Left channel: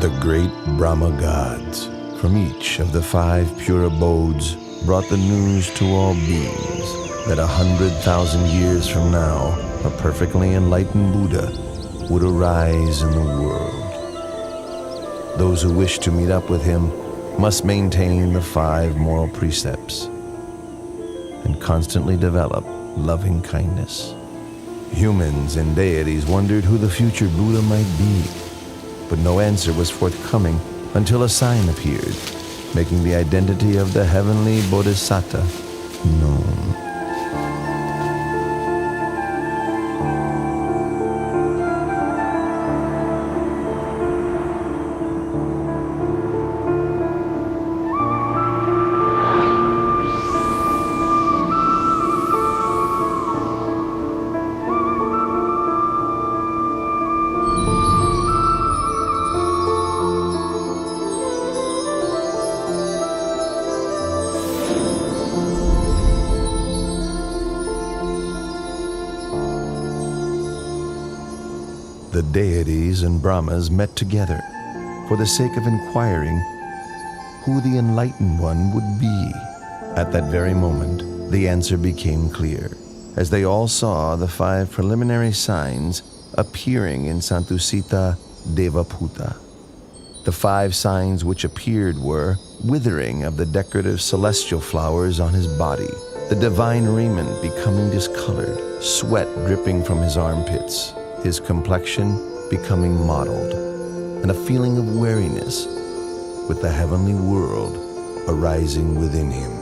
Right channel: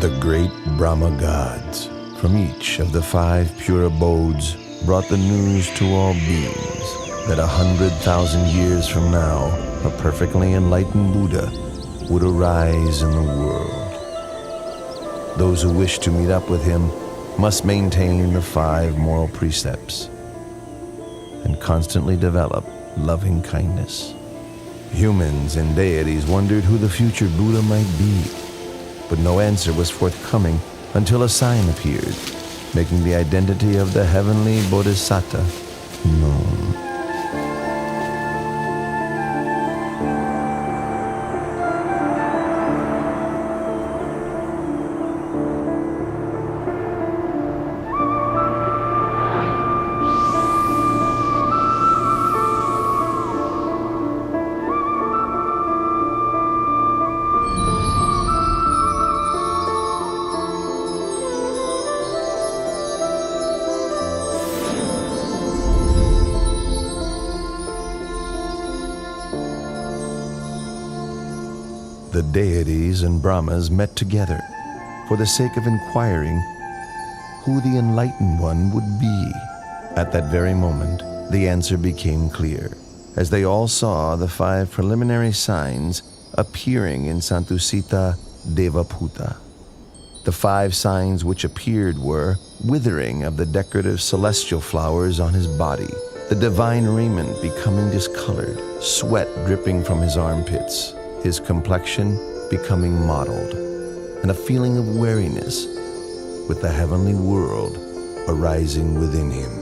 The great Brahma gods from each of the 5 pure abodes brought the news to all beings that 100,000 years from now, a perfectly enlightened Buddha would arise in the world. Those who wish to meet up with him must maintain the 5 moral precepts and constantly develop loving kindness. Humans and deities wondered who the future Buddha might be, but no answer was forthcoming until a sign appeared, making the identity of the heavenly Bodhisattva known. The deities and Brahmas met together for the sake of inquiring who the enlightened one would be. At that very moment, the answer became clear, as they all saw the 5 preliminary signs appearing in Santusita Devaputa. The 5 signs which appeared were withering of the decorative celestial flowers on his body, the divine raiment becoming discolored, sweat dripping from his armpits, his complexion becoming mottled, and a feeling of weariness with the heavenly world arising within him.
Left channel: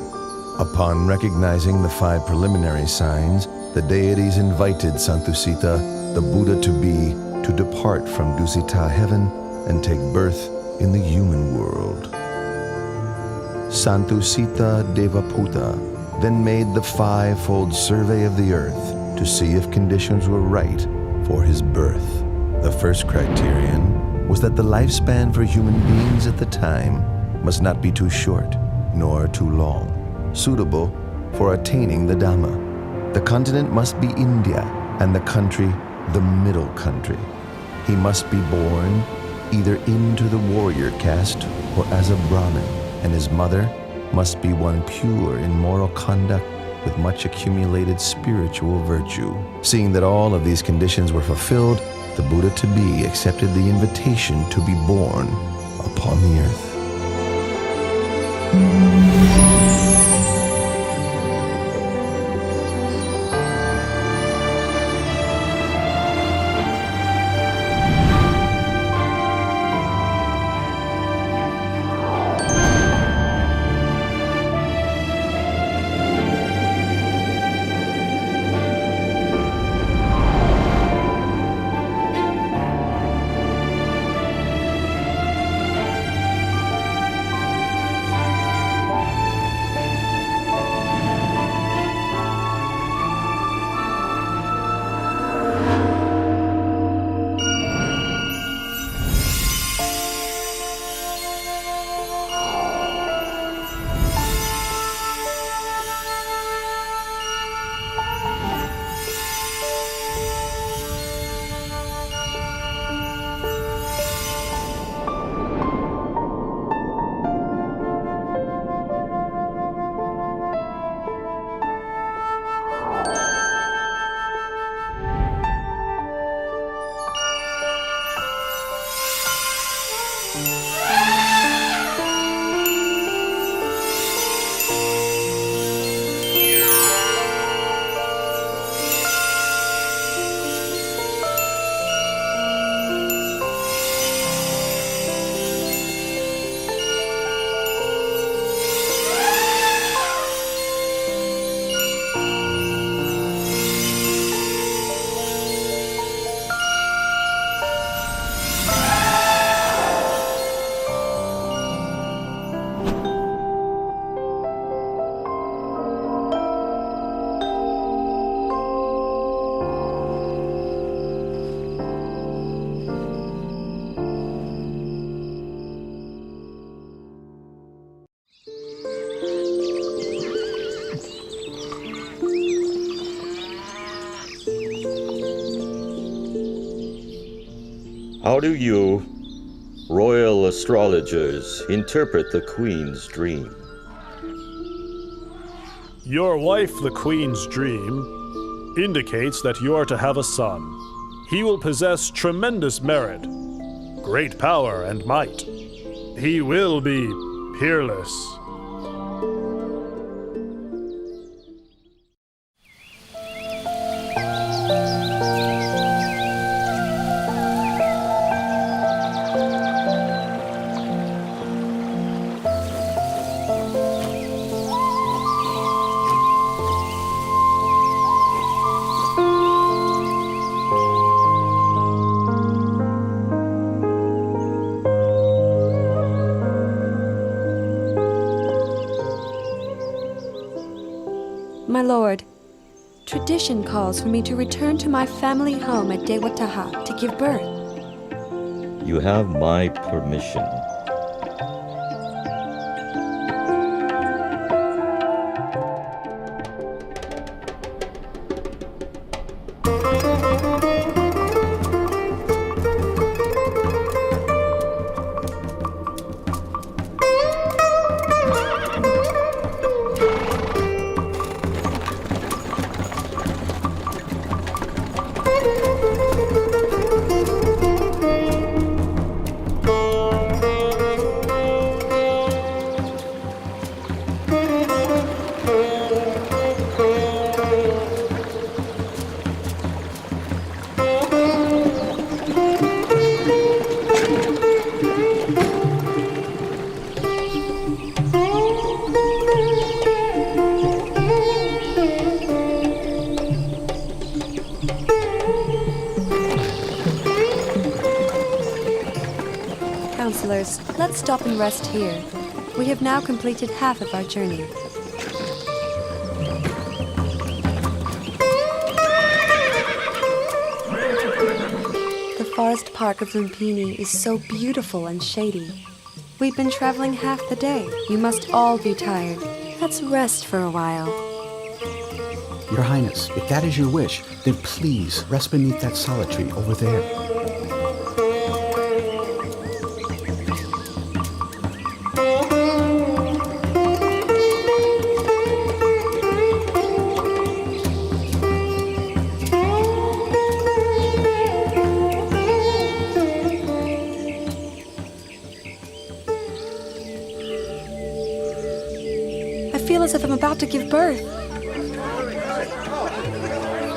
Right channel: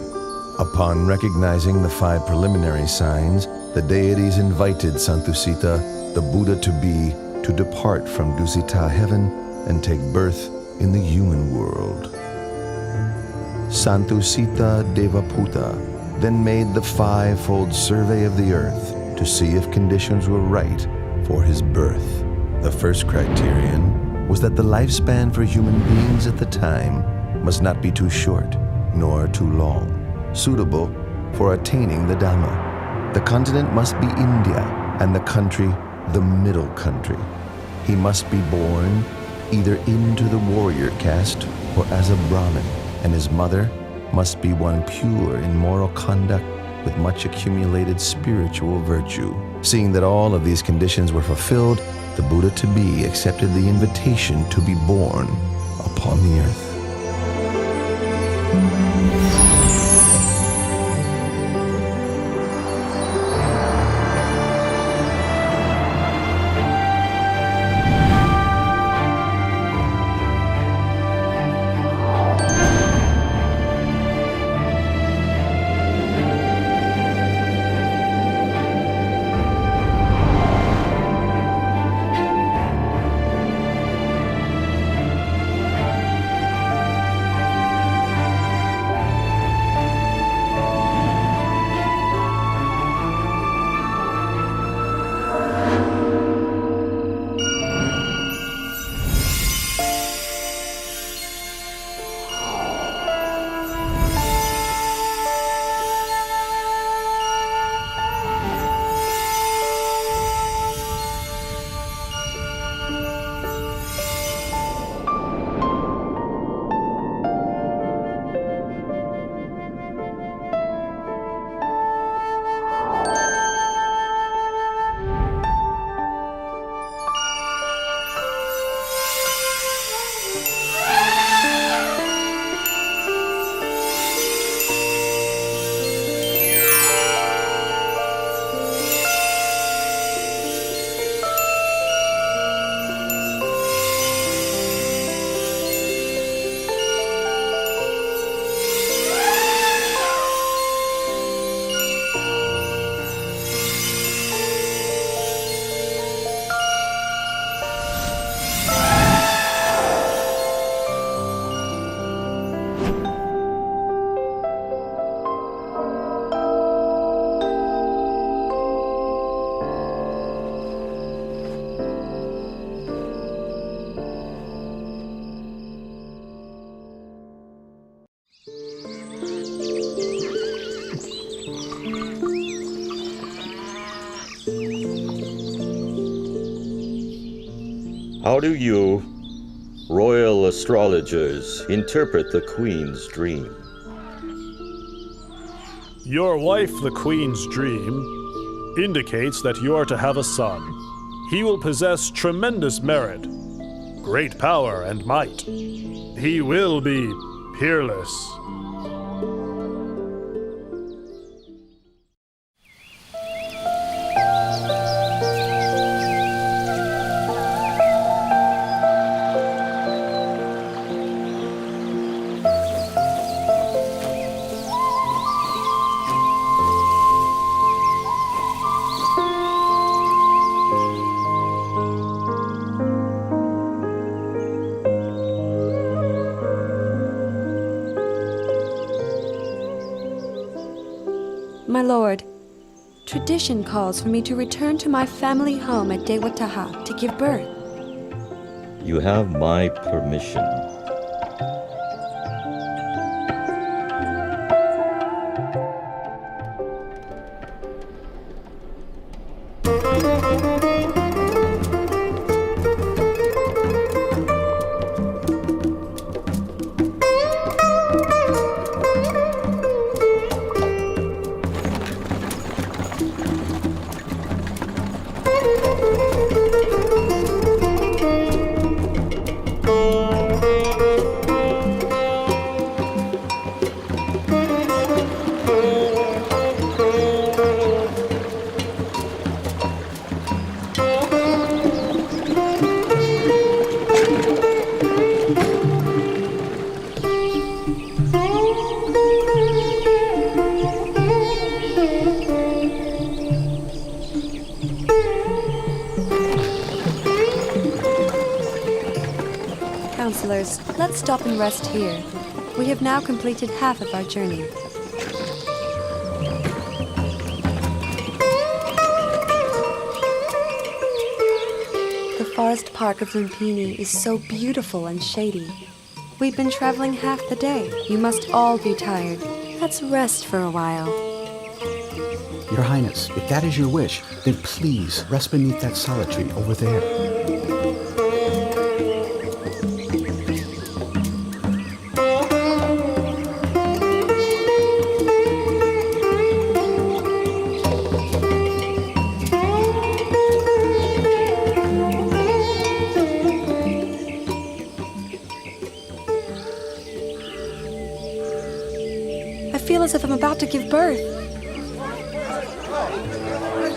Upon recognizing the 5 preliminary signs, the deities invited Santusita, the Buddha to depart from Dusita heaven and take birth in the human world. Santusita Devaputa then made the 5-fold survey of the earth to see if conditions were right for his birth. The first criterion was that the lifespan for human beings at the time must not be too short nor too long, suitable for attaining the Dhamma. The continent must be India and the country the middle country. He must be born either into the warrior caste or as a Brahmin, and his mother must be one pure in moral conduct with much accumulated spiritual virtue. Seeing that all of these conditions were fulfilled, the Buddha-to-be accepted the invitation to be born upon the earth. How do you Royal astrologers interpret the Queen's dream. Your wife, the Queen's dream, indicates that you are to have a son. He will possess tremendous merit, great power and might. He will be peerless. My lord, tradition calls for me to return to my family home at Dewataha to give birth. You have my permission. Counselors, let's stop and rest here. We have now completed half of our journey. The forest park of Lumpini is so beautiful and shady. We've been traveling half the day. You must all be tired. Let's rest for a while. Your Highness, if that is your wish, then please rest beneath that solid tree over there. I feel as if I'm about to give birth.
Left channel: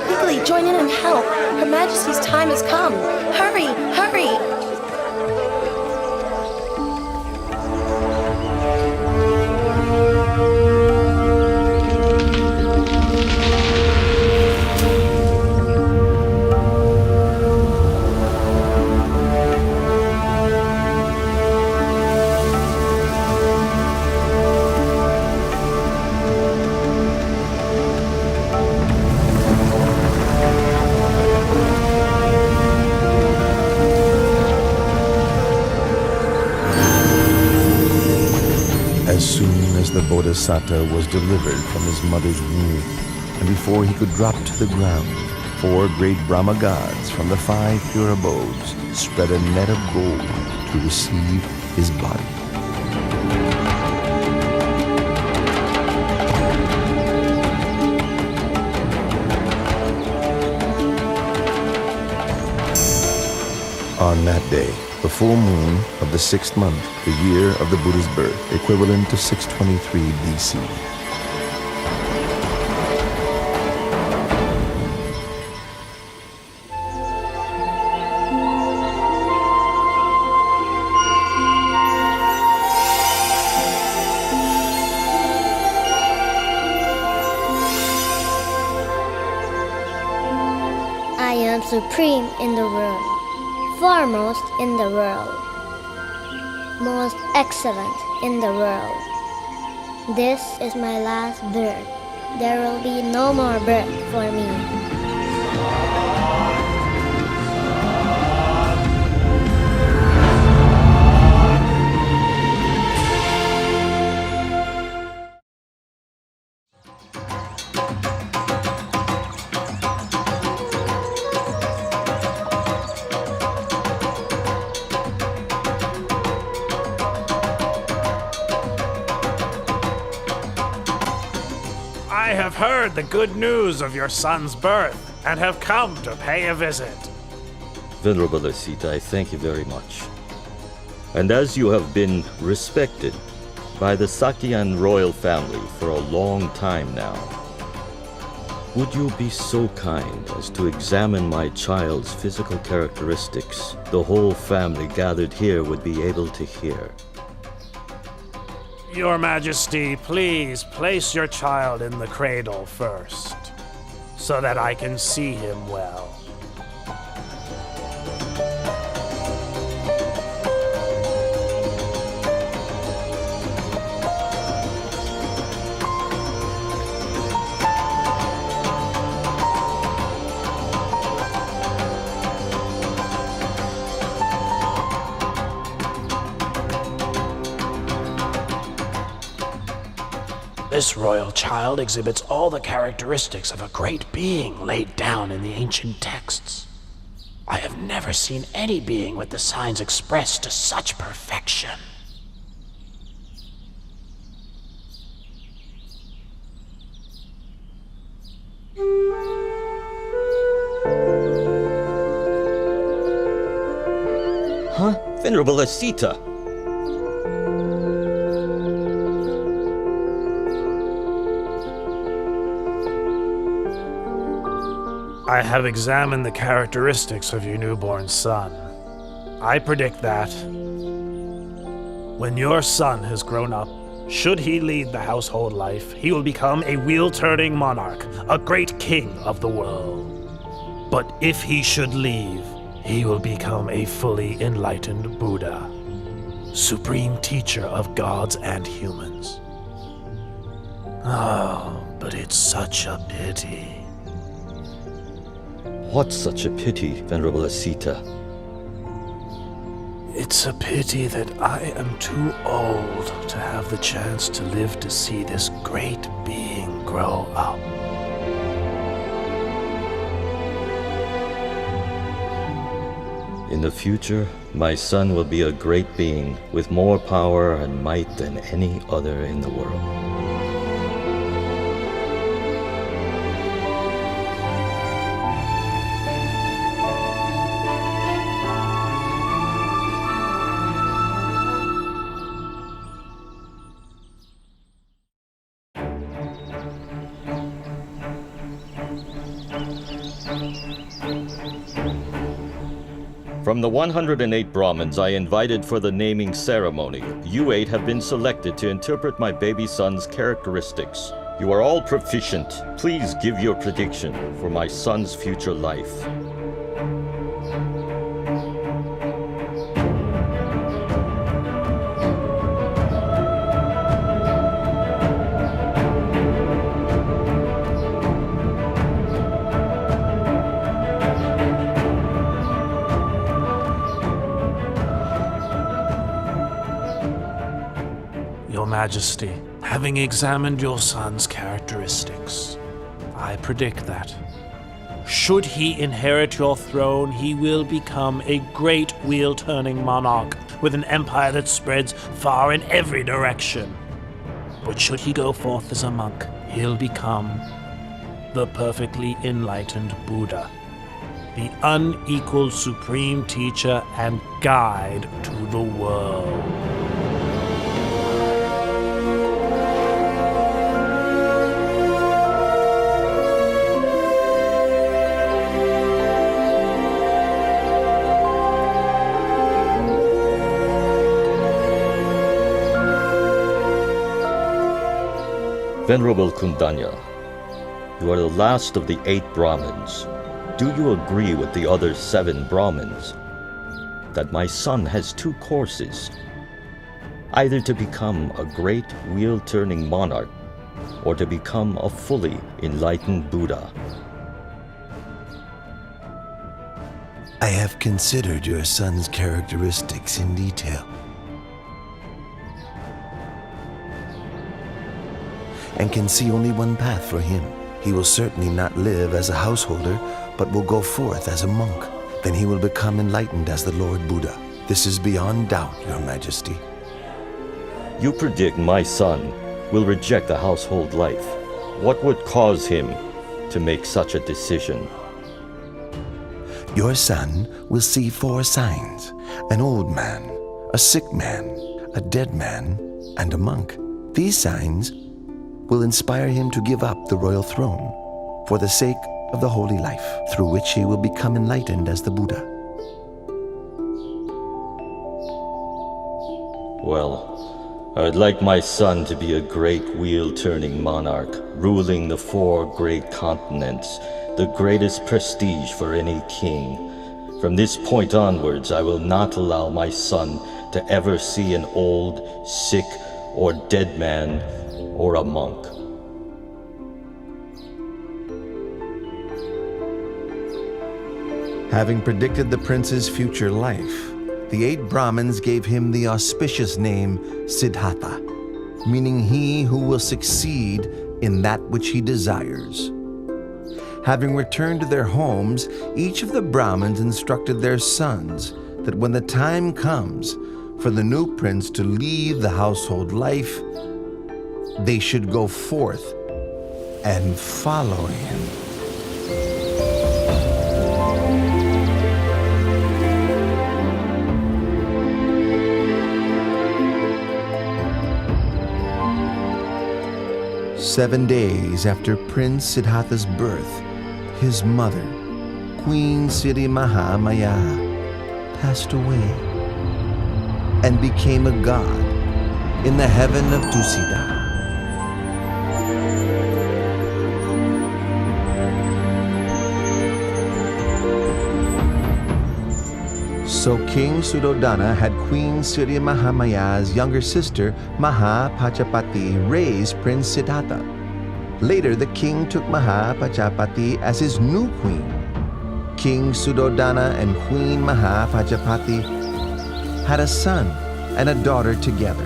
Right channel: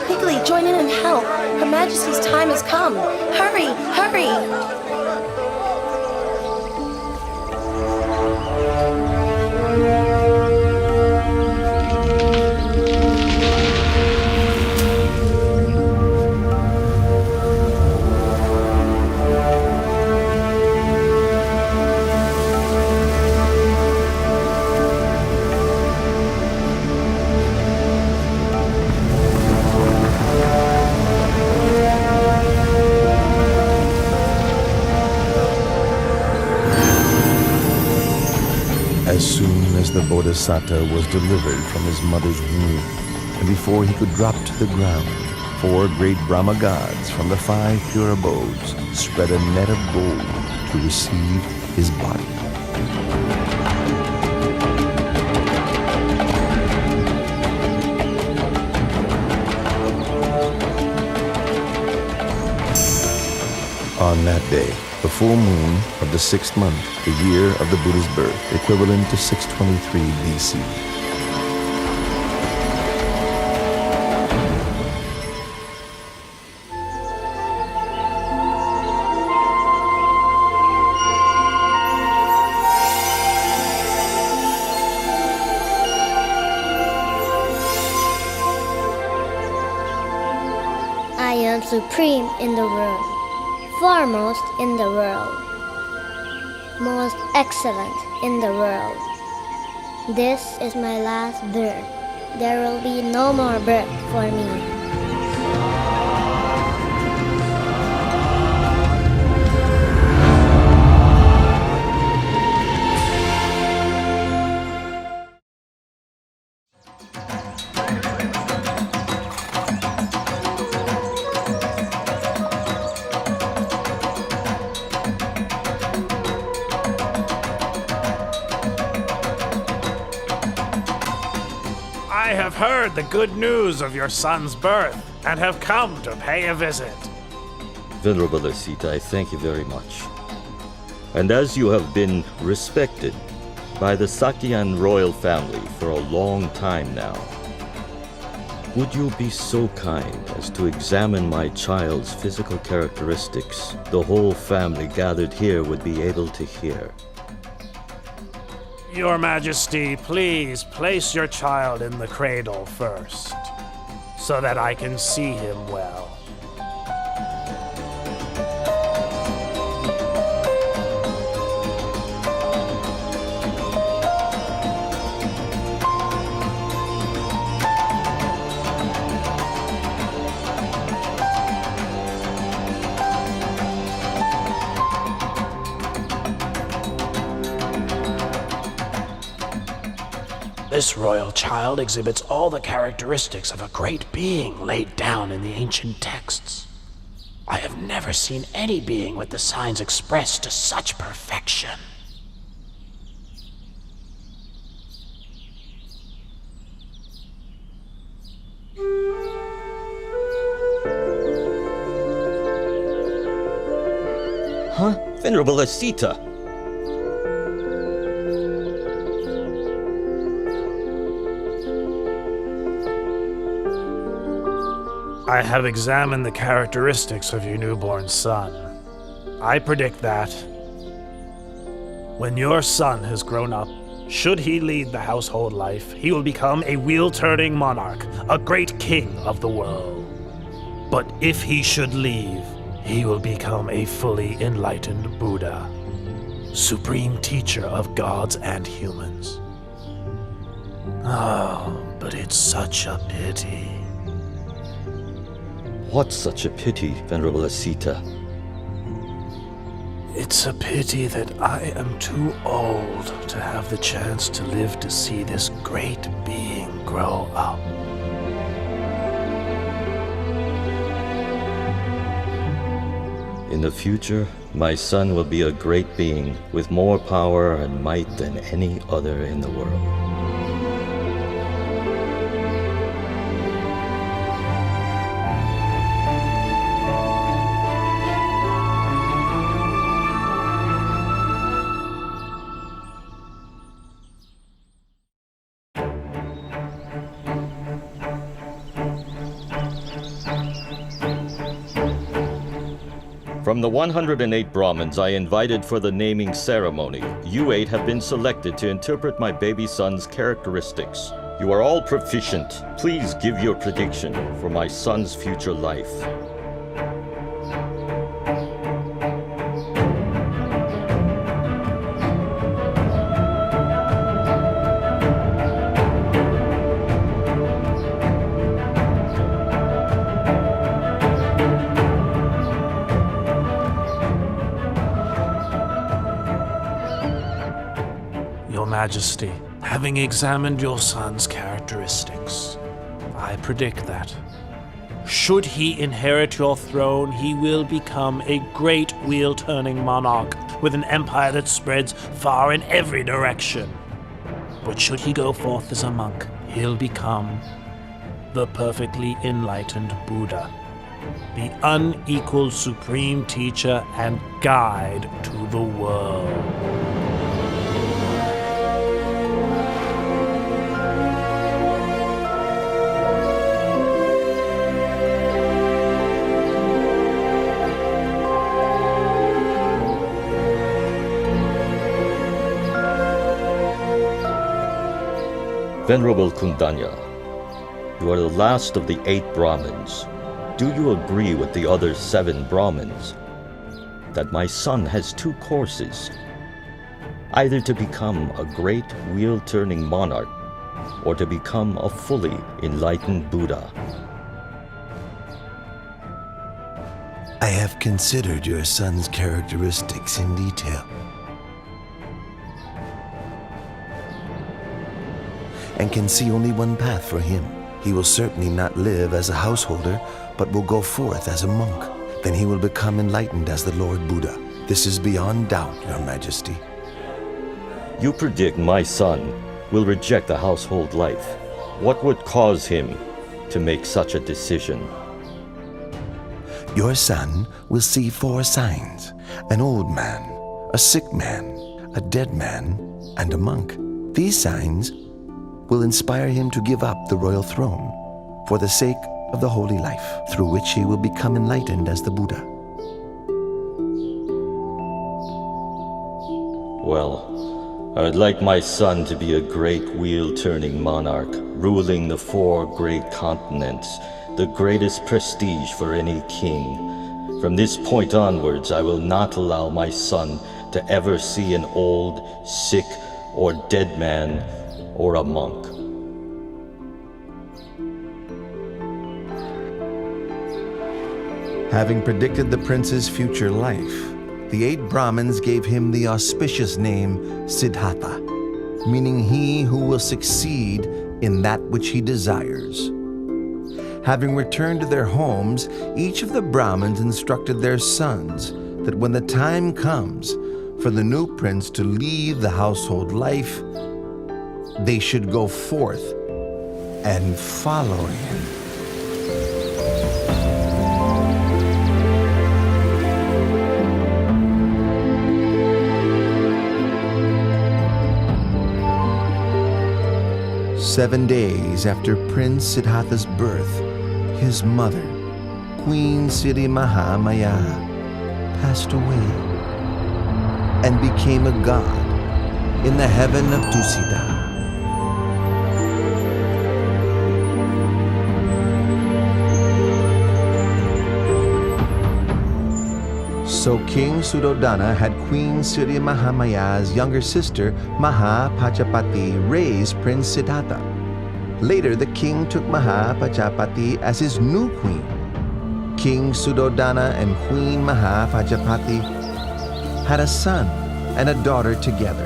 Quickly, join in and help. Her Majesty's time has come. Hurry, hurry! As soon as the Bodhisattva was delivered from his mother's womb, and before he could drop to the ground, 4 great Brahma gods from the 5 pure abodes spread a net of gold to receive his body. On that day, the full moon of the 6th month, the year of the Buddha's birth, equivalent to 623 BC. I am supreme in the world, foremost in the world, most excellent in the world. This is my last birth. There will be no more birth for me. I have heard the good news of your son's birth and have come to pay a visit. Venerable Asita, I thank you very much. And as you have been respected by the Sakyan royal family for a long time now, would you be so kind as to examine my child's physical characteristics? The whole family gathered here would be able to hear. Your Majesty, please place your child in the cradle first, so that I can see him well. This royal child exhibits all the characteristics of a great being laid down in the ancient texts. I have never seen any being with the signs expressed to such perfection. Huh? Venerable Asita! I have examined the characteristics of your newborn son. I predict that when your son has grown up, should he lead the household life, he will become a wheel-turning monarch, a great king of the world. But if he should leave, he will become a fully enlightened Buddha, supreme teacher of gods and humans. Oh, but it's such a pity. What's such a pity, Venerable Asita? It's a pity that I am too old to have the chance to live to see this great being grow up. In the future, my son will be a great being with more power and might than any other in the world. From the 108 Brahmins I invited for the naming ceremony, you 8 have been selected to interpret my baby son's characteristics. You are all proficient. Please give your prediction for my son's future life. Your Majesty, having examined your son's characteristics, I predict that, should he inherit your throne, he will become a great wheel-turning monarch with an empire that spreads far in every direction. But should he go forth as a monk, he'll become the perfectly enlightened Buddha, the unequaled supreme teacher and guide to the world. Venerable Kundanya, you are the last of the 8 Brahmins. Do you agree with the other 7 Brahmins that my son has 2 courses, either to become a great wheel-turning monarch or to become a fully enlightened Buddha? I have considered your son's characteristics in detail, and can see only one path for him. He will certainly not live as a householder, but will go forth as a monk. Then he will become enlightened as the Lord Buddha. This is beyond doubt, Your Majesty. You predict my son will reject the household life, What would cause him to make such a decision? Your son will see 4 signs: an old man, a sick man, a dead man, and a monk. These signs will inspire him to give up the royal throne for the sake of the holy life through which he will become enlightened as the Buddha. Well, I'd like my son to be a great wheel-turning monarch, ruling the 4 great continents, the greatest prestige for any king. From this point onwards, I will not allow my son to ever see an old, sick, or dead man, or a monk. Having predicted the prince's future life, the 8 Brahmins gave him the auspicious name Siddhartha, meaning he who will succeed in that which he desires. Having returned to their homes, each of the Brahmins instructed their sons that when the time comes for the new prince to leave the household life, they should go forth and follow him. Seven days after Prince Siddhartha's birth, his mother, Queen Siddhi Mahamaya, passed away and became a god in the heaven of Tusida. So King Suddhodana had Queen Siddhi Mahamaya's younger sister Mahapajapati raise Prince Siddhartha. Later, the king took Mahapajapati as his new queen. King Suddhodana and Queen Mahapajapati had a son and a daughter together,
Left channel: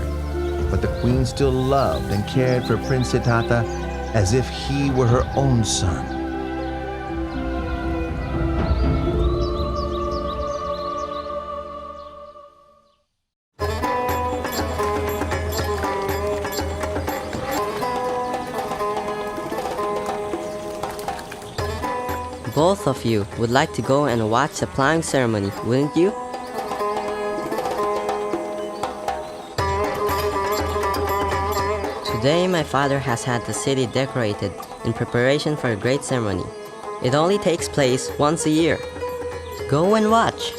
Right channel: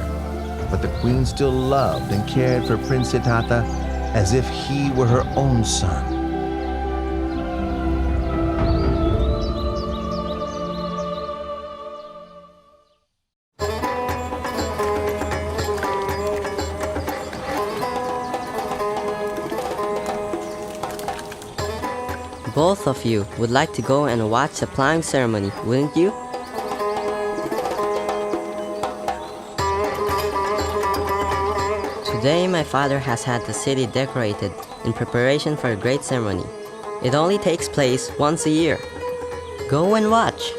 but the queen still loved and cared for Prince Siddhartha as if he were her own son. Both of you would like to go and watch the plowing ceremony, wouldn't you? Today my father has had the city decorated in preparation for a great ceremony. It only takes place once a year. Go and watch.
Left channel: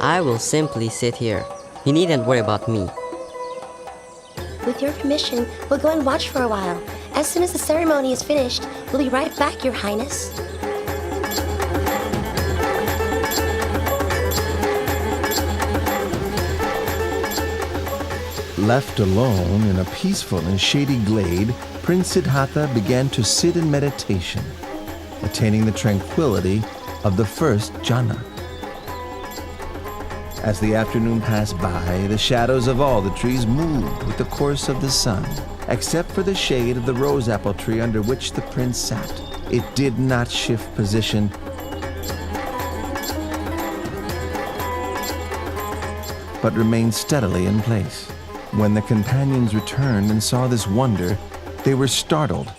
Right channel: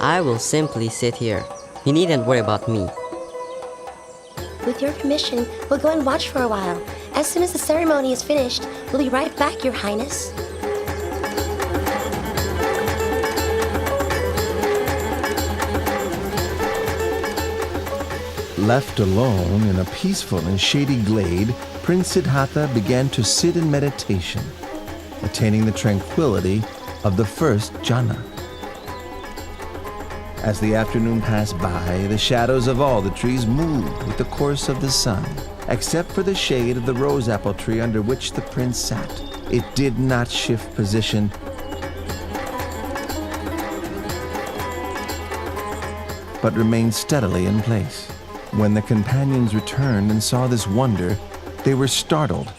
I will simply sit here. You needn't worry about me. With your permission, we'll go and watch for a while. As soon as the ceremony is finished, we'll be right back, Your Highness. Left alone in a peaceful and shady glade, Prince Siddhartha began to sit in meditation, attaining the tranquility of the first jhana. As the afternoon passed by, the shadows of all the trees moved with the course of the sun, except for the shade of the rose apple tree under which the prince sat. It did not shift position, but remained steadily in place. When the companions returned and saw this wonder, they were startled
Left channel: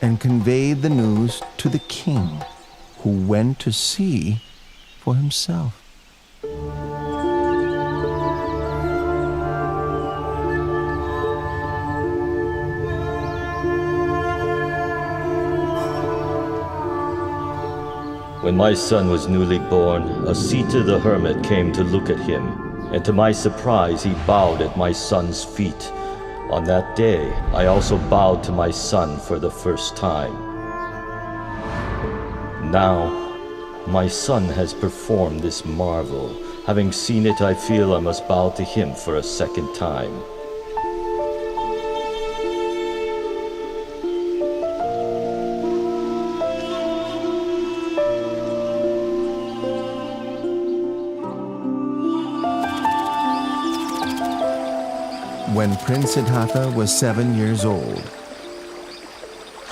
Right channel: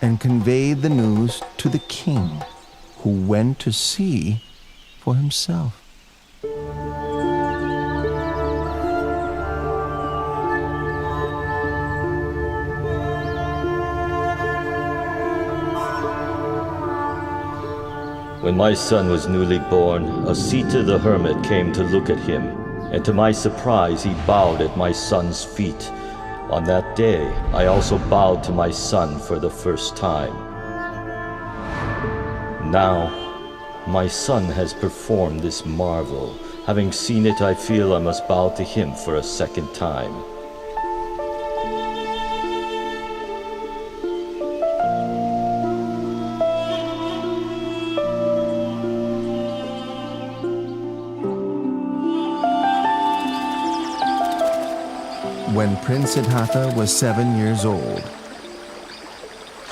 and conveyed the news to the king, who went to see for himself. When my son was newly born, Asita the hermit came to look at him, and to my surprise he bowed at my son's feet. On that day, I also bowed to my son for the first time. Now, my son has performed this marvel. Having seen it, I feel I must bow to him for a second time. When Prince Siddhartha was 7 years old,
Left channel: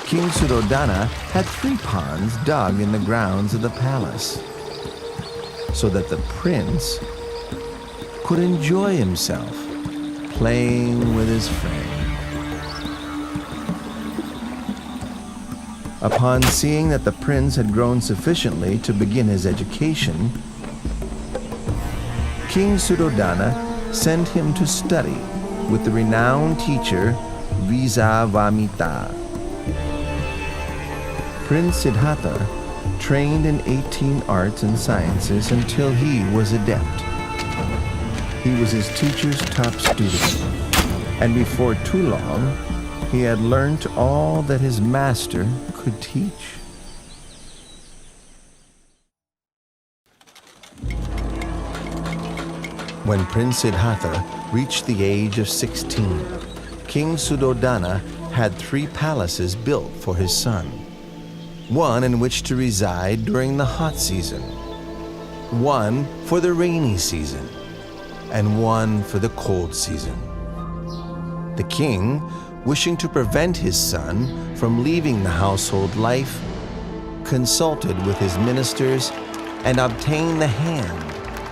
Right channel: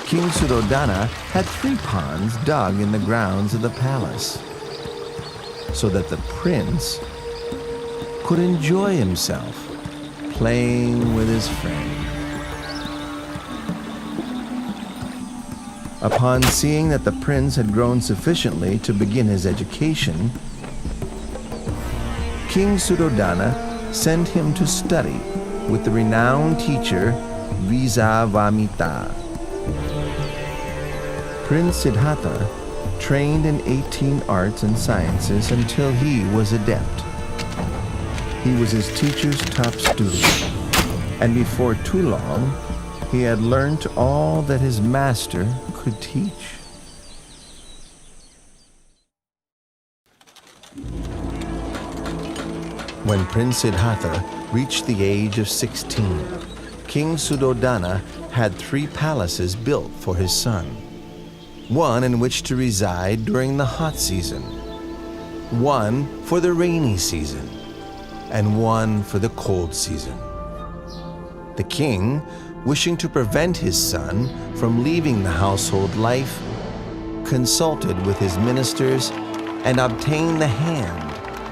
King Suddhodana had 3 ponds dug in the grounds of the palace, so that the prince could enjoy himself playing with his friend. Upon seeing that the prince had grown sufficiently to begin his education, King Suddhodana sent him to study with the renowned teacher Vijayavamita. Prince Siddhartha trained in 18 arts and sciences until he was adept. He was his teacher's top student, and before too long, he had learned all that his master could teach. When Prince Siddhartha reached the age of 16, King Suddhodana had 3 palaces built for his son. One in which to reside during the hot season, one for the rainy season, and one for the cold season. The king, wishing to prevent his son from leaving the household life, consulted with his ministers and obtained the hand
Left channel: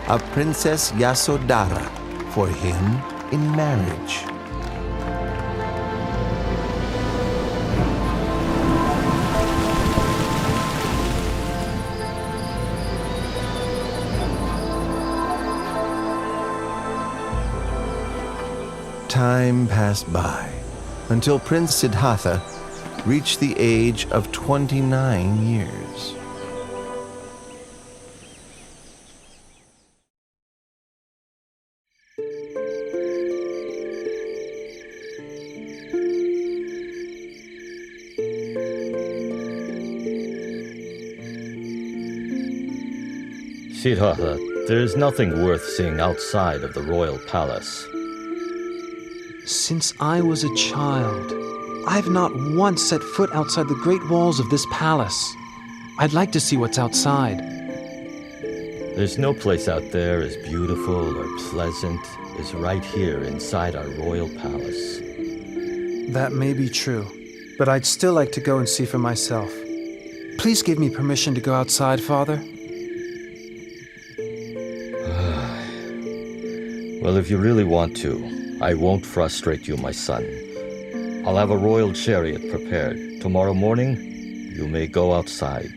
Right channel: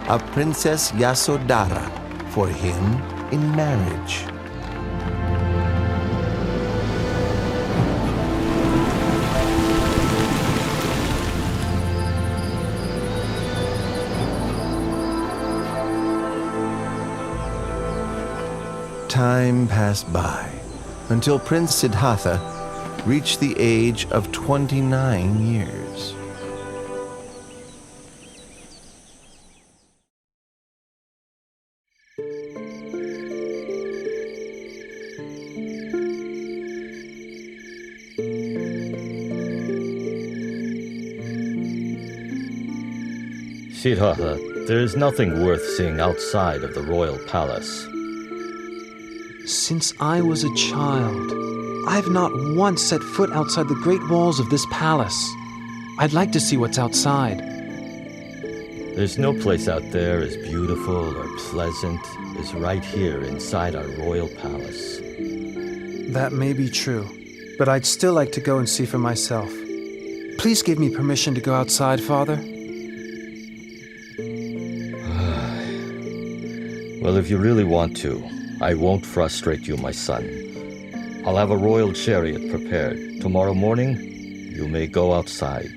of Princess Yasodhara for him in marriage. Time passed by until Prince Siddhartha reached the age of 29 years. Siddhartha, there is nothing worth seeing outside of the royal palace. Since I was a child, I've not once set foot outside the great walls of this palace. I'd like to see what's outside. There's no place out there as beautiful or pleasant as right here inside our royal palace. That may be true, but I'd still like to go and see for myself. Please give me permission to go outside, Father. Well, if you really want to, I won't frustrate you, my son. I'll have a royal chariot prepared. Tomorrow morning, you may go outside.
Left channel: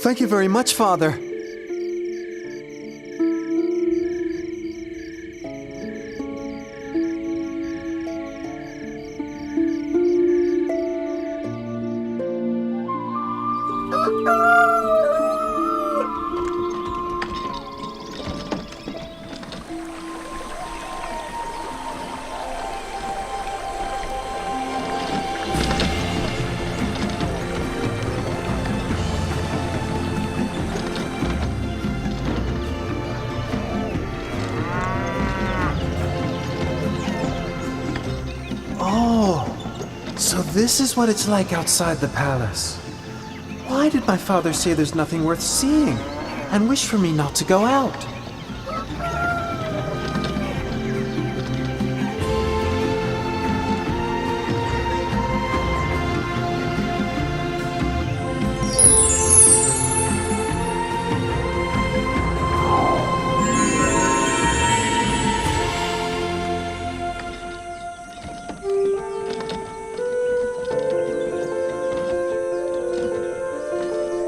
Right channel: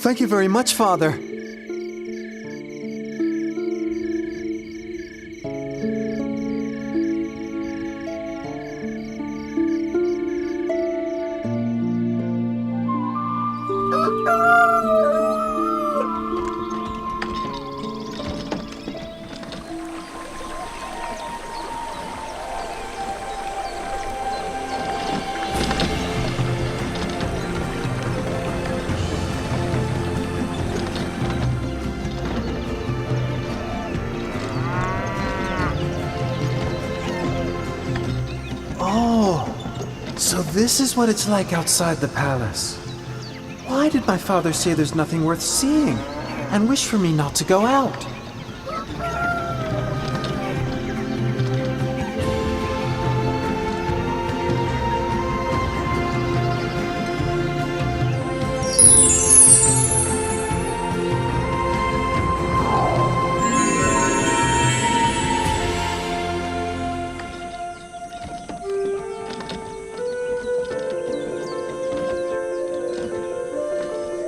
Thank you very much, Father. So this is what it's like outside the palace. Why did my father say there's nothing worth seeing and wish for me not to go out?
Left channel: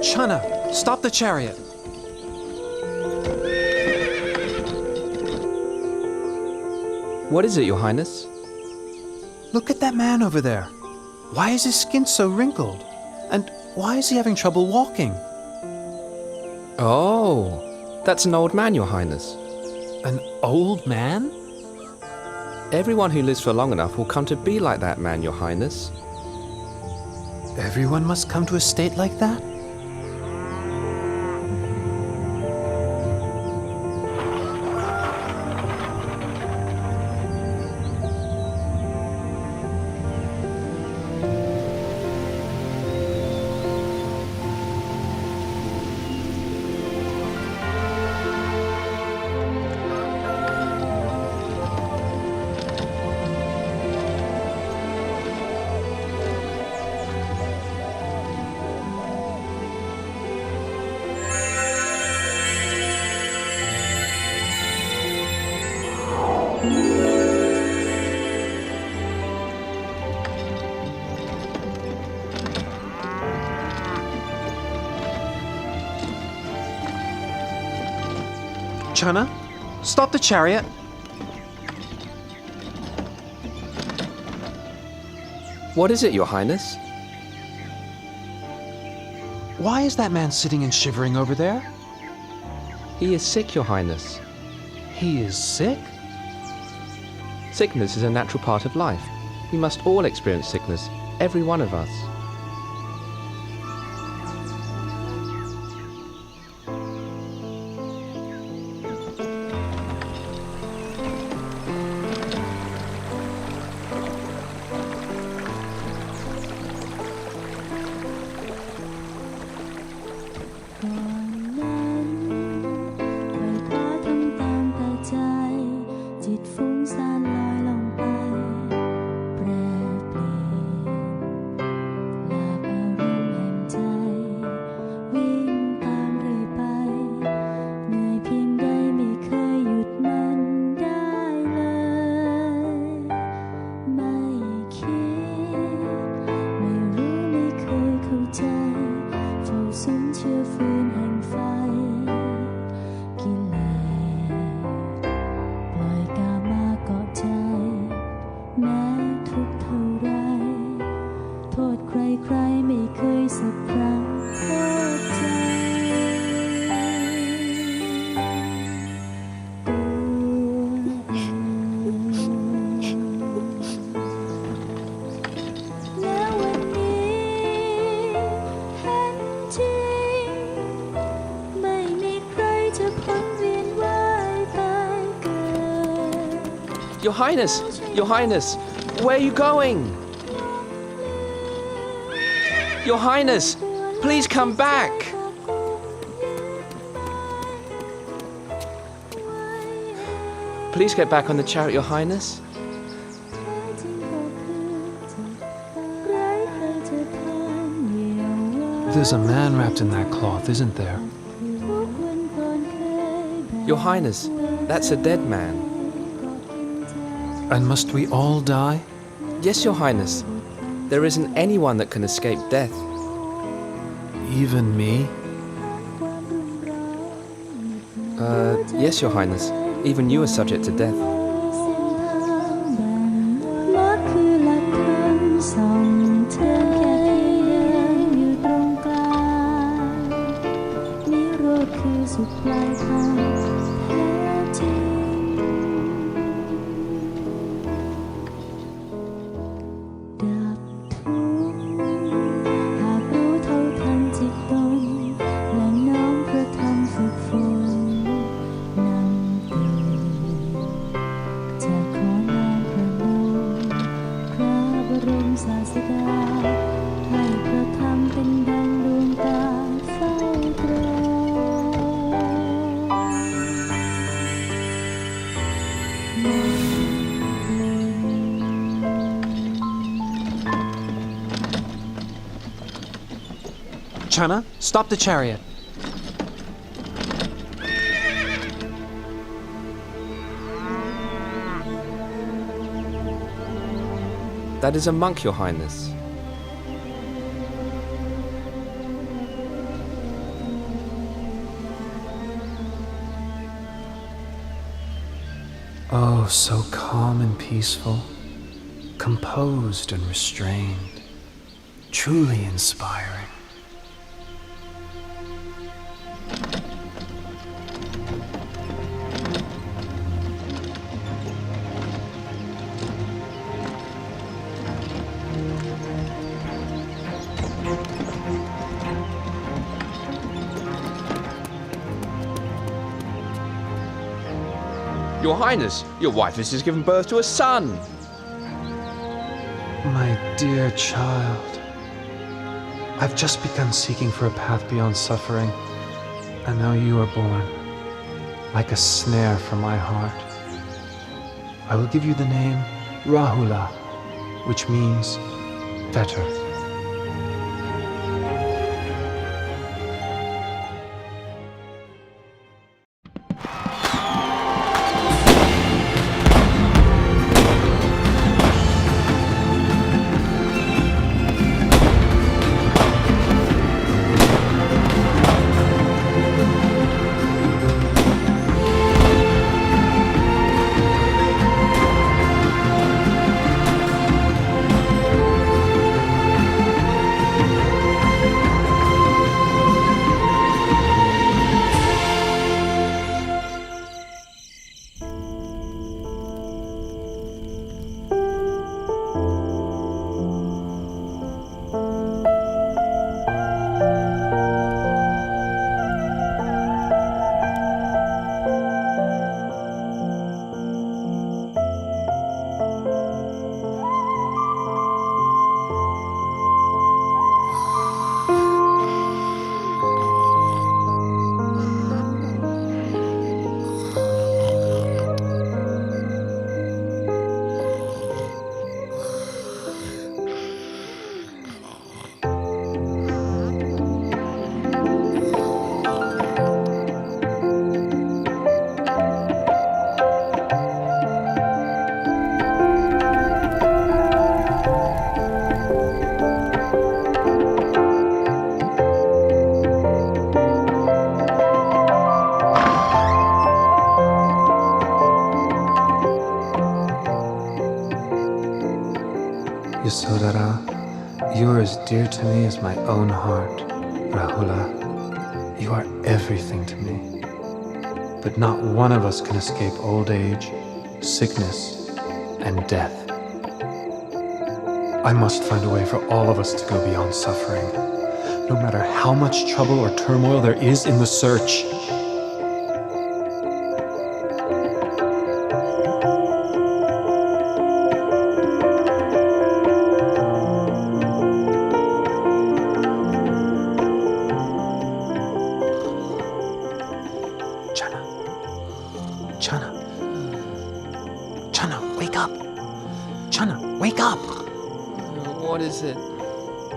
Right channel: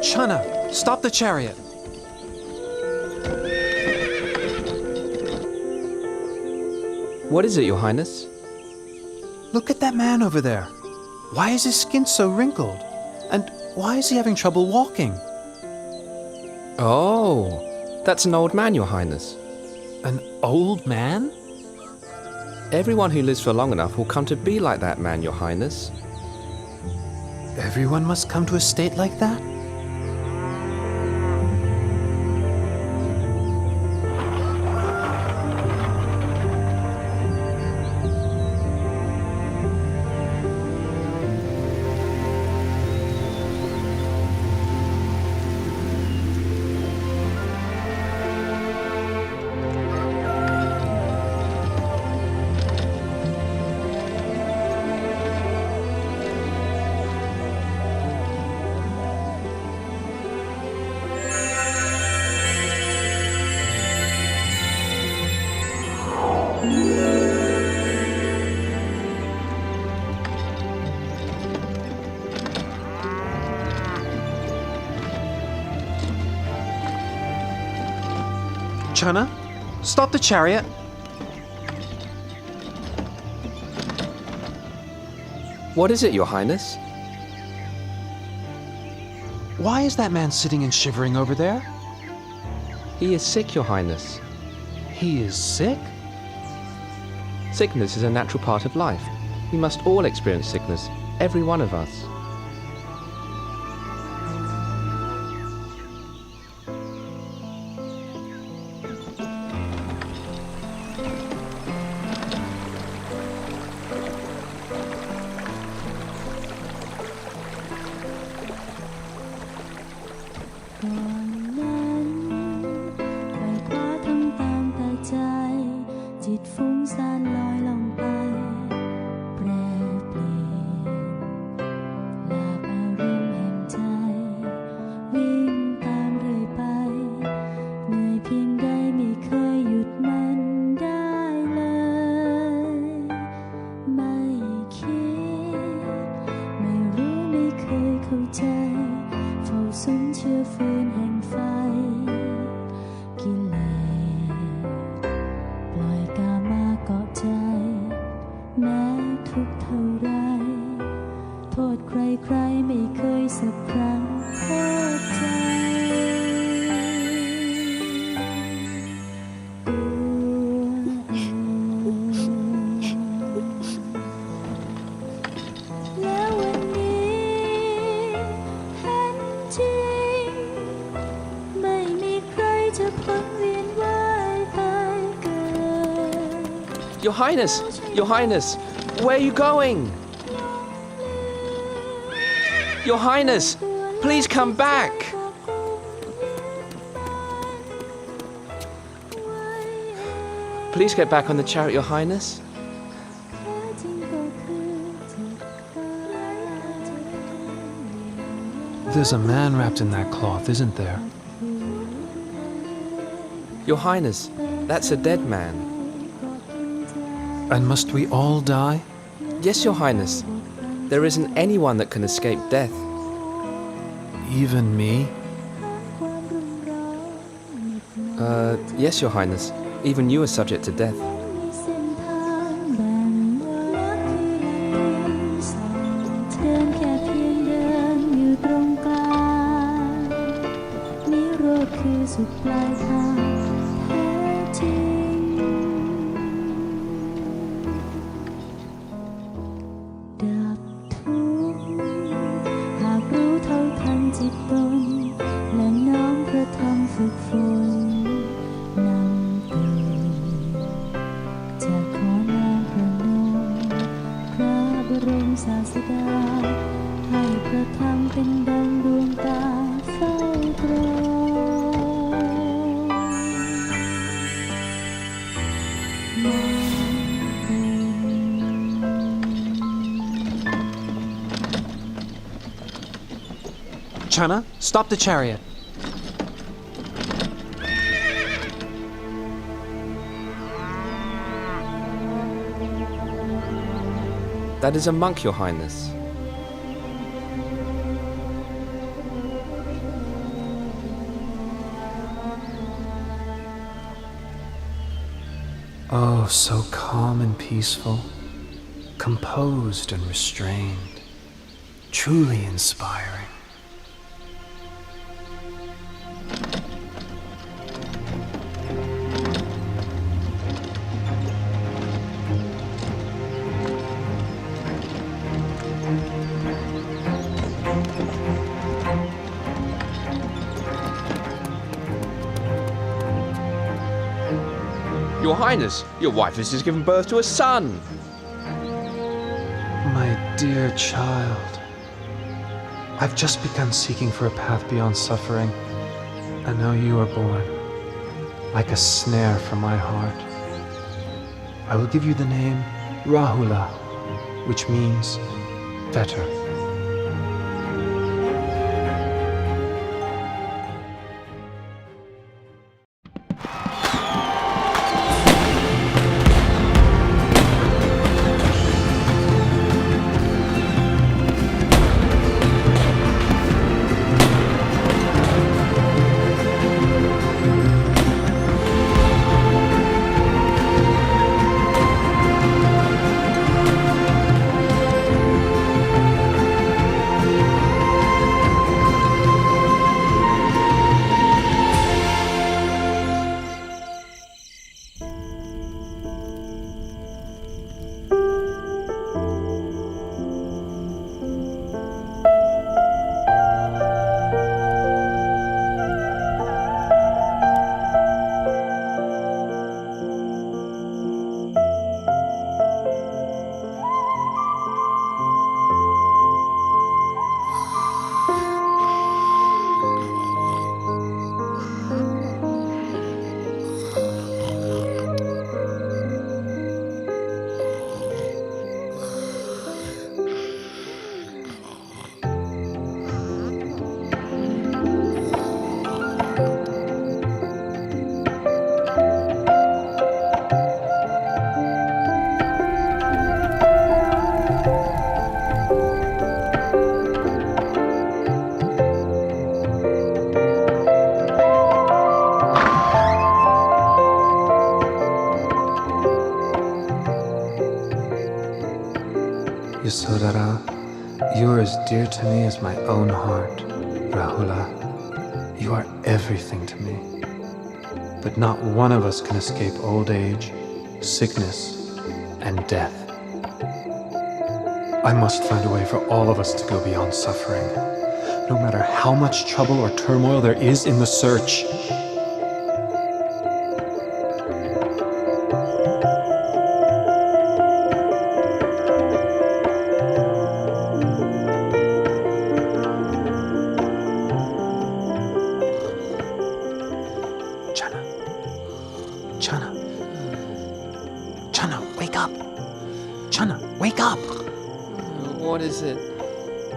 Chana, stop the chariot. What is it, Your Highness? Look at that man over there. Why is his skin so wrinkled? And why is he having trouble walking? Oh, that's an old man, Your Highness. An old man? Everyone who lives for long enough will come to be like that man, Your Highness. Everyone must come to a state like that? Chana, stop the chariot. What is it, Your Highness? Why is that man sitting and shivering over there? He is sick, Your Highness. He is sick? Sickness is a natural part of life. We must all experience sickness, every one of us. Your Highness, where are you going? Your Highness, please come back. Please get back on the chariot, Your Highness. There's a man wrapped in that cloth, isn't there? Your Highness, that's a dead man. And must we all die? Yes, Your Highness. There isn't anyone that can escape death. Even me? Yes, Your Highness. Even you are subject to death. Chana, stop the chariot. That is a monk, Your Highness. Oh, so calm and peaceful, composed and restrained, truly inspiring. Your Highness, your wife has just given birth to a son. My dear child, I've just begun seeking for a path beyond suffering, and now you are born, like a snare for my heart. I will give you the name Rahula, which means fetter. Yasodhara, you are as dear to me as my own heart. Rahula, you are everything to me. But not one of us can escape old age, sickness, and death. I must find a way for all of us to go beyond suffering, no matter how much trouble or turmoil there is in the search. Chana, wake up! Chana, wake up! What is it?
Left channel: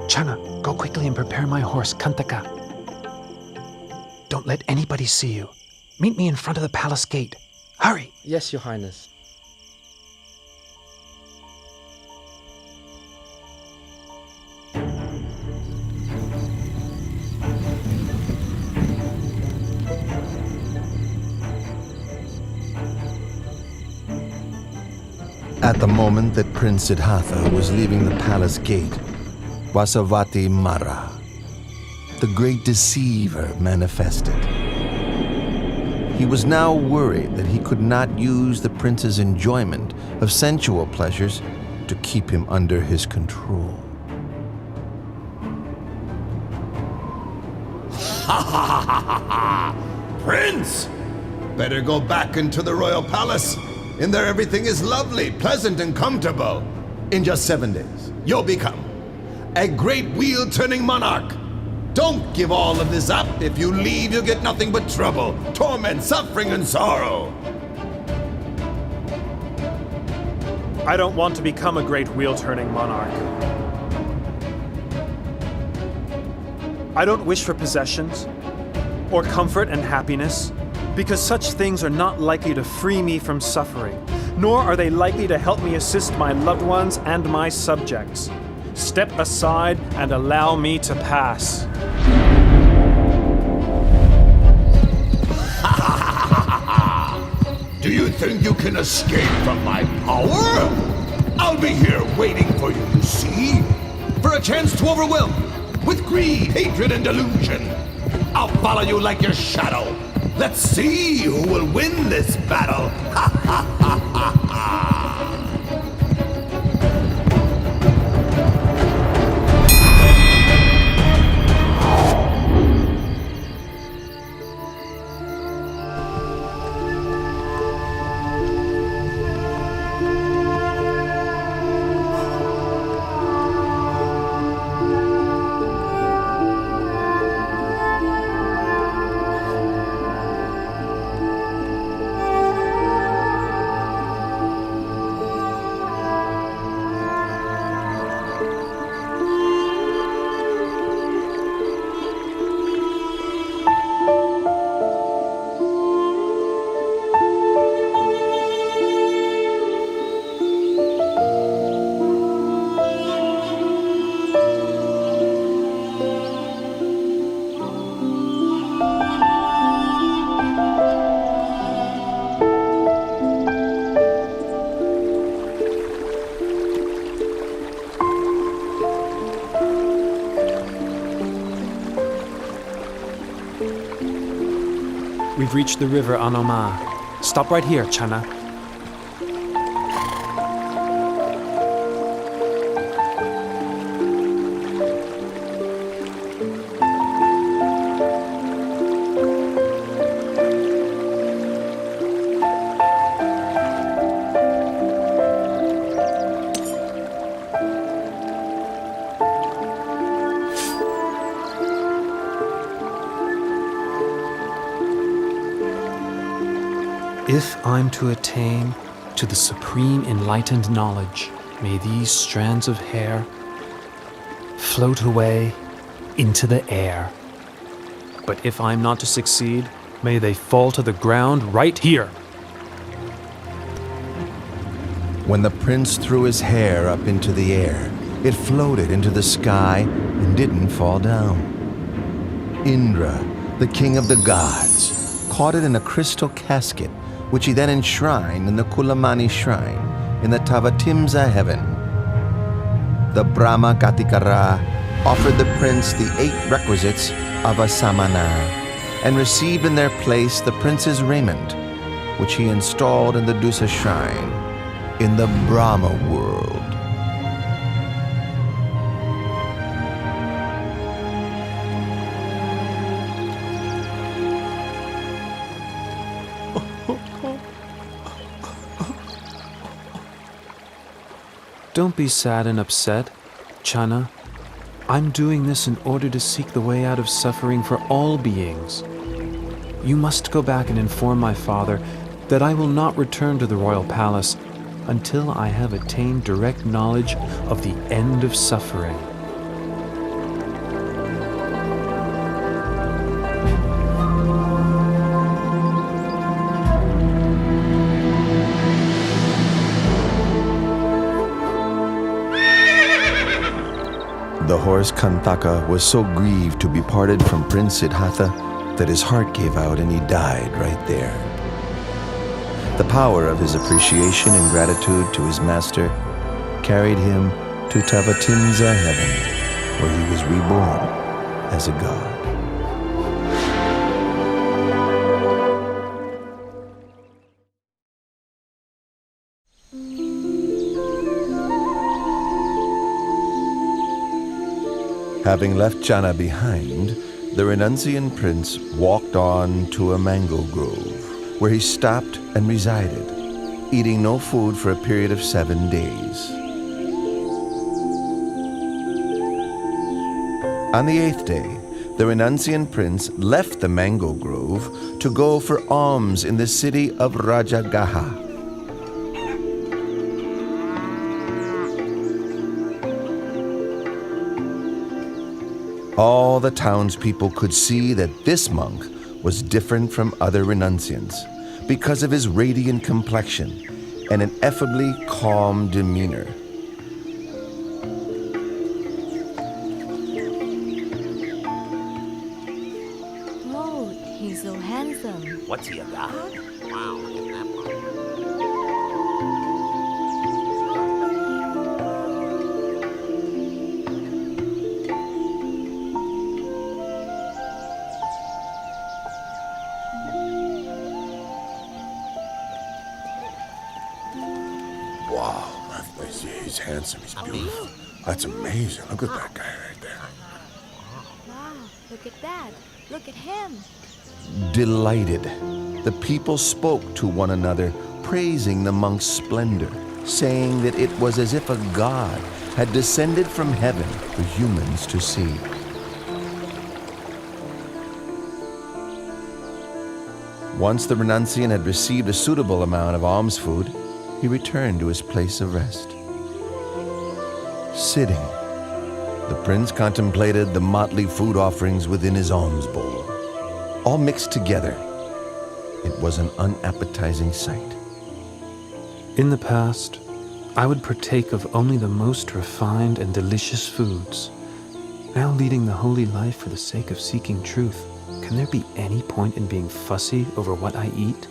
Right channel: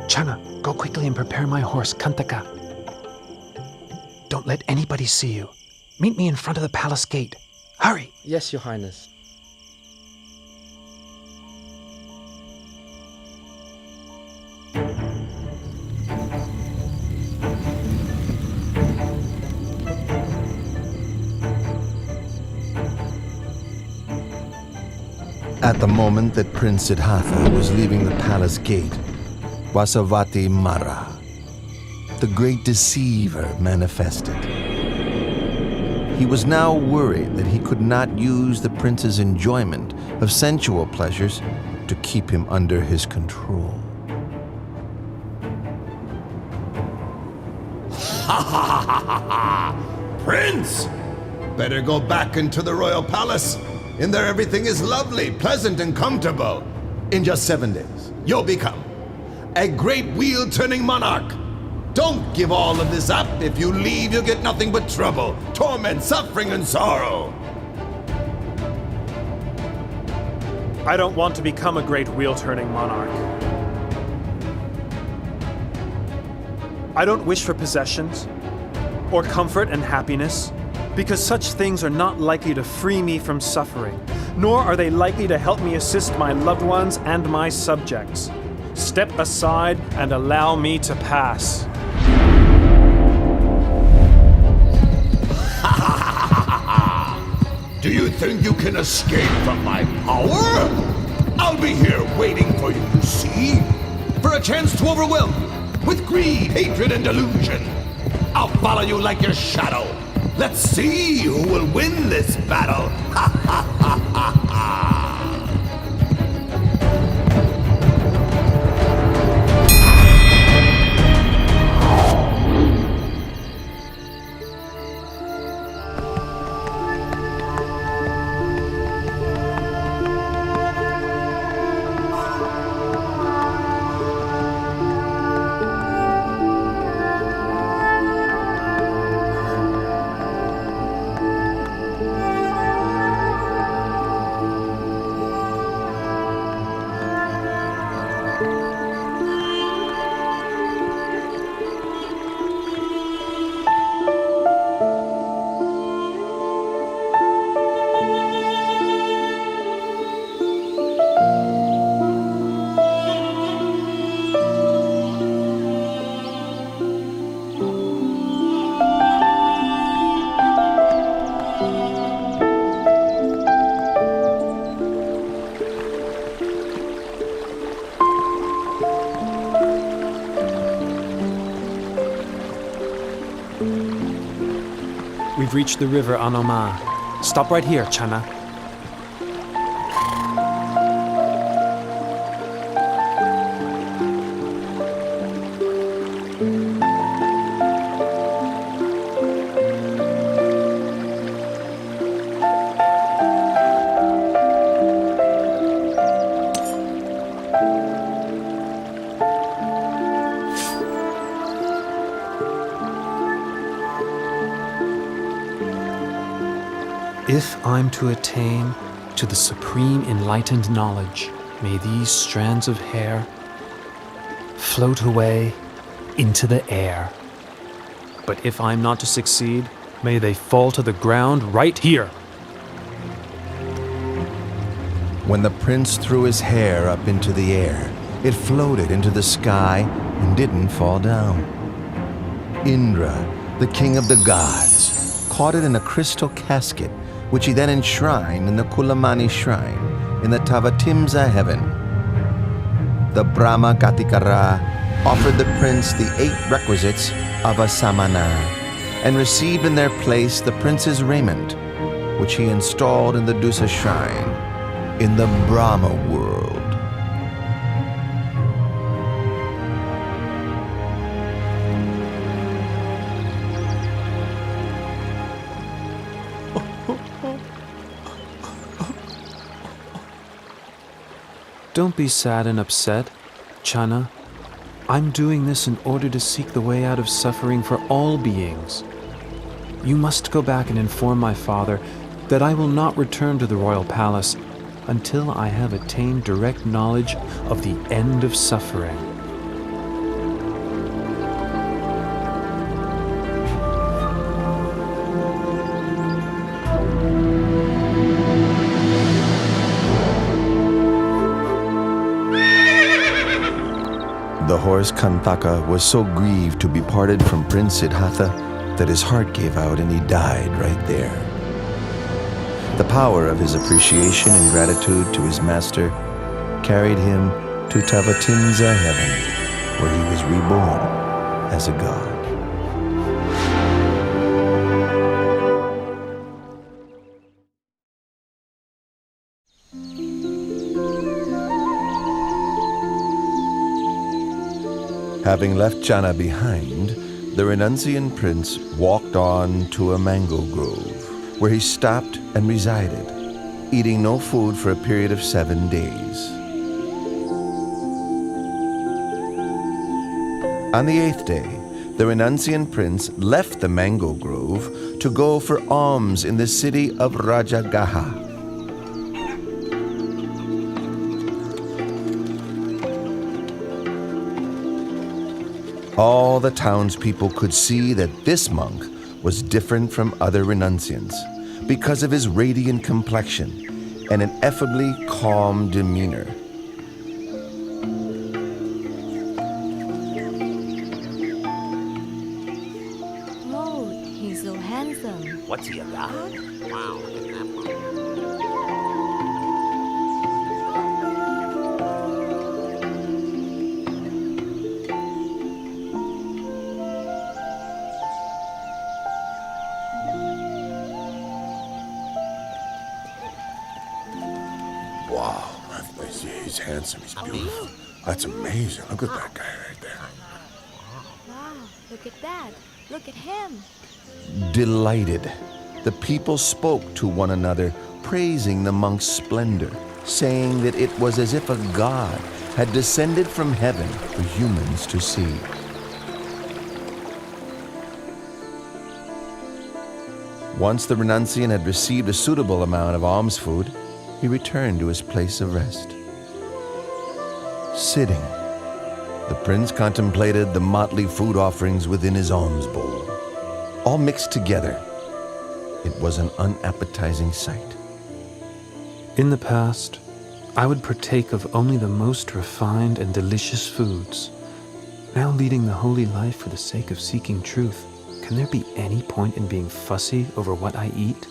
Chana, go quickly and prepare my horse, Kantaka. Don't let anybody see you. Meet me in front of the palace gate. Hurry! Yes, Your Highness. At the moment that Prince Siddhartha was leaving the palace gate, Vasavati Mara, the great deceiver, manifested. He was now worried that he could not use the prince's enjoyment of sensual pleasures to keep him under his control. Prince! Better go back into the royal palace. In there everything is lovely, pleasant, and comfortable. In just 7 days, you'll become a great wheel-turning monarch. Don't give all of this up. If you leave, you'll get nothing but trouble, torment, suffering, and sorrow. I don't want to become a great wheel-turning monarch. I don't wish for possessions or comfort and happiness, because such things are not likely to free me from suffering, nor are they likely to help me assist my loved ones and my subjects. Step aside and allow me to pass. Do you think you can escape from my power? I'll be here waiting for you, you see? For a chance to overwhelm you with greed, hatred, and delusion. I'll follow you like your shadow. Let's see who will win this battle. Ha ha ha ha ha. We've reached the river Anoma. Stop right here, Chana. If I'm to attain to the supreme enlightened knowledge, may these strands of hair float away into the air. But if I'm not to succeed, may they fall to the ground right here. When the prince threw his hair up into the air, it floated into the sky and didn't fall down. Indra, the king of the gods, caught it in a crystal casket, which he then enshrined in the Kulamani shrine in the Tavatimsa heaven. the Brahma Gatikara offered the prince the 8 requisites of a samana and received in their place the prince's raiment, which he installed in the Dusa shrine in the Brahma world. Don't be sad and upset, Channa. I'm doing this in order to seek the way out of suffering for all beings. You must go back and inform my father that I will not return to the royal palace until I have attained direct knowledge of the end of suffering. The horse Kantaka was so grieved to be parted from Prince Siddhartha that his heart gave out and he died right there. The power of his appreciation and gratitude to his master carried him to Tavatimsa heaven, where he was reborn as a god. Having left Channa behind, the renunciant prince walked on to a mango grove, where he stopped and resided, eating no food for a period of 7 days. On the 8th day, the renunciant prince left the mango grove to go for alms in the city of Rajagaha. All the townspeople could see that this monk was different from other renunciants because of his radiant complexion and an effably calm demeanor. Oh, he's so handsome. What's he, a god? Wow, look at that one. Wow, he's handsome, he's beautiful. That's amazing. Look at that guy right there. Wow, look at that. Look at him. Delighted, the people spoke to one another, praising the monk's splendor, saying that it was as if a god had descended from heaven for humans to see. Once the renunciant had received a suitable amount of alms food, he returned to his place of rest. Sitting, the prince contemplated the motley food offerings within his alms bowl, all mixed together. It was an unappetizing sight. In the past, I would partake of only the most refined and delicious foods. Now leading the holy life for the sake of seeking truth, can there be any point in being fussy over what I eat?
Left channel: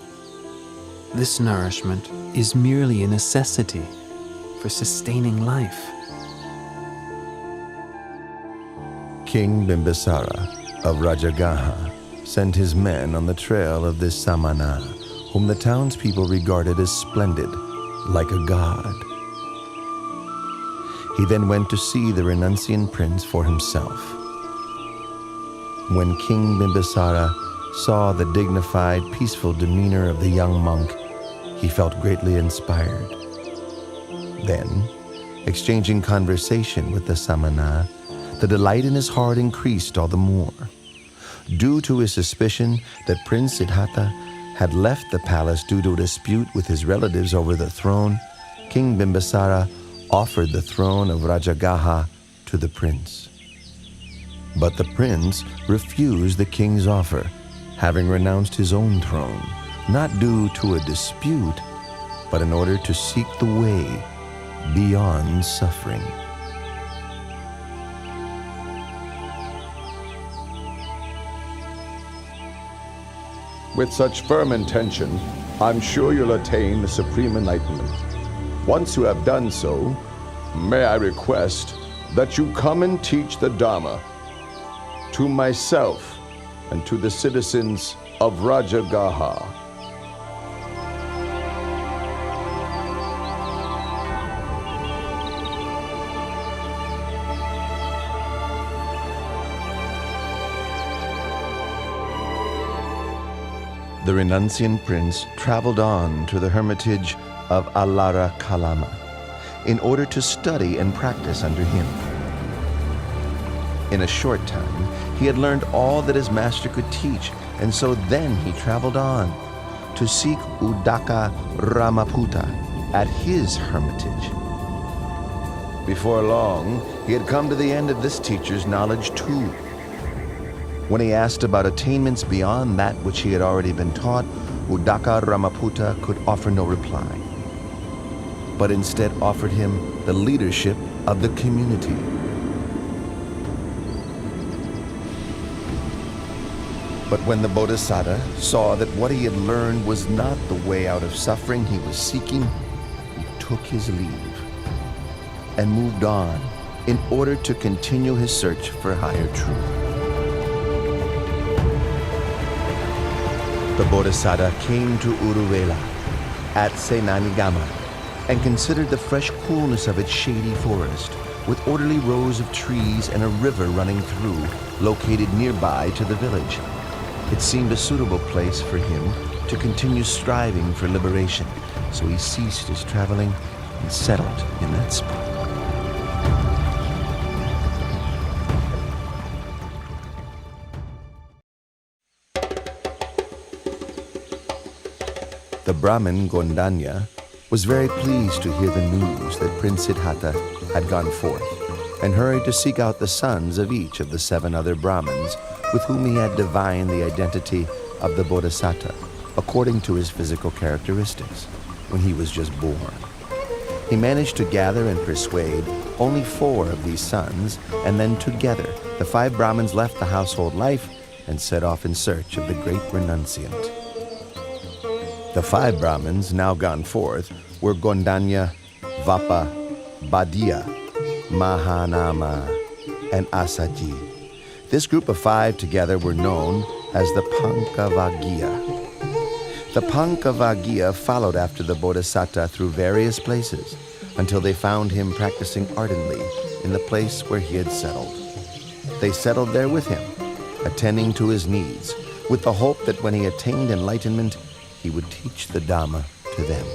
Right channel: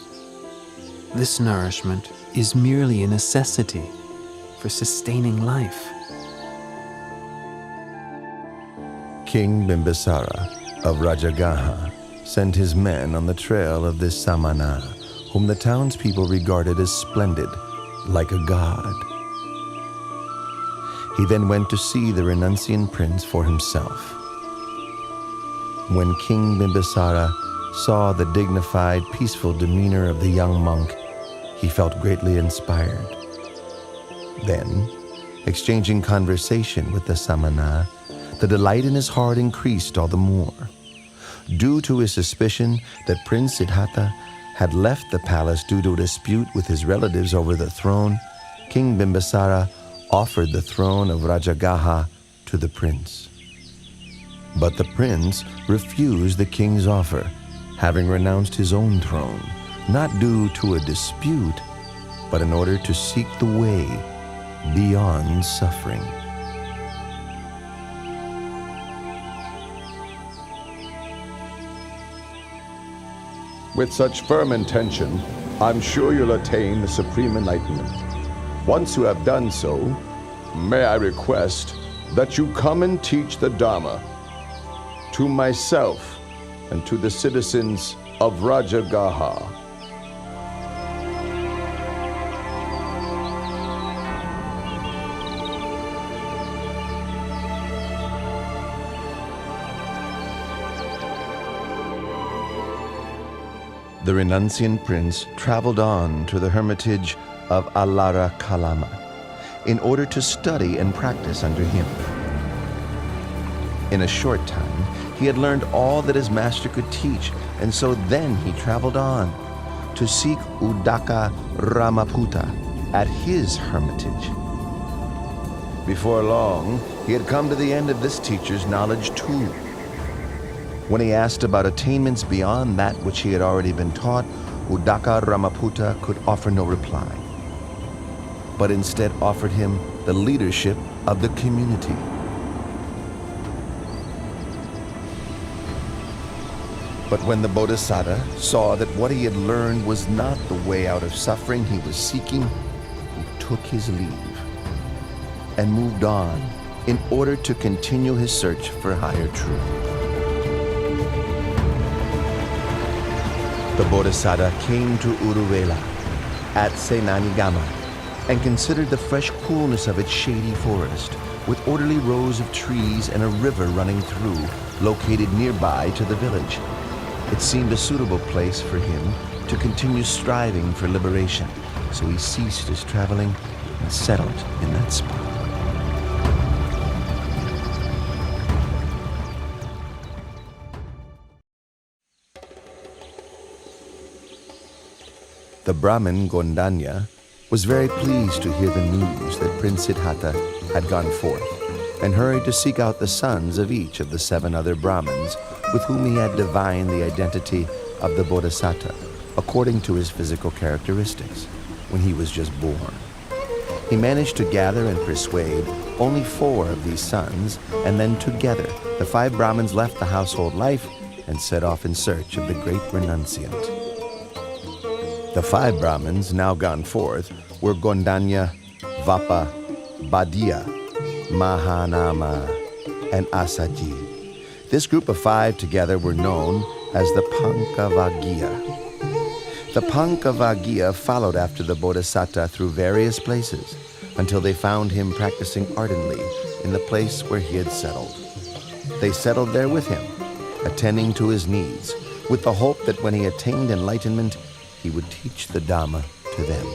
This nourishment is merely a necessity for sustaining life. King Bimbisara of Rajagaha sent his men on the trail of this samana, whom the townspeople regarded as splendid, like a god. He then went to see the renunciant prince for himself. When King Bimbisara saw the dignified, peaceful demeanor of the young monk, he felt greatly inspired. Then, exchanging conversation with the samana, the delight in his heart increased all the more. Due to his suspicion that Prince Siddhartha had left the palace due to a dispute with his relatives over the throne, King Bimbisara offered the throne of Rajagaha to the prince. But the prince refused the king's offer, having renounced his own throne, not due to a dispute, but in order to seek the way beyond suffering. With such firm intention, I'm sure you'll attain the supreme enlightenment. Once you have done so, May I request that you come and teach the Dhamma to myself and to the citizens of Rajagaha. The renunciant prince traveled on to the hermitage of Alara Kalama in order to study and practice under him. In a short time, he had learned all that his master could teach, and so then he traveled on to seek Udaka Ramaputta at his hermitage. Before long, he had come to the end of this teacher's knowledge too. When he asked about attainments beyond that which he had already been taught, Udaka Ramaputta could offer no reply, but instead offered him the leadership of the community. But when the Bodhisattva saw that what he had learned was not the way out of suffering he was seeking, he took his leave and moved on in order to continue his search for higher truth. The Bodhisattva came to Uruvela at Senanigama and considered the fresh coolness of its shady forest with orderly rows of trees and a river running through, located nearby to the village. It seemed a suitable place for him to continue striving for liberation, so he ceased his traveling and settled in that spot. The Brahmin Gondanya was very pleased to hear the news that Prince Siddhartha had gone forth, and hurried to seek out the sons of each of the 7 other Brahmins with whom he had divined the identity of the Bodhisattva according to his physical characteristics when he was just born. He managed to gather and persuade only 4 of these sons, and then together the 5 Brahmins left the household life and set off in search of the great renunciant. The 5 Brahmins now gone forth were Gondanya, Vapa, Badia, Mahanama, and Asaji. This group of 5 together were known as the Pankavaggiya. The Pankavaggiya followed after the Bodhisattva through various places until they found him practicing ardently in the place where he had settled. They settled there with him, attending to his needs, with the hope that when he attained enlightenment, he would teach the Dhamma to them.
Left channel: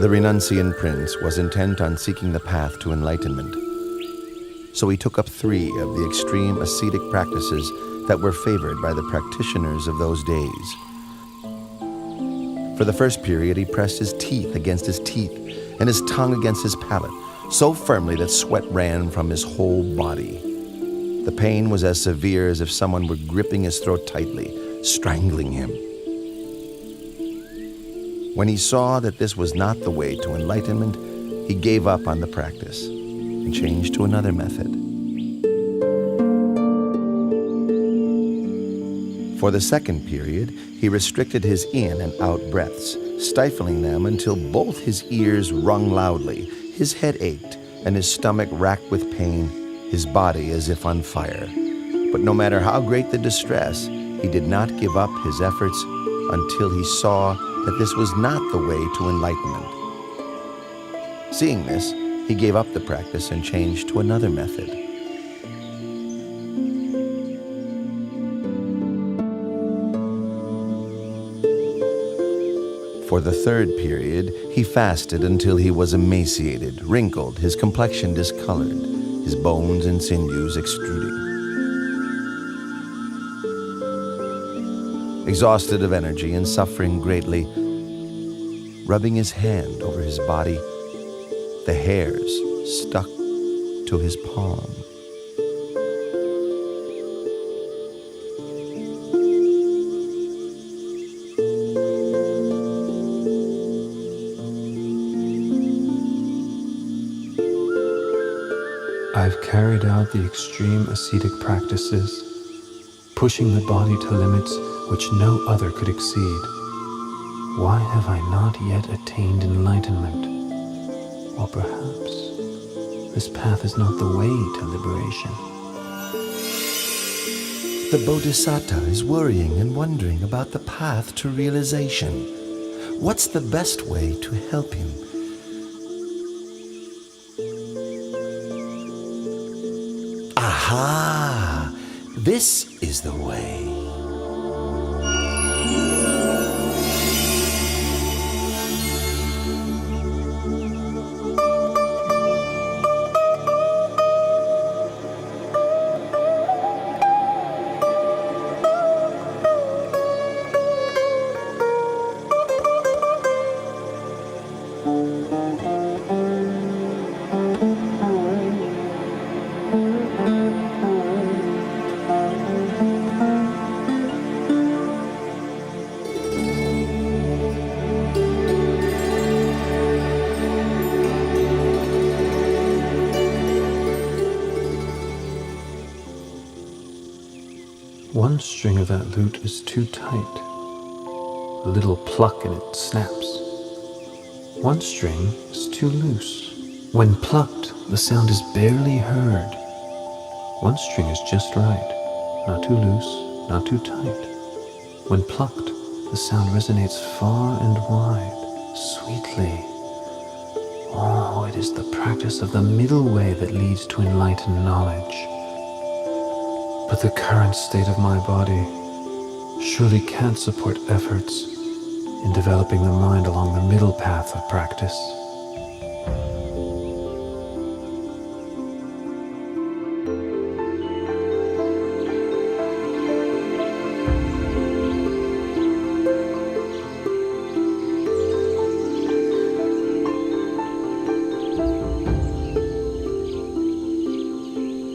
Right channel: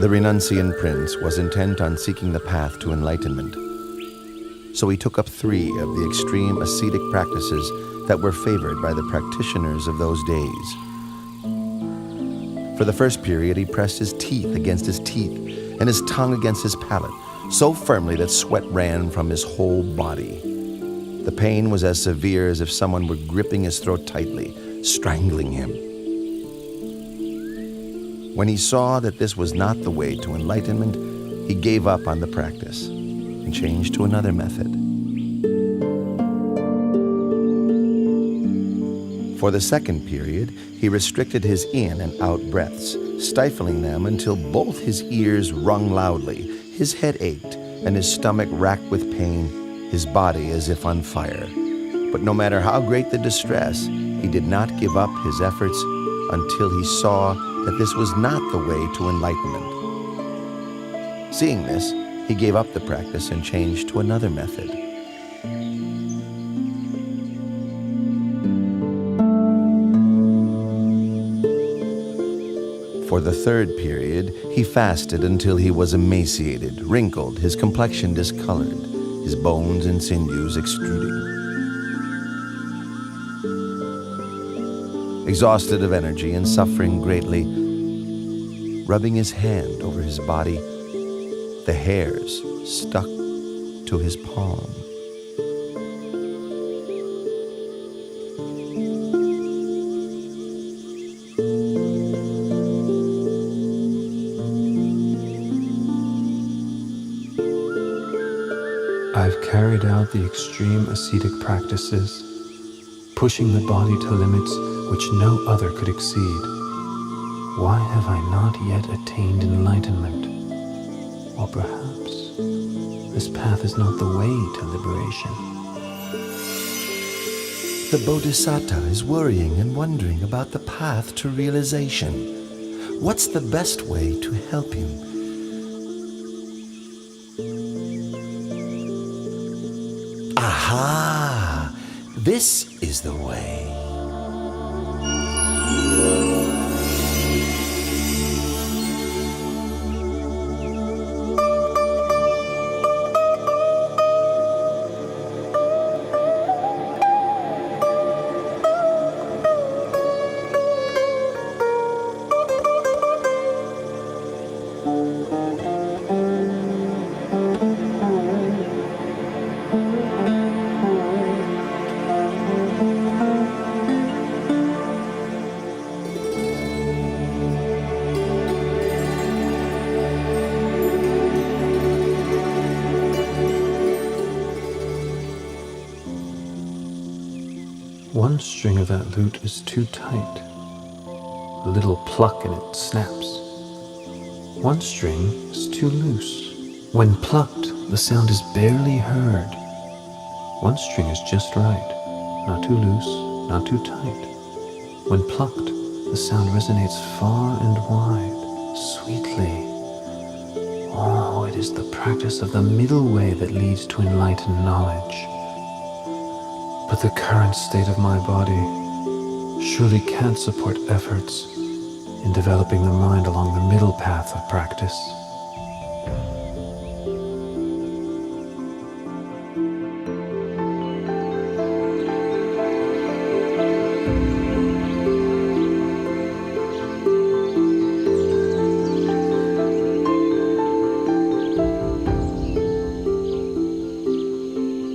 The renunciant prince was intent on seeking the path to enlightenment, so he took up 3 of the extreme ascetic practices that were favored by the practitioners of those days. For the first period, he pressed his teeth against his teeth and his tongue against his palate so firmly that sweat ran from his whole body. The pain was as severe as if someone were gripping his throat tightly, strangling him. When he saw that this was not the way to enlightenment, he gave up on the practice and changed to another method. For the second period, he restricted his in and out breaths, stifling them until both his ears rung loudly, his head ached, and his stomach racked with pain, his body as if on fire. But no matter how great the distress, he did not give up his efforts until he saw that this was not the way to enlightenment. Seeing this, he gave up the practice and changed to another method. For the third period, he fasted until he was emaciated, wrinkled, his complexion discolored, his bones and sinews extruding. Exhausted of energy and suffering greatly, rubbing his hand over his body, the hairs stuck to his palm. I've carried out the extreme ascetic practices, pushing the body to limits which no other could exceed. Why have I not yet attained enlightenment? Or perhaps this path is not the way to liberation. The Bodhisattva is worrying and wondering about the path to realization. What's the best way to help him? Aha! This is the way. One string of that lute is too tight. A little pluck and it snaps. One string is too loose. When plucked, the sound is barely heard. One string is just right, not too loose, not too tight. When plucked, the sound resonates far and wide, sweetly. Oh, it is the practice of the middle way that leads to enlightened knowledge. But the current state of my body surely can't support efforts in developing the mind along the middle path of practice.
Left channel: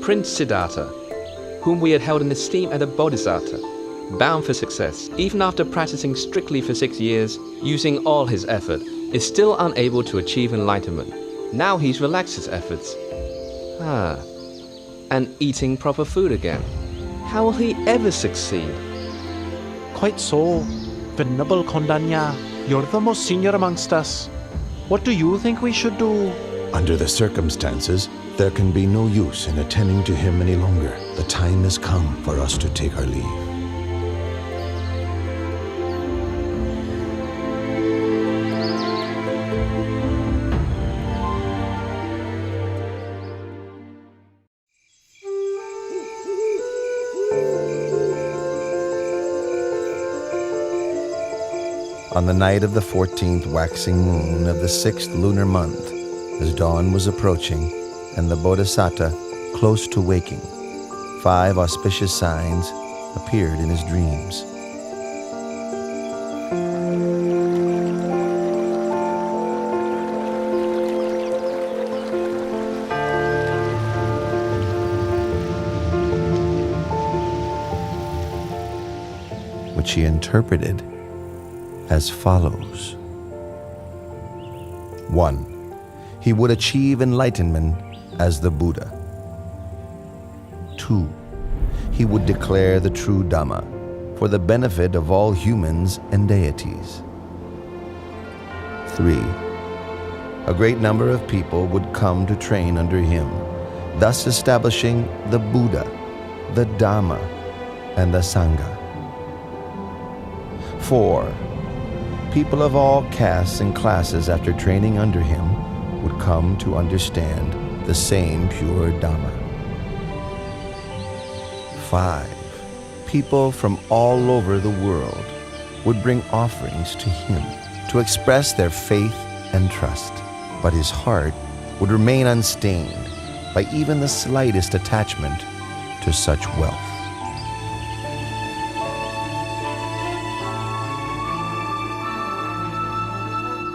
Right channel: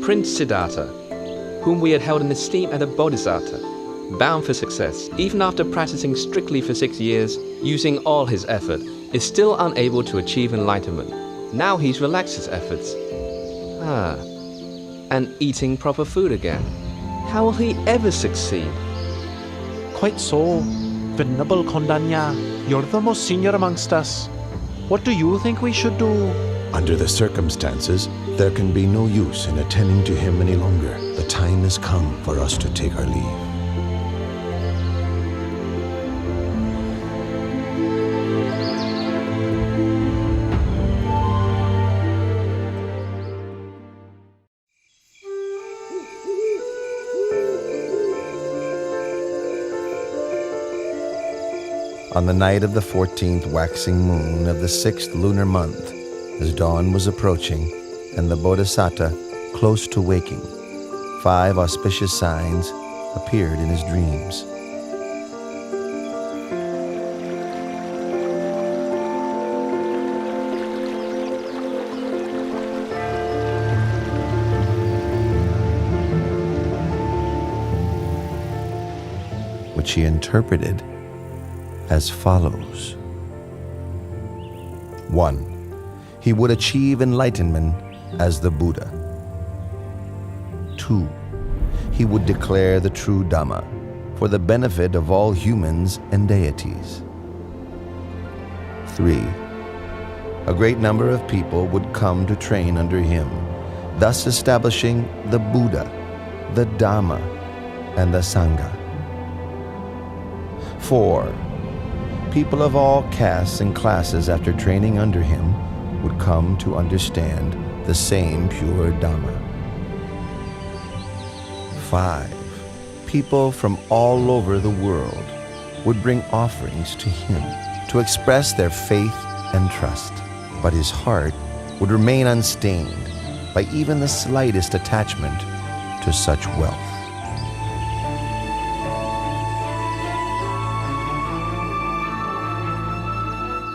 Prince Siddhartha, whom we had held in esteem as a bodhisattva, bound for success, even after practicing strictly for 6 years, using all his effort, is still unable to achieve enlightenment. Now he's relaxed his efforts. And eating proper food again. How will he ever succeed? Quite so. Venerable Kondanya, you're the most senior amongst us. What do you think we should do? Under the circumstances, there can be no use in attending to him any longer. The time has come for us to take our leave. On the night of the 14th waxing moon of the 6th lunar month, as dawn was approaching and the Bodhisattva close to waking, 5 auspicious signs appeared in his dreams. Which he interpreted as follows. 1. He would achieve enlightenment as the Buddha. 2. He would declare the true Dhamma for the benefit of all humans and deities. 3. A great number of people would come to train under him, thus establishing the Buddha, the Dhamma, and the Sangha. 4. People of all castes and classes after training under him would come to understand the same pure Dhamma. 5. People from all over the world would bring offerings to him to express their faith and trust, but his heart would remain unstained by even the slightest attachment to such wealth.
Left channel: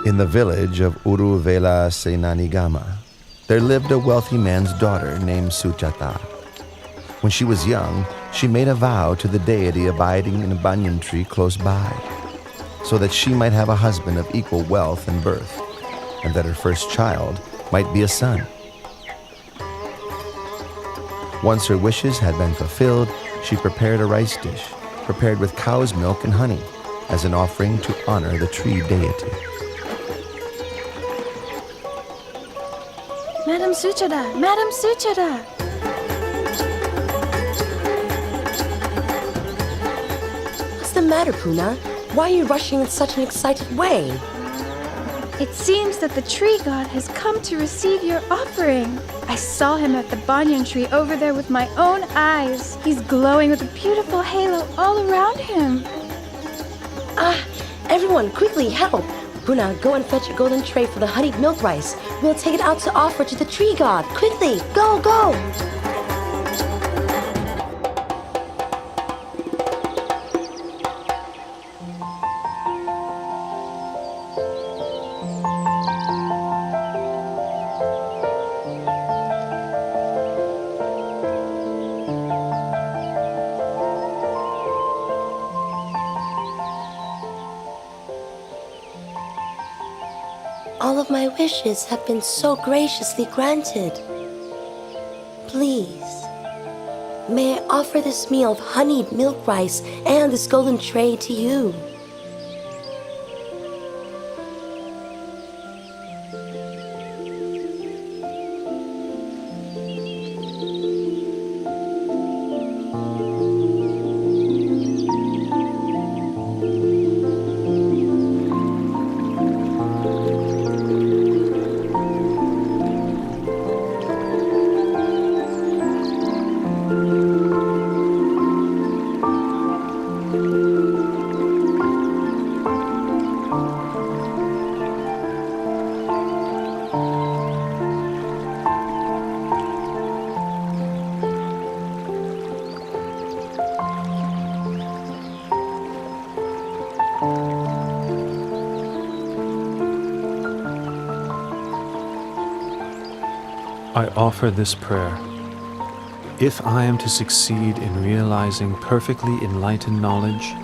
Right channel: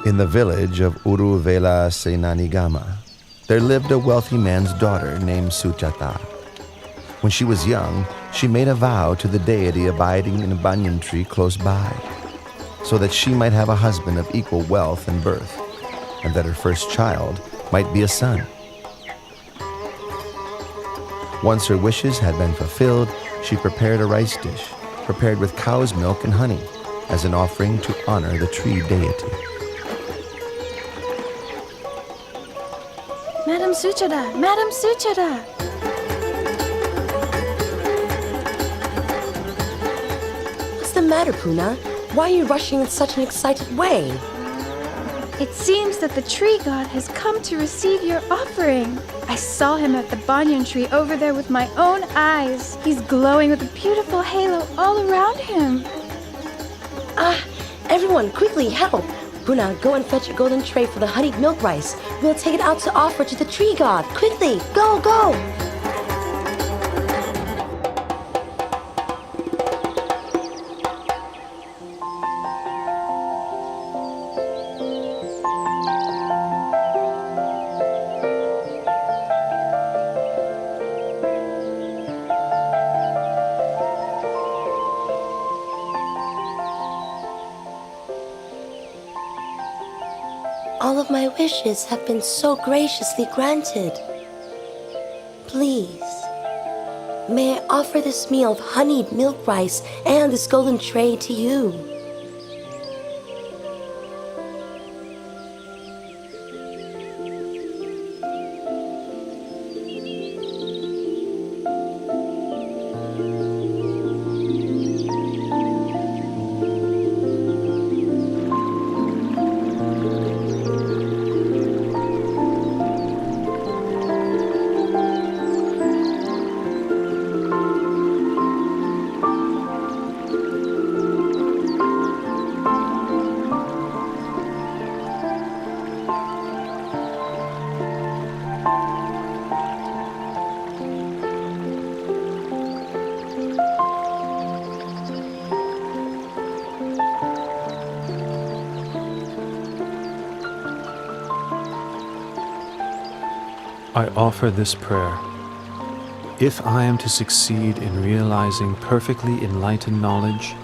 In the village of Uruvela Senanigama, there lived a wealthy man's daughter named Sujata. When she was young, she made a vow to the deity abiding in a banyan tree close by, so that she might have a husband of equal wealth and birth, and that her first child might be a son. Once her wishes had been fulfilled, she prepared a rice dish, prepared with cow's milk and honey, as an offering to honor the tree deity. Madam Suchada! Madam Suchada! What's the matter, Puna? Why are you rushing in such an excited way? It seems that the tree god has come to receive your offering. I saw him at the banyan tree over there with my own eyes. He's glowing with a beautiful halo all around him. Everyone, quickly, help! Puna, go and fetch a golden tray for the honeyed milk rice. We'll take it out to offer to the tree god. Quickly, go, go! All of my wishes have been so graciously granted. Please, may I offer this meal of honeyed milk rice and this golden tray to you. I offer this prayer. If I am to succeed in realizing perfectly enlightened knowledge,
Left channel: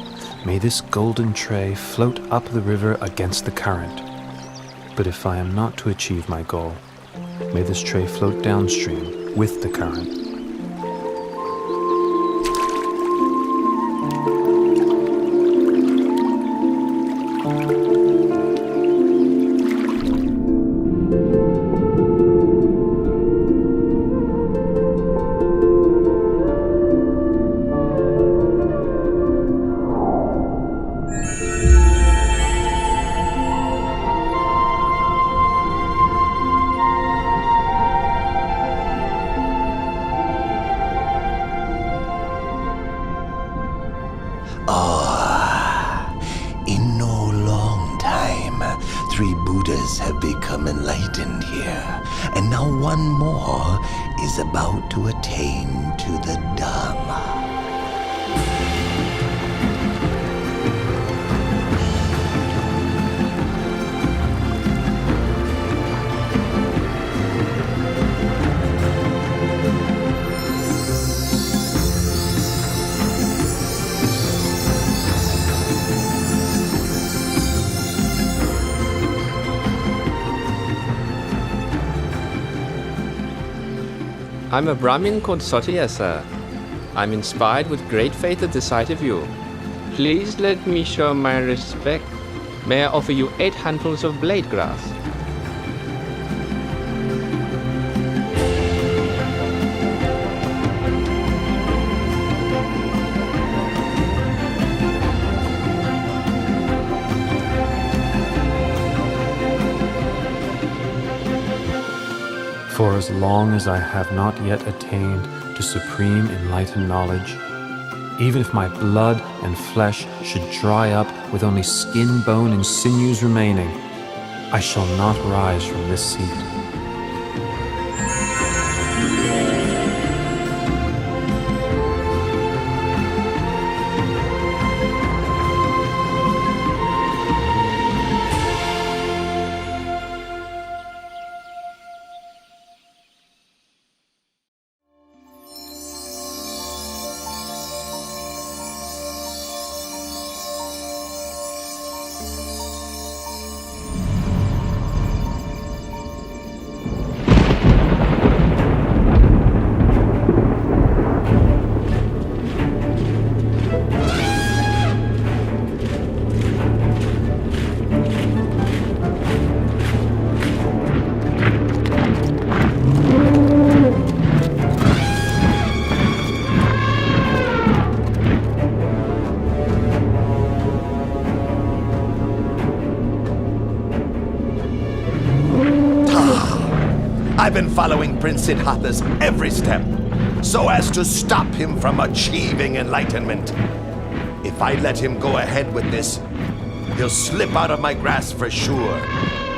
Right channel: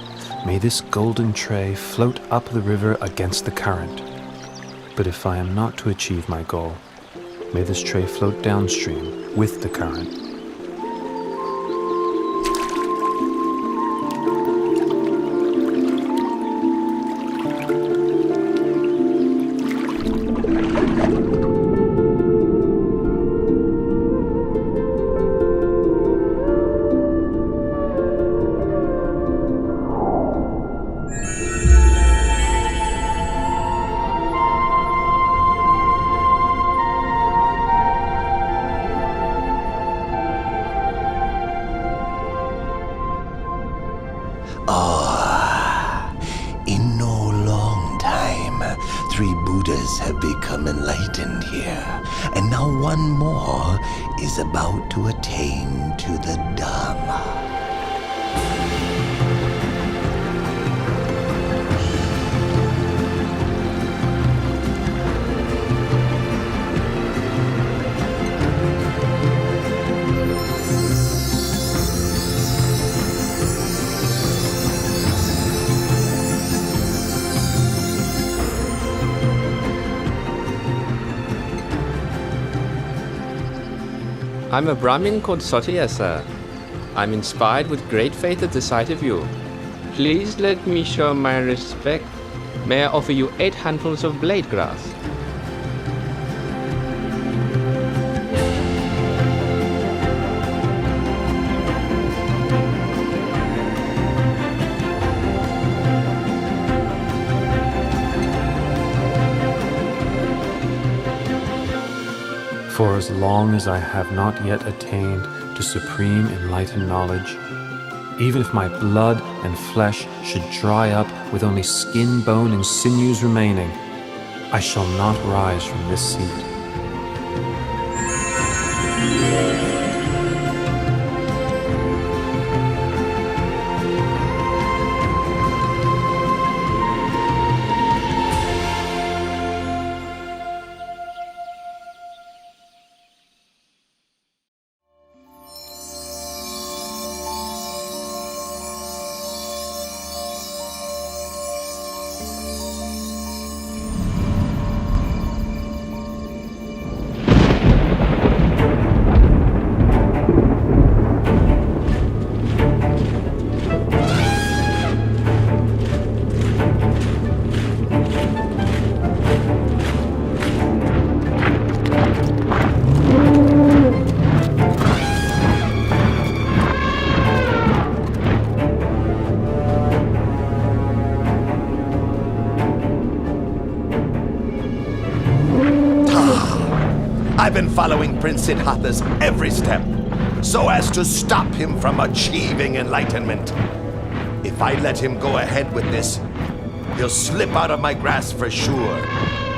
may this golden tray float up the river against the current. But if I am not to achieve my goal, may this tray float downstream with the current. In no long time, 3 Buddhas have become enlightened here, and now one more is about to attain to the Dharma. I'm a Brahmin called Sotiya, sir. I'm inspired with great faith at the sight of you. Please let me show my respect. May I offer you 8 handfuls of blade grass? For as long as I have not yet attained to supreme enlightened knowledge, even if my blood and flesh should dry up with only skin, bone, and sinews remaining, I shall not rise from this seat. I've been following Prince Siddhartha's every step so as to stop him from achieving enlightenment. If I let him go ahead with this, he'll slip out of my grasp for sure.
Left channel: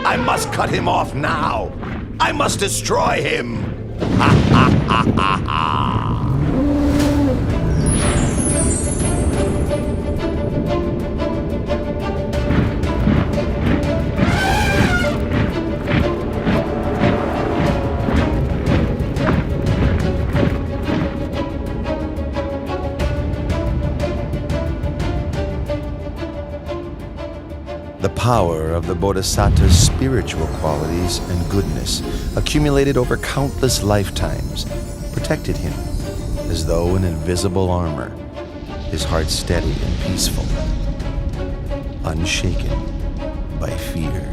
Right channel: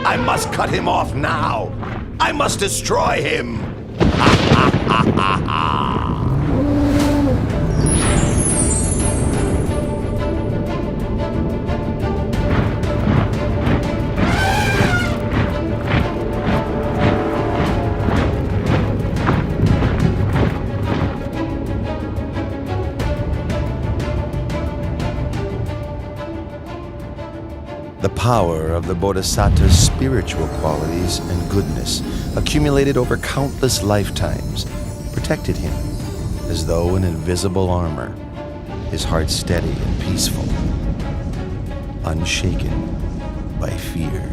I must cut him off now. I must destroy him. Ha ha ha ha ha. The power of the Bodhisattva's spiritual qualities and goodness, accumulated over countless lifetimes, protected him as though in invisible armor, his heart steady and peaceful, unshaken by fear.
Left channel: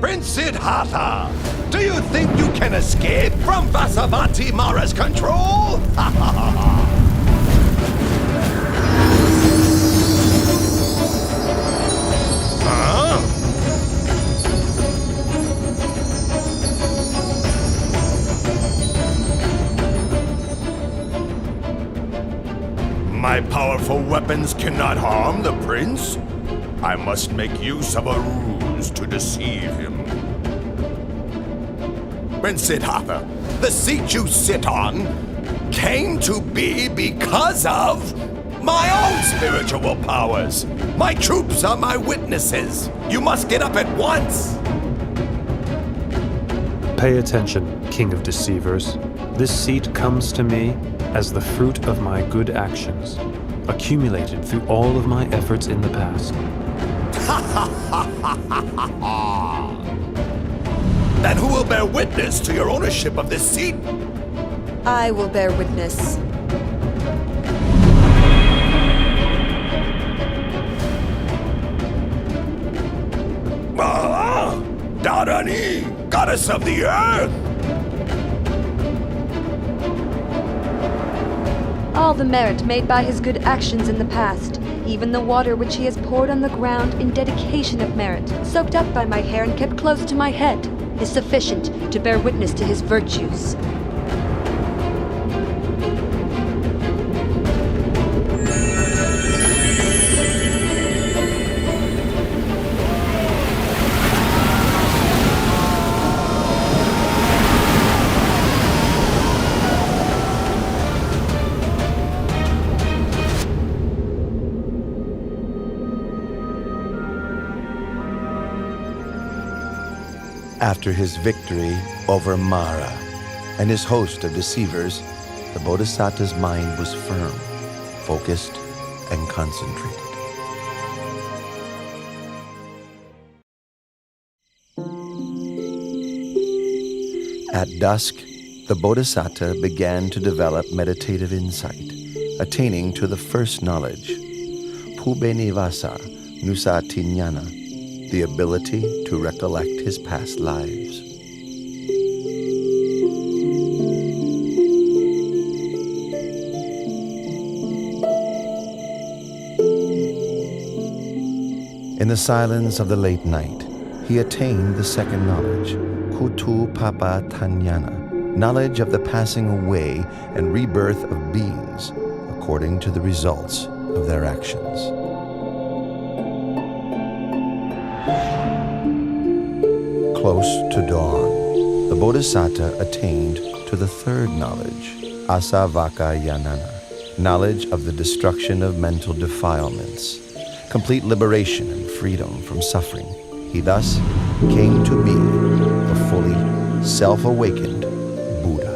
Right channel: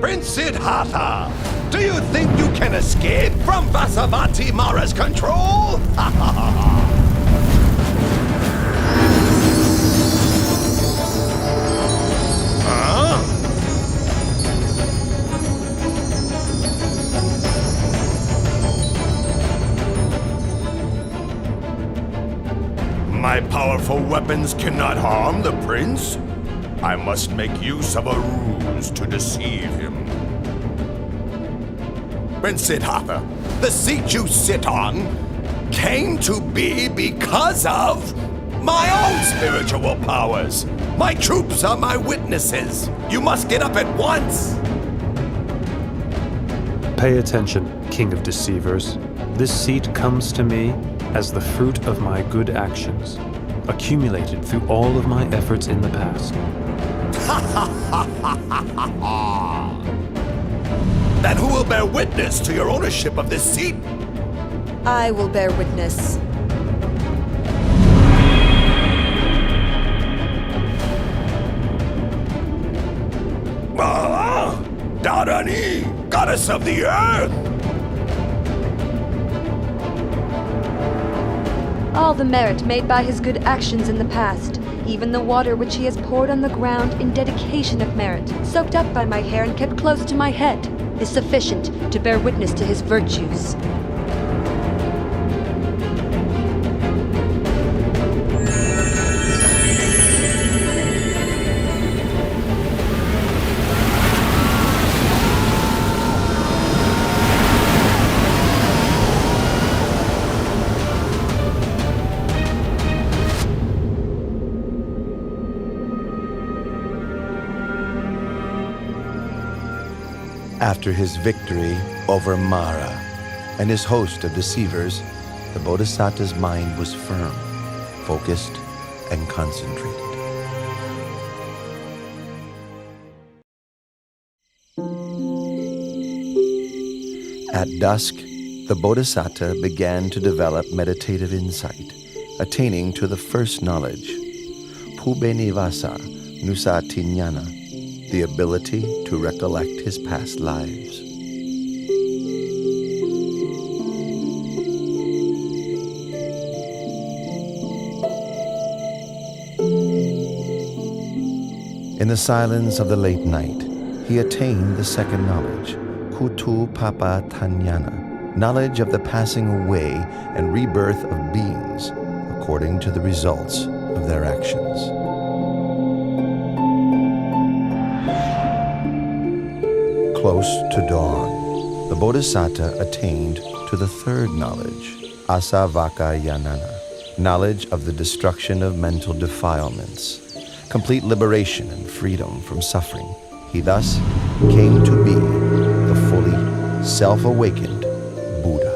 Prince Siddhartha, do you think you can escape from Vasavati Mara's control? Huh? My powerful weapons cannot harm the prince. I must make use of a ruse to deceive him. Prince Siddhartha, the seat you sit on came to be because of my own spiritual powers. My troops are my witnesses. You must get up at once. Pay attention, King of Deceivers. This seat comes to me as the fruit of my good actions, accumulated through all of my efforts in the past. Then who will bear witness to your ownership of this seat? I will bear witness. Dharani, goddess of the earth! All the merit made by his good actions in the past, even the water which he has poured on the ground in dedication of merit, soaked up by my hair and kept close to my head, is sufficient to bear witness to his virtues. After his victory over Mara and his host of deceivers, the Bodhisattva's mind was firm, focused, and concentrated. At dusk, the Bodhisattva began to develop meditative insight, attaining to the first knowledge, Pubenivasa Nusatinyana, the ability to recollect his past lives. In the silence of the late night, he attained the second knowledge, Kutu Papa Tanyana, knowledge of the passing away and rebirth of beings according to the results of their actions. Close to dawn, the Bodhisattva attained to the third knowledge, Asavakayanana, knowledge of the destruction of mental defilements, complete liberation and freedom from suffering. He thus came to be the fully self-awakened Buddha.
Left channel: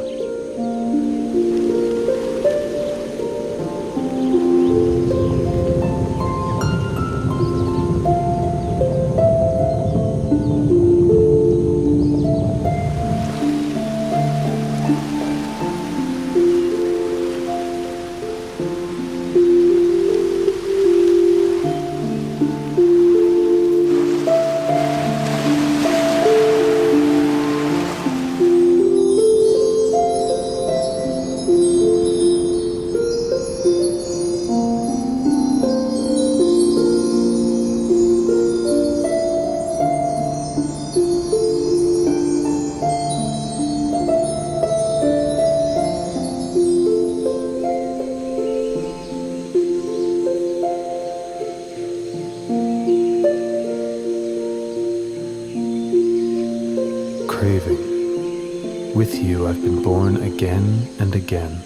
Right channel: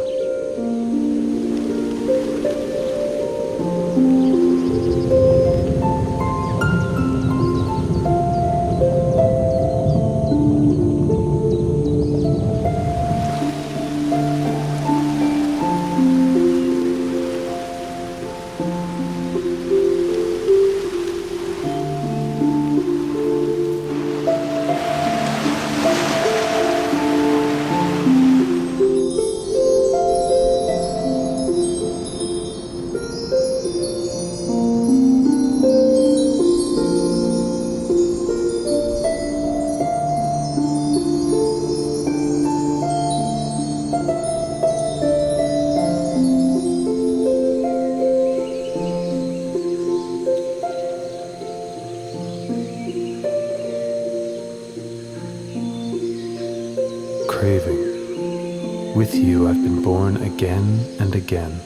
Craving. With you I've been born again and again,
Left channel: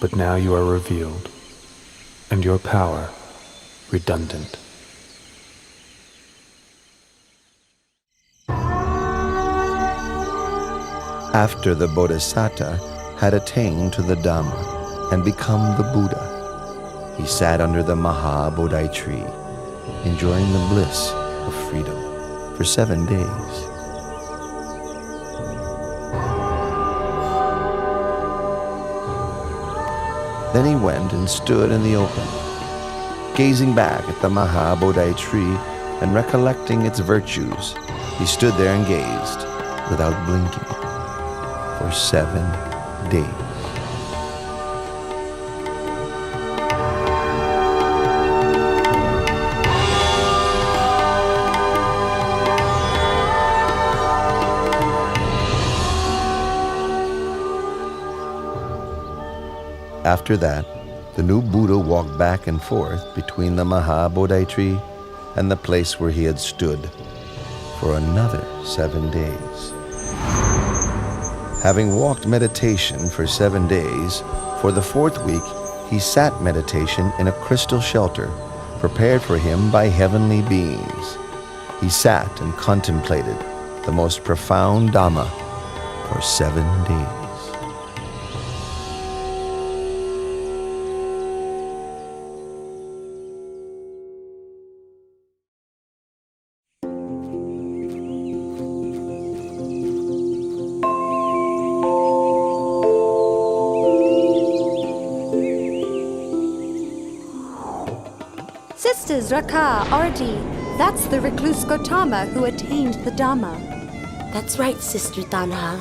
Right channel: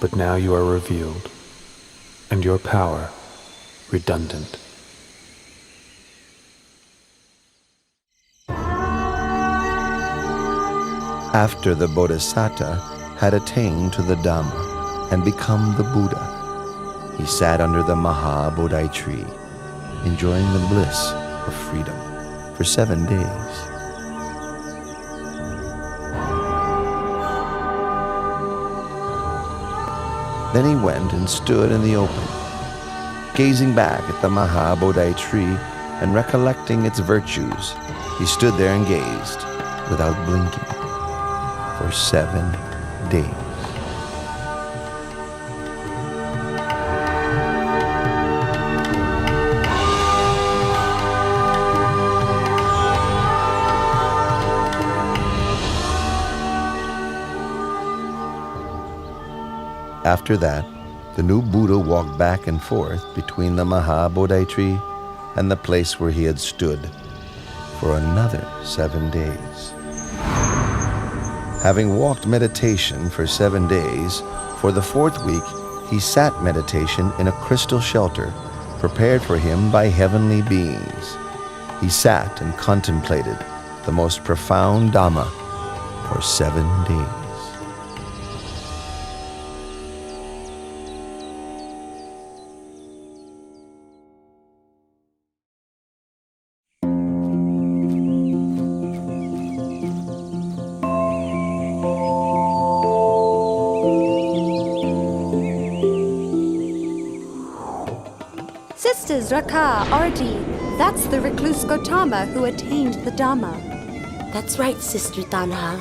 but now you are revealed, and your power redundant. After the Bodhisattva had attained to the Dhamma and become the Buddha, he sat under the Maha Bodhi tree, enjoying the bliss of freedom for 7 days. Then he went and stood in the open, gazing back at the Maha Bodhi tree and recollecting its virtues. He stood there and gazed without blinking for 7 days. After that, the new Buddha walked back and forth between the Maha Bodhi tree and the place where he had stood for another 7 days. Having walked meditation for 7 days, for the 4th week he sat meditation in a crystal shelter prepared for him by heavenly beings. He sat and contemplated the most profound Dhamma for 7 days. Sisters Raka, Ardi, that's the recluse Gautama who attained the Dhamma. That's right, Sister Tanha.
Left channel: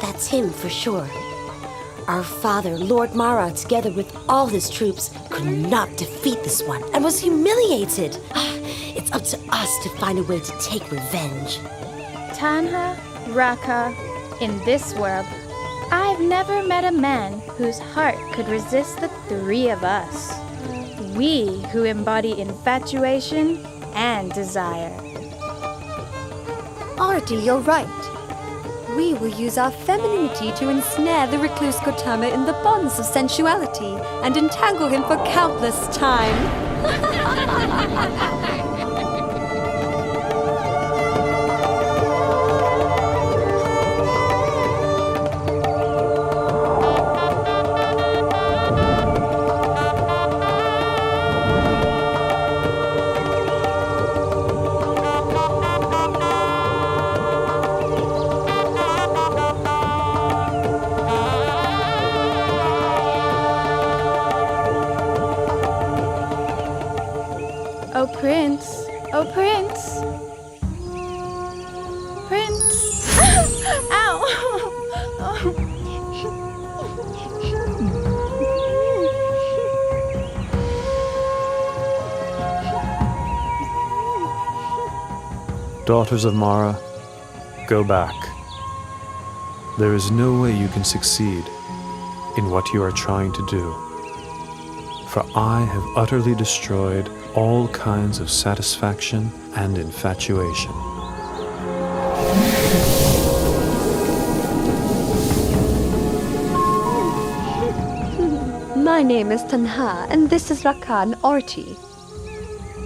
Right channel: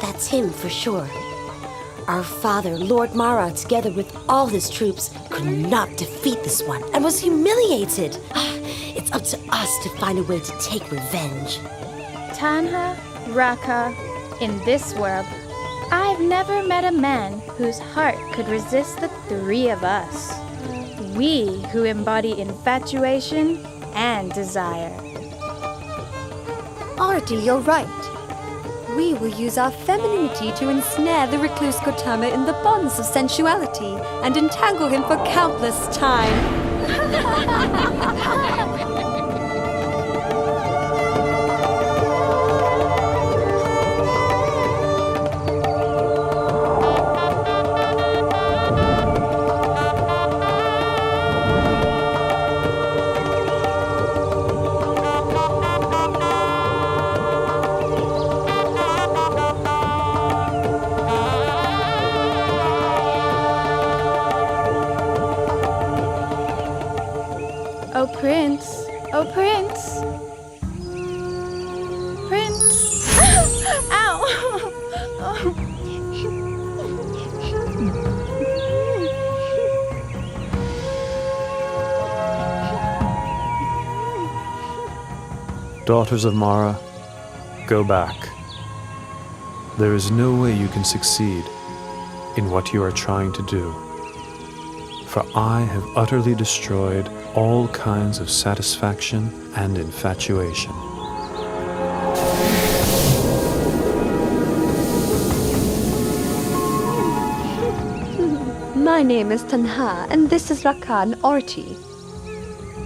That's him for sure. Our father, Lord Mara, together with all his troops, could not defeat this one and was humiliated. It's up to us to find a way to take revenge. Tanha, Raka, in this world, I've never met a man whose heart could resist the 3 of us. We who embody infatuation and desire. Ardi, you're right. We will use our femininity to ensnare the recluse Gautama in the bonds of sensuality and entangle him for countless time. Oh Prince, oh Prince. Prince. Ow. Daughters of Mara, go back. There is no way you can succeed in what you are trying to do. For I have utterly destroyed all kinds of satisfaction and infatuation. My name is Tanha, and this is Raka and Arti.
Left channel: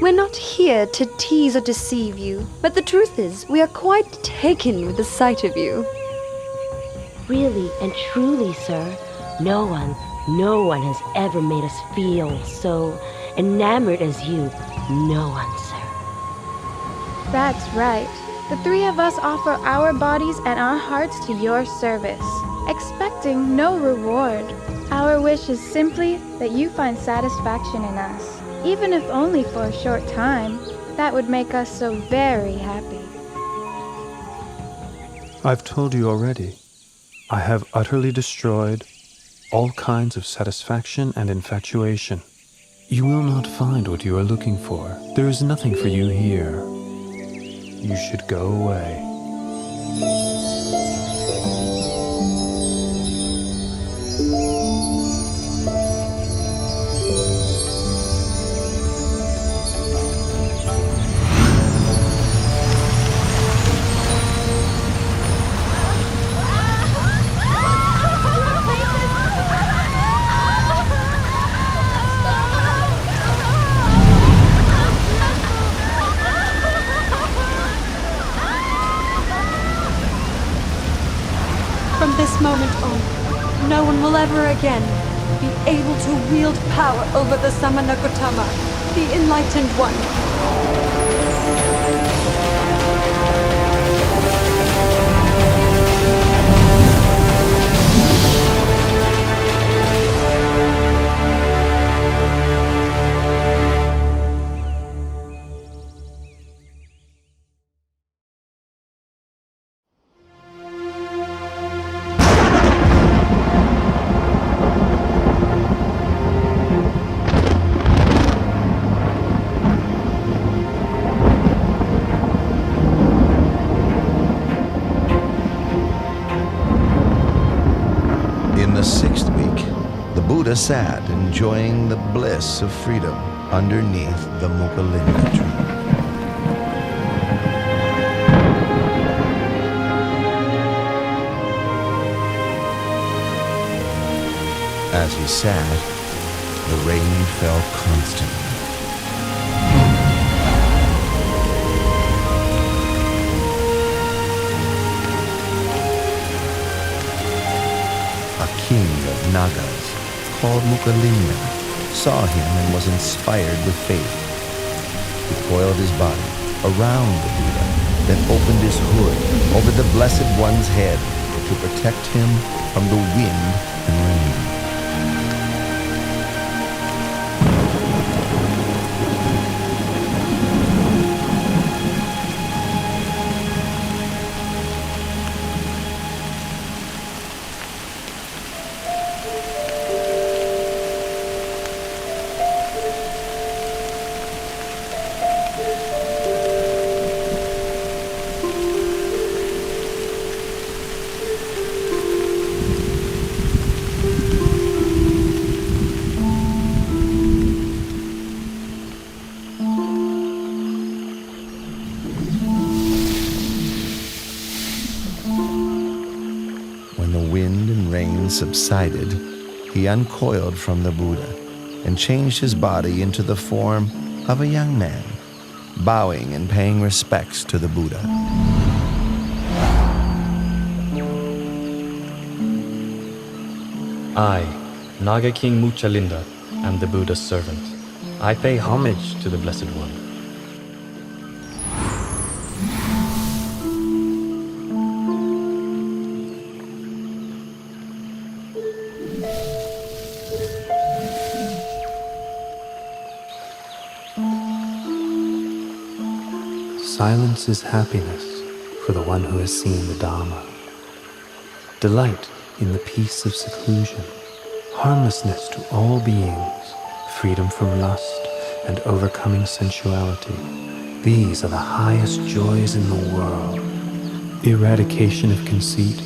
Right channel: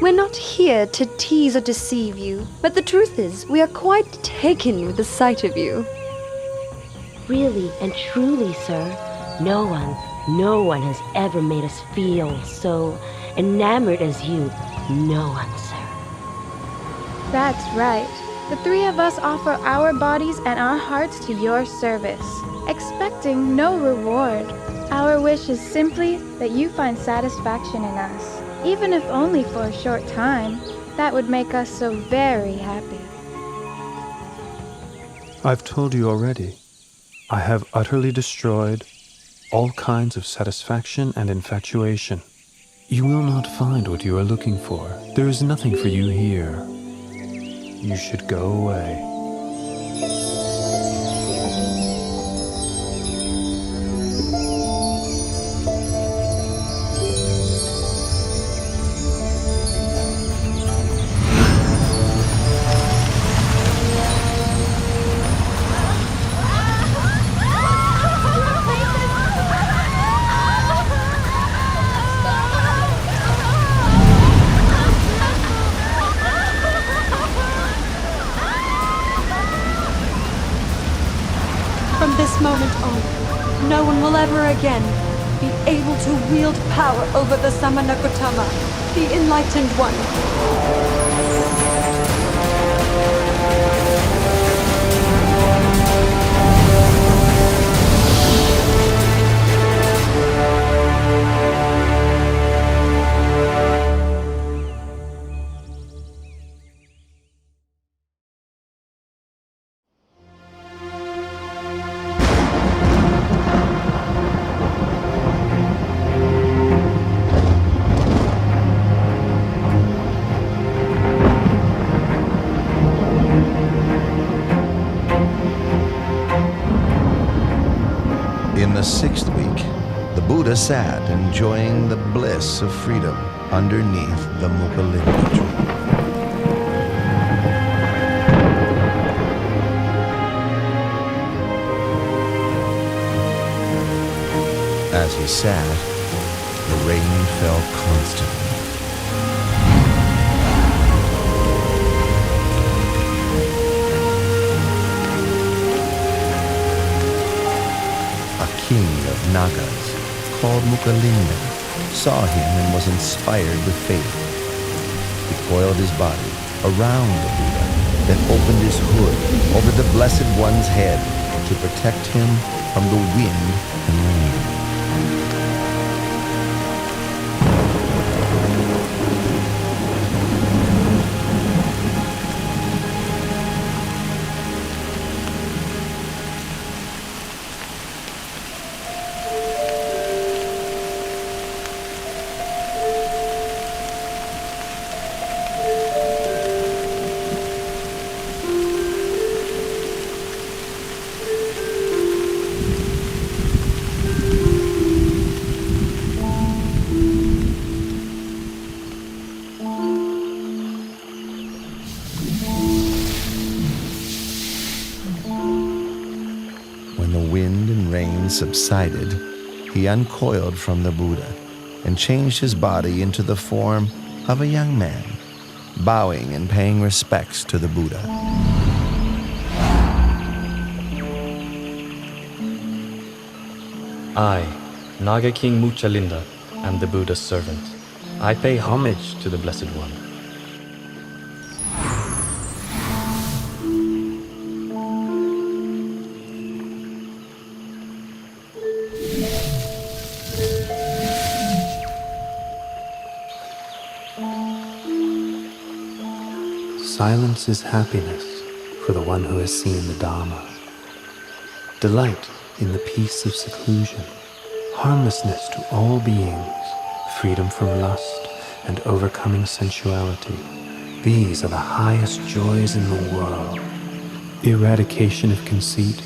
We're not here to tease or deceive you, but the truth is, we are quite taken with the sight of you. Really and truly, sir, no one has ever made us feel so enamored as you. No one, sir. That's right. The three of us offer our bodies and our hearts to your service, expecting no reward. Our wish is simply that you find satisfaction in us, even if only for a short time. That would make us so very happy. I've told you already. I have utterly destroyed all kinds of satisfaction and infatuation. You will not find what you are looking for. There is nothing for you here. You should go away. From this moment on, no one will ever again be able to wield power over the Samana Gautama, the Enlightened One. In the sixth week, the Buddha sat enjoying the bliss of freedom underneath the Mukalinda tree. As he sat, the rain fell constantly. A king of Nagas, called Mukalinda, saw him and was inspired with faith. He coiled his body around the Buddha, then opened his hood over the Blessed One's head to protect him from the wind and rain. When the wind and rain subsided, he uncoiled from the Buddha and changed his body into the form of a young man, bowing and paying respects to the Buddha. I, Naga King Muchalinda, am the Buddha's servant. I pay homage to the Blessed One. Silence is happiness for the one who has seen the Dharma. Delight in the peace of seclusion, harmlessness to all beings, freedom from lust, and overcoming sensuality. These are the highest joys in the world. Eradication of conceit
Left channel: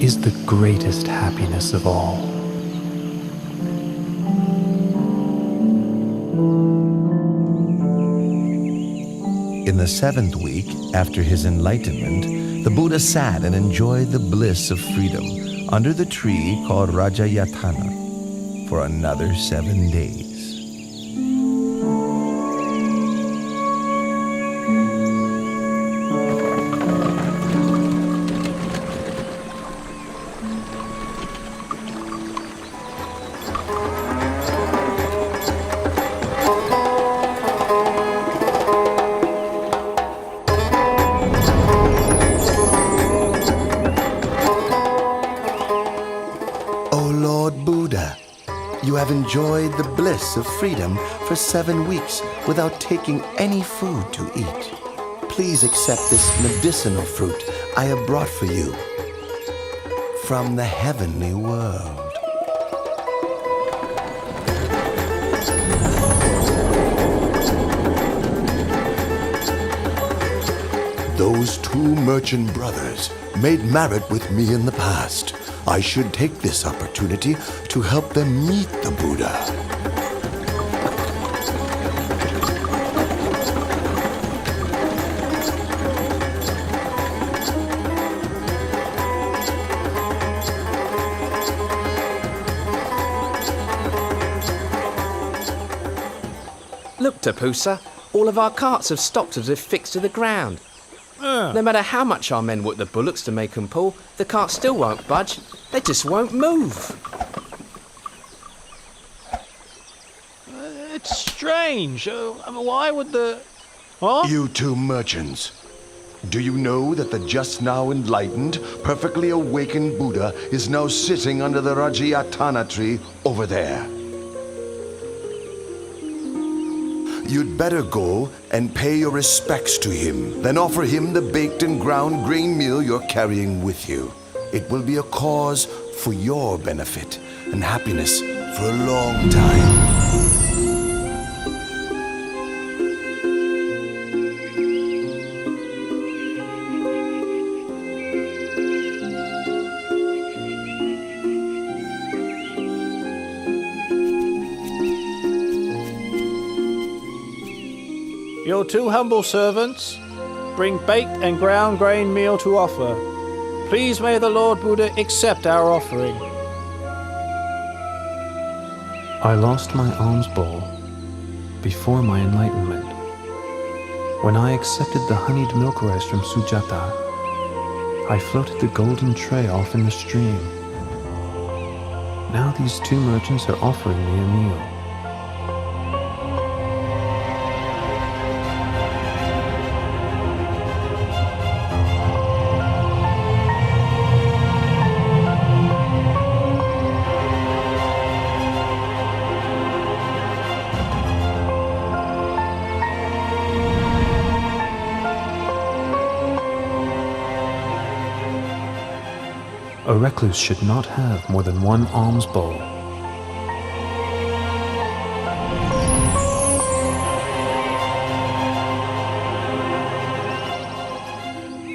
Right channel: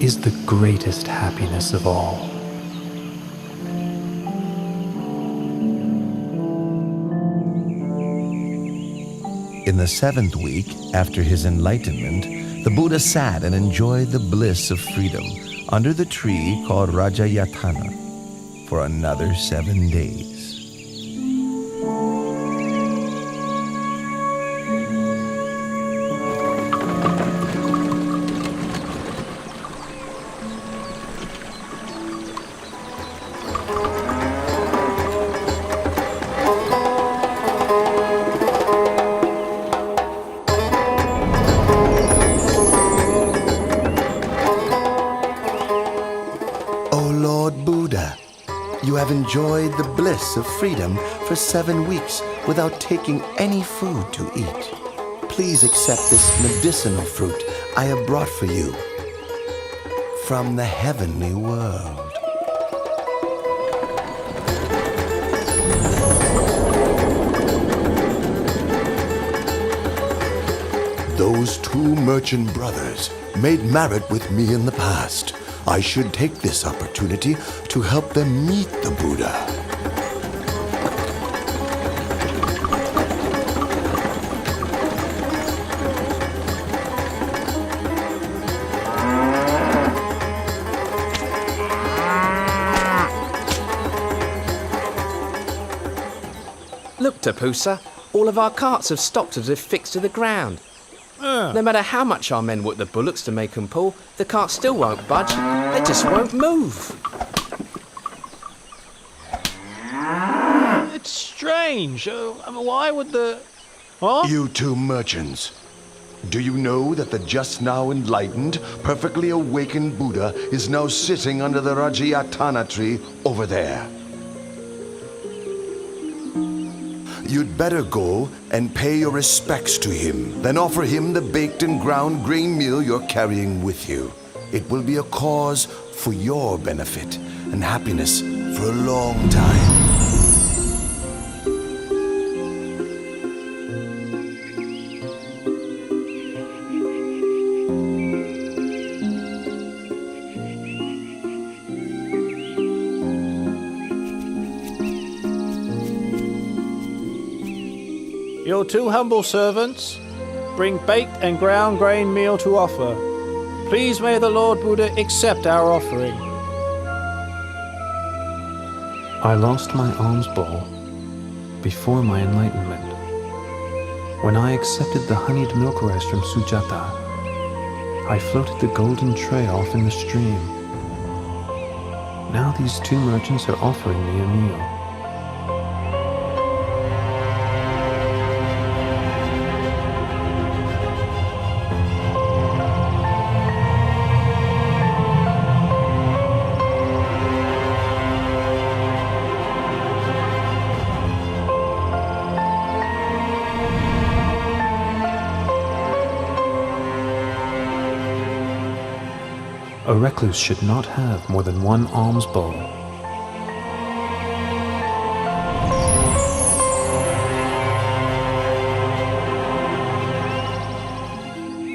is the greatest happiness of all. In the seventh week, after his enlightenment, the Buddha sat and enjoyed the bliss of freedom under the tree called Rajayatana for another 7 days. enjoyed the bliss of freedom for 7 weeks without taking any food to eat. Please accept this medicinal fruit I have brought for you from the heavenly world. Those 2 merchant brothers made merit with me in the past. I should take this opportunity to help them meet the Buddha. Look, Tapusa, all of our carts have stopped as if fixed to the ground. No matter how much our men work the bullocks to make them pull, the carts still won't budge. They just won't move. It's strange. Why would the... Huh? You 2 merchants, do you know that the just now enlightened, perfectly awakened Buddha is now sitting under the Rajayatana tree over there? You'd better go and pay your respects to him, then offer him the baked and ground grain meal you're carrying with you. It will be a cause for your benefit and happiness for a long time. Your 2 humble servants bring baked and ground grain meal to offer. Please may the Lord Buddha accept our offering. I lost my alms bowl before my enlightenment. When I accepted the honeyed milk rice from Sujata, I floated the golden tray off in the stream. Now these 2 merchants are offering me a meal. A recluse should not have more than 1 alms bowl.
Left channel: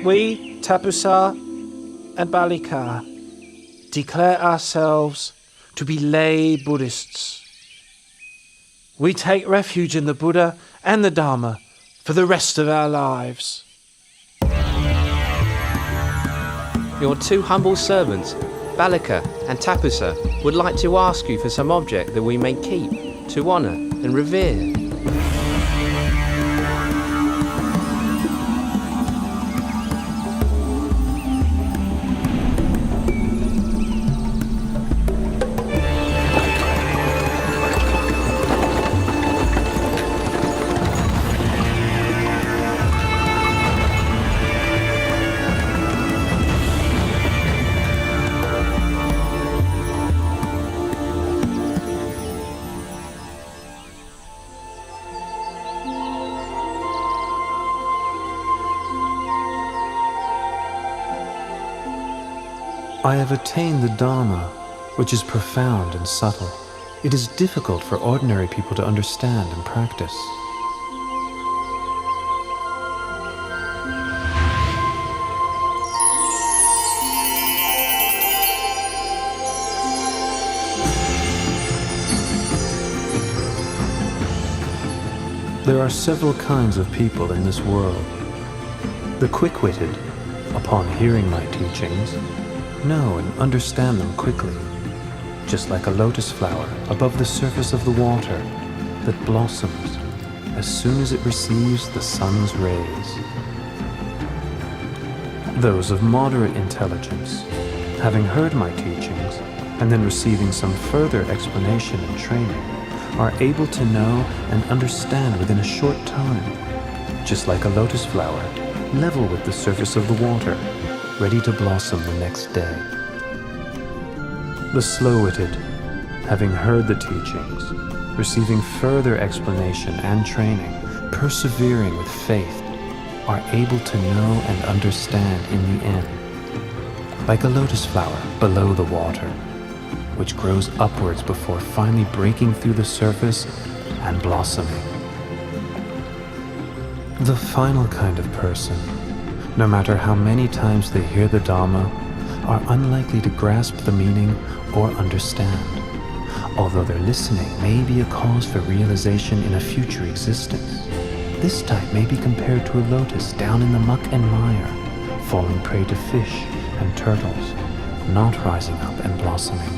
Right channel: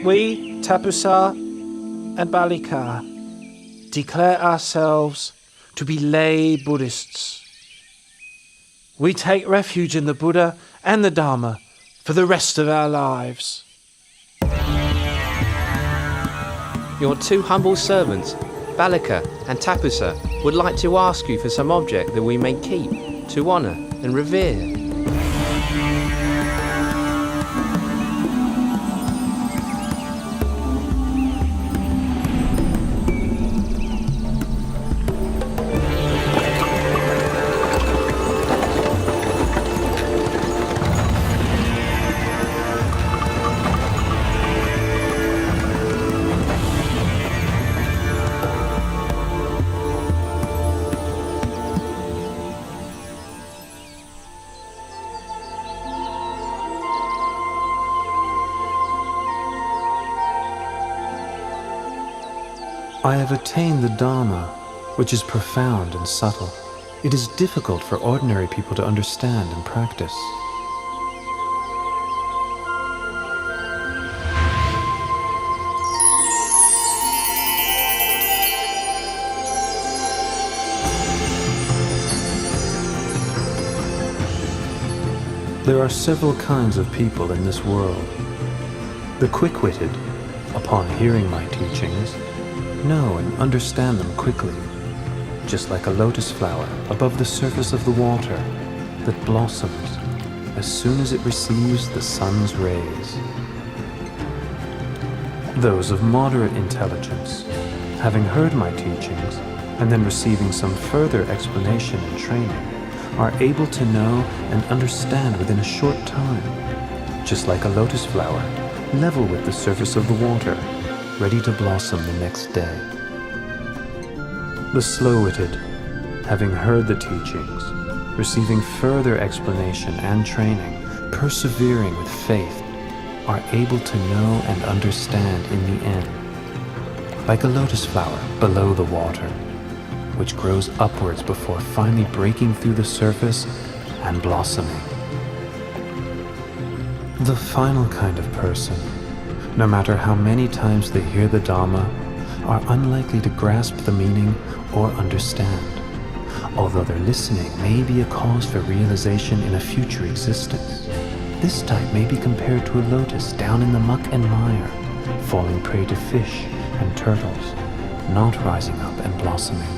We, Tapusa and Balika, declare ourselves to be lay Buddhists. We take refuge in the Buddha and the Dharma for the rest of our lives. Your 2 humble servants, Balika and Tapusa, would like to ask you for some object that we may keep, to honour and revere. I have attained the Dharma, which is profound and subtle. It is difficult for ordinary people to understand and practice. There are several kinds of people in this world. The quick-witted, upon hearing my teachings, know and understand them quickly, just like a lotus flower above the surface of the water that blossoms as soon as it receives the sun's rays. Those of moderate intelligence, having heard my teachings and then receiving some further explanation and training, are able to know and understand within a short time, just like a lotus flower level with the surface of the water, ready to blossom the next day. The slow-witted having heard the teachings, receiving further explanation and training, persevering with faith, are able to know and understand in the end, like a lotus flower below the water, which grows upwards before finally breaking through the surface and blossoming. The final kind of person, no matter how many times they hear the Dhamma, are unlikely to grasp the meaning or understand, although their listening may be a cause for realization in a future existence. This type may be compared to a lotus down in the muck and mire, falling prey to fish and turtles, not rising up and blossoming.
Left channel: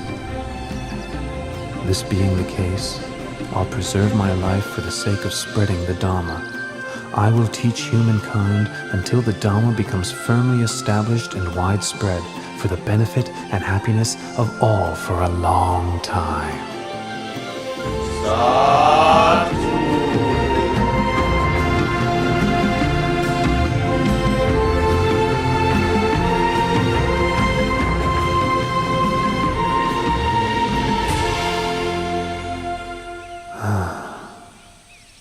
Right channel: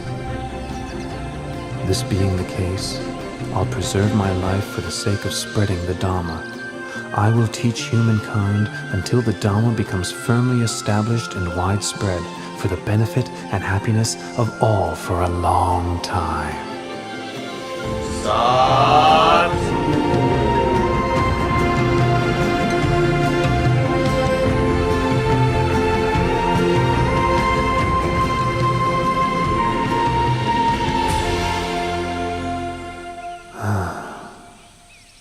This being the case, I'll preserve my life for the sake of spreading the Dhamma. I will teach humankind until the Dhamma becomes firmly established and widespread for the benefit and happiness of all for a long time.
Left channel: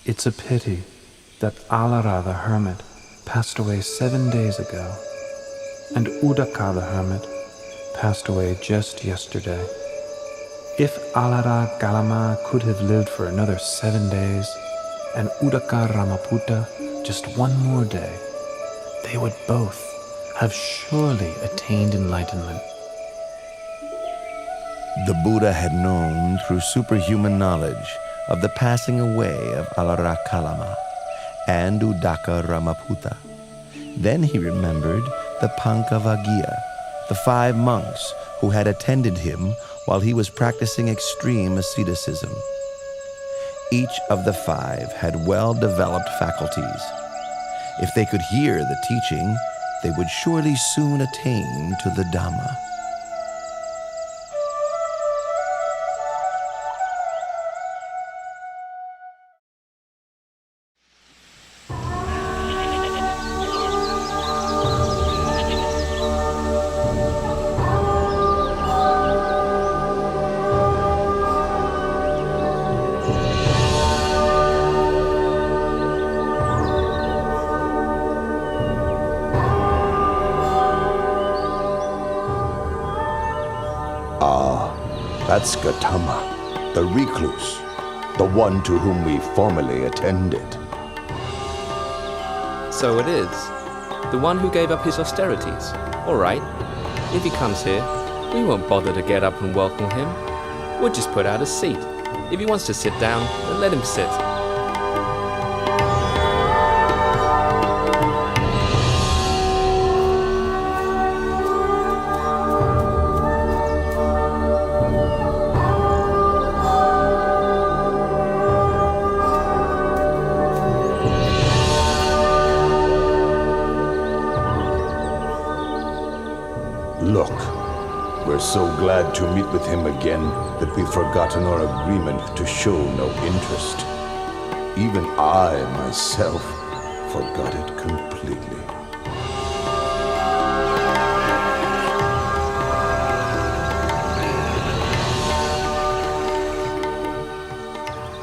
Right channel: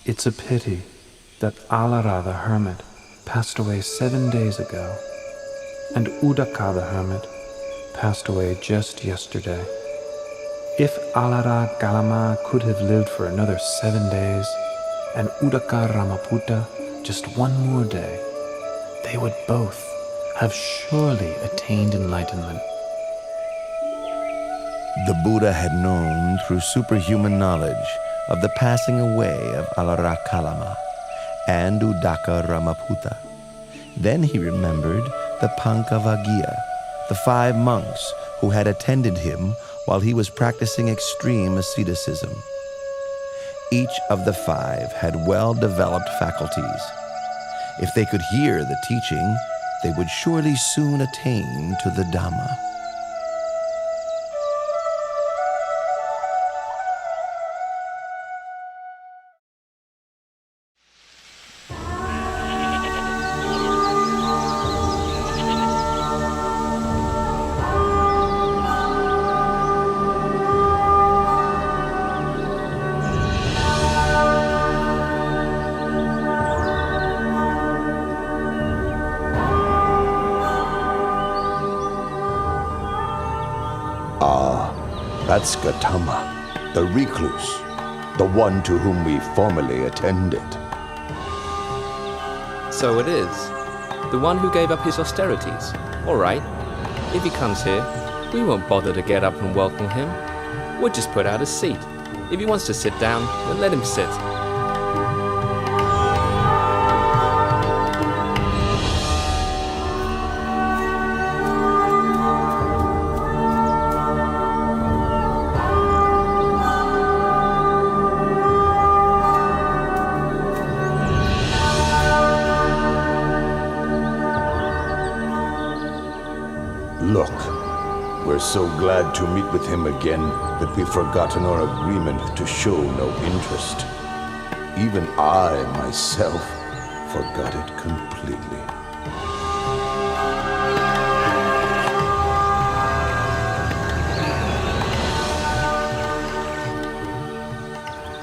It's a pity that Alara the hermit passed away 7 days ago, and Udaka the hermit passed away just yesterday. If Alara Galama could have lived for another 7 days, and Udaka Ramaputta just one more day, they would both have surely attained enlightenment. The Buddha had known through superhuman knowledge of the passing away of Alara Kalama and Udaka Ramaputta. Then he remembered the Pankavagiya, the 5 monks who had attended him while he was practicing extreme asceticism. Each of the 5 had well-developed faculties. If they could hear the teaching, they would surely soon attain to the Dhamma. That's Gautama, the recluse, the one to whom we formerly attended. So it is. The one who gave up his austerities. All right. If he comes here, we won't bother to get up and welcome him. We'll just put out a seat. If he wants to sit down, then let him sit. Look, we're so glad to meet with him again that we've forgotten our agreement to show no interest. Even I, myself, forgot it completely.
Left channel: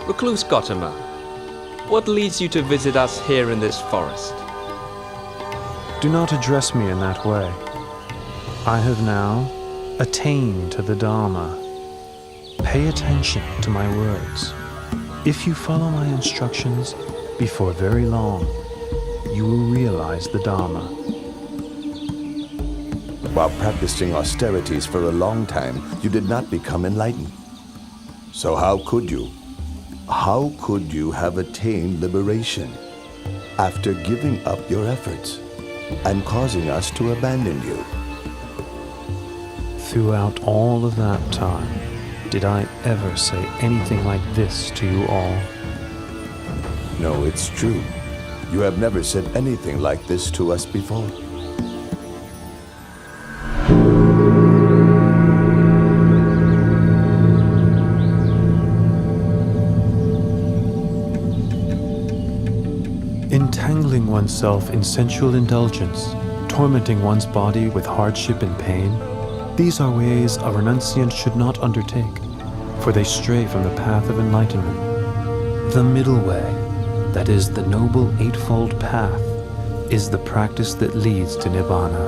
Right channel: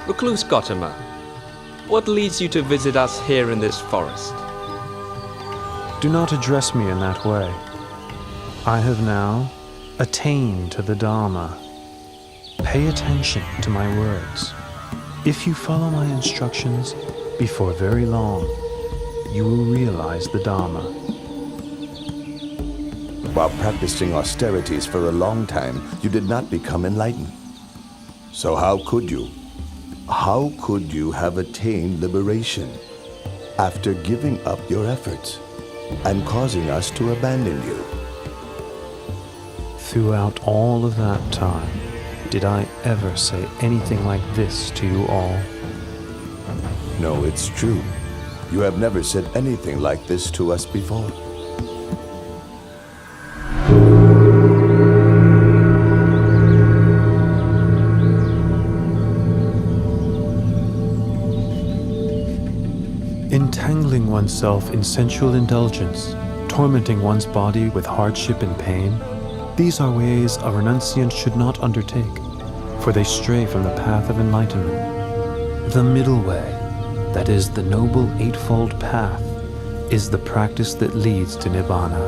Recluse Gautama, what leads you to visit us here in this forest? Do not address me in that way. I have now attained to the Dhamma. Pay attention to my words. If you follow my instructions, before very long, you will realize the Dhamma. While practicing austerities for a long time, you did not become enlightened. So how could you? How could you have attained liberation after giving up your efforts and causing us to abandon you? Throughout all of that time, did I ever say anything like this to you all? No, it's true. You have never said anything like this to us before. Entangling oneself in sensual indulgence, tormenting one's body with hardship and pain, these are ways a renunciant should not undertake, for they stray from the path of enlightenment. The middle way, that is, the noble eightfold path, is the practice that leads to Nibbana.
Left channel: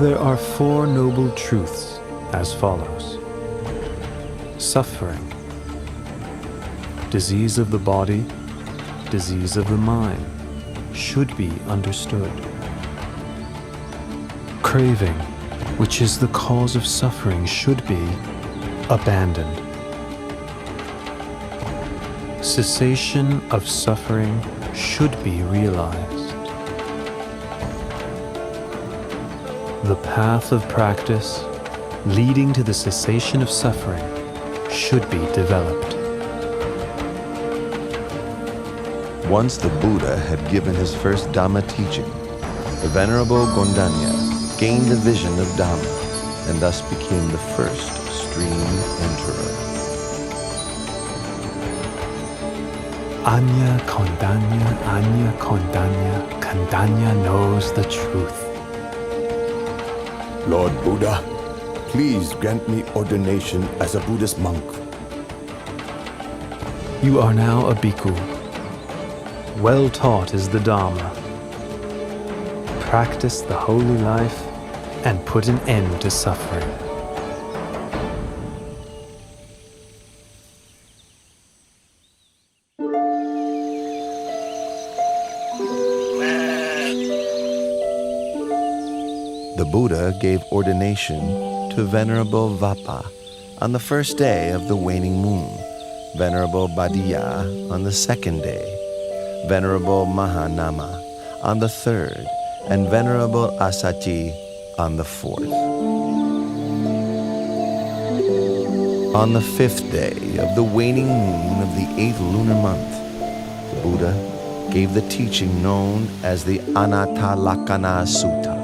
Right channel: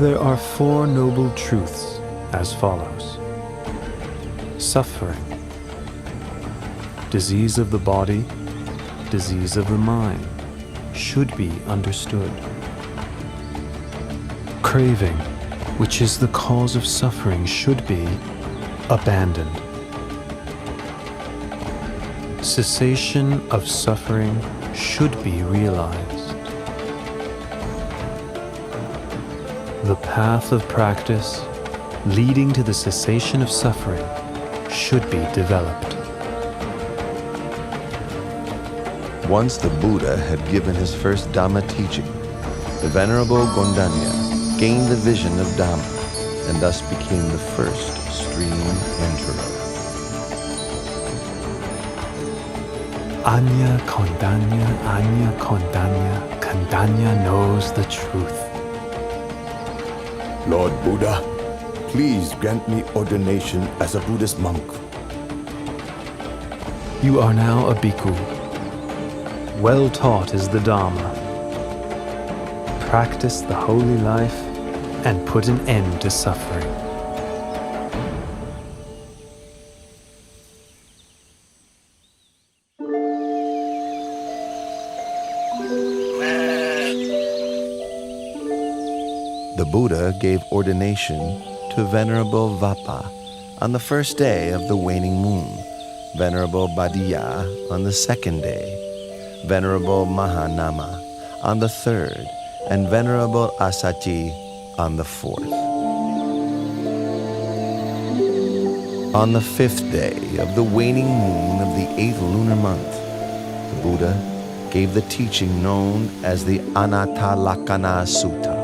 There are four noble truths as follows. Suffering, disease of the body, disease of the mind, should be understood. Craving, which is the cause of suffering, should be abandoned. Cessation of suffering should be realized. The path of practice leading to the cessation of suffering should be developed. Once the Buddha had given his first Dhamma teaching, the Venerable Gondanya gained the vision of Dhamma and thus became the first stream enterer. Anya Kondanya knows the truth. Lord Buddha, please grant me ordination as a Buddhist monk. You are now a bhikkhu. Well taught is the Dhamma. Practice the holy life and put an end to suffering. The Buddha gave ordination to Venerable Vappa on the first day of the waning moon, Venerable Badiya on the second day, Venerable Mahanama on the third, and Venerable Asachi on the fourth. On the fifth day of the waning moon of the 8th lunar month, the Buddha gave the teaching known as the Anattalakkhana Sutta.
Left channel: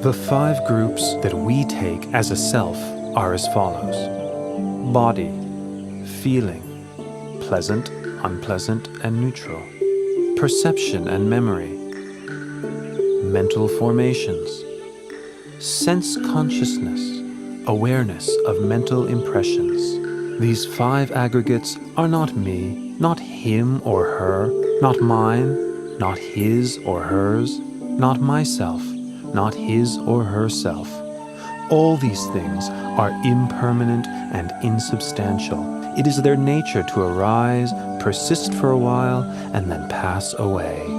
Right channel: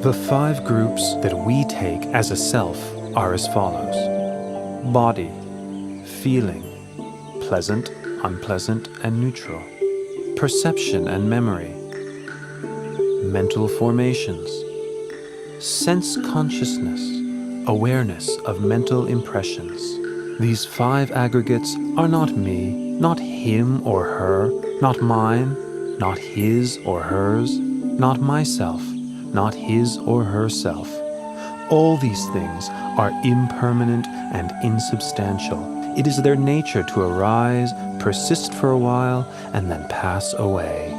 The five groups that we take as a self are as follows: body, feeling, pleasant, unpleasant, and neutral, perception and memory, mental formations, sense consciousness, awareness of mental impressions. These five aggregates are not me, not him or her, not mine, not his or hers, not myself, not his or herself. All these things are impermanent and insubstantial. It is their nature to arise, persist for a while, and then pass away.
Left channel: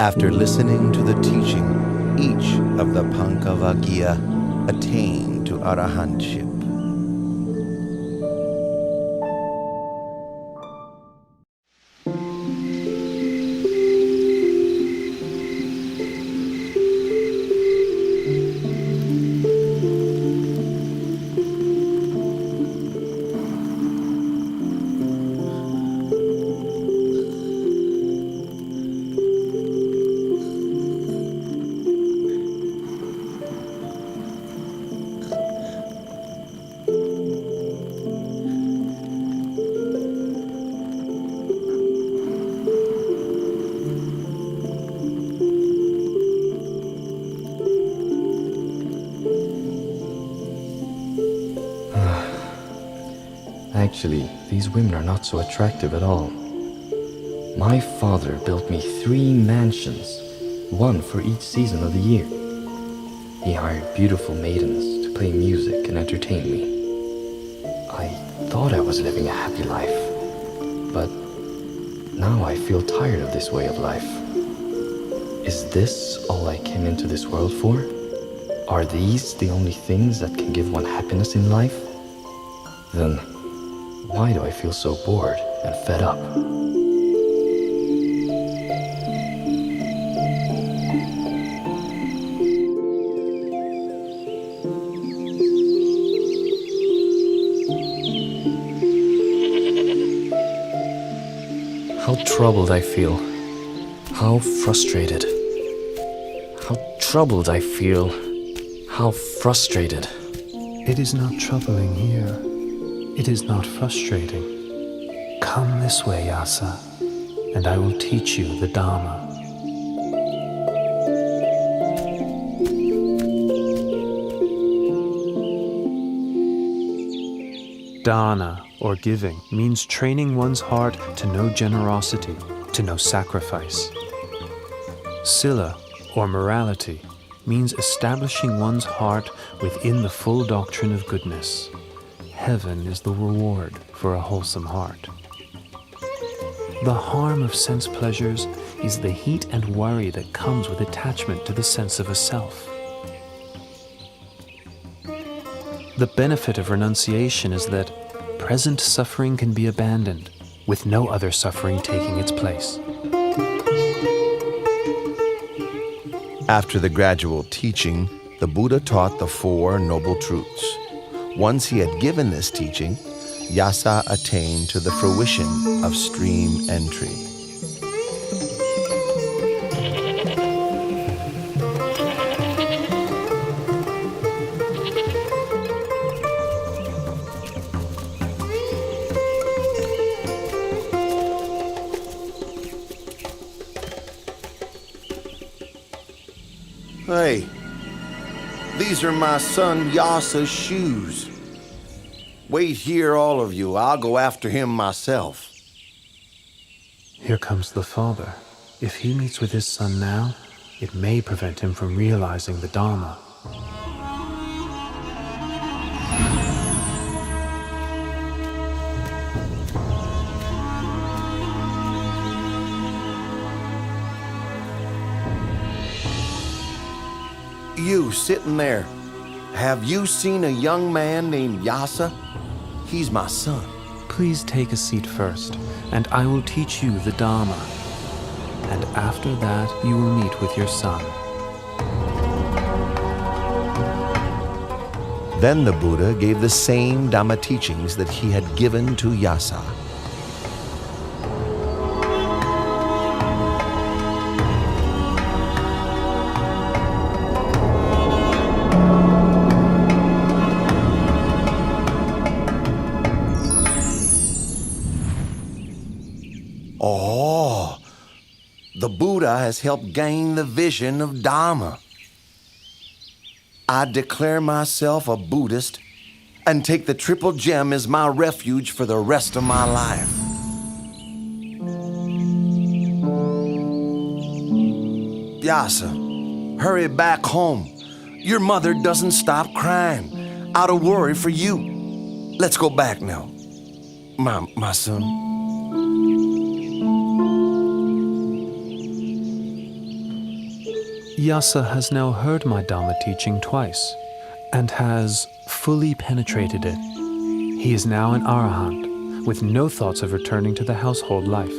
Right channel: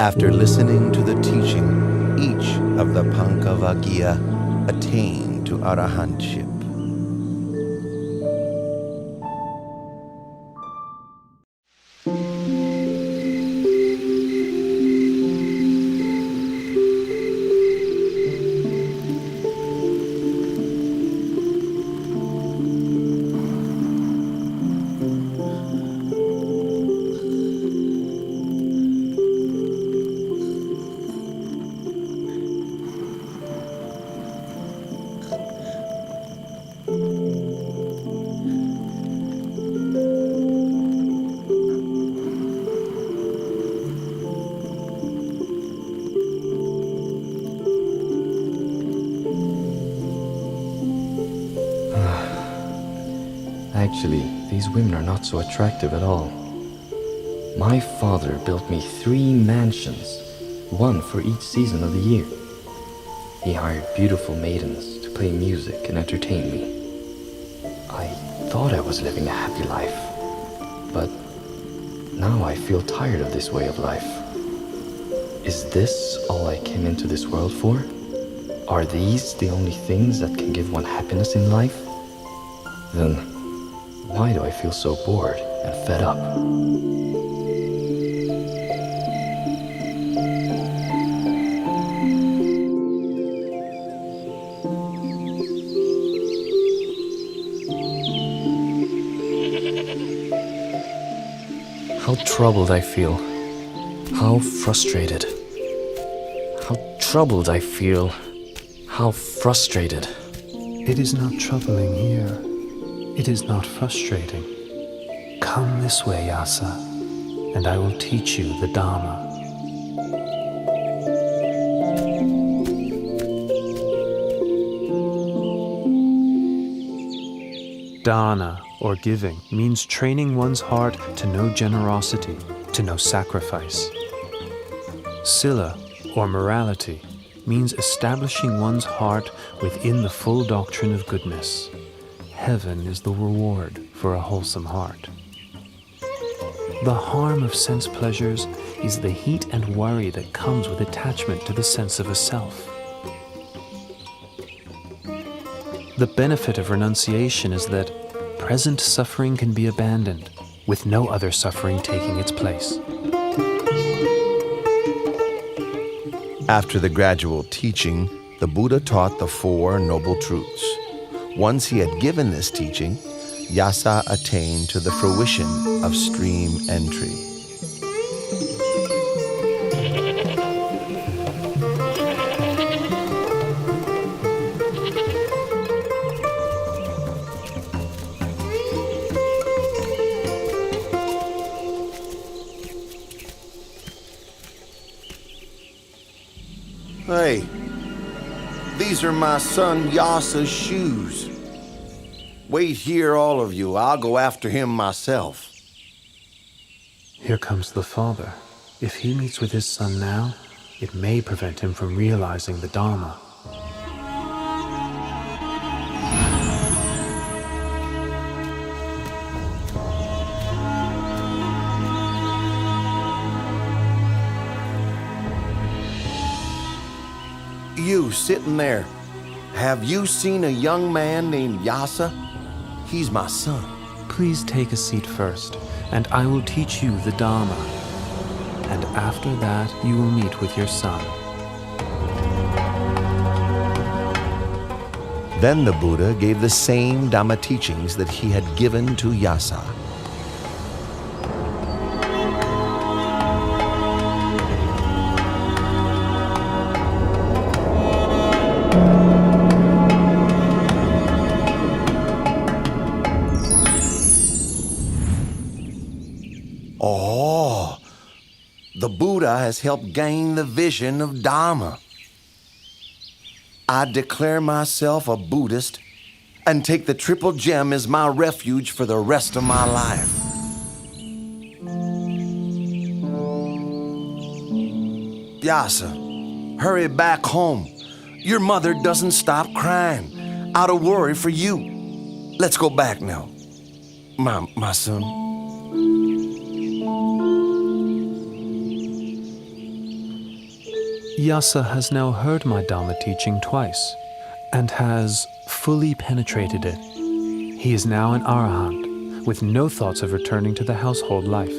After listening to the teaching, each of the Pankavaggiya attained to arahantship. Actually, these women are not so attractive at all. My father built me 3 mansions, one for each season of the year. He hired beautiful maidens to play music and entertain me. I thought I was living a happy life, but now I feel tired of this way of life. Is this all I came into this world for? Are these the only things that can give one happiness in life? Then why do I feel so bored and fed up? How troubled I feel. How frustrated. How troubled I feel. How frustrated. It is not troubling here. It is not frustrating. Come this way, Yasa, and I will teach you the Dharma. Dana, or giving, means training one's heart to know generosity, to know sacrifice. Sila, or morality, means establishing one's heart within the full doctrine of goodness. Heaven is the reward for a wholesome heart. The harm of sense pleasures is the heat and worry that comes with attachment to the sense of a self. The benefit of renunciation is that present suffering can be abandoned, with no other suffering taking its place. After the gradual teaching, the Buddha taught the Four Noble Truths. Once he had given this teaching, Yasa attained to the fruition of stream entry. Hey, these are my son Yasa's shoes. Wait here, all of you. I'll go after him myself. Here comes the father. If he meets with his son now, it may prevent him from realizing the Dharma. You sitting there, have you seen a young man named Yasa? He's my son. Please take a seat first, and I will teach you the Dharma. And after that, you will meet with your son. Then the Buddha gave the same Dhamma teachings that he had given to Yasa. Oh, the Buddha has helped gain the vision of Dhamma. I declare myself a Buddhist and take the Triple Gem as my refuge for the rest of my life. Yasa, hurry back home. Your mother doesn't stop crying out of worry for you. Let's go back now, my son. Yasa has now heard my Dhamma teaching twice and has fully penetrated it. He is now an Arahant with no thoughts of returning to the household life.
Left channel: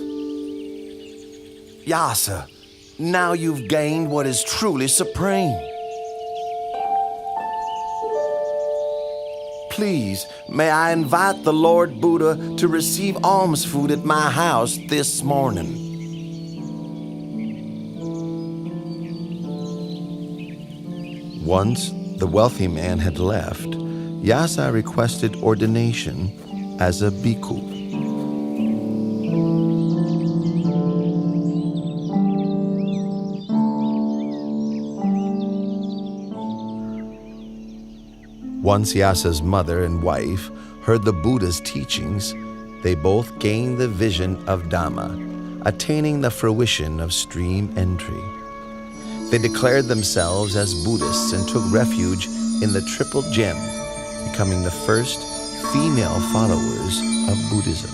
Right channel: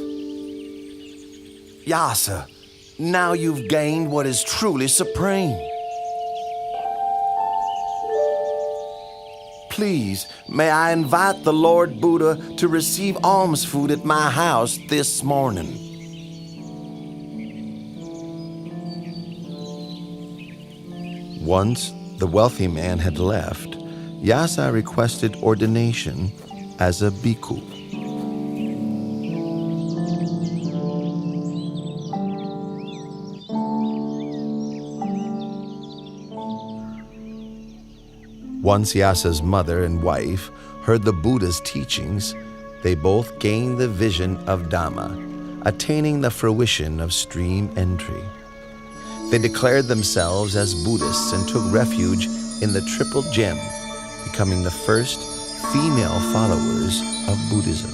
Yasa, now you've gained what is truly supreme. Please, may I invite the Lord Buddha to receive alms food at my house this morning. Once the wealthy man had left, Yasa requested ordination as a bhikkhu. Once Yasa's mother and wife heard the Buddha's teachings, they both gained the vision of Dhamma, attaining the fruition of stream entry. They declared themselves as Buddhists and took refuge in the Triple Gem, becoming the first female followers of Buddhism.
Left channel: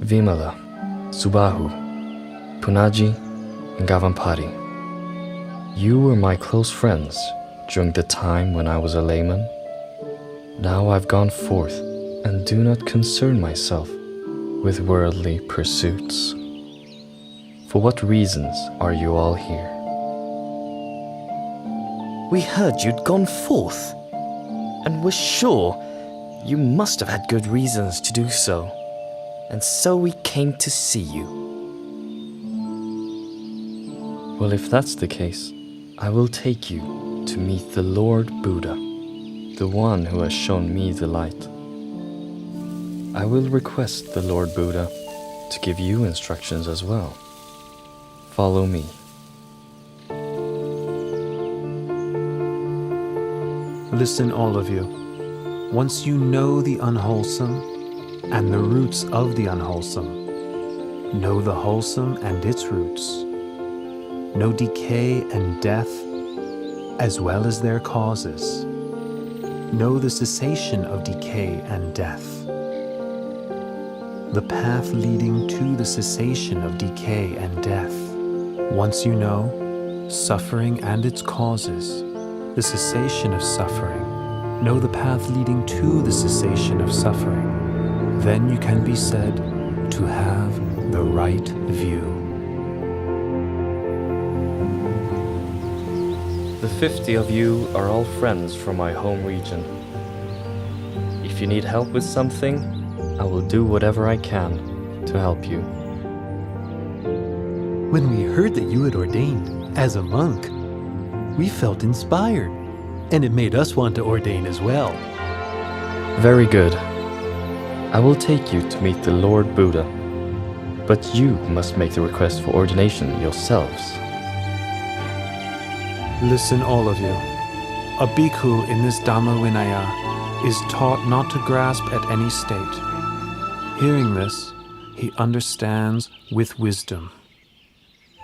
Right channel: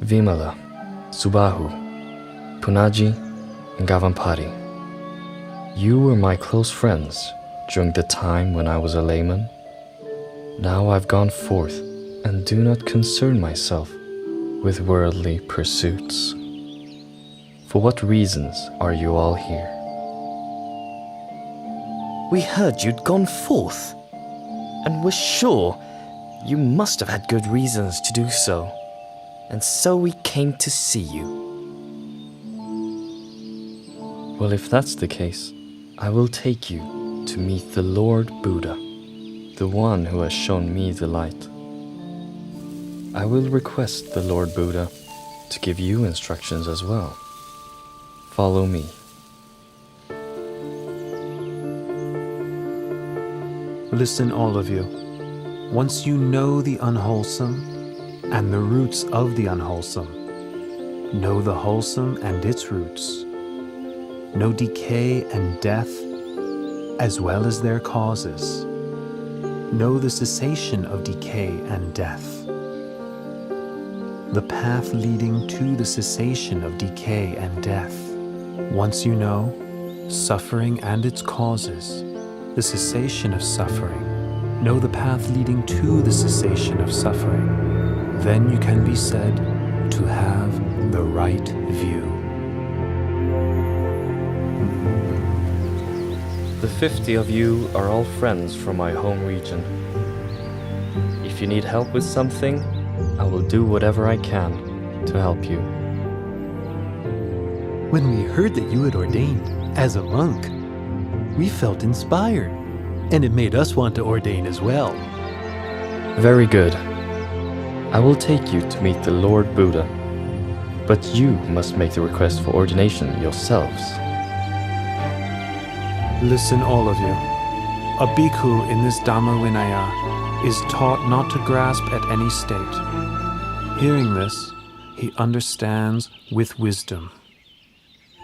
Vimala, Subahu, Punaji, and Gavampati. You were my close friends during the time when I was a layman. Now I've gone forth and do not concern myself with worldly pursuits. For what reasons are you all here? We heard you'd gone forth, and were sure you must have had good reasons to do so. and so we came to see you. Well, if that's the case, I will take you to meet the Lord Buddha, the one who has shown me the light. I will request the Lord Buddha to give you instructions as well. Follow me. Listen, all of you. Once you know the unwholesome and the roots of the unwholesome, know the wholesome and its roots, know decay and death as well as their causes, know the cessation of decay and death, the path leading to the cessation of decay and death. Once you know suffering and its causes, the cessation of suffering, know the path leading to the cessation of suffering, then you can be said to have the right view. The 50 of you are all friends from my home region. If you need help with something, I will do whatever I can to help you. When we heard that you had ordained as a monk, we felt inspired, and it made us want to ordain as well. Very good. I will take you to meet the Lord Buddha, but you must make the request for ordination yourselves. Listen, all of you. A bhikkhu in this Dhamma Vinaya is taught not to grasp at any state. Hearing this, he understands with wisdom.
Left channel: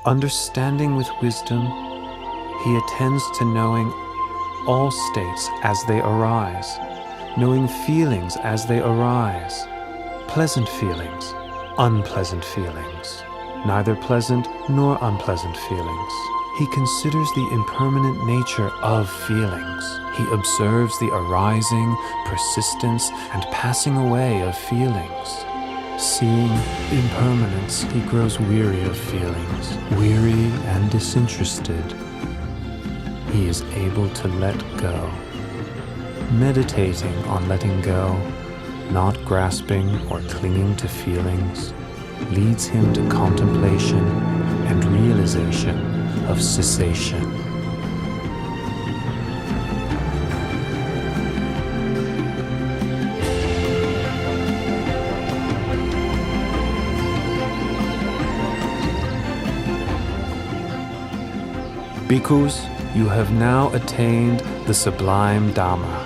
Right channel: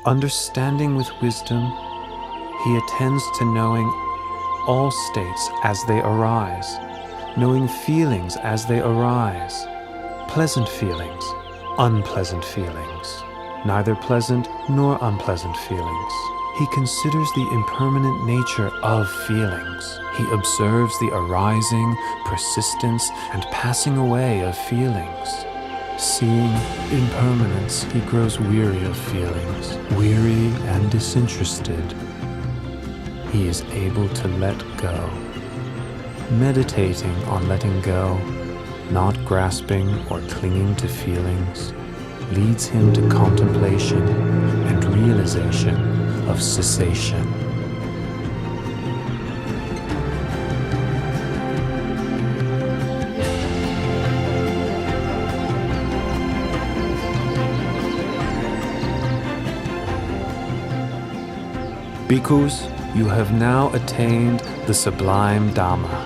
Understanding with wisdom, he attends to knowing all states as they arise, knowing feelings as they arise, pleasant feelings, unpleasant feelings, neither pleasant nor unpleasant feelings. He considers the impermanent nature of feelings. He observes the arising, persistence, and passing away of feelings. Seeing impermanence, he grows weary of feelings, weary and disinterested. He is able to let go. Meditating on letting go, not grasping or clinging to feelings, leads him to contemplation and realization of cessation. Bhikkhus, you have now attained the sublime Dhamma.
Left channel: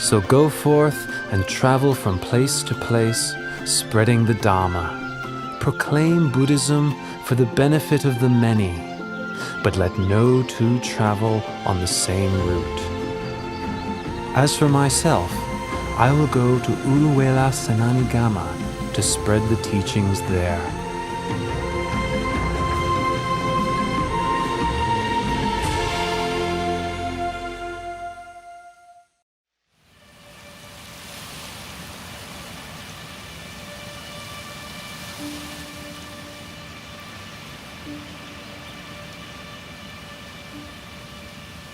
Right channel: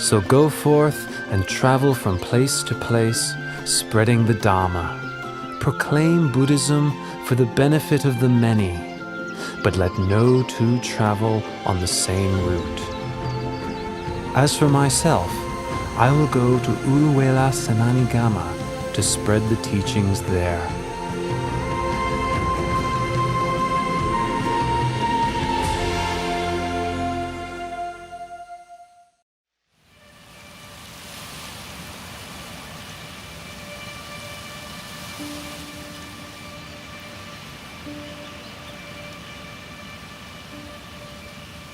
So go forth and travel from place to place, spreading the Dhamma. Proclaim Buddhism for the benefit of the many, but let no two travel on the same route. As for myself, I will go to Uruwela Senanigama to spread the teachings there.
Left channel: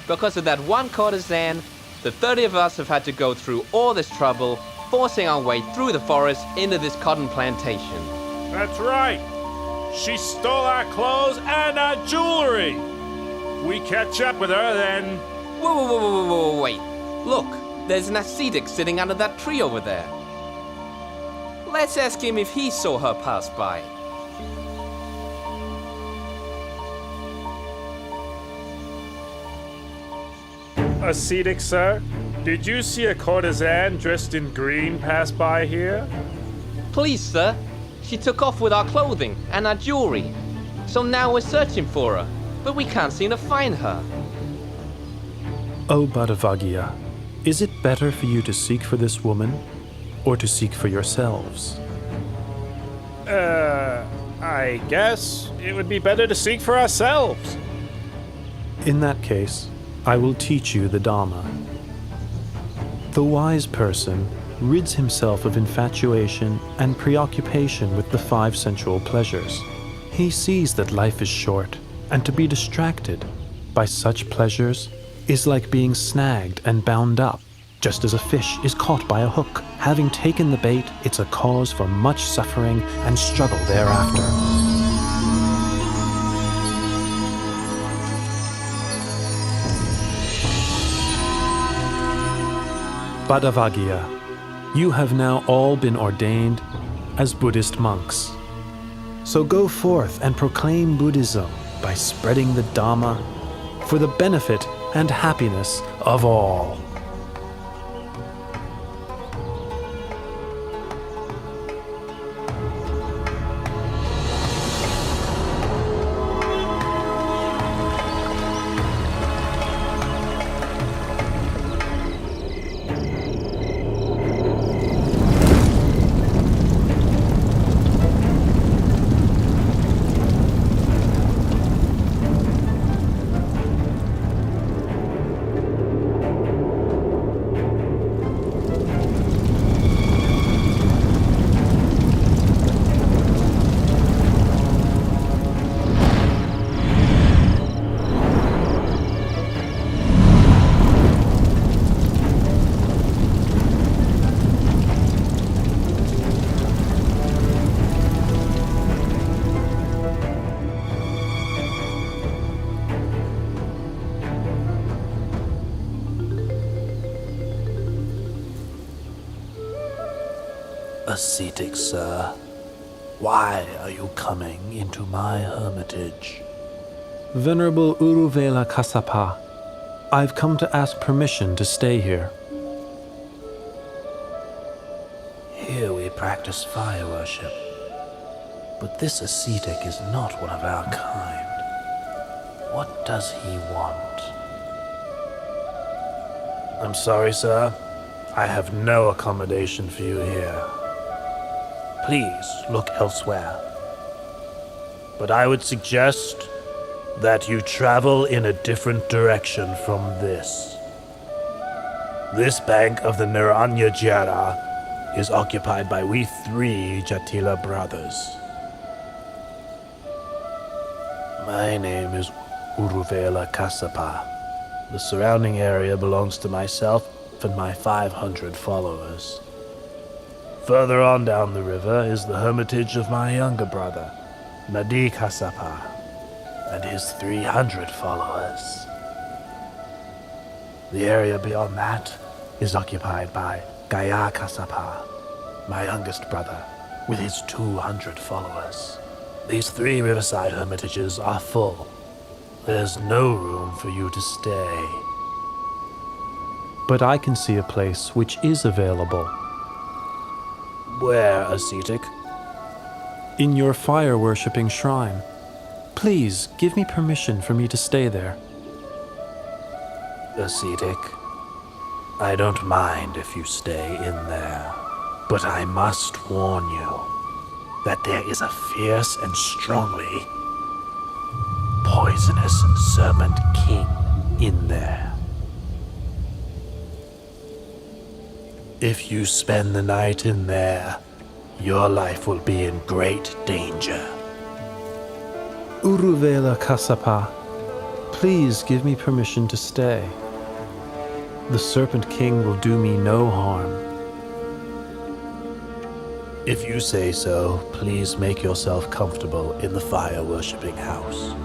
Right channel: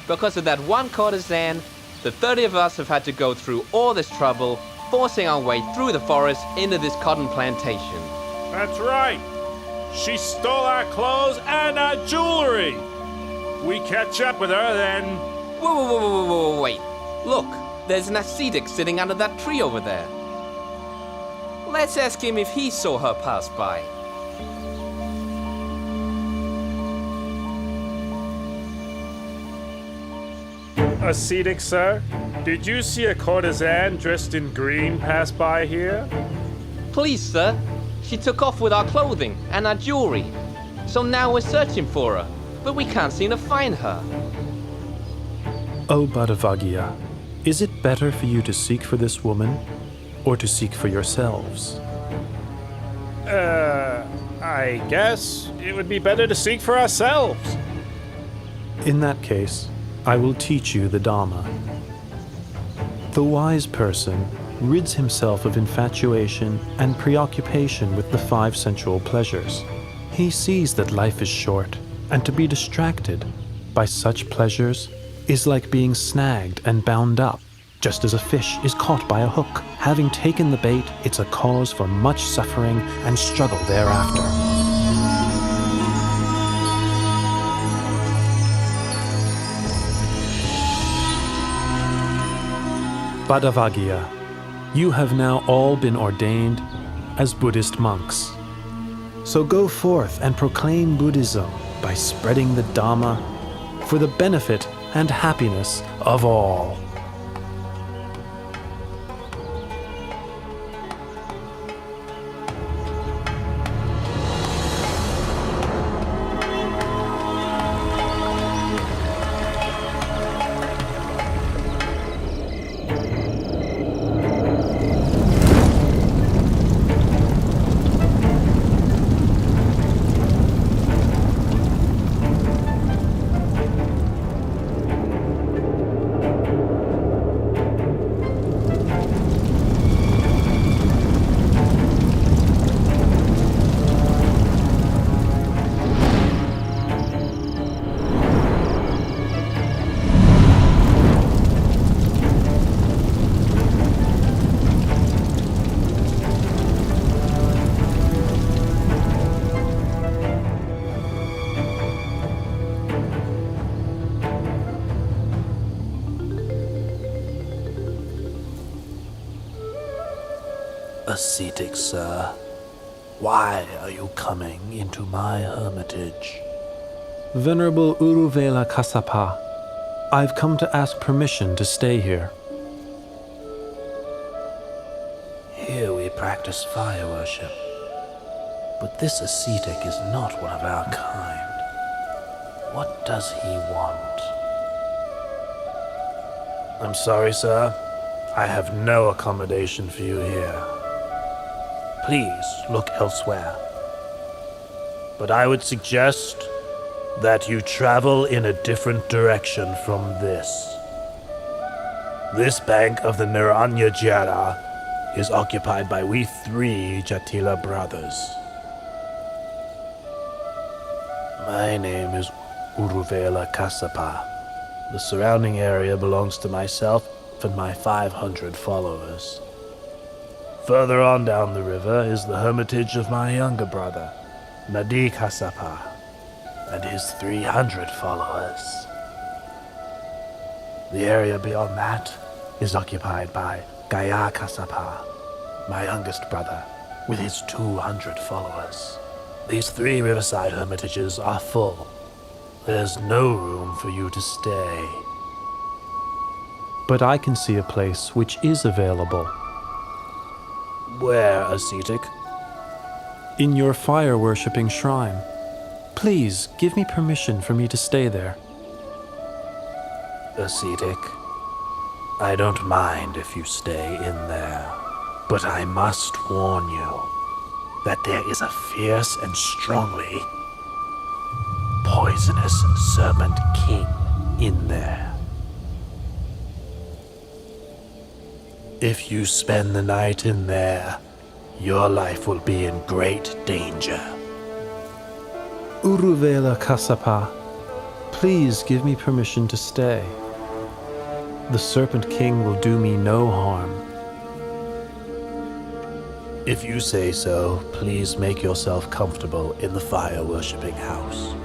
Because of that one courtesan, the 30 of us have had to go through all this trouble, forcing our way through the forest into this cotton plantation. That's right. She stole our clothes and our jewelry. We catch up with her, then... Whoa, wait. Look, there's an ascetic sitting under that tree over there. Let's ask him if he saw her pass by. Ascetic, sir? Did you see a courtesan dressed in green pass by here? Please, sir. She took off with our clothing and our jewelry. So now we're searching for her, but we can't seem to find her. O Bhattavaggiya, is it better for you to seek for this woman, or to seek for yourselves? I guess it would be better to seek for ourselves. In that case, I will teach you the Dhamma. The wise person rids himself of infatuation and preoccupation with the 5 sensual pleasures. He sees that life is short, and to be distracted by such pleasures is like being snagged and bound up just as a fish is caught by a hook. Having taken the bait, it's a cause for much suffering and struggle thereafter. Badavagya, you have now all been ordained as Buddhist monks. So go forth and proclaim Buddhism by spreading the Dhamma for the benefit and happiness of all. Ascetic, sir, why are you coming into my hermitage? Venerable Uruvela Kassapa, I've come to ask permission to stay here. Here we practice fire worship, but this ascetic is not one of our kind. What does he want? I'm sorry, sir. I have no accommodation for you here. Please look elsewhere. But I would suggest that you travel in a different direction from this. This bank of the Naranya Jara is occupied by we 3 Jatila brothers. My name is Uruvela Kassapa. The surrounding area belongs to myself and my 500 followers. Further on down the river is the hermitage of my younger brother, Nadi Kassapa, and his 300 followers. The area beyond that is occupied by Gaya Kassapa, my youngest brother, with his 200 followers. These 3 riverside hermitages are full. There's no room for you to stay. But I can see a place which is available. Where, ascetic? In your fire-worshipping shrine. Please, give me permission for me to stay there. Ascetic, I don't mind if you stay in there, but I must warn you that there is a fierce and strongly poisonous serpent king in there. If you spend the night in there, your life will be in great danger. Uruvela Kassapa, please give me permission to stay. The Serpent King will do me no harm. If you say so, please make yourself comfortable in the fire-worshipping house.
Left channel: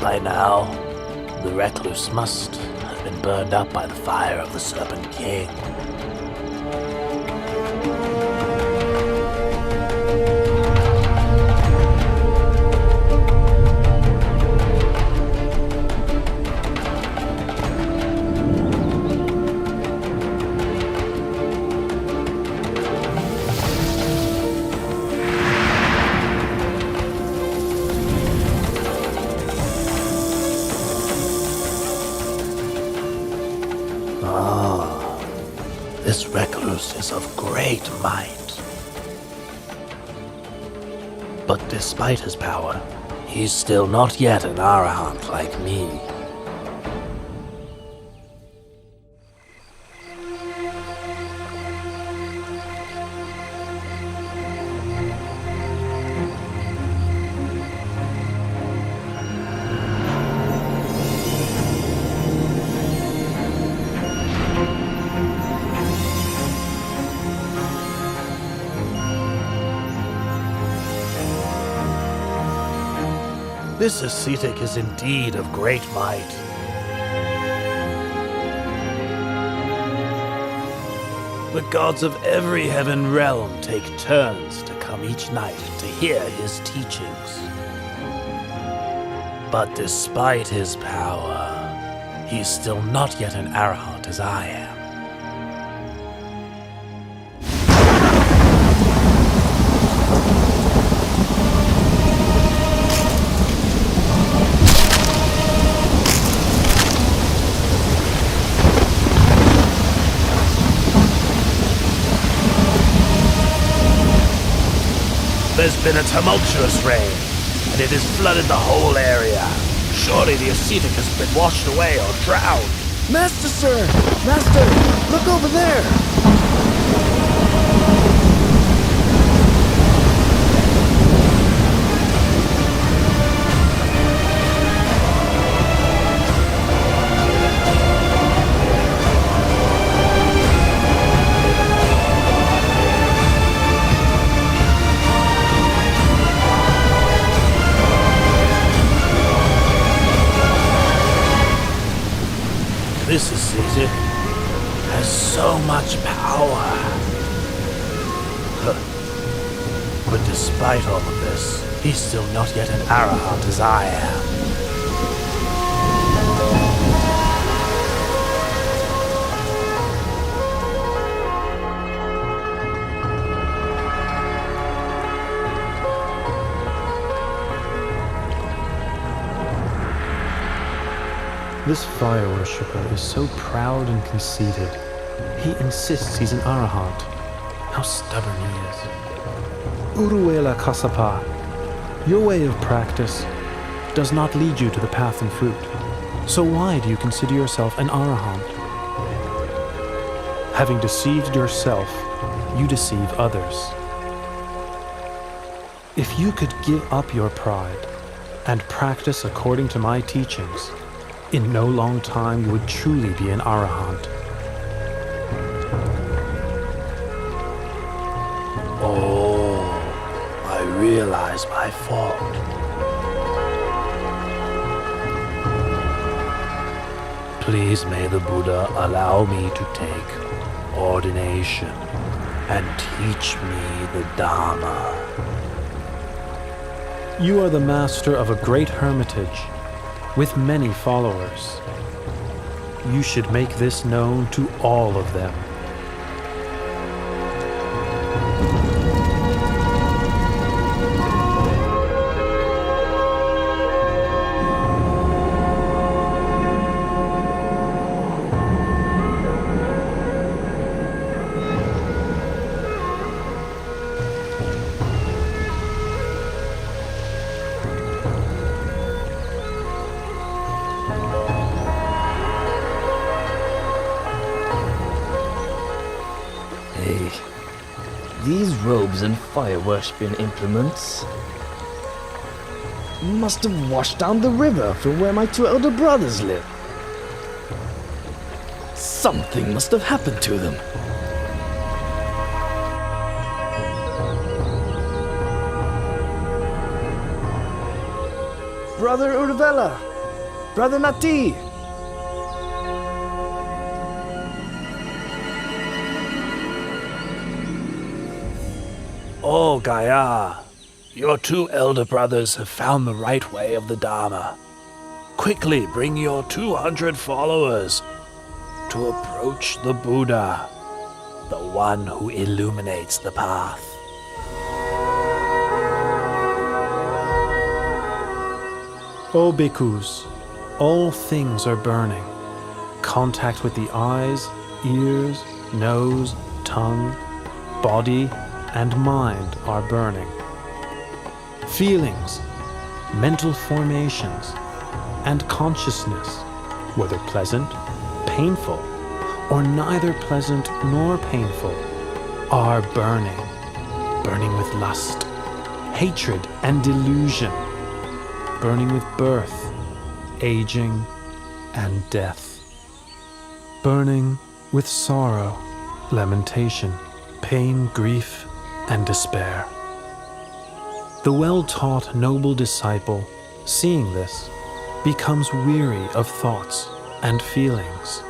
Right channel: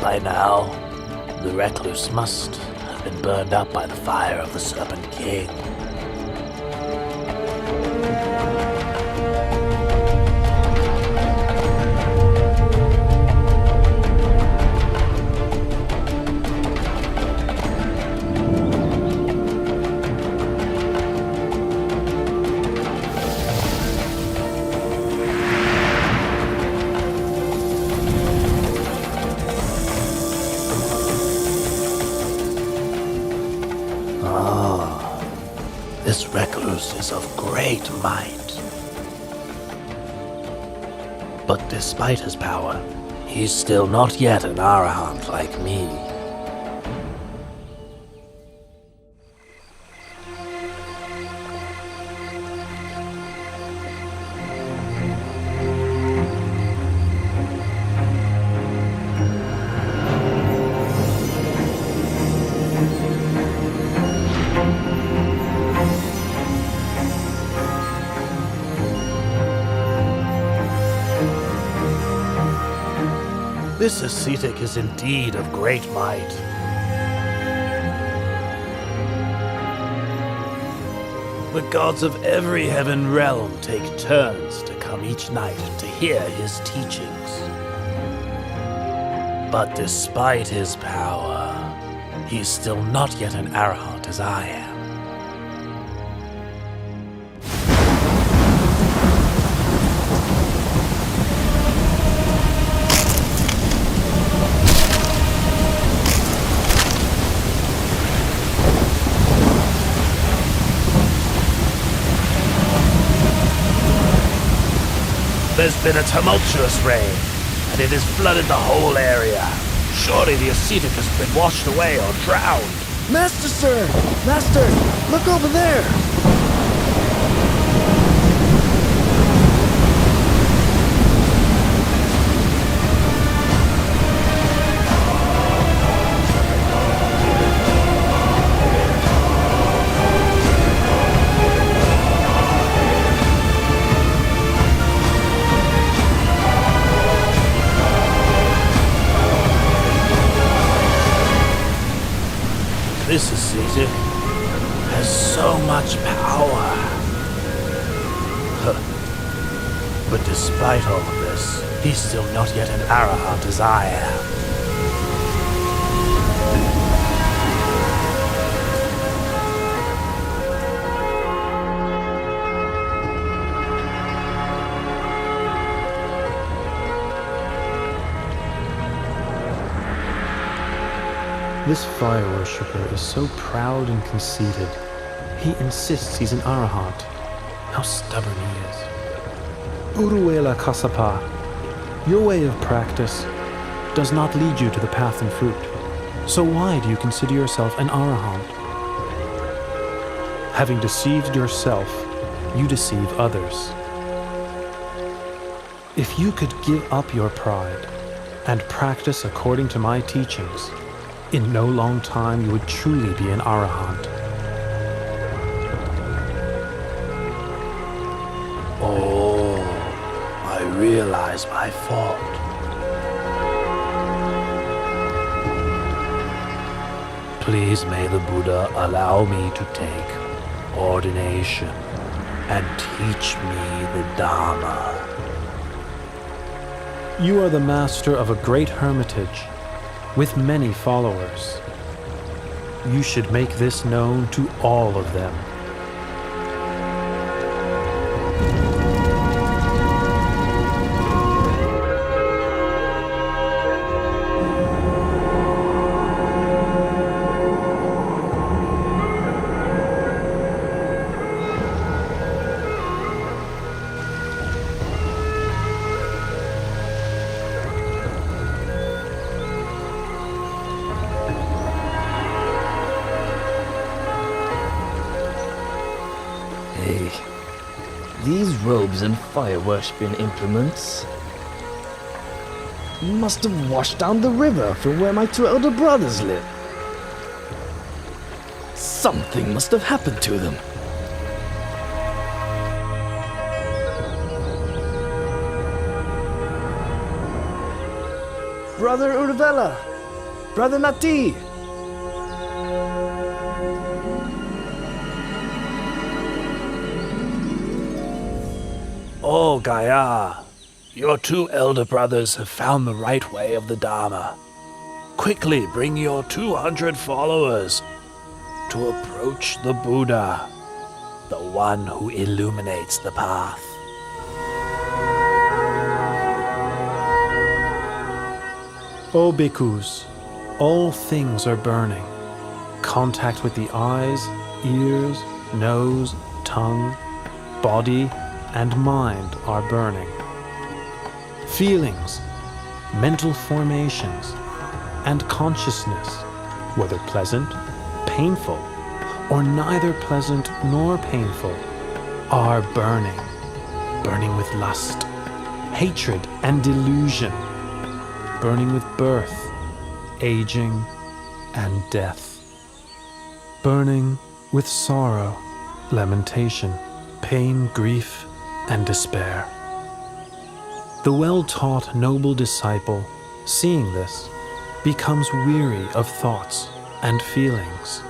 By now, The recluse must have been burned up by the fire of the Serpent King. This recluse is of great might. But despite his power, he's still not yet an arahant like me. This ascetic is indeed of great might. The gods of every heaven realm take turns to come each night to hear his teachings. But despite his power, he's still not yet an arahant as I am. There's been a tumultuous rain, and it has flooded the whole area. Surely the ascetic has been washed away or drowned. Master, sir! Master, look over there! This ascetic has so much power. But despite all of this, he's still not yet an arahant as I am. This fire worshipper is so proud and conceited. He insists he's an arahant. How stubborn he is. Uruela Kasapa, your way of practice does not lead you to the path and fruit. So why do you consider yourself an arahant? Having deceived yourself, you deceive others. If you could give up your pride and practice according to my teachings, in no long time you would truly be an arahant. Oh, I realize my fault. Please may the Buddha allow me to take ordination and teach me the Dharma. You are the master of a great hermitage with many followers. You should make this known to all of them. These robes and fire-worshipping implements must have washed down the river from where my two elder brothers live. Something must have happened to them. Brother Urvela, Brother Nati! Oh, Gaia, your two elder brothers have found the right way of the Dharma. Quickly bring your 200 followers to approach the Buddha, the one who illuminates the path. O bhikkhus, all things are burning. Contact with the eyes, ears, nose, tongue, body, and mind are burning. Feelings, mental formations, and consciousness, whether pleasant, painful, or neither pleasant nor painful, are burning. Burning with lust, hatred, and delusion. Burning with birth, aging, and death. Burning with sorrow, lamentation, pain, grief, and despair. The well-taught noble disciple, seeing this, becomes weary of thoughts and feelings.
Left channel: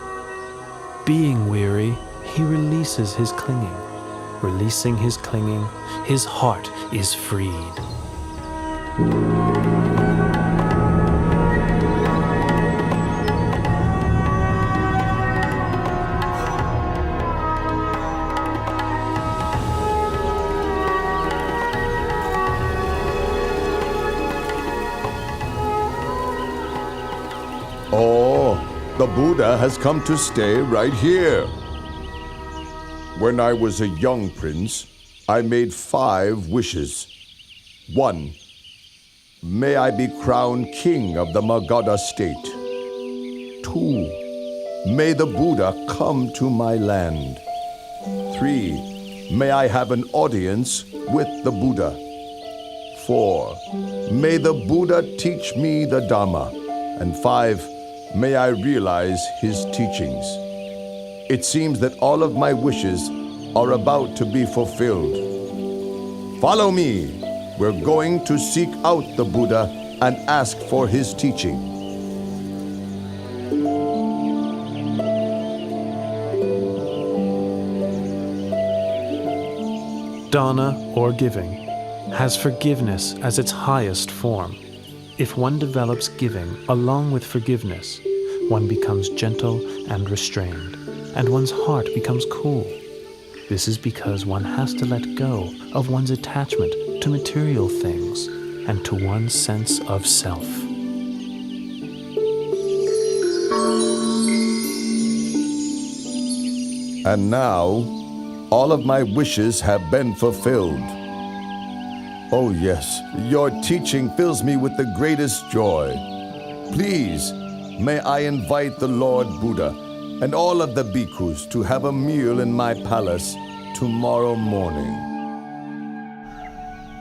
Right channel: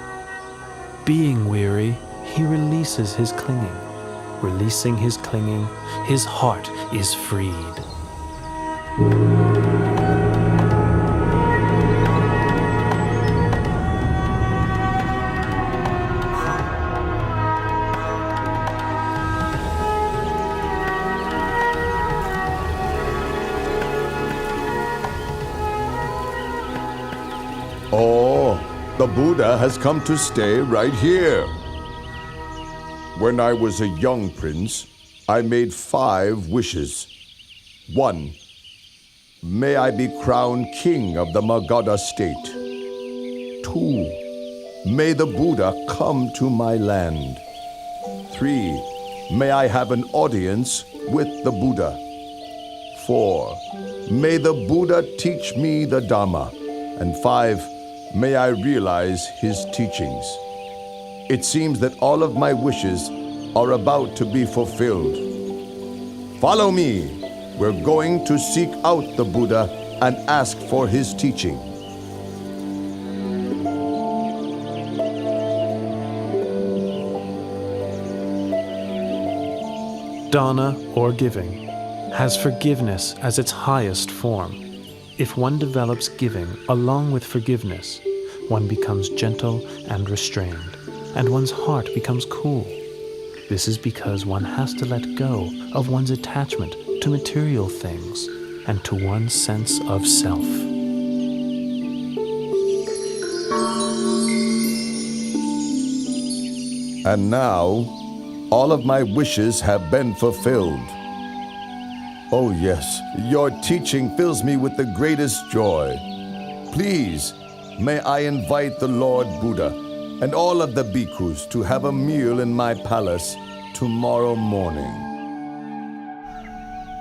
Being weary, he releases his clinging. Releasing his clinging, his heart is freed. Oh, the Buddha has come to stay right here. When I was a young prince, I made 5 wishes. 1. May I be crowned king of the Magadha state. 2. May the Buddha come to my land. 3. May I have an audience with the Buddha. 4. May the Buddha teach me the Dhamma. And 5. May I realize his teachings. It seems that all of my wishes are about to be fulfilled. Follow me. We're going to seek out the Buddha and ask for his teaching. Dana, or giving, has forgiveness as its highest form. If one develops giving along with forgiveness, one becomes gentle and restrained, and one's heart becomes cool. This is because one has to let go of one's attachment to material things and to one's sense of self. And now, all of my wishes have been fulfilled. Oh yes, your teaching fills me with the greatest joy. Please, may I invite the Lord Buddha and all of the bhikkhus to have a meal in my palace tomorrow morning.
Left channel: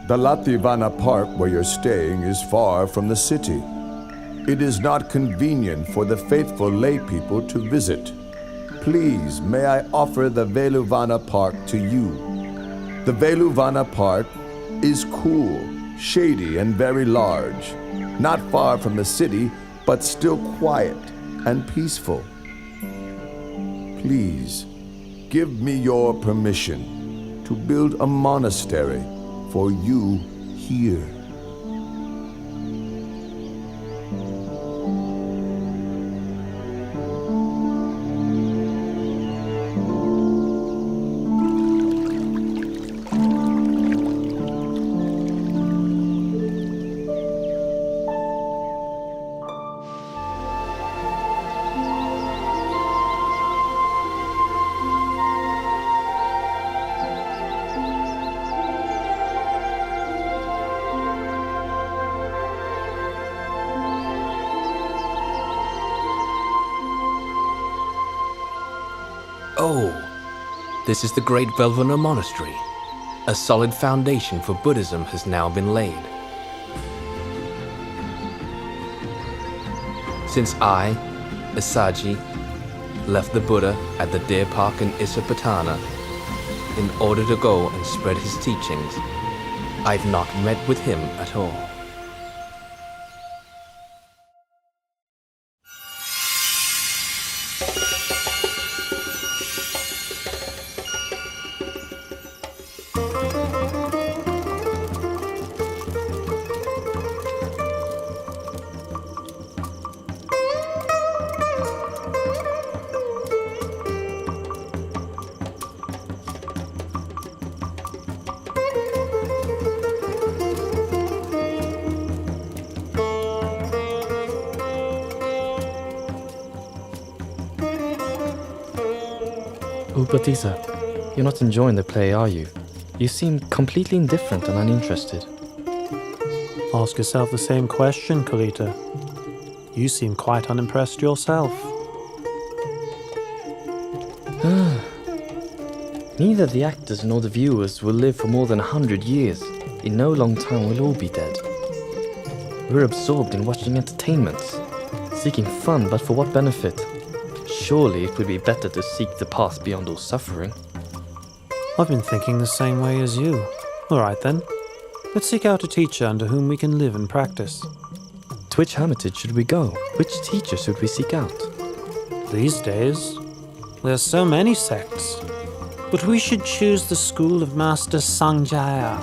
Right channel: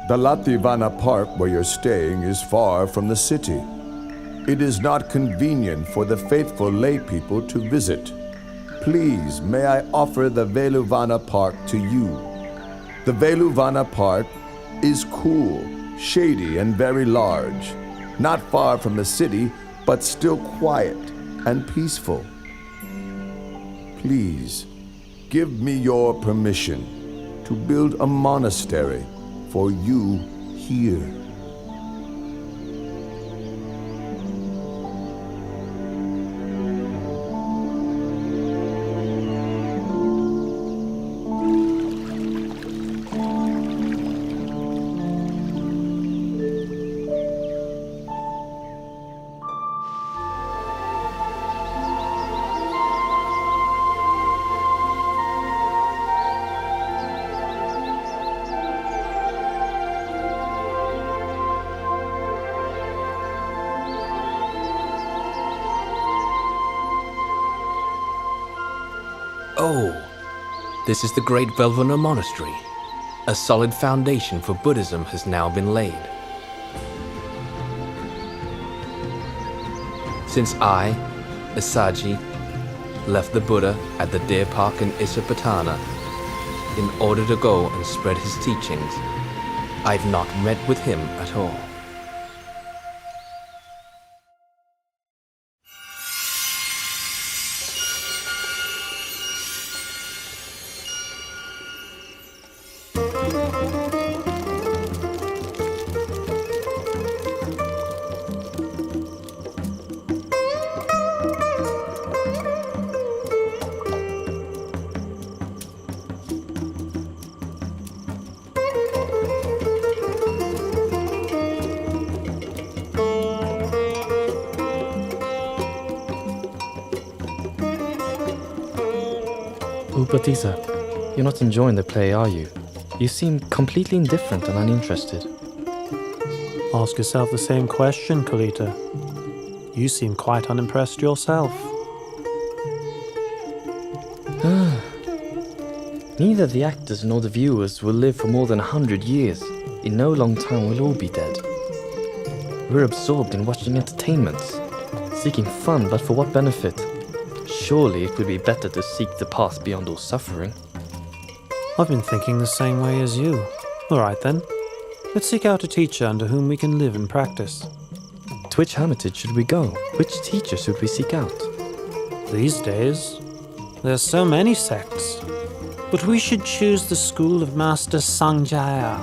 The Lativana Park where you're staying is far from the city. It is not convenient for the faithful lay people to visit. Please, may I offer the Veluvana Park to you. The Veluvana Park is cool, shady, and very large, not far from the city, but still quiet and peaceful. Please, give me your permission to build a monastery for you here. Oh, this is the great Velvana Monastery. A solid foundation for Buddhism has now been laid. Since I, Asaji, left the Buddha at the Deer Park in Isapatana in order to go and spread his teachings, I've not met with him at all. Upatissa, you're not enjoying the play, are you? You seem completely indifferent and uninterested. Ask yourself the same question, Kalita. You seem quite unimpressed yourself. Neither the actors nor the viewers will live for more than 100 years. In no long time we'll all be dead. We're absorbed in watching entertainments, seeking fun, but for what benefit? Surely it would be better to seek the path beyond all suffering. I've been thinking the same way as you. All right then. Let's seek out a teacher under whom we can live and practice. To which hermitage should we go? Which teacher should we seek out? These days, there's so many sects. But we should choose the school of Master Sanjaya.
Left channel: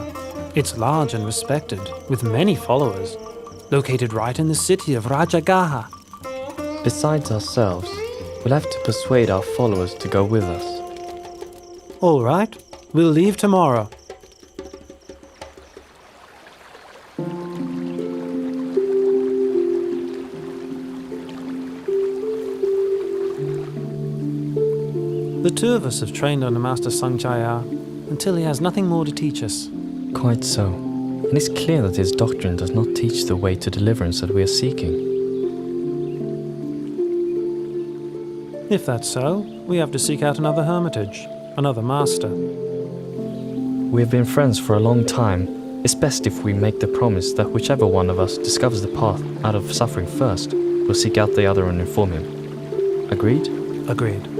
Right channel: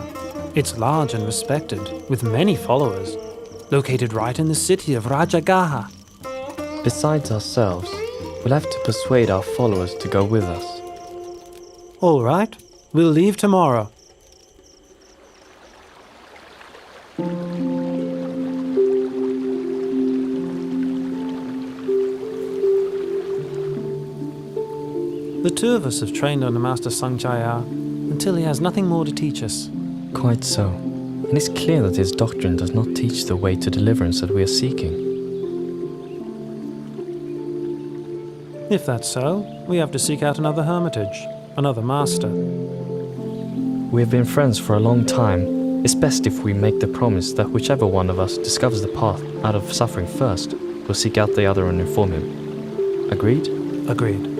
It's large and respected, with many followers, located right in the city of Rajagaha. Besides ourselves, we'll have to persuade our followers to go with us. All right, we'll leave tomorrow. The two of us have trained under Master Sanjaya until he has nothing more to teach us. Quite so. And it's clear that his doctrine does not teach the way to deliverance that we are seeking. If that's so, we have to seek out another hermitage, another master. We have been friends for a long time. It's best if we make the promise that whichever one of us discovers the path out of suffering first, we'll seek out the other and inform him. Agreed? Agreed.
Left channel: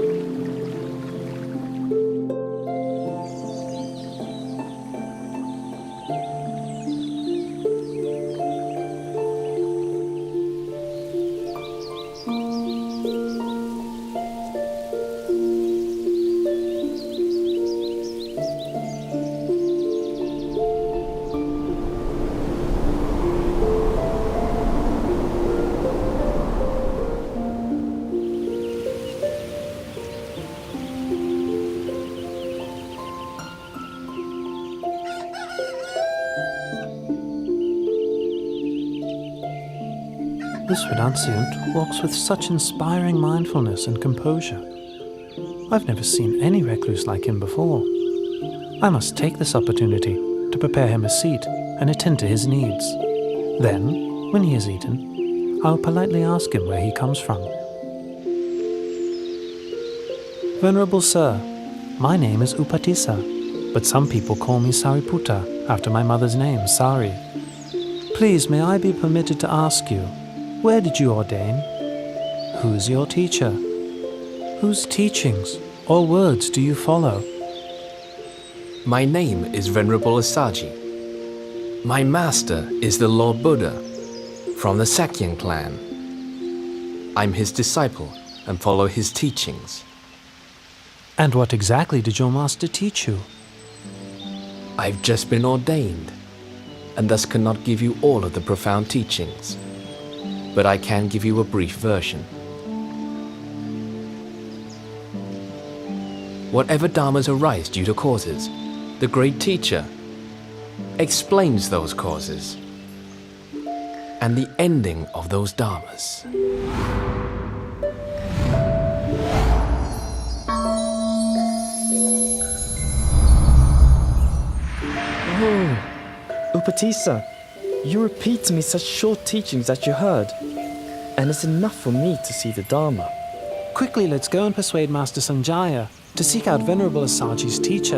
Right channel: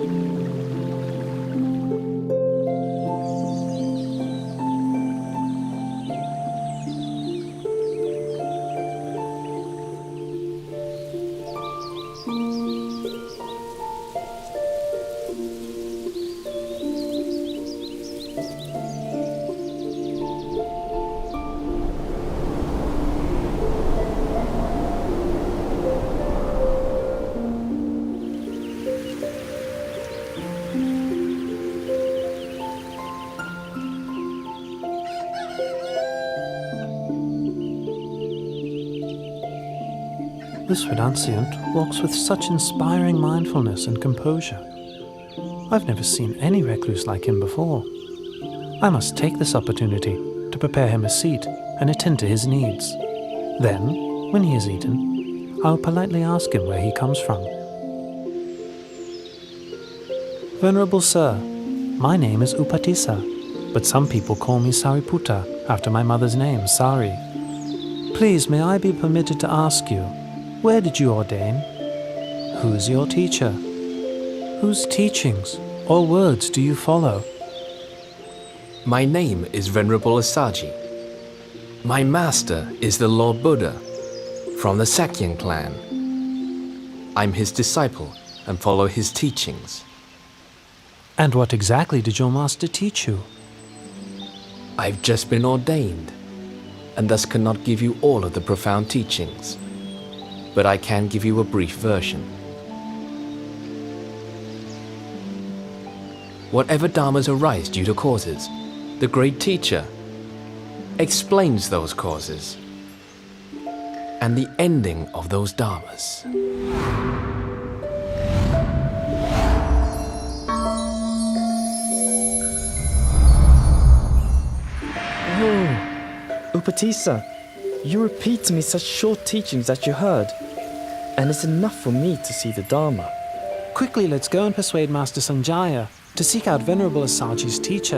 This renunciant walks with such inspiring mindfulness and composure. I've never seen any recluse like him before. I must take this opportunity to prepare him a seat and attend to his needs. Then, when he has eaten, I'll politely ask him where he comes from. Venerable Sir, my name is Upatissa, but some people call me Sariputta after my mother's name, Sari. Please, may I be permitted to ask you, where did you ordain? Who is your teacher? Whose teachings or words do you follow? My name is Venerable Asaji. My master is the Lord Buddha from the Sakyan clan. I'm his disciple and follow his teachings. And what exactly did your master teach you? I've just been ordained and thus cannot give you all of the profound teachings, but I can give you a brief version. Whatever dharmas arise due to causes, the great teacher explains those causes and the ending of those dharmas. Oh, Upatissa, you repeat to me such short teachings that you heard, and it's enough for me to see the Dharma. Quickly, let's go and persuade Master Sanjaya to seek out Venerable Asaji's teacher.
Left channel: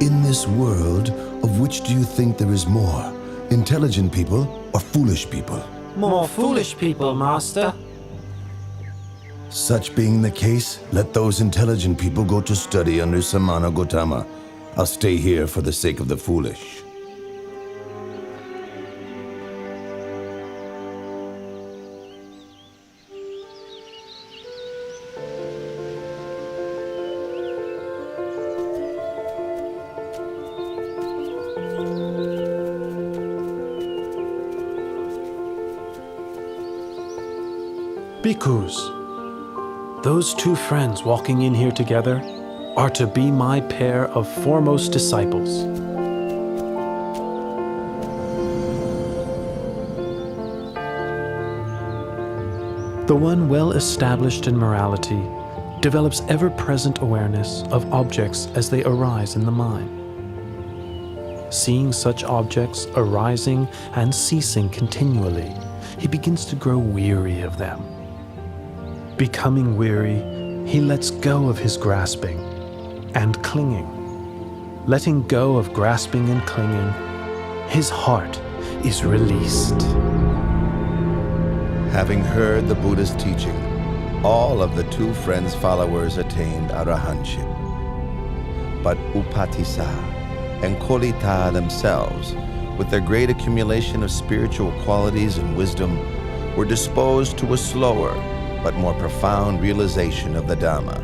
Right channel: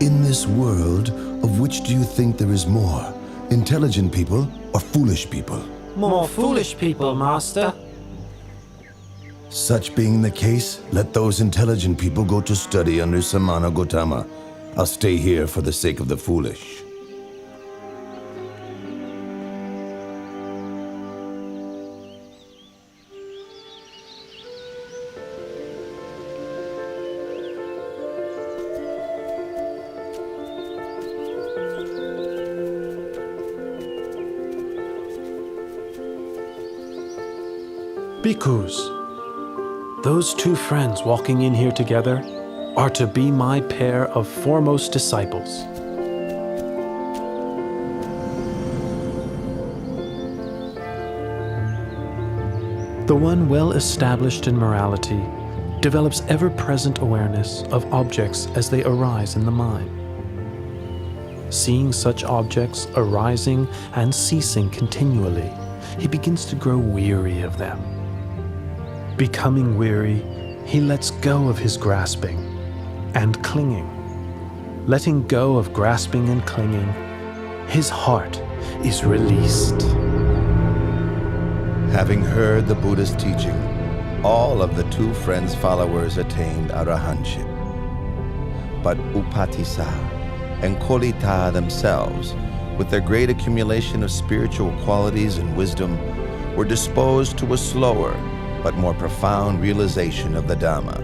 In this world, of which do you think there is more? Intelligent people or foolish people? More foolish people, Master. Such being the case, let those intelligent people go to study under Samana Gautama. I'll stay here for the sake of the foolish. Bhikkhus, those two friends walking in here together are to be my pair of foremost disciples. The one well established in morality develops ever-present awareness of objects as they arise in the mind. Seeing such objects arising and ceasing continually, he begins to grow weary of them. Becoming weary, he lets go of his grasping and clinging. Letting go of grasping and clinging, his heart is released. Having heard the Buddha's teaching, all of the two friends' followers attained arahantship. But Upatissa and Kolita themselves, with their great accumulation of spiritual qualities and wisdom, were disposed to a slower but more profound realization of the Dhamma,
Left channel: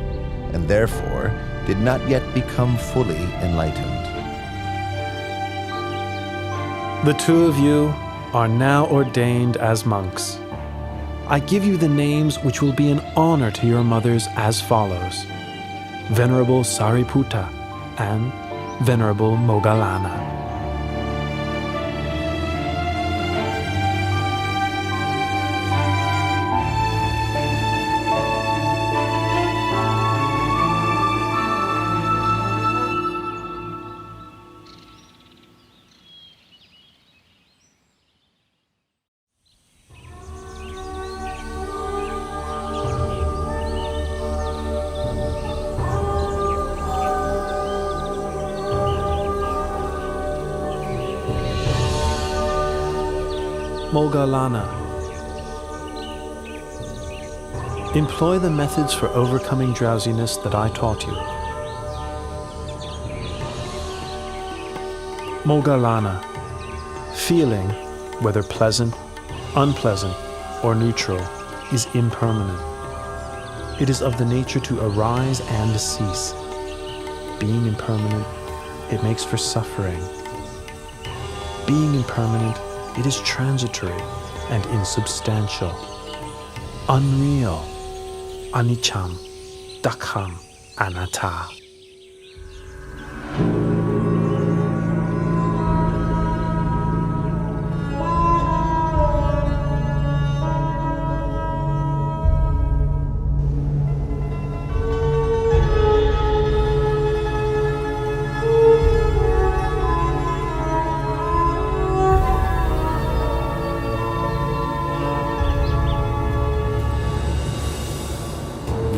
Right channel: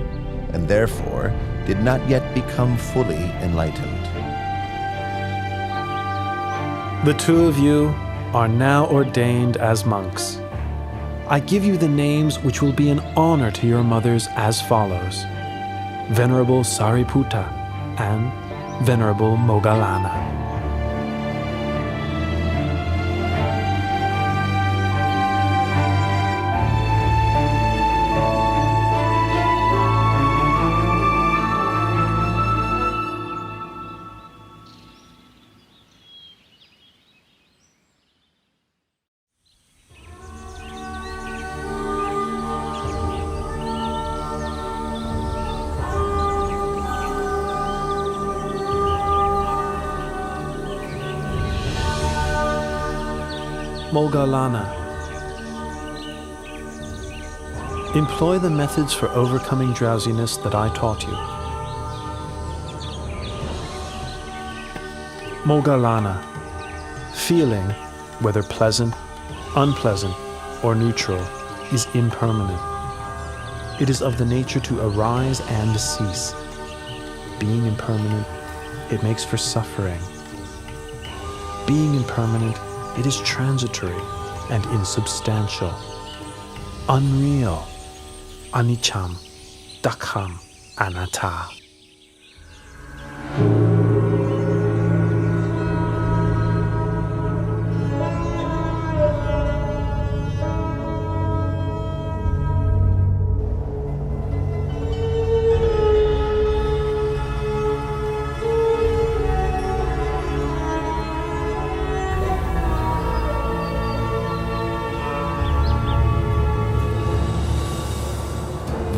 and therefore did not yet become fully enlightened. The two of you are now ordained as monks. I give you the names which will be an honor to your mothers as follows: Venerable Sariputta and Venerable Moggallana. Moggallana. Employ the methods for overcoming drowsiness that I taught you. Moggallana. Feeling, whether pleasant, unpleasant, or neutral, is impermanent. It is of the nature to arise and cease. Being impermanent, it makes for suffering. Being impermanent, it is transitory and insubstantial, unreal, aniccham, dukkam, anatta.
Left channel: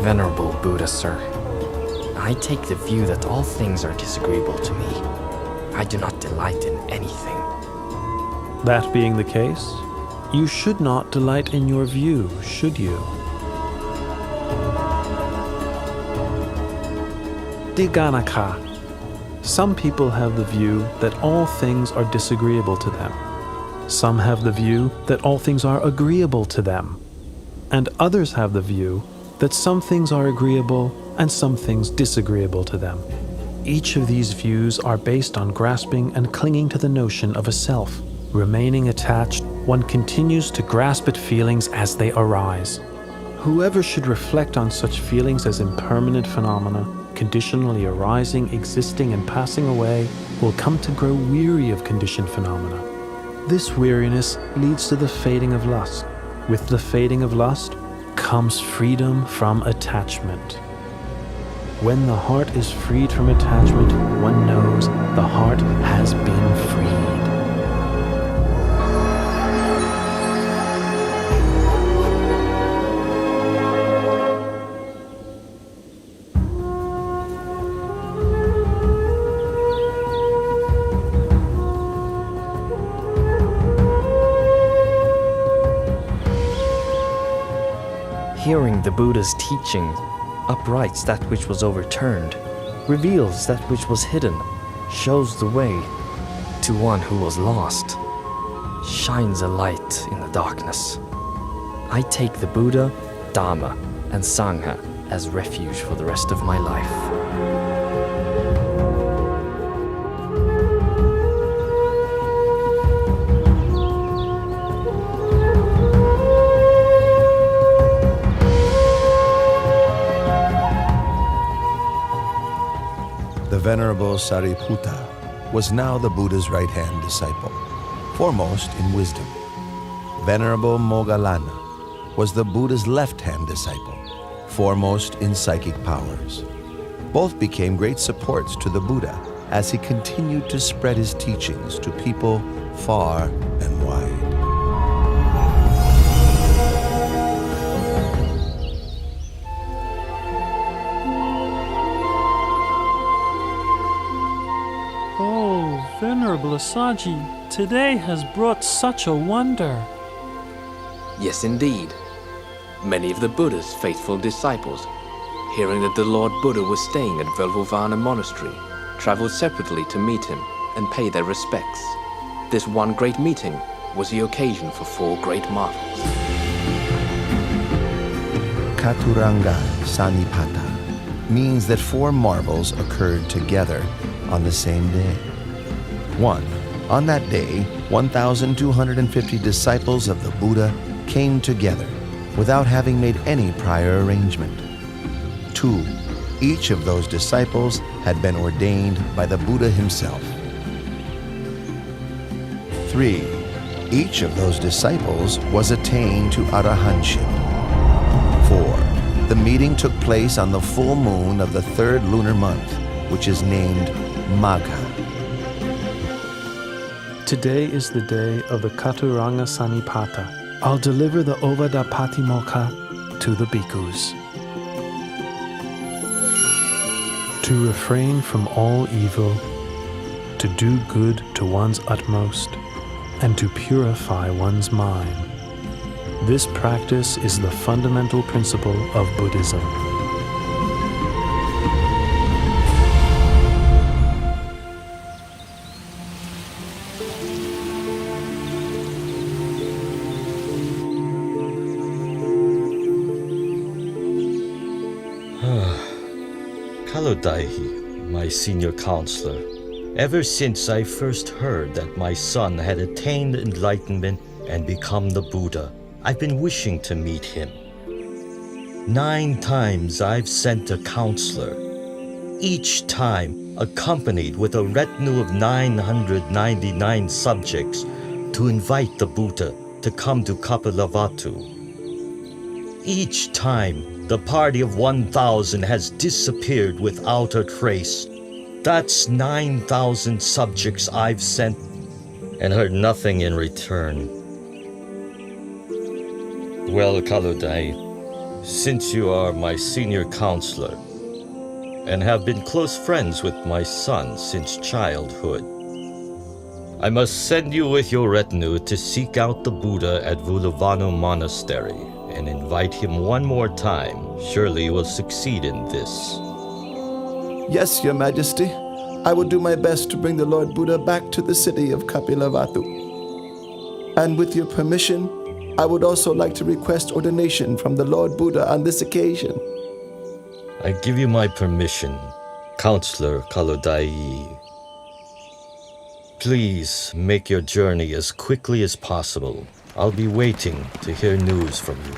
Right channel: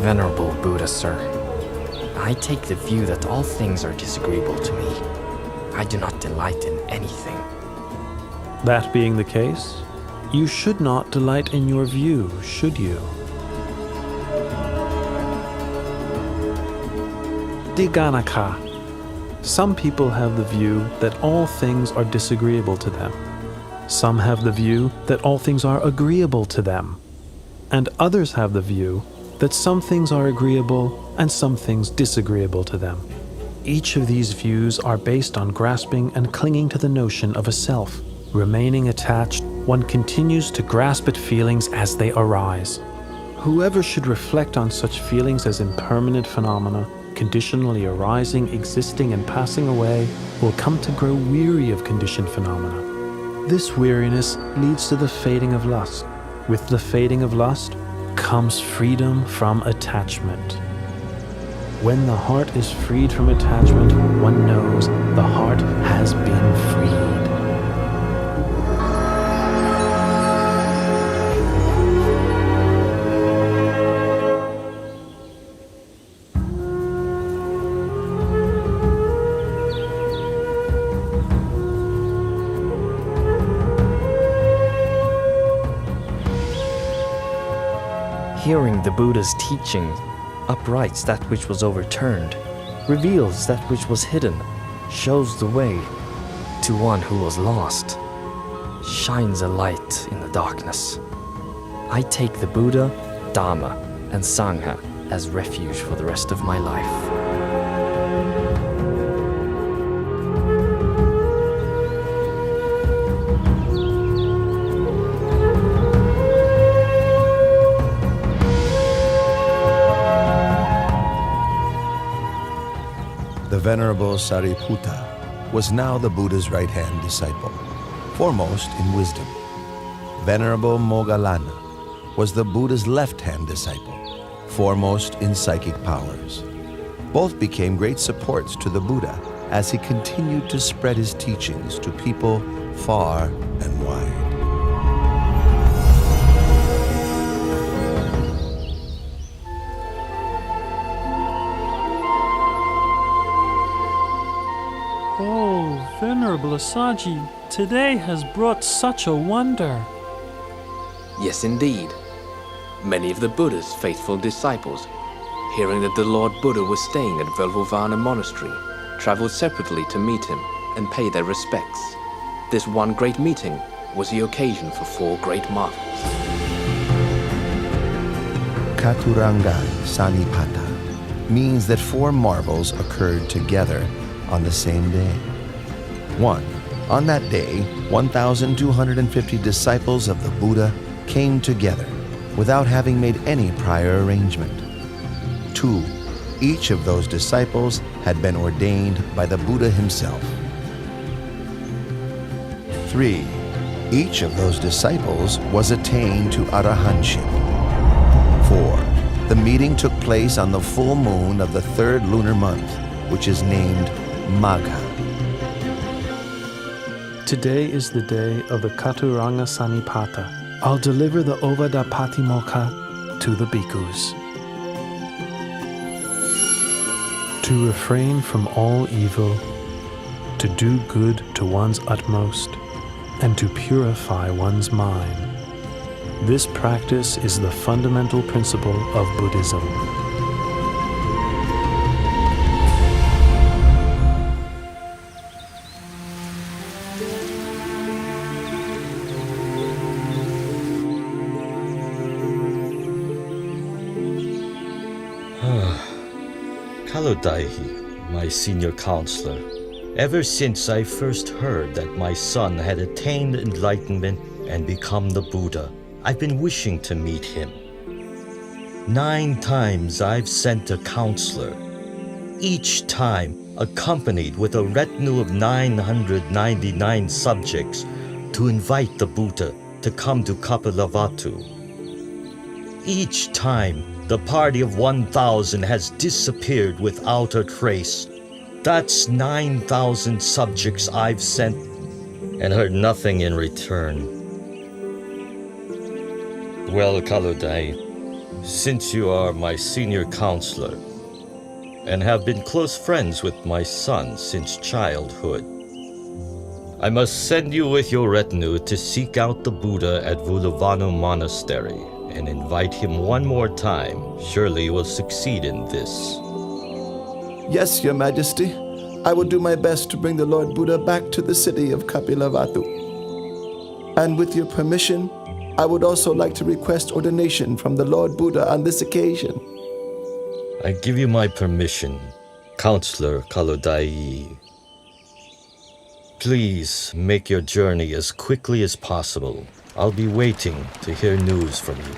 Venerable Buddha, sir, I take the view that all things are disagreeable to me. I do not delight in anything. That being the case, you should not delight in your view, should you? Diganaka. Some people have the view that all things are disagreeable to them. Some have the view that all things are agreeable to them. And others have the view that some things are agreeable and some things disagreeable to them. Each of these views are based on grasping and clinging to the notion of a self. Remaining attached, one continues to grasp at feelings as they arise. Whoever should reflect on such feelings as impermanent phenomena, conditionally arising, existing, and passing away, will come to grow weary of conditioned phenomena. This weariness leads to the fading of lust. With the fading of lust comes freedom from attachment. When the heart is freed from attachment, one knows the heart has been freed. Hearing the Buddha's teaching uprights that which was overturned, reveals that which was hidden, shows the way to one who was lost, shines a light in the darkness. I take the Buddha, Dhamma, and Sangha as refuge for the rest of my life. Venerable Sariputta was now the Buddha's right-hand disciple, foremost in wisdom. Venerable Moggallana was the Buddha's left-hand disciple, foremost in psychic powers. Both became great supports to the Buddha as he continued to spread his teachings to people far and wide. Oh, Venerable Asaji, today has brought such a wonder. Yes, indeed. Many of the Buddha's faithful disciples, hearing that the Lord Buddha was staying at Velvovana Monastery, traveled separately to meet him and pay their respects. This one great meeting was the occasion for 4 great marvels. Katuranga Sanipata means that 4 marvels occurred together on the same day. 1. On that day, 1,250 disciples of the Buddha came together without having made any prior arrangement. 2. Each of those disciples had been ordained by the Buddha himself. 3. Each of those disciples was attained to arahantship. 4. The meeting took place on the full moon of the 3rd lunar month, which is named Magha. Today is the day of the Katuranga Sanipata. I'll deliver the Ovada Patimokkha to the bhikkhus. To refrain from all evil, to do good to one's utmost, and to purify one's mind. This practice is the fundamental principle of Buddhism. Kalodaihi, my senior counselor, ever since I first heard that my son had attained enlightenment and become the Buddha, I've been wishing to meet him. 9 times I've sent a counselor, each time accompanied with a retinue of 999 subjects to invite the Buddha to come to Kapilavatthu. Each time, the party of 1,000 has disappeared without a trace. That's 9,000 subjects I've sent and heard nothing in return. Well, Kalodai, since you are my senior counselor and have been close friends with my son since childhood, I must send you with your retinue to seek out the Buddha at Velvovana Monastery and invite him one more time. Surely you will succeed in this. Yes, Your Majesty. I will do my best to bring the Lord Buddha back to the city of Kapilavatthu. And with your permission, I would also like to request ordination from the Lord Buddha on this occasion. I give you my permission, Counselor Kalodai. Please make your journey as quickly as possible. I'll be waiting to hear news from you.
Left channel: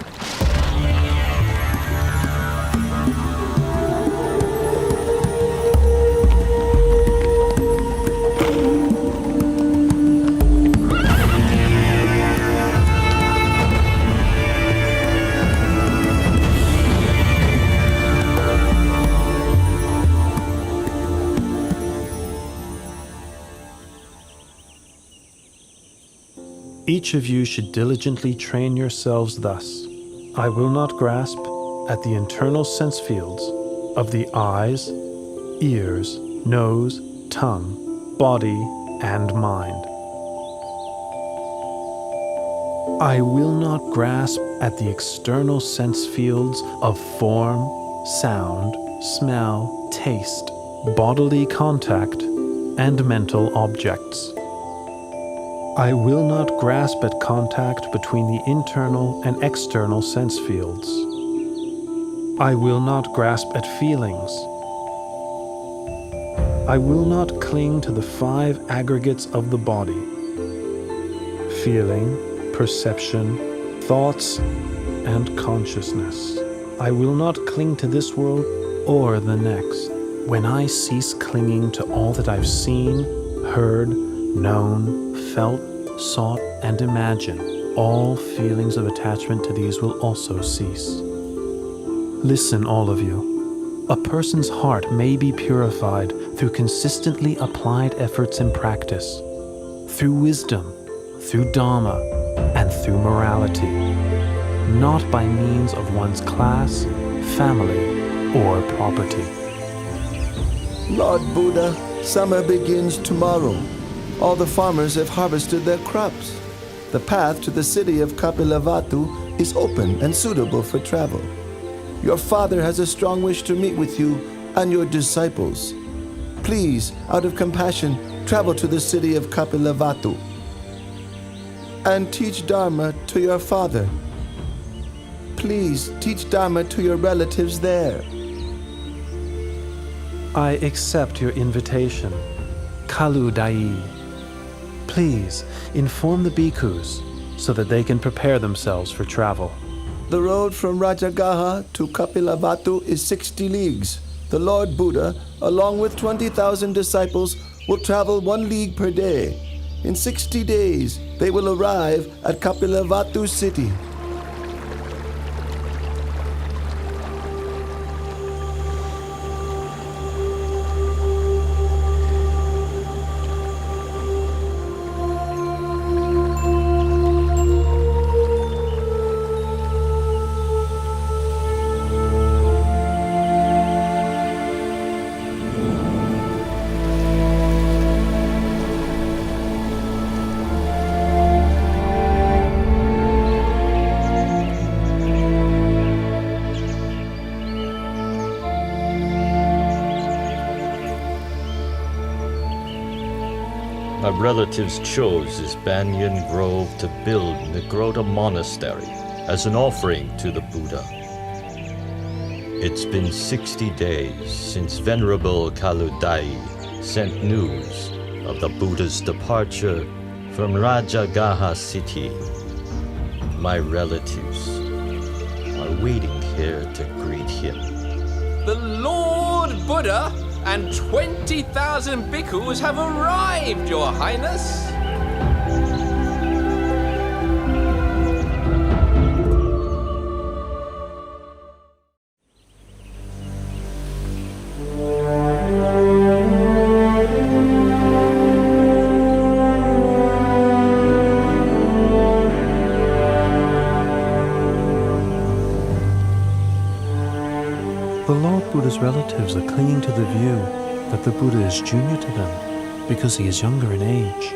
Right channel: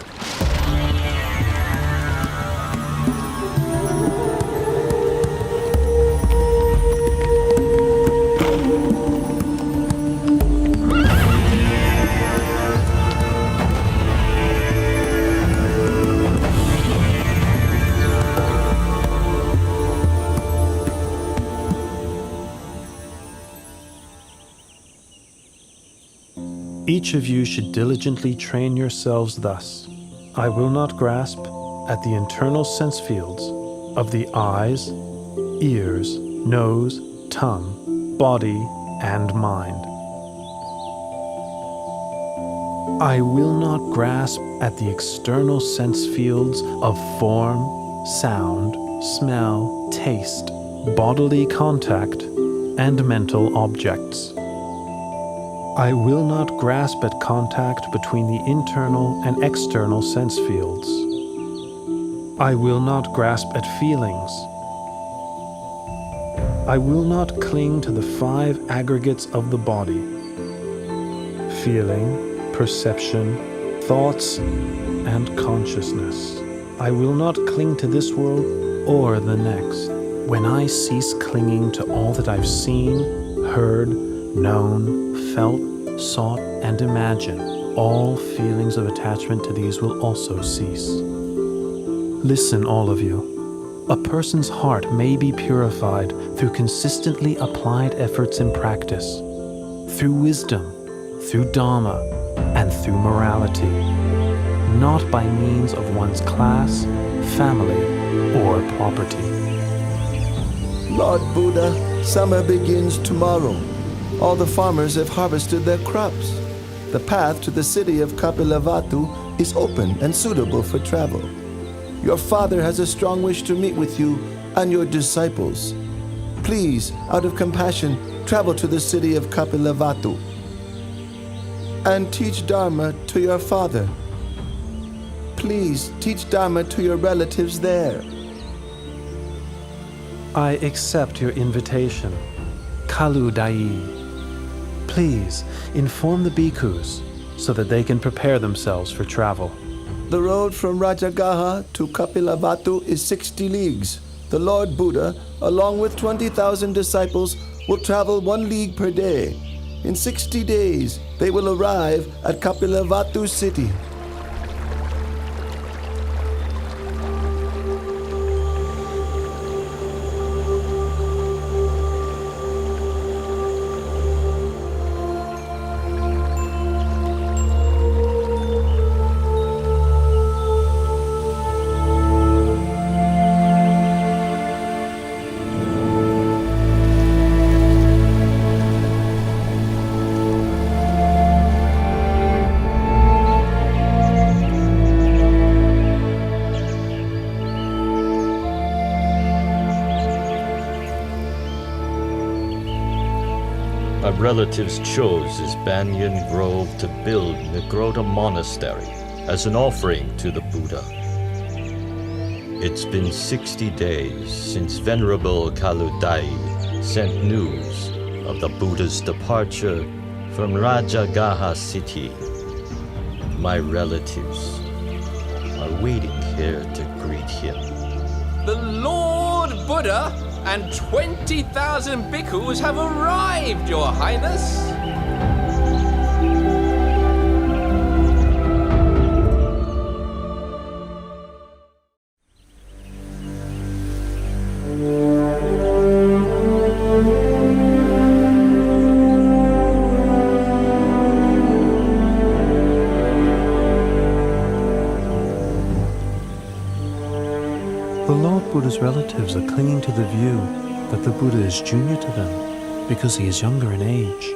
Each of you should diligently train yourselves thus. I will not grasp at the internal sense fields of the eyes, ears, nose, tongue, body, and mind. I will not grasp at the external sense fields of form, sound, smell, taste, bodily contact, and mental objects. I will not grasp at contact between the internal and external sense fields. I will not grasp at feelings. I will not cling to the 5 aggregates of the body: feeling, perception, thoughts, and consciousness. I will not cling to this world or the next. when I cease clinging to all that I've seen, heard, known, felt, sought, and imagined, all feelings of attachment to these will also cease. Listen, all of you. A person's heart may be purified through consistently applied efforts in practice, through wisdom, through Dharma, and through morality, not by means of one's class, family, or property. Lord Buddha, summer begins tomorrow. All the farmers have harvested their crops. The path to the city of Kapilavatthu is open and suitable for travel. Your father has a strong wish to meet with you and your disciples. Please, out of compassion, travel to the city of Kapilavatthu and teach Dharma to your father. Please teach Dharma to your relatives there. I accept your invitation. Kalu Dai. Please inform the bhikkhus so that they can prepare themselves for travel. The road from Rajagaha to Kapilavatthu is 60 leagues. The Lord Buddha, along with 20,000 disciples, will travel 1 league per day. In 60 days, they will arrive at Kapilavatthu city. My relatives chose this banyan grove to build Nigrota Monastery as an offering to the Buddha. It's been 60 days since Venerable Kaludai sent news of the Buddha's departure from Rajagaha city. My relatives are waiting here to greet him. The Lord Buddha and 20,000 bhikkhus have arrived, Your Highness. The Lord Buddha's relatives are clinging to the view that the Buddha is junior to them because he is younger in age.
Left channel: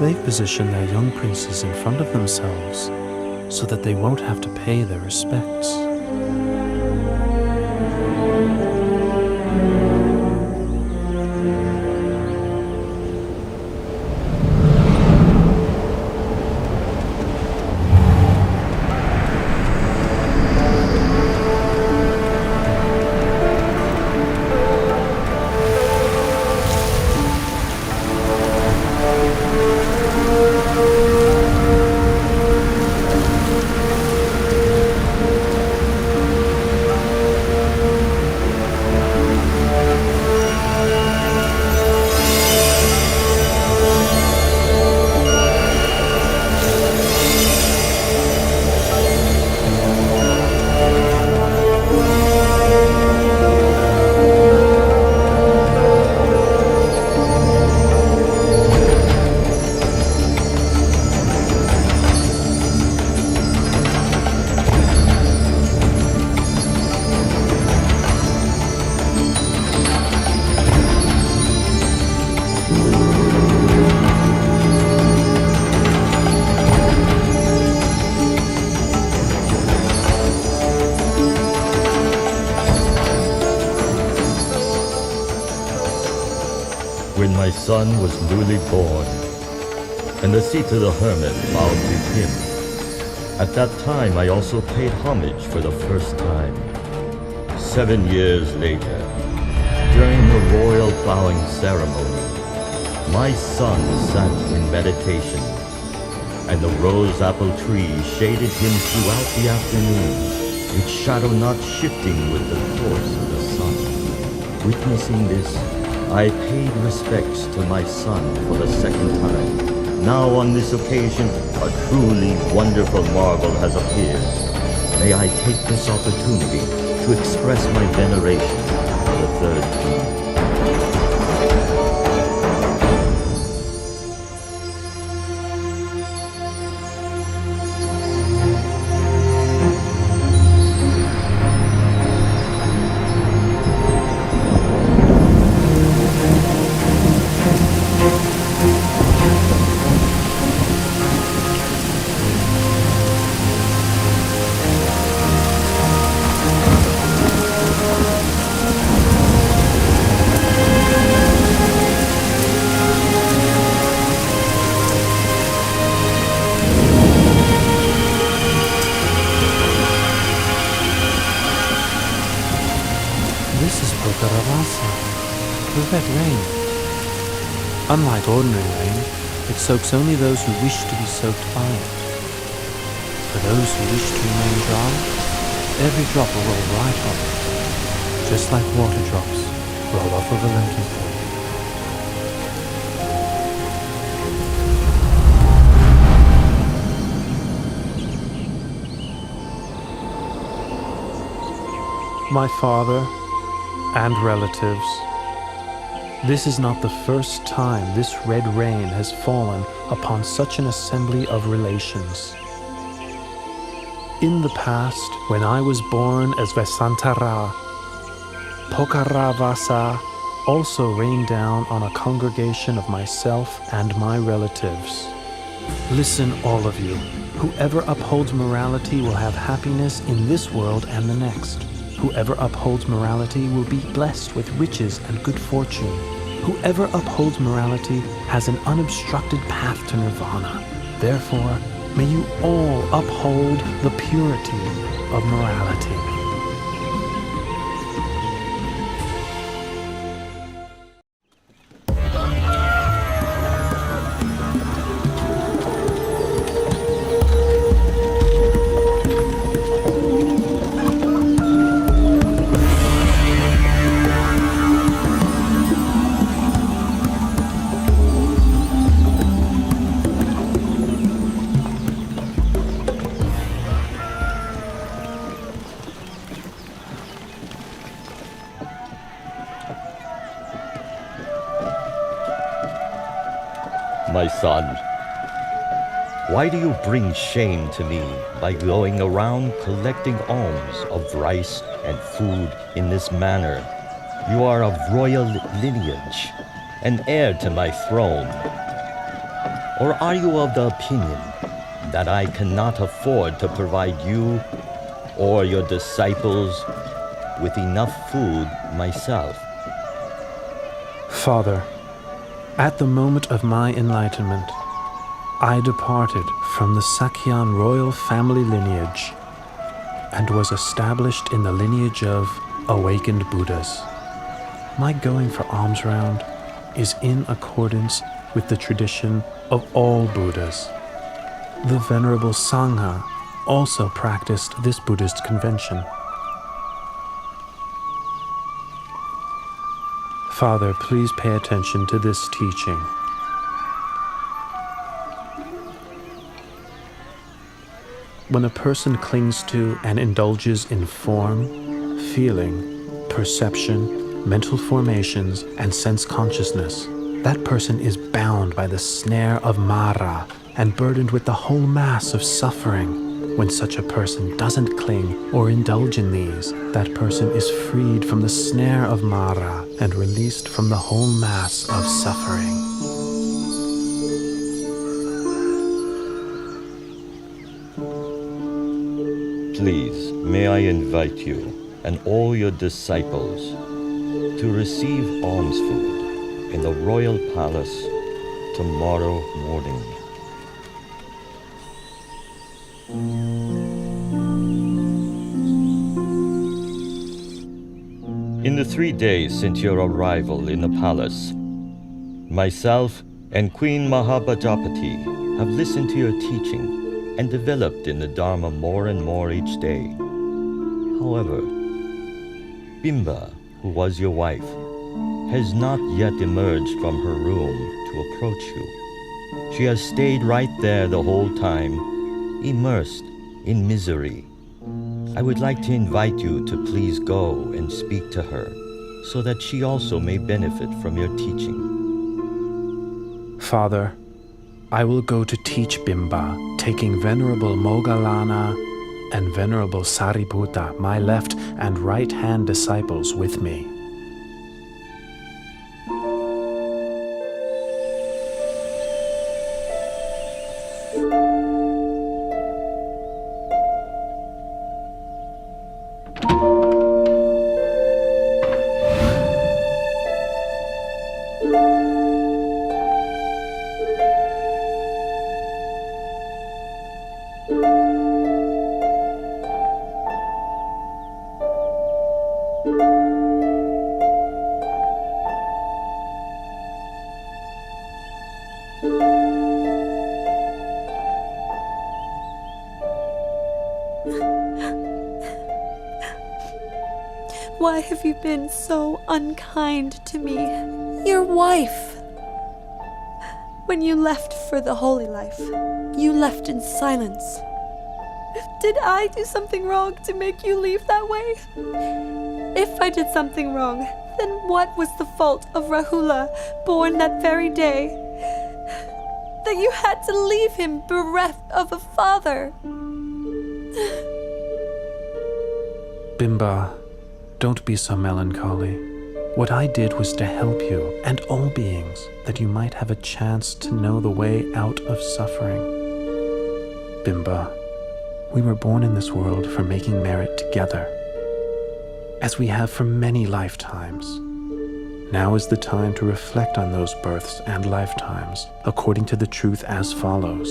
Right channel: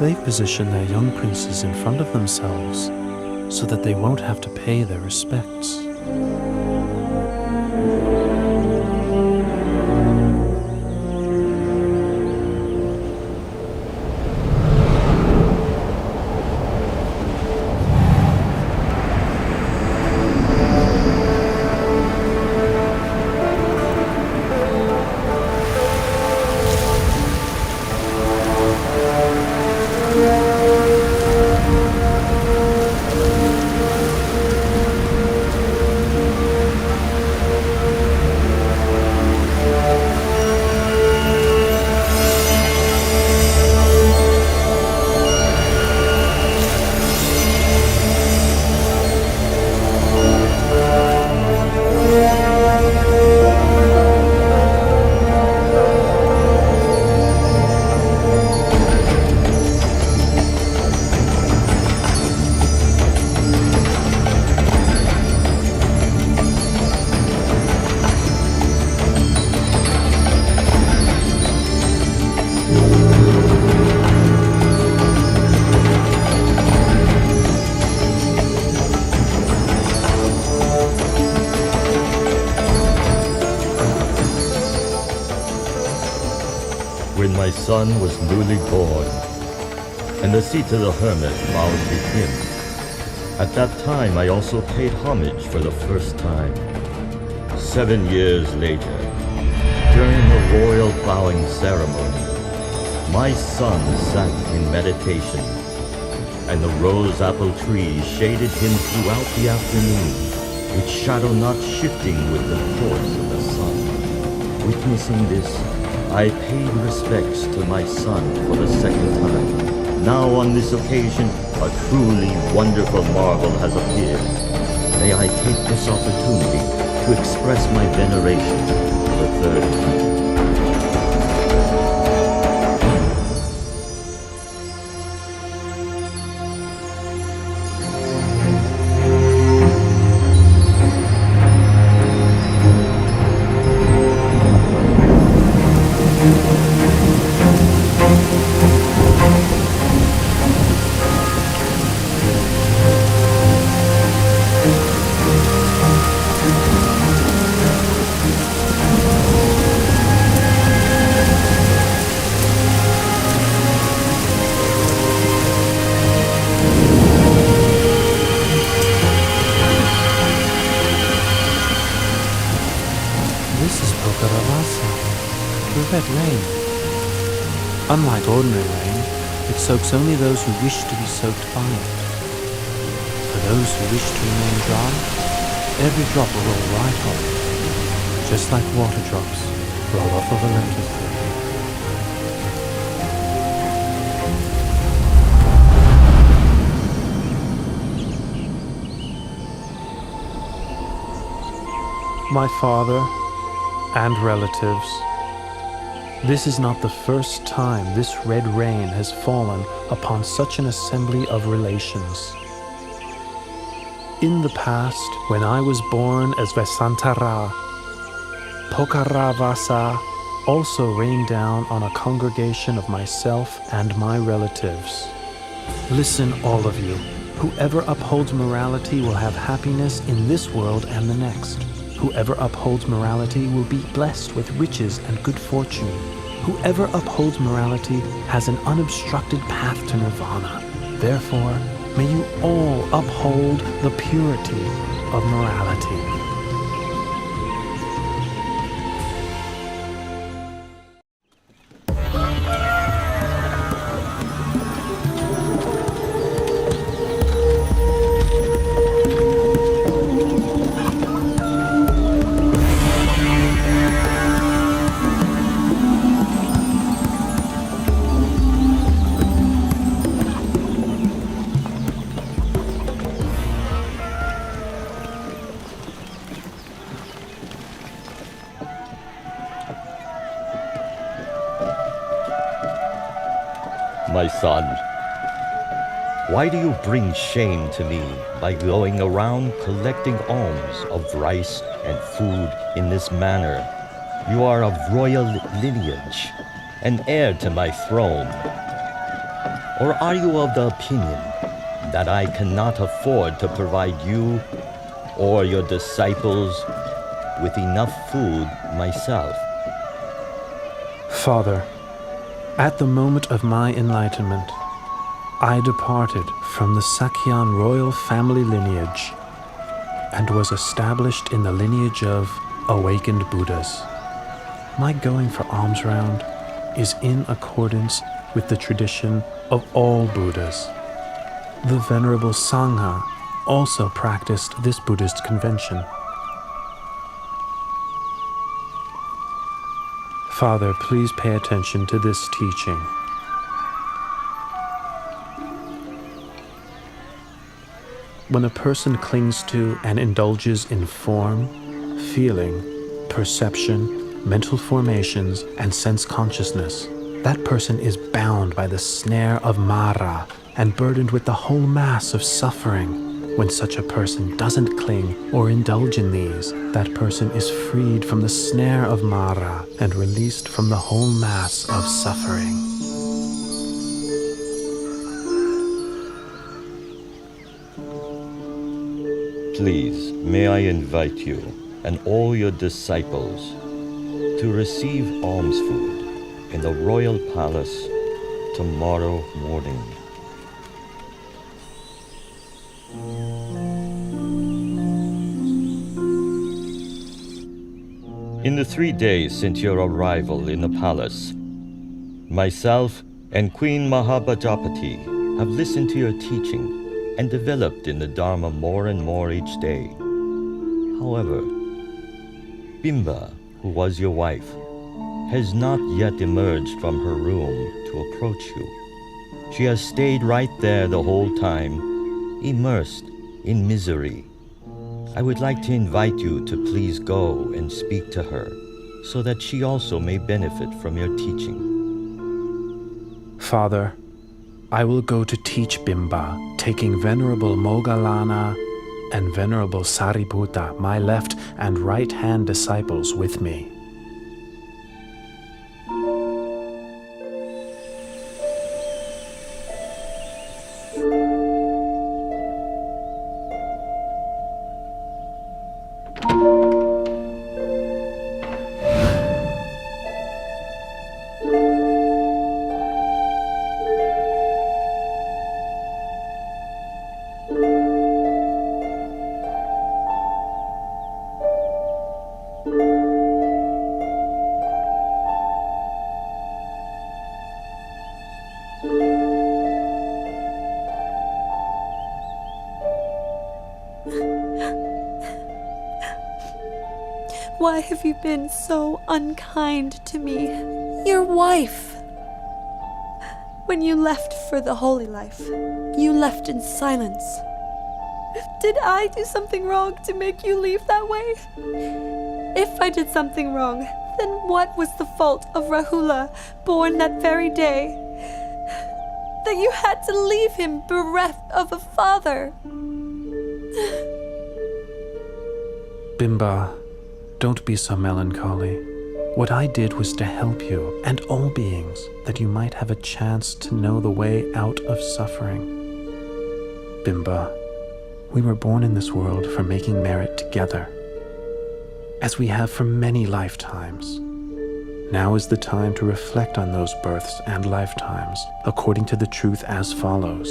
They've positioned their young princes in front of themselves so that they won't have to pay their respects. When my son was newly born, and the Sita the hermit bowed to him, at that time I also paid homage for the first time. 7 years later, during the royal plowing ceremony, my son sat in meditation, and the rose apple tree shaded him throughout the afternoon, its shadow not shifting with the course of the sun. Witnessing this, I paid respects to my son for the second time. Now on this occasion, a truly wonderful marvel has appeared. May I take this opportunity to express my veneration for the third time. The red rain. Unlike ordinary rain, it soaks only those who wish to be soaked by it. For those who wish to remain dry, every drop will roll right off, just like water drops roll off of a lentil field. My father and relatives, this is not the first time this red rain has fallen upon such an assembly of relations. In the past, when I was born as Vesantara, Pokaravasa also rained down on a congregation of myself and my relatives. Listen, all of you. Whoever upholds morality will have happiness in this world and the next. Whoever upholds morality will be blessed with riches and good fortune. Whoever upholds morality has an unobstructed path to nirvana. Therefore, may you all uphold the purity of morality. My son, why do you bring shame to me by going around collecting alms of rice and food in this manner? You are of royal lineage, an heir to my throne. Or are you of the opinion that I cannot afford to provide you or your disciples with enough food myself? Father, at the moment of my enlightenment, I departed from the Sakyan royal family lineage and was established in the lineage of awakened Buddhas. My going for alms round is in accordance with the tradition of all Buddhas. The Venerable Sangha also practiced this Buddhist convention. Father, please pay attention to this teaching. When a person clings to and indulges in form, feeling, perception, mental formations, and sense consciousness, that person is bound by the snare of Mara and burdened with the whole mass of suffering. When such a person doesn't cling or indulge in these, that person is freed from the snare of Mara and released from the whole mass of suffering. Please, may I invite you and all your disciples to receive alms food in the royal palace tomorrow morning. In the 3 days since your arrival in the palace, myself and Queen Mahapajapati have listened to your teaching and developed in the Dharma more and more each day. However, Bimba, who was your wife, has not yet emerged from her room to approach you. She has stayed right there the whole time, immersed in misery. I would like to invite you to please go and speak to her, so that she also may benefit from your teaching. Father, I will go to teach Bimba, taking Venerable Moggallana and Venerable Sariputta, my left and right hand disciples, with me. Why have you been so unkind to me, your wife? When you left for the holy life, you left in silence. Did I do something wrong to make you leave that way? If I did something wrong, then what was the fault of Rahula, born that very day, that you had to leave him bereft of a father? Bimba, don't be so melancholy. What I did was to help you and all beings, that you might have a chance to know the way out of suffering. Bimba, we were born in this world for making merit together, as we have for many lifetimes. Now is the time to reflect on those births and lifetimes according to the truth as follows.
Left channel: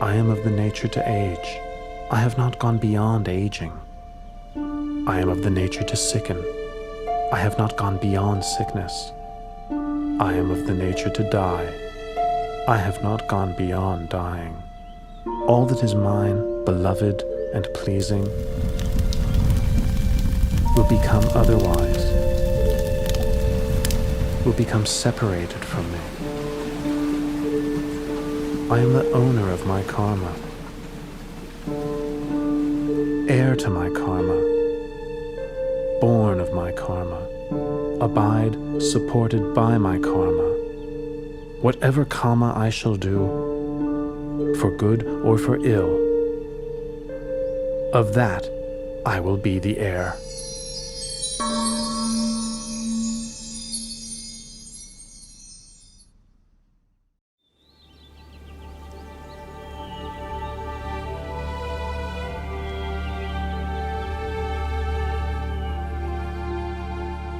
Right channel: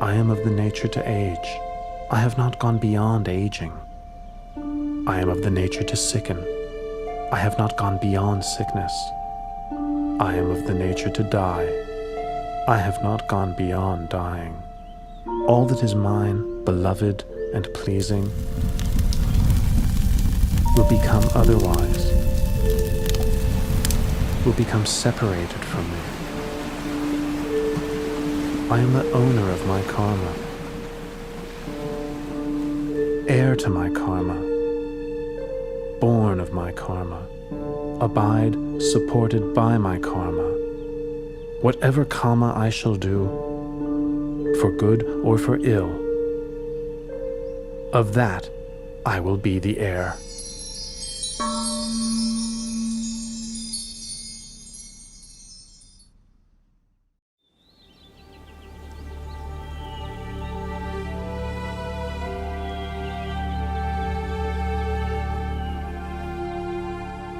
I am of the nature to age. I have not gone beyond aging. I am of the nature to sicken. I have not gone beyond sickness. I am of the nature to die. I have not gone beyond dying. All that is mine, beloved and pleasing, will become otherwise, will become separated from me. I am the owner of my karma, heir to my karma, born of my karma, abide supported by my karma. Whatever karma I shall do, for good or for ill, of that I will be the heir.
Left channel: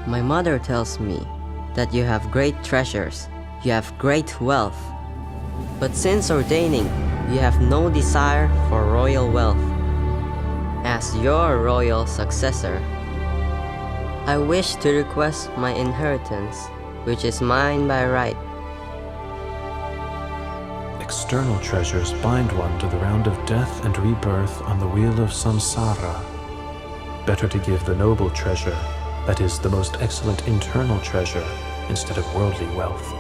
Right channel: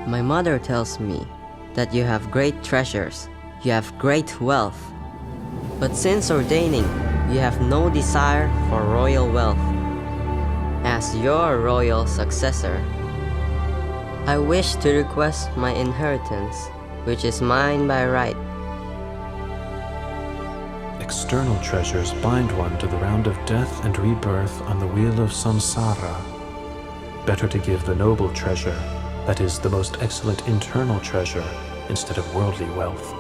My mother tells me that you have great treasures, you have great wealth. But since ordaining, you have no desire for royal wealth. As your royal successor, I wish to request my inheritance, which is mine by right. External treasures bind one to the round of death and rebirth on the wheel of samsara. Better to give the noble treasure, that is, the most excellent internal treasure, instead of worldly wealth.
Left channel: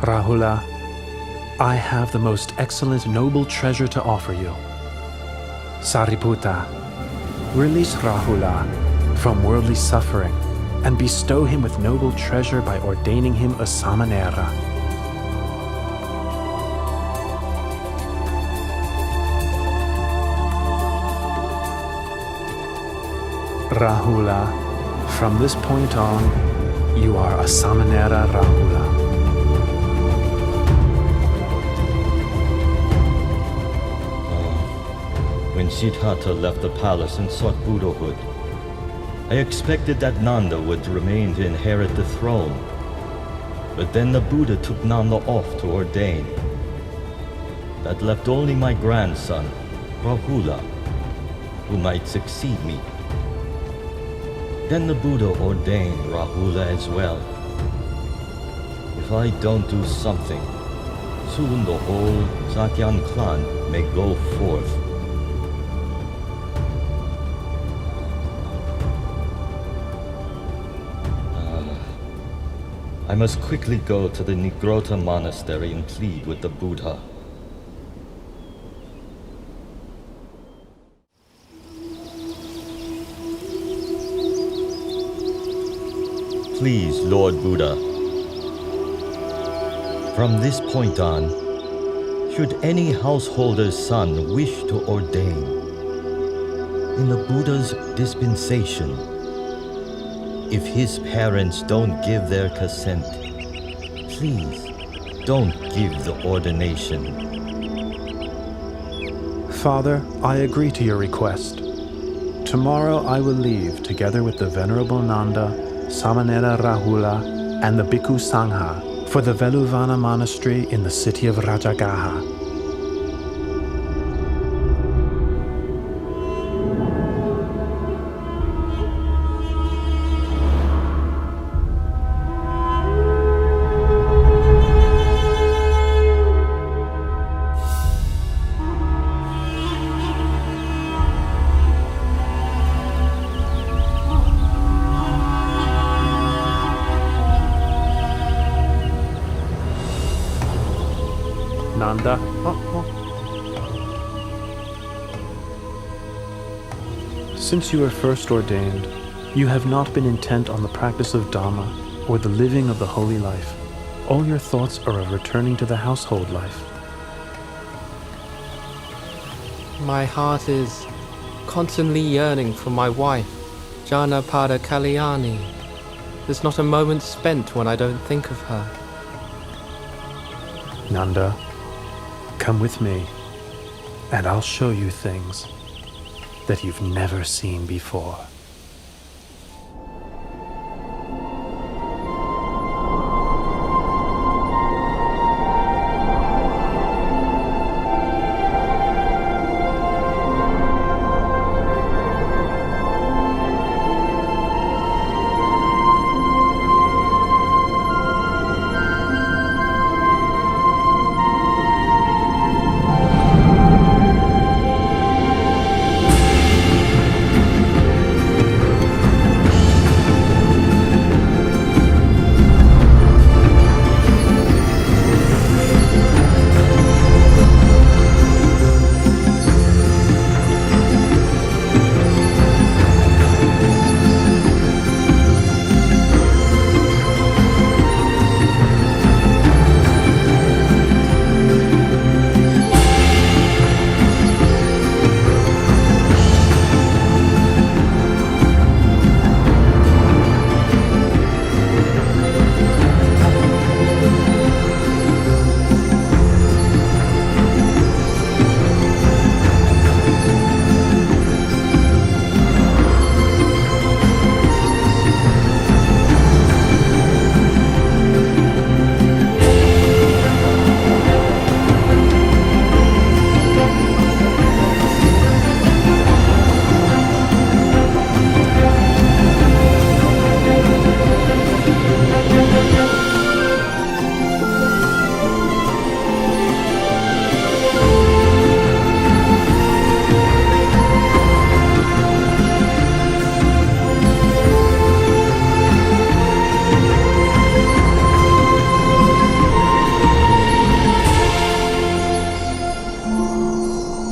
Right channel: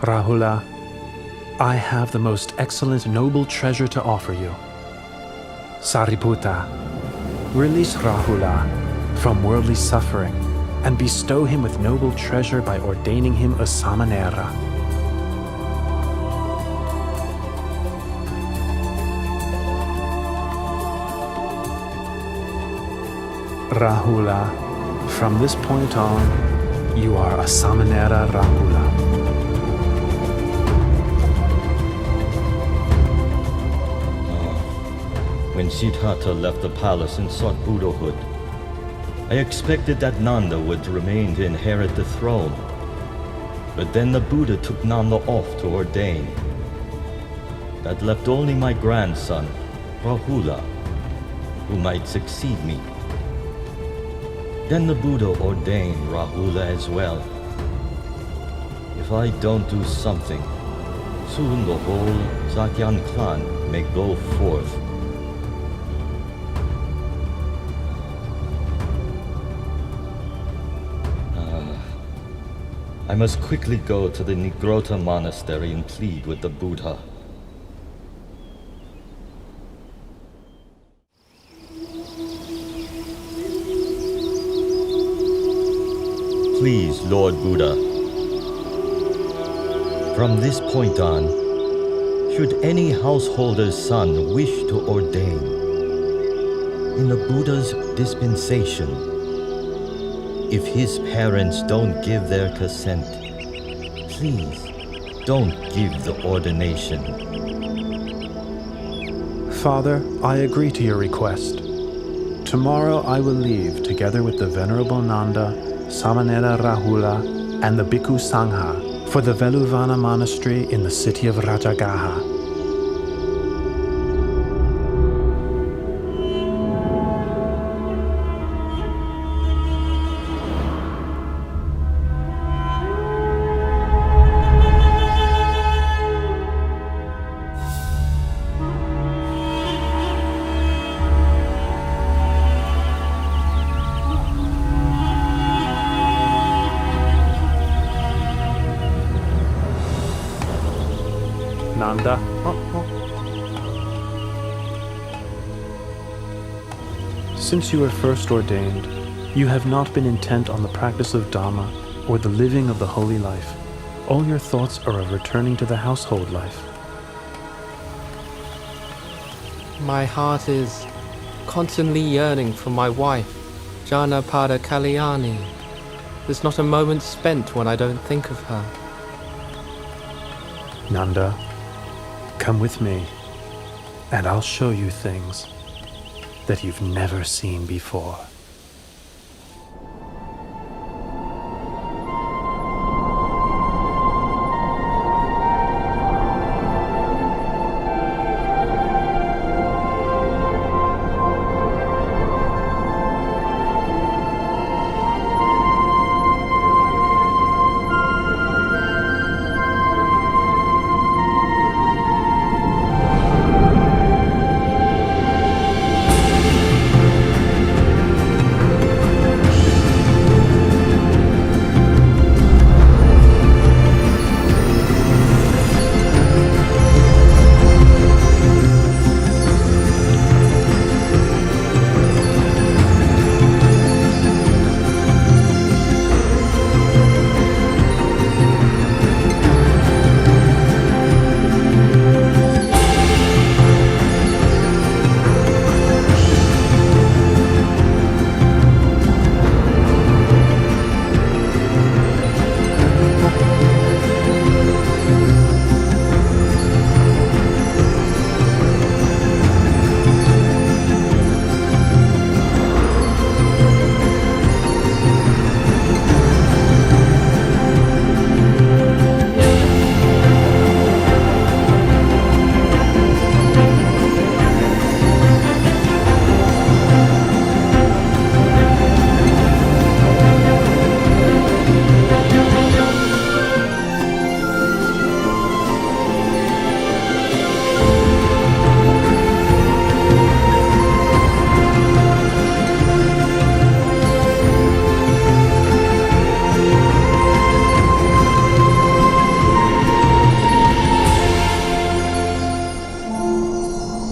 Rahula, I have the most excellent noble treasure to offer you. Sariputta, release Rahula from worldly suffering and bestow him with noble treasure by ordaining him a samanera. Rahula, from this point on, you are a samanera Rahula. When Siddhartha left the palace and sought Buddhahood, I expected that Nanda would remain to inherit the throne. But then the Buddha took Nanda off to ordain. That left only my grandson, Rahula, who might succeed me. Then the Buddha ordained Rahula as well. If I don't do something, soon the whole Sakyan clan may go forth. I must quickly go to the Nigrota monastery and plead with the Buddha. Please, Lord Buddha, from this point on, should any householder's son wish to ordain, in the Buddha's dispensation, if his parents don't give their consent, please don't give the ordination. Father, I agree to your request. Tomorrow I will leave together with the Venerable Nanda, Samanera Rahula, and the Bhikkhu Sangha for the Veluvana monastery in the city of Rajagaha. Nanda. Since you were first ordained, you have not been intent on the practice of Dhamma or the living of the holy life. All your thoughts are of returning to the household life. My heart is constantly yearning for my wife, Janapada Kalyani. There's not a moment spent when I don't think of her. Nanda, come with me, and I'll show you things that you've never seen before.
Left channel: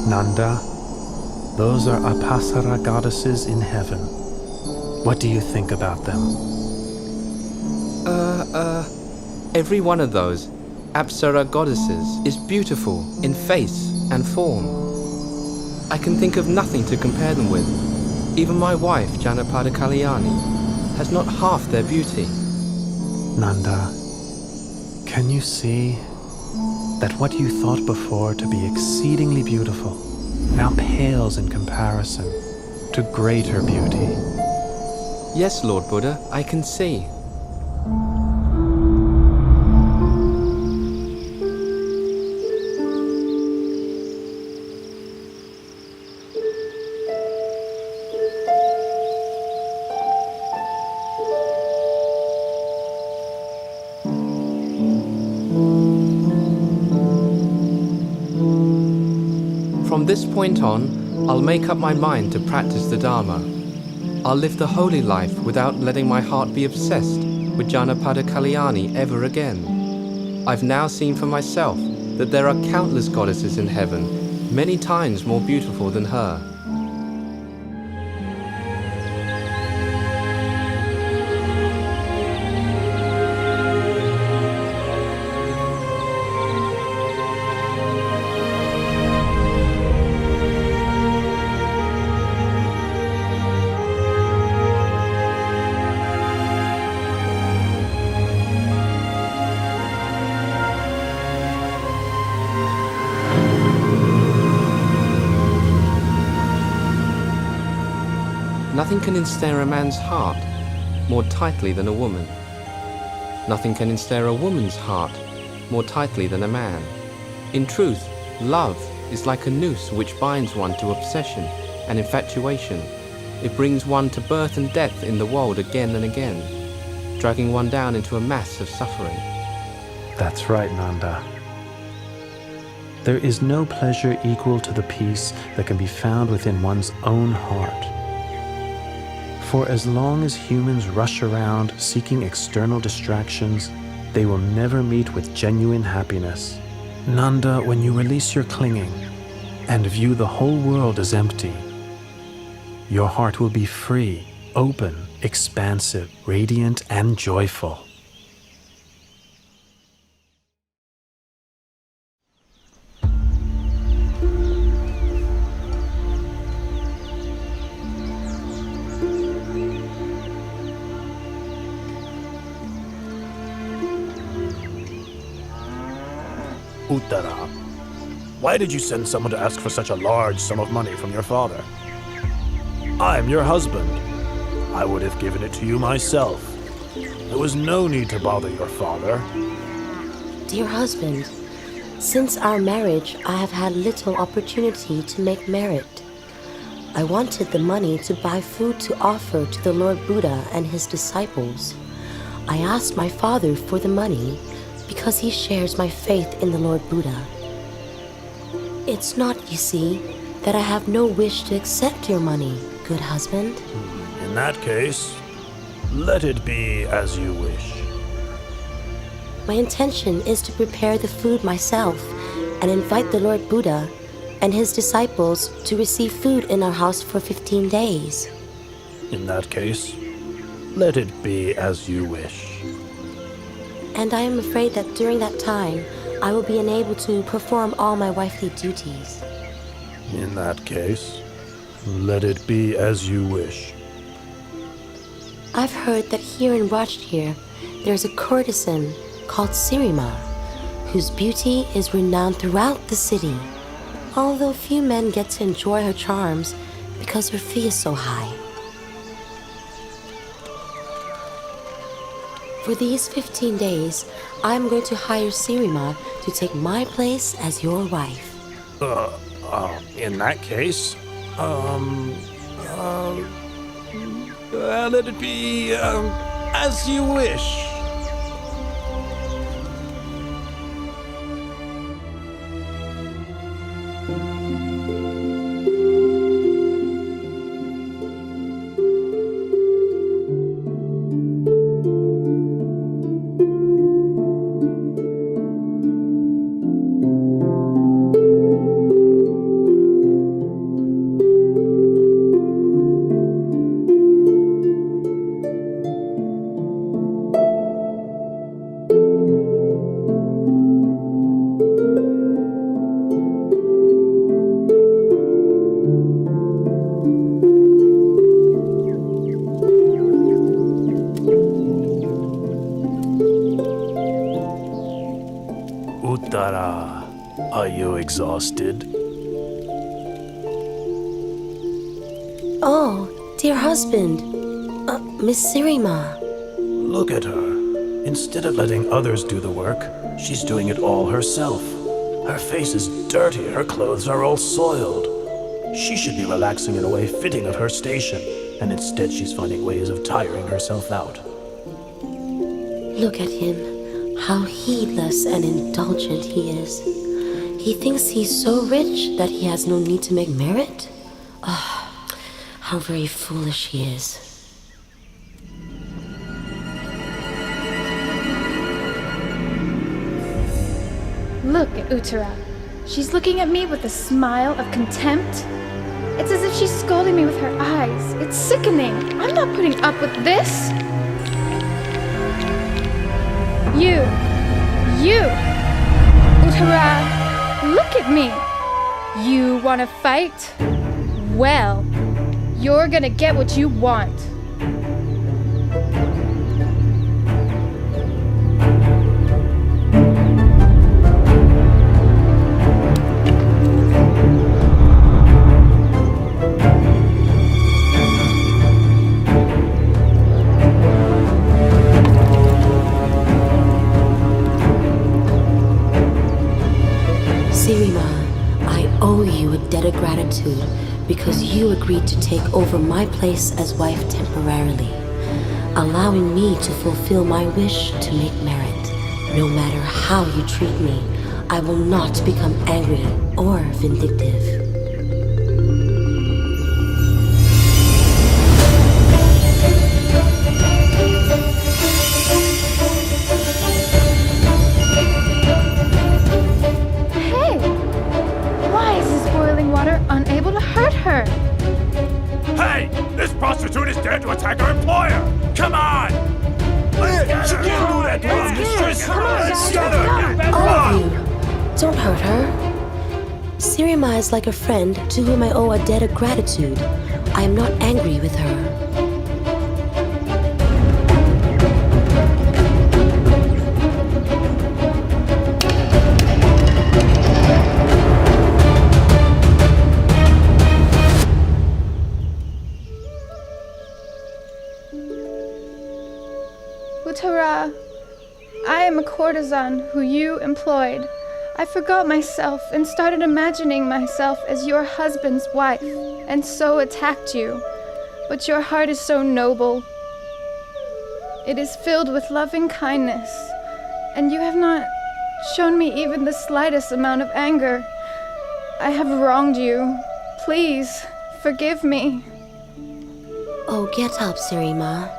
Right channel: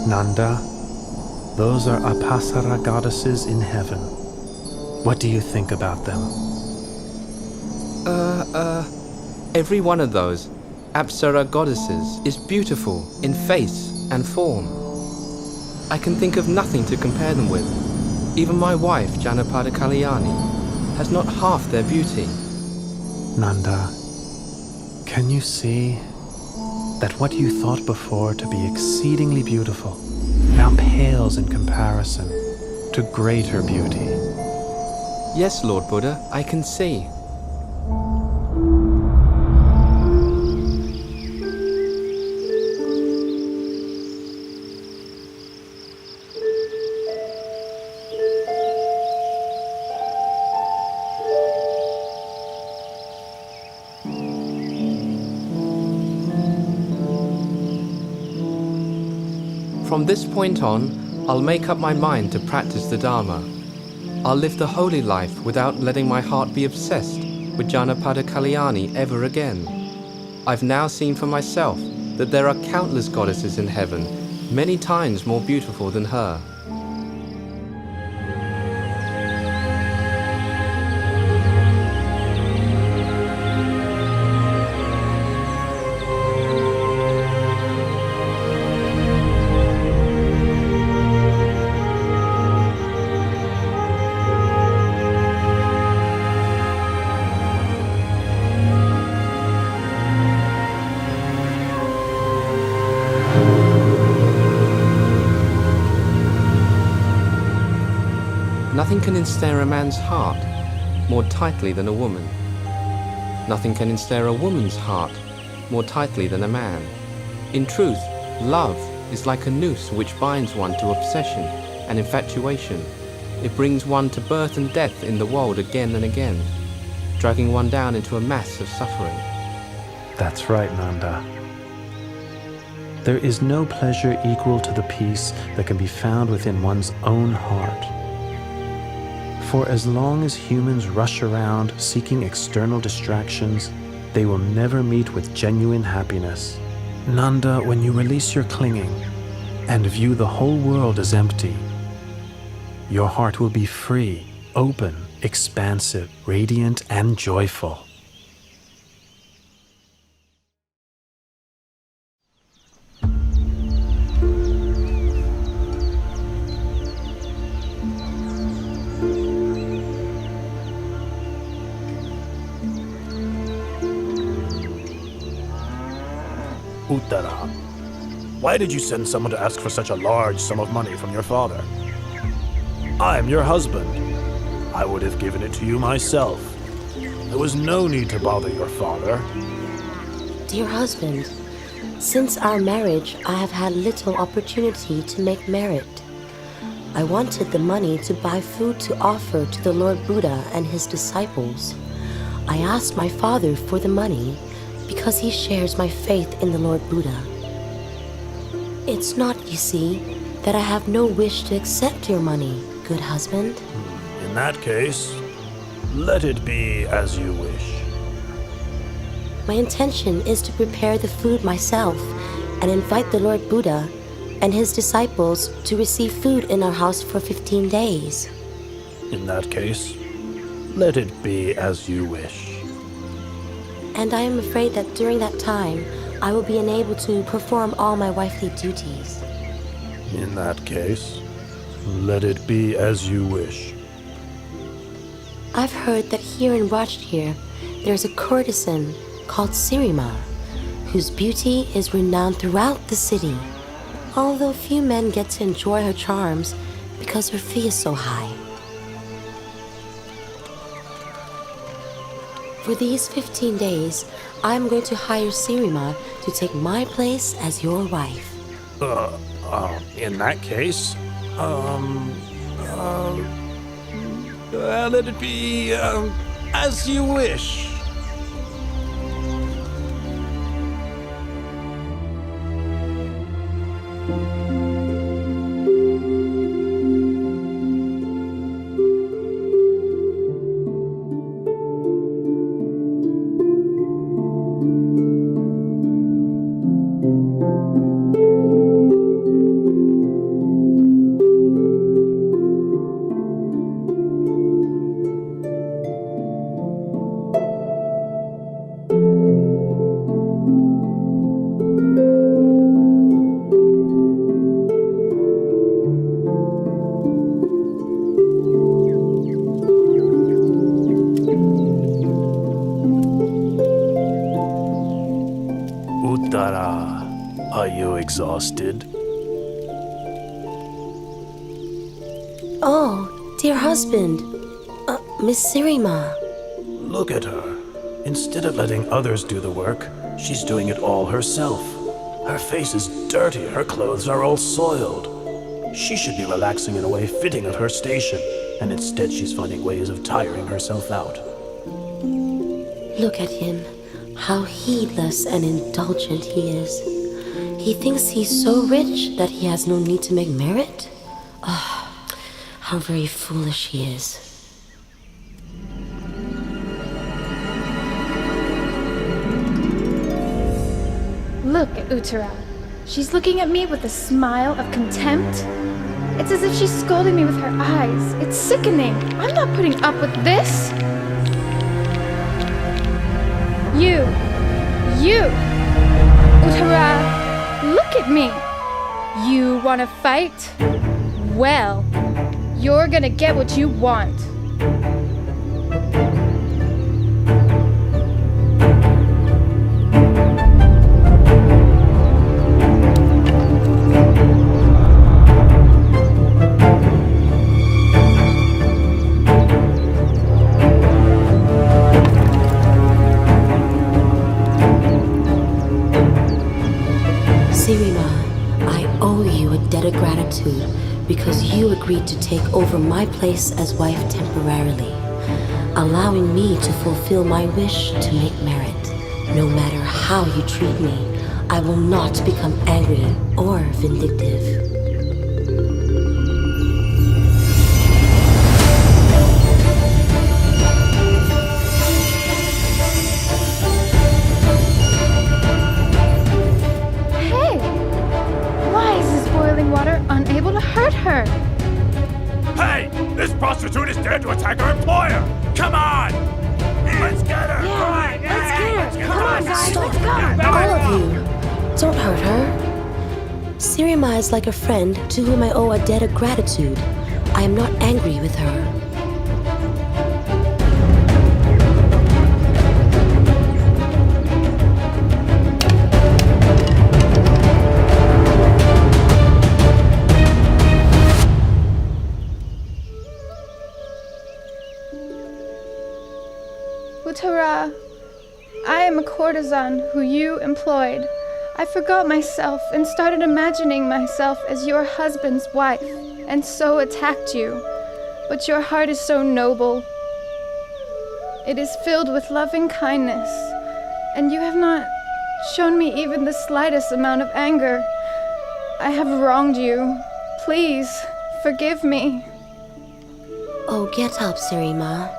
Nanda, those are Apasara goddesses in heaven. What do you think about them? Every one of those Apsara goddesses is beautiful in face and form. I can think of nothing to compare them with. Even my wife, Janapada Kalyani, has not half their beauty. Nanda, can you see that what you thought before to be exceedingly beautiful now pales in comparison to greater beauty? Yes, Lord Buddha, I can see. From this point on, I'll make up my mind to practice the Dharma. I'll live the holy life without letting my heart be obsessed with Janapada Kalyani ever again. I've now seen for myself that there are countless goddesses in heaven, many times more beautiful than her. Nothing can ensnare a man's heart more tightly than a woman. Nothing can ensnare a woman's heart more tightly than a man. In truth, love is like a noose which binds one to obsession and infatuation. It brings one to birth and death in the world again and again, dragging one down into a mass of suffering. That's right, Nanda. There is no pleasure equal to the peace that can be found within one's own heart. For as long as humans rush around seeking external distractions, they will never meet with genuine happiness. Nanda, when you release your clinging and view the whole world as empty, your heart will be free, open, expansive, radiant, and joyful. Uttara, why did you send someone to ask for such a large sum of money from your father? I am your husband. I would have given it to you myself. There was no need to bother your father. Dear husband, since our marriage, I have had little opportunity to make merit. I wanted the money to buy food to offer to the Lord Buddha and his disciples. I asked my father for the money because he shares my faith in the Lord Buddha. It's not, you see, that I have no wish to accept your money, good husband. In that case, let it be as you wish. My intention is to prepare the food myself and invite the Lord Buddha and his disciples to receive food in our house for 15 days. In that case, let it be as you wish. And I am afraid that during that time, I will be unable to perform all my wifely duties. In that case, let it be as you wish. I've heard that here in Rajgir, there's a courtesan called Sirima, whose beauty is renowned throughout the city, although few men get to enjoy her charms because her fee is so high. For these 15 days, I'm going to hire Sirima to take my place as your wife. In that case, let it be, as you wish. Uttara, are you exhausted? Oh, dear husband, Miss Sirima. Look at her. Instead of letting others do the work, she's doing it all herself. Her face is dirty, her clothes are all soiled. She should be relaxing in a way fitting of her station, and instead she's finding ways of tiring herself out. Look at him. How heedless and indulgent he is. He thinks he's so rich that he has no need to make merit? Ah, how very foolish he is. Look at Uttara. She's looking at me with a smile of contempt. It's as if she's scolding me with her eyes. It's sickening. I'm not putting up with this. You, Uttara, look at me. You want to fight? Well, you're gonna get what you want. Sirima, I owe you a debt of gratitude because you agreed to take over my place as wife temporarily, allowing me to fulfill my wish to make merit. No matter how you treat me, I will not become angry or vindictive. Unable to hurt her. Hey! This prostitute is dared to attack our employer! Come on! Let's get her! Yeah, let's get her! Come on, guys, let's go! All of you, don't hurt her. Sirima is like a friend to whom I owe a debt of gratitude. I am not angry with her. Uttara, I am a courtesan who you employed. I forgot myself and started imagining myself as your husband's wife, and so attacked you. But your heart is so noble. It is filled with loving kindness, and you have not shown me even the slightest amount of anger. I have wronged you. Please, forgive me. Oh, get up, Sirima.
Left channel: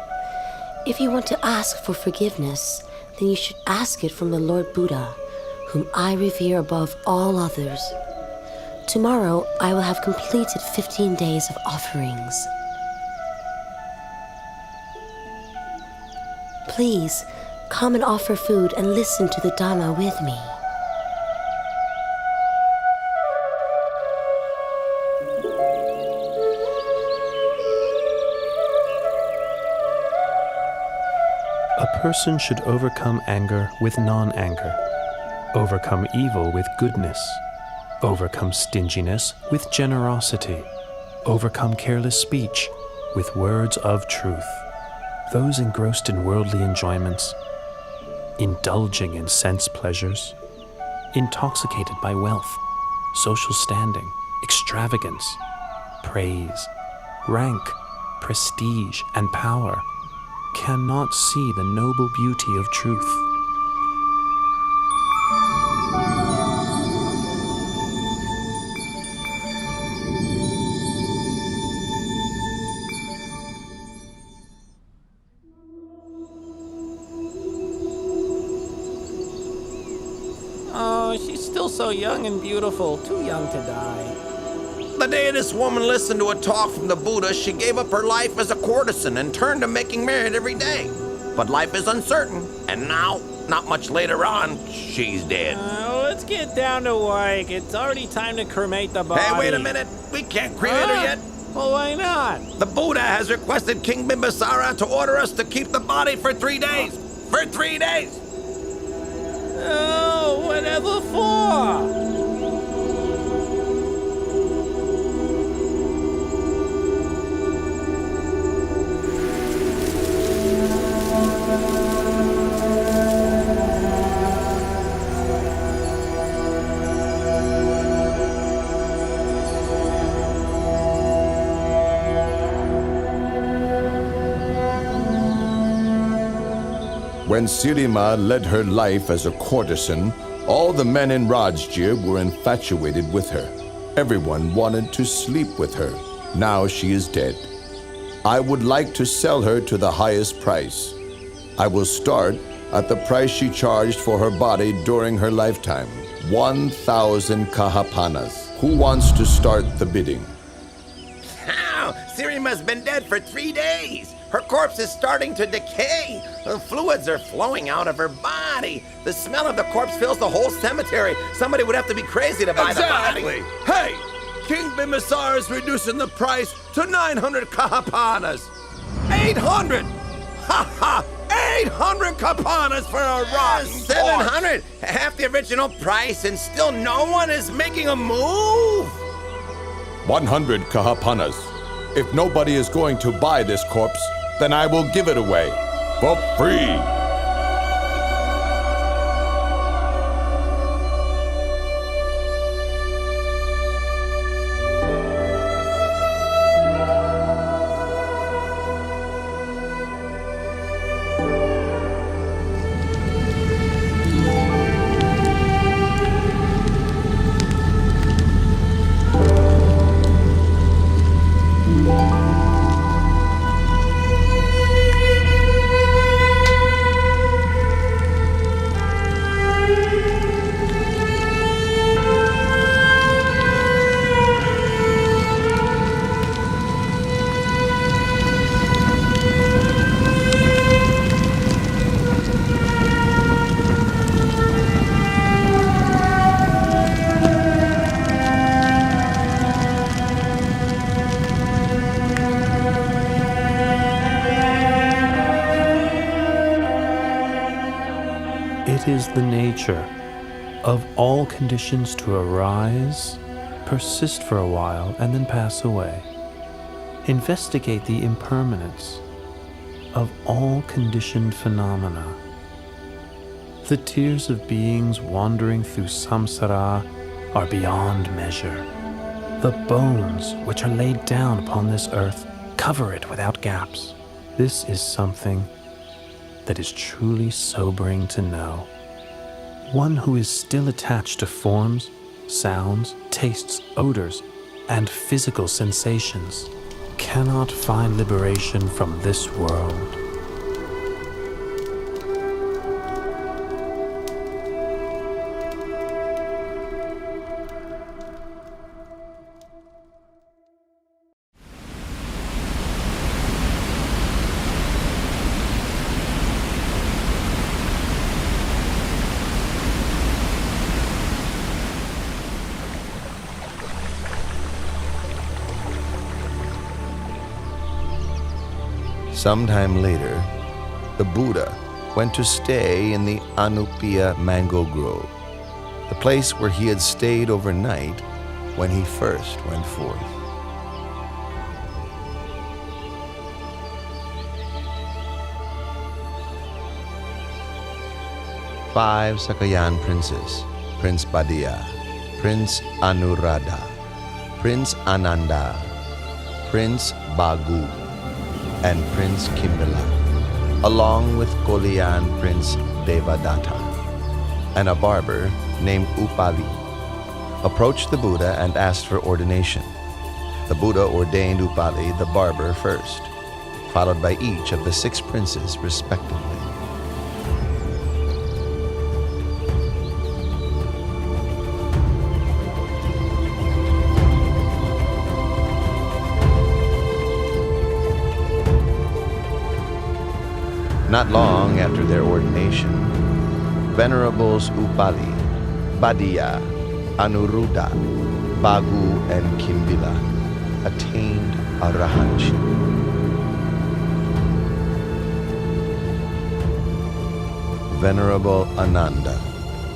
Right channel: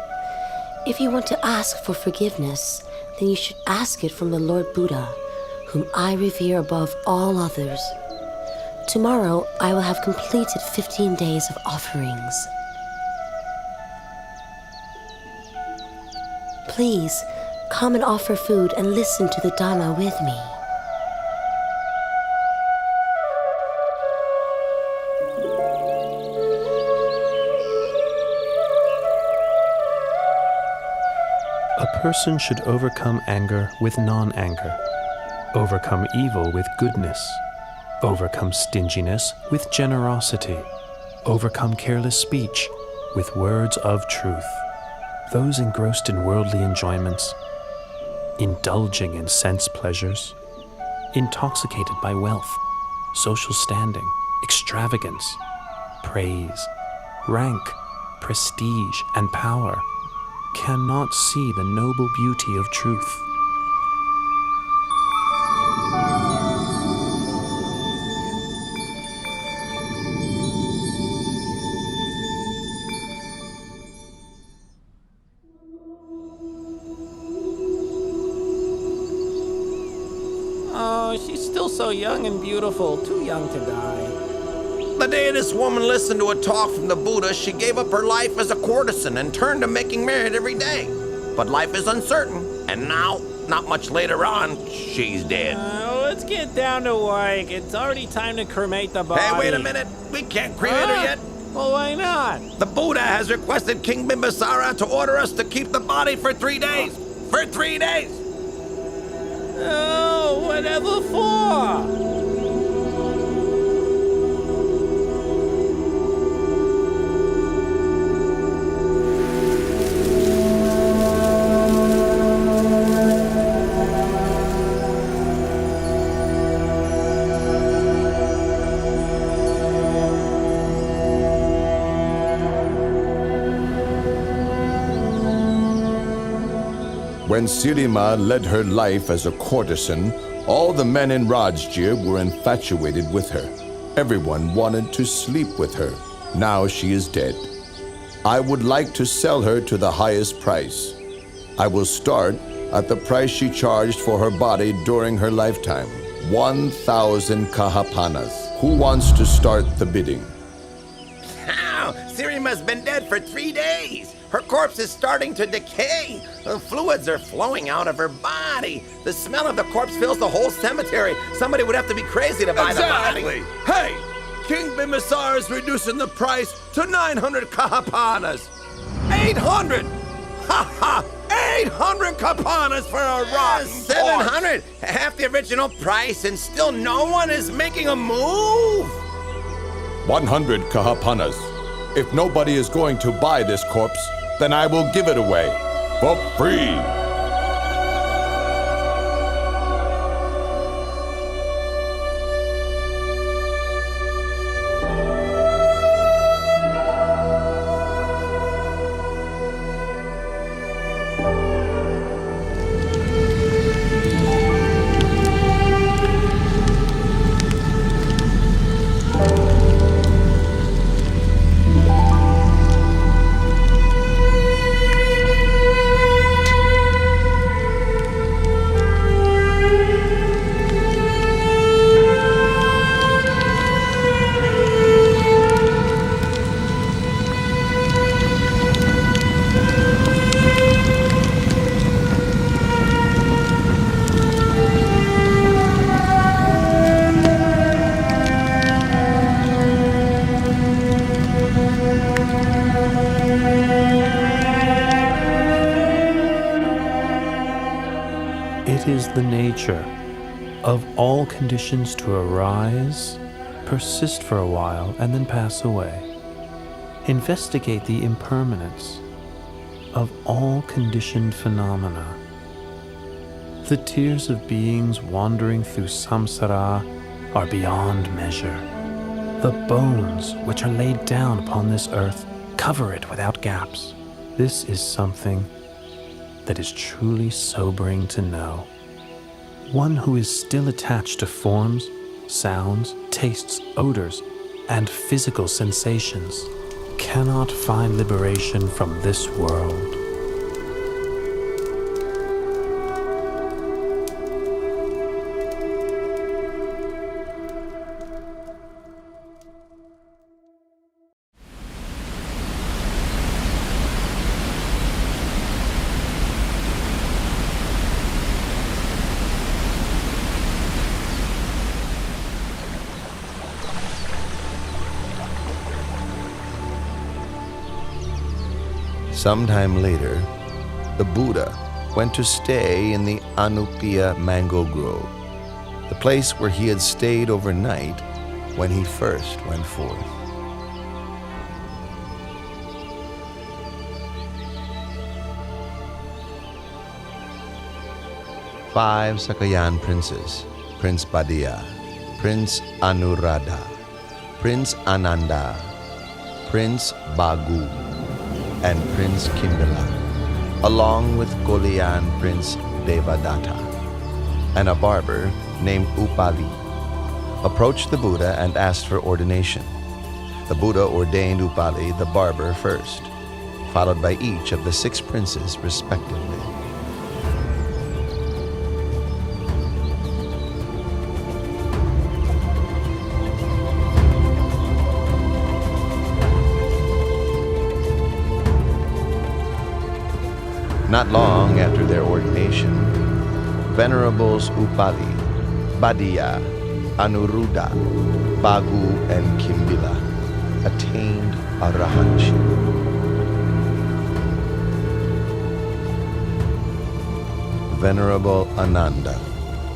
If you want to ask for forgiveness, then you should ask it from the Lord Buddha, whom I revere above all others. Tomorrow, I will have completed 15 days of offerings. Please, come and offer food and listen to the Dhamma with me. A person should overcome anger with non-anger, overcome evil with goodness, overcome stinginess with generosity, overcome careless speech with words of truth. Those engrossed in worldly enjoyments, indulging in sense pleasures, intoxicated by wealth, social standing, extravagance, praise, rank, prestige, and power, cannot see the noble beauty of truth. Oh, she's still so young and beautiful, too young to die. The day this woman listened to a talk from the Buddha, she gave up her life as a courtesan and turned to making merit every day. But life is uncertain, and now, not much later on, she's dead. Let's get down to work. It's already time to cremate the body. Hey, wait a minute. We can't cremate her yet. Well, why not? The Buddha has requested King Bimbisara to order us to keep the body for 3 days. For 3 days! Oh, whatever for? When Sirima led her life as a courtesan, all the men in Rajgir were infatuated with her. Everyone wanted to sleep with her. Now she is dead. I would like to sell her to the highest price. I will start at the price she charged for her body during her lifetime. 1,000 kahapanas. Who wants to start the bidding? How? Sirima's been dead for 3 days. Her corpse is starting to decay. The fluids are flowing out of her body. The smell of the corpse fills the whole cemetery. Somebody would have to be crazy to buy the body. Hey! King Bimasar is reducing the price to 900 kahapanas. 800! Ha ha! 800 kapanas for a rotten 700! Half the original price, and still no one is making a move? 100 kahapanas. If nobody is going to buy this corpse, then I will give it away for free. It is the nature of all conditions to arise, persist for a while, and then pass away. Investigate the impermanence of all conditioned phenomena. The tears of beings wandering through samsara are beyond measure. The bones which are laid down upon this earth cover it without gaps. This is something that is truly sobering to know. One who is still attached to forms, sounds, tastes, odors, and physical sensations cannot find liberation from this world. Sometime later, the Buddha went to stay in the Anupiya mango grove, the place where he had stayed overnight when he first went forth. Five Sakayan princes, Prince Badiya, Prince Anuradha, Prince Ananda, Prince Bagu, and Prince Kimbila, along with Kolian Prince Devadatta, and a barber named Upali, approached the Buddha and asked for ordination. The Buddha ordained Upali the barber first, followed by each of the 6 princes respectively. Not long after their ordination, Venerables Upali, Badiya, Anuruddha, Bagu, and Kimbila attained arahantship. Venerable Ananda,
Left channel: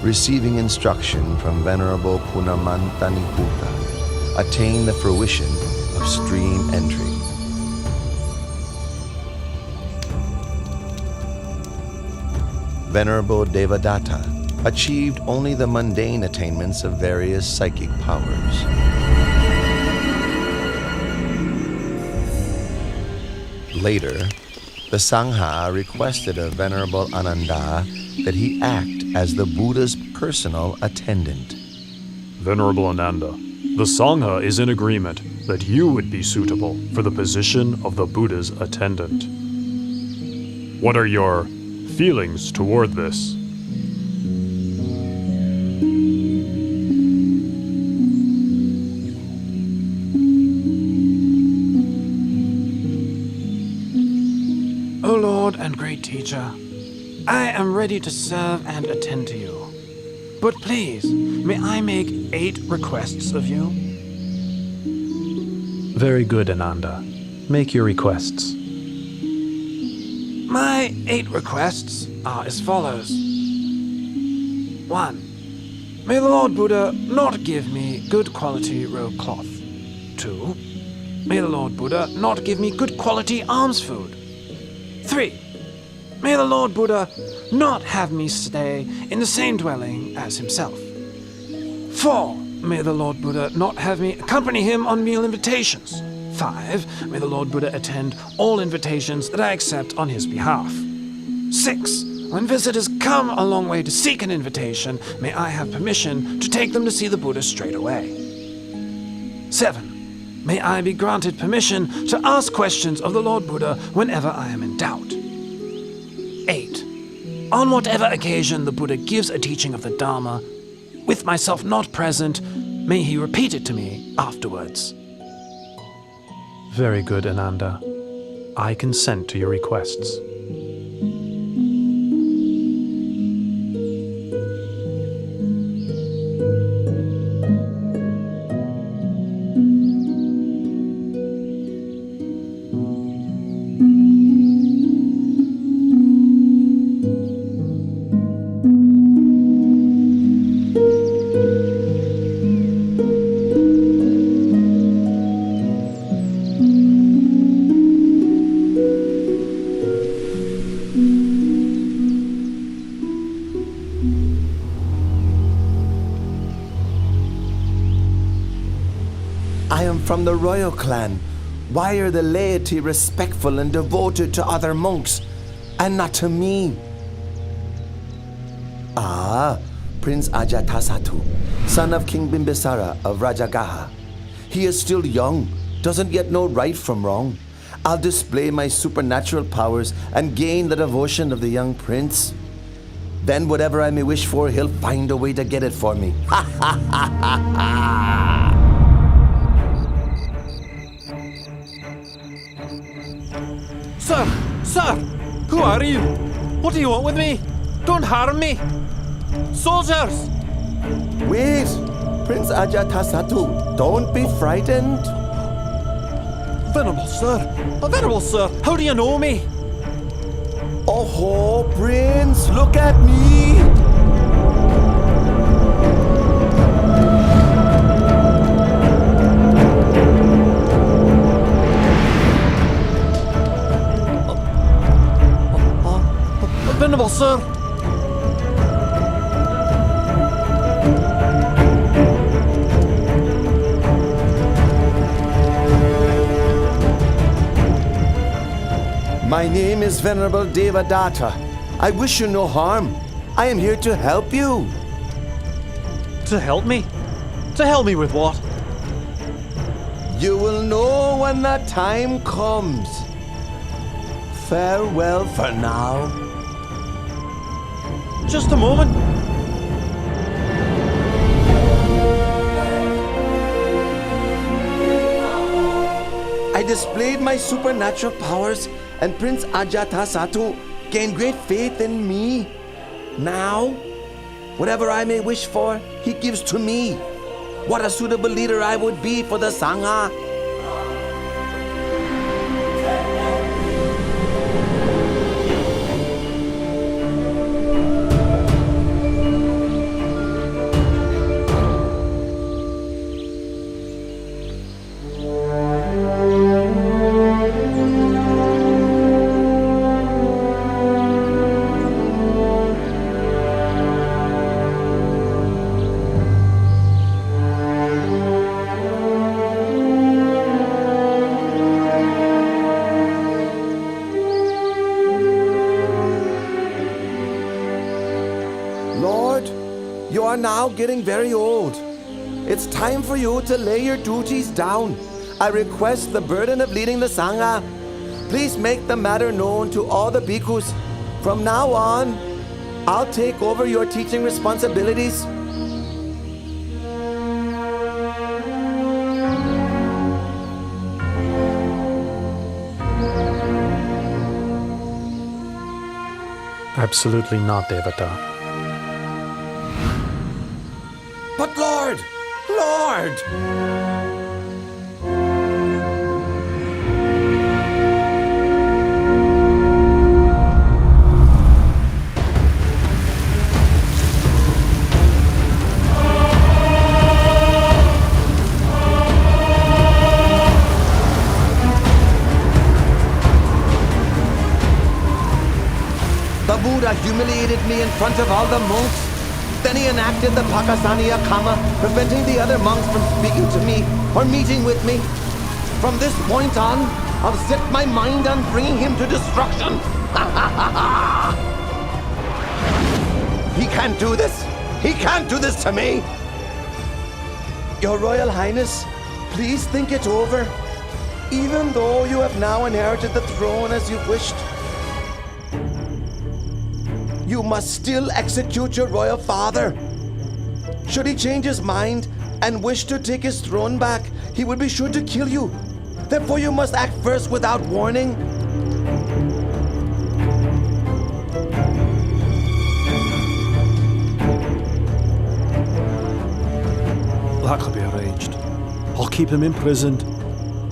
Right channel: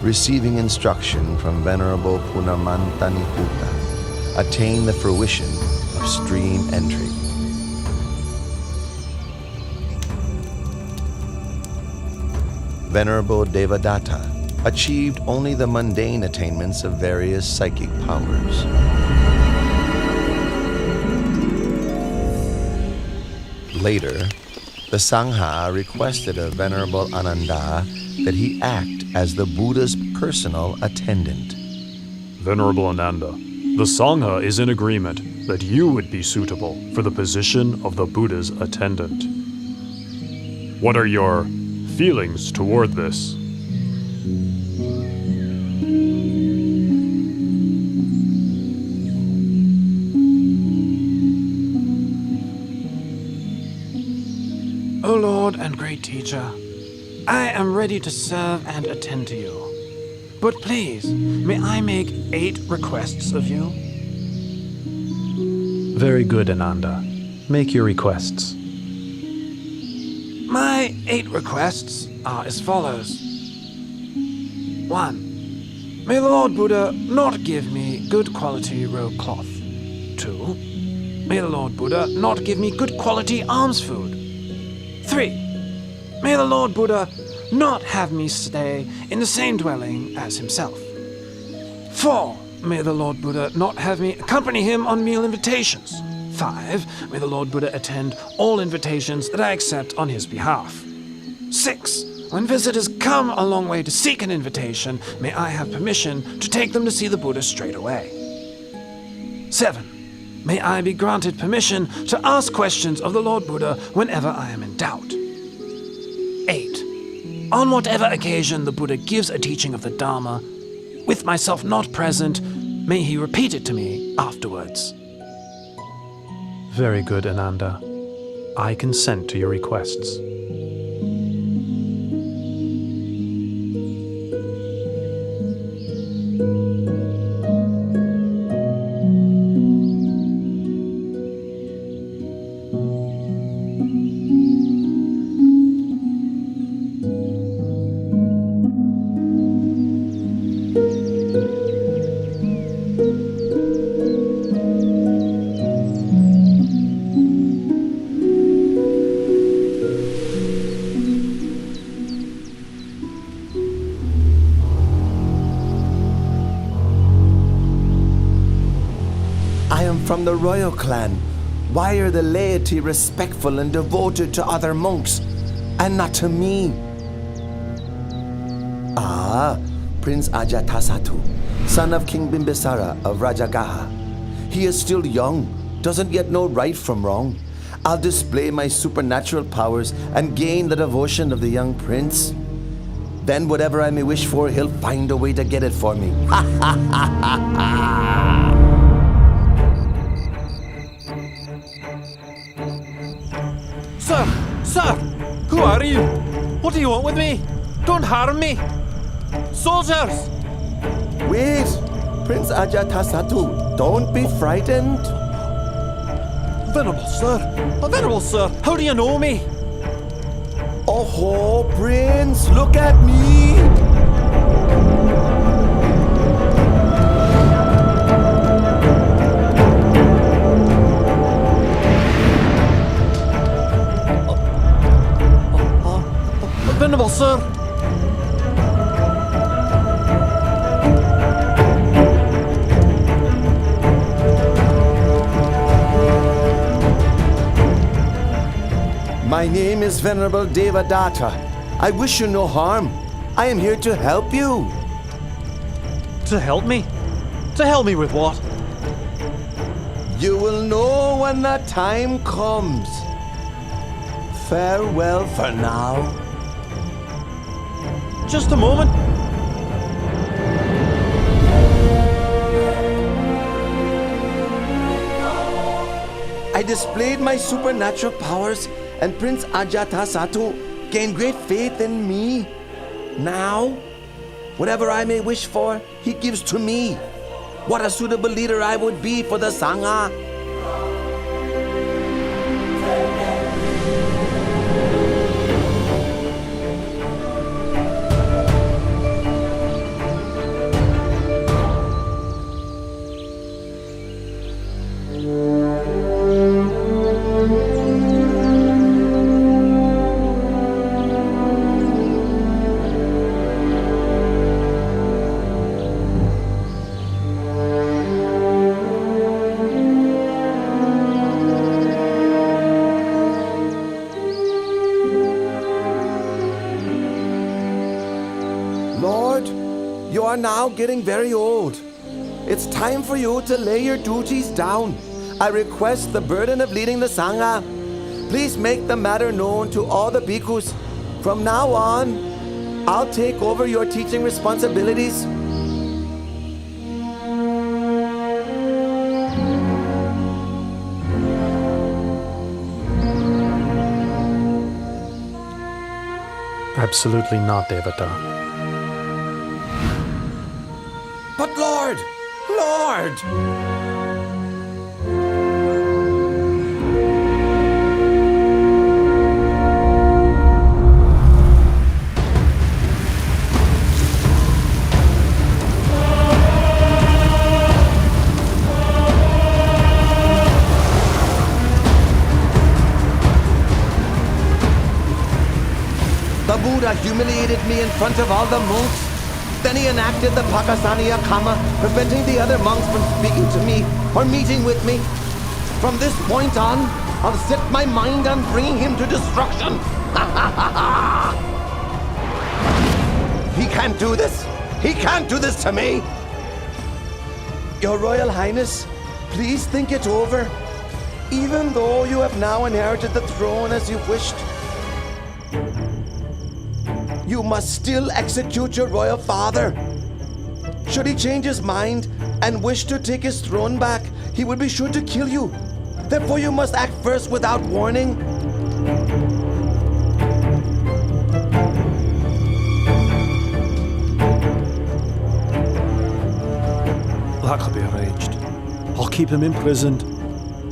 receiving instruction from Venerable Punamantaniputta, attained the fruition of stream entry. Venerable Devadatta achieved only the mundane attainments of various psychic powers. Later, the Sangha requested of Venerable Ananda that he act as the Buddha's personal attendant. Venerable Ananda, the Sangha is in agreement that you would be suitable for the position of the Buddha's attendant. What are your feelings toward this? Lord and great teacher, I am ready to serve and attend to you. But please, may I make 8 requests of you? Very good, Ananda. Make your requests. My 8 requests are as follows. 1. May the Lord Buddha not give me good quality robe cloth. 2. May the Lord Buddha not give me good quality alms food. 3. May the Lord Buddha not have me stay in the same dwelling as himself. 4. May the Lord Buddha not have me accompany him on meal invitations. 5. May the Lord Buddha attend all invitations that I accept on his behalf. 6. When visitors come a long way to seek an invitation, may I have permission to take them to see the Buddha straight away. 7. May I be granted permission to ask questions of the Lord Buddha whenever I am in doubt. 8. On whatever occasion the Buddha gives a teaching of the Dharma, with myself not present, may he repeat it to me afterwards. Very good, Ananda. I consent to your requests. I am from the royal clan. Why are the laity respectful and devoted to other monks and not to me? Prince Ajatasattu, son of King Bimbisara of Rajagaha. He is still young, doesn't yet know right from wrong. I'll display my supernatural powers and gain the devotion of the young prince. Then whatever I may wish for, he'll find a way to get it for me. Ha ha ha ha ha! Sir! Who are you? What do you want with me? Don't harm me! Soldiers! Wait! Prince Ajatasattu, don't be frightened. Venerable sir, how do you know me? Oh, Prince, look at me! Venerable sir! My name is Venerable Devadatta. I wish you no harm. I am here to help you. To help me? To help me with what? You will know when that time comes. Farewell for now. Just a moment. I displayed my supernatural powers and Prince Ajatasattu gained great faith in me. Now, whatever I may wish for, he gives to me. What a suitable leader I would be for the Sangha. Lord, you are now getting very old. It's time for you to lay your duties down. I request the burden of leading the Sangha. Please make the matter known to all the bhikkhus. From now on, I'll take over your teaching responsibilities. Absolutely not, Devata. But Lord! Lord! The Buddha humiliated me in front of all the monks. Then he enacted the Pakasaniya Kama, preventing the other monks from speaking to me or meeting with me. From this point on, I'll set my mind on bringing him to destruction. He can't do this. He can't do this to me. Your Royal Highness, please think it over. Even though you have now inherited the throne as you wished, you must still execute your royal father. Should he change his mind and wish to take his throne back, he will be sure to kill you. Therefore, you must act first without warning. That could be arranged. I'll keep him imprisoned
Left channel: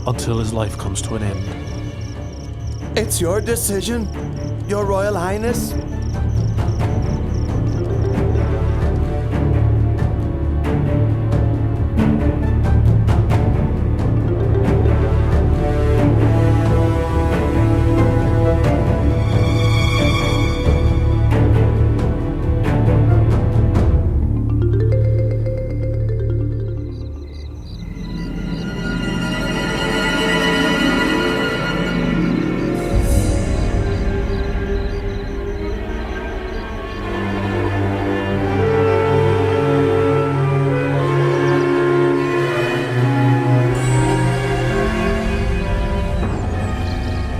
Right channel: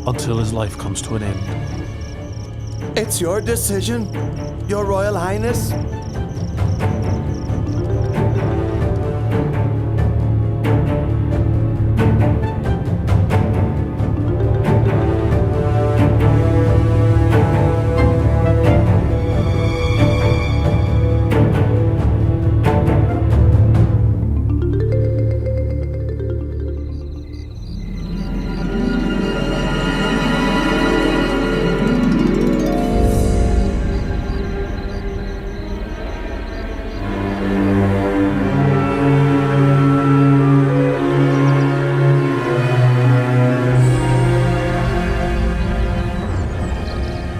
until his life comes to an end. It's your decision, Your Royal Highness.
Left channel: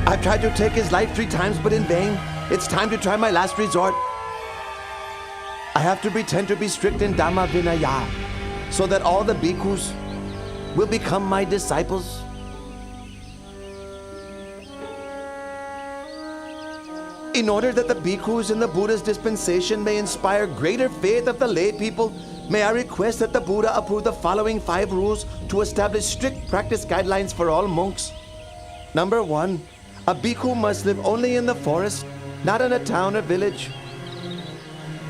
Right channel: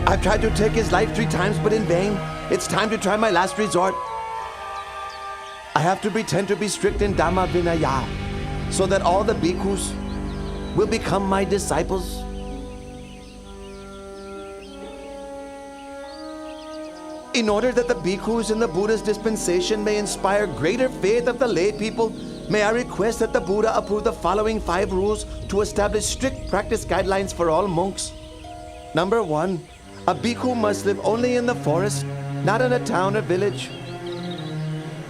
I've tried to take his life 3 times, but in vain. It's time to try my last resort. I have to pretend to be strict in Dhamma Vinaya, so that all the bhikkhus will become my disciples. In order that the bhikkhus in the Buddha's dispensation may inspire greater faith of the lay people, may I request that the Buddha approve the following 5 rules to establish strict practice guidelines for all monks. Number 1. A bhikkhu must live only in the forest, not in a town or village.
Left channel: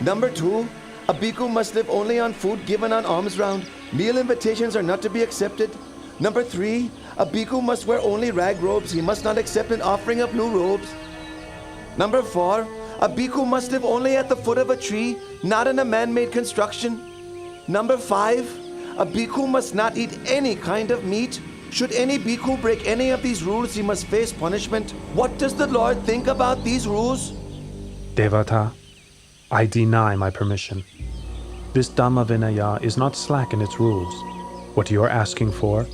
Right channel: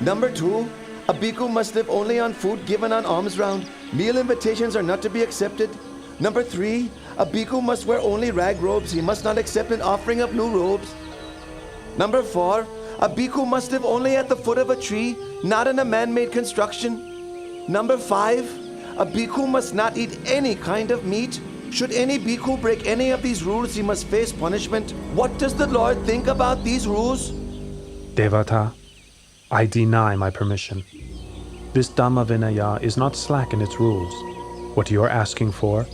Number 2. A bhikkhu must live only on food given on alms round. Meal invitations are not to be accepted. Number 3. A bhikkhu must wear only rag robes. He must not accept an offering of new robes. Number 4. A bhikkhu must live only at the foot of a tree, not in a man-made construction. Number 5. A bhikkhu must not eat any kind of meat. Should any bhikkhu break any of these rules, he must face punishment. What does the Lord think about these rules? Devata, I deny my permission. This Dhamma Vinaya is not slack in its rules. What you are asking for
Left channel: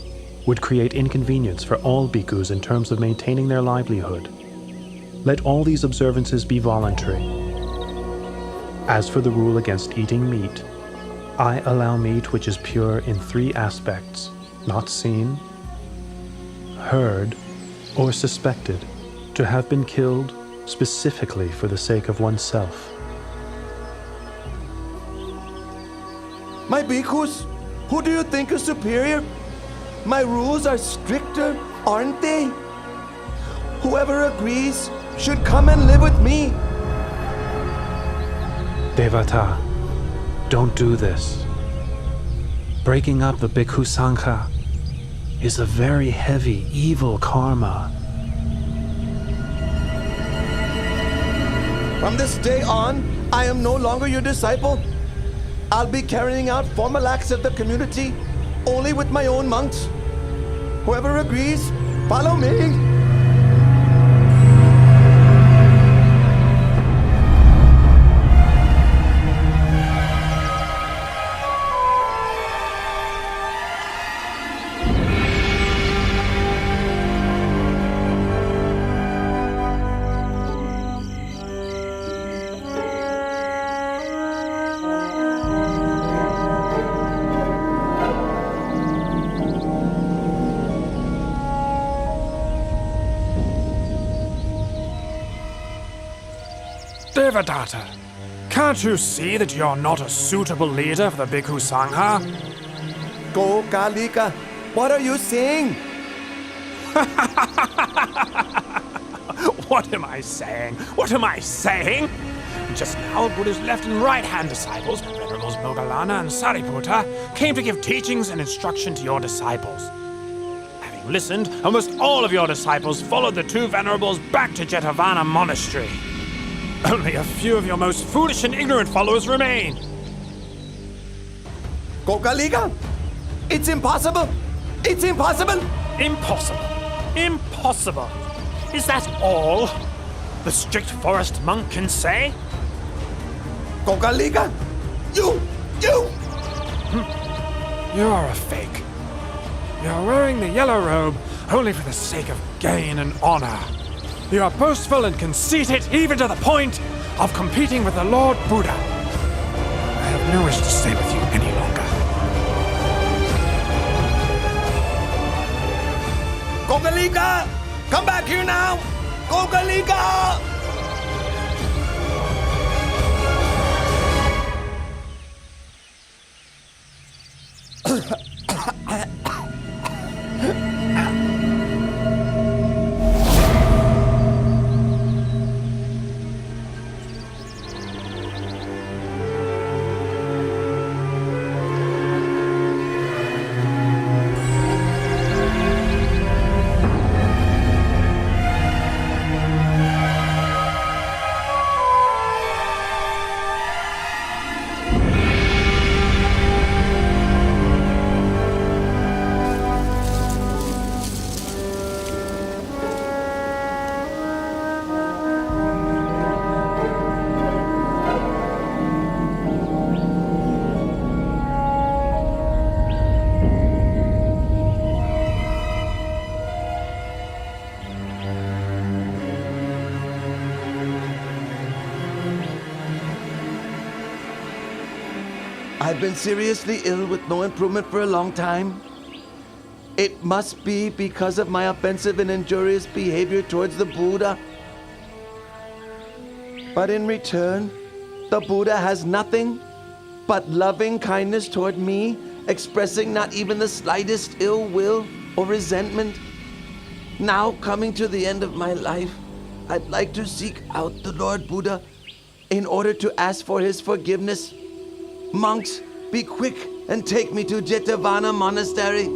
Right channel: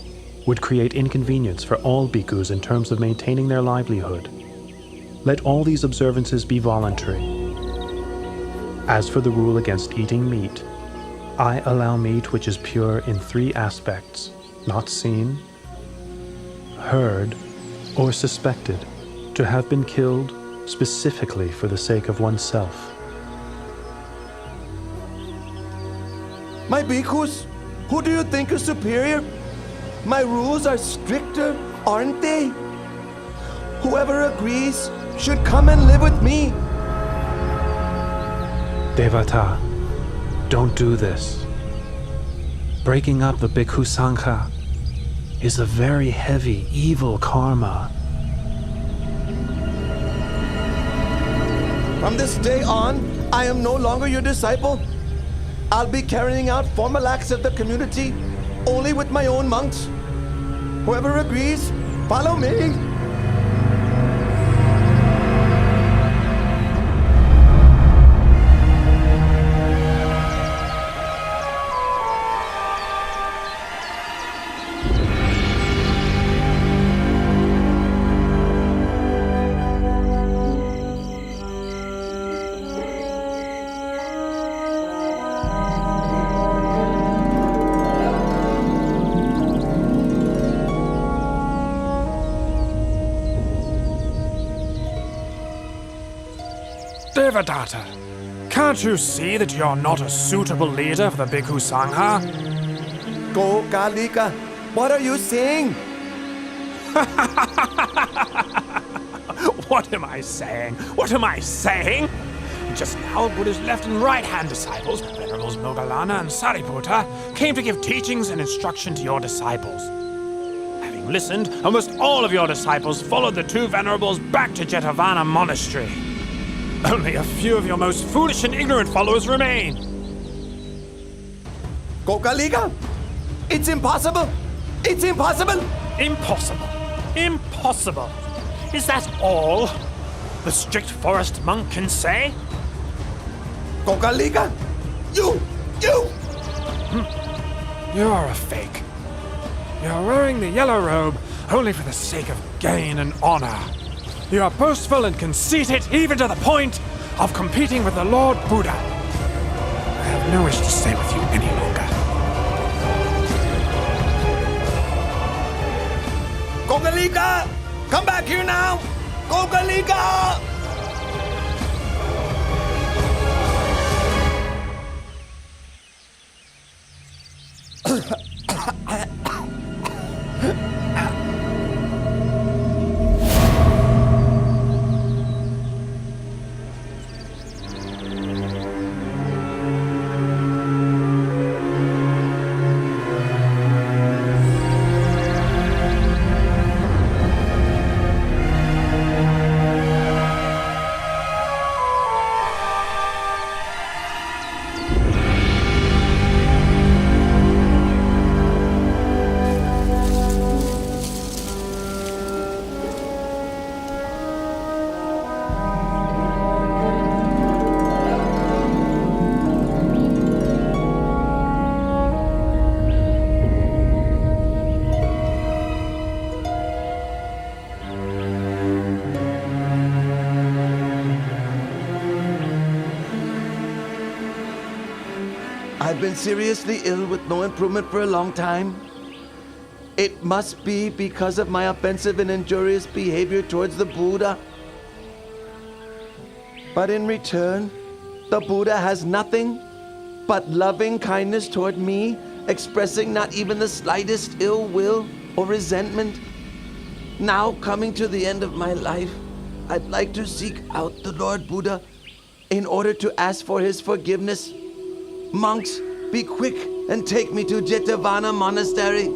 would create inconvenience for all bhikkhus in terms of maintaining their livelihood. Let all these observances be voluntary. As for the rule against eating meat, I allow meat which is pure in 3 aspects, not seen, heard, or suspected to have been killed specifically for the sake of oneself. My bhikkhus, who do you think is superior? My rules are stricter, aren't they? Whoever agrees should come and live with me. Devata, don't do this. Breaking up the Bhikkhu Sangha is a very heavy, evil karma. From this day on, I am no longer your disciple. I'll be carrying out formal acts of the community only with my own monks. Whoever agrees, follow me. Devadatta, can't you see that you're not a suitable leader for the Bhikkhu Sangha? Go Kalika, what are you saying? What am I saying? What am I saying? Just now, Buddha's left and right-hand disciples, Venerables Moggallana and Sariputta, came to give teachings and instruction to your disciples. Having listened, almost all of your disciples followed the two Venerables back to Jetavana Monastery. Only a few of your most foolish and ignorant followers remain. Gokalika, it's impossible! It's impossible! Impossible. Impossible. Is that all the strict forest monk can say? Gokalika, you! You're a fake. You're wearing the yellow robe only for the sake of gain and honor. You are boastful and conceited even to the point of competing with the Lord Buddha. I have no wish to stay with you any longer. Gokalika! Come back here now! Gokalika! I've been seriously ill with no improvement for a long time. It must be because of my offensive and injurious behavior towards the Buddha. But in return, the Buddha has nothing but loving kindness toward me, expressing not even the slightest ill will or resentment. Now, coming to the end of my life, I'd like to seek out the Lord Buddha in order to ask for his forgiveness. Monks, be quick and take me to Jetavana Monastery.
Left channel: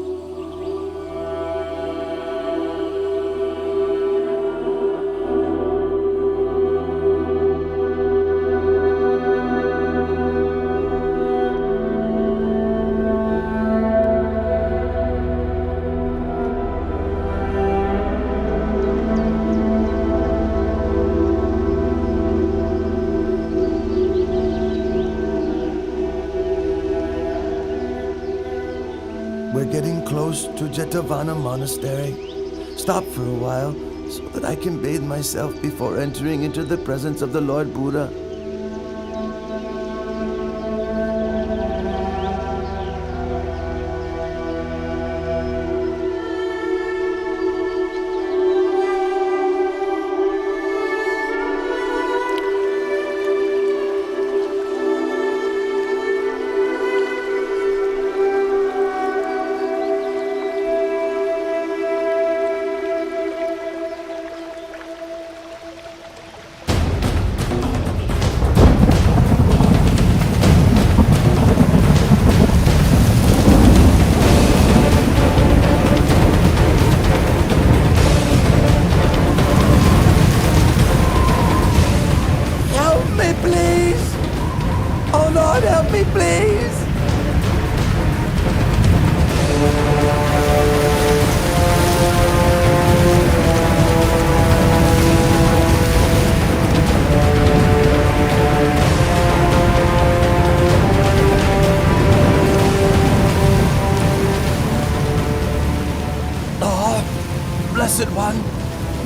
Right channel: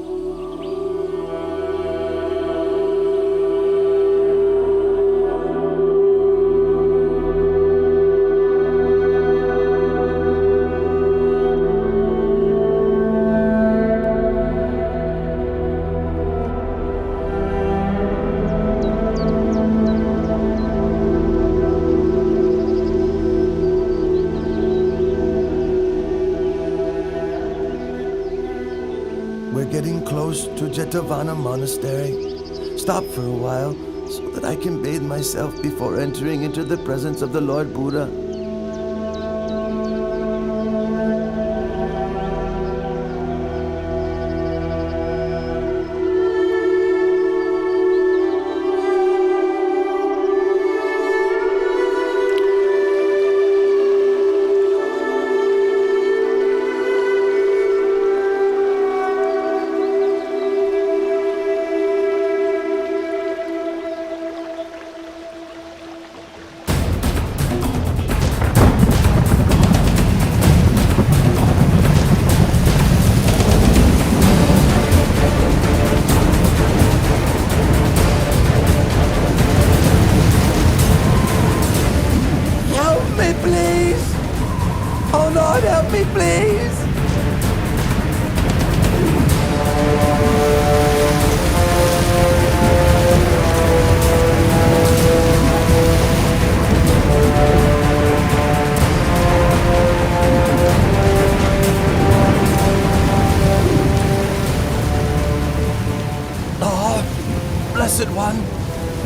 We're getting close to Jetavana Monastery. Stop for a while so that I can bathe myself before entering into the presence of the Lord Buddha. Please! Oh Lord, help me, please! Oh, Blessed One,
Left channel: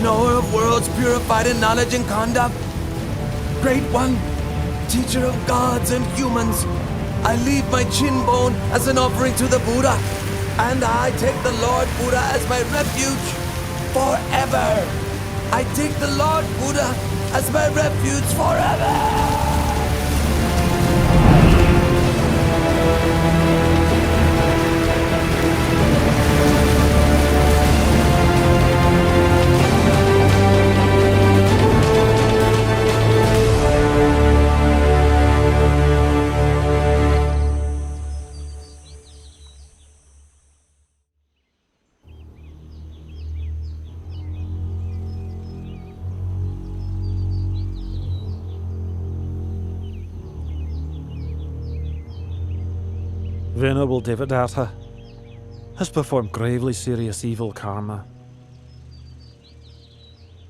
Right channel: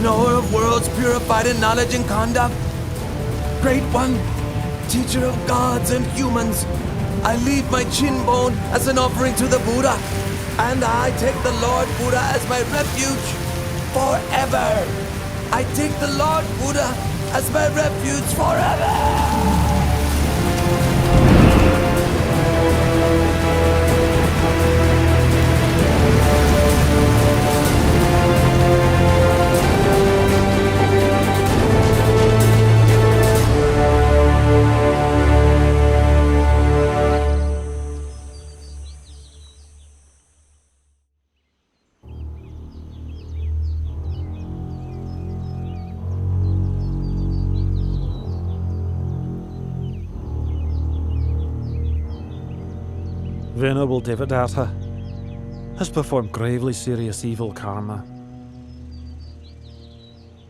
knower of worlds purified in knowledge and conduct, Great One, Teacher of gods and humans, I leave my chin bone as an offering to the Buddha, and I take the Lord Buddha as my refuge forever. I take the Lord Buddha as my refuge forever. Venerable Devadatta has performed gravely serious evil karma.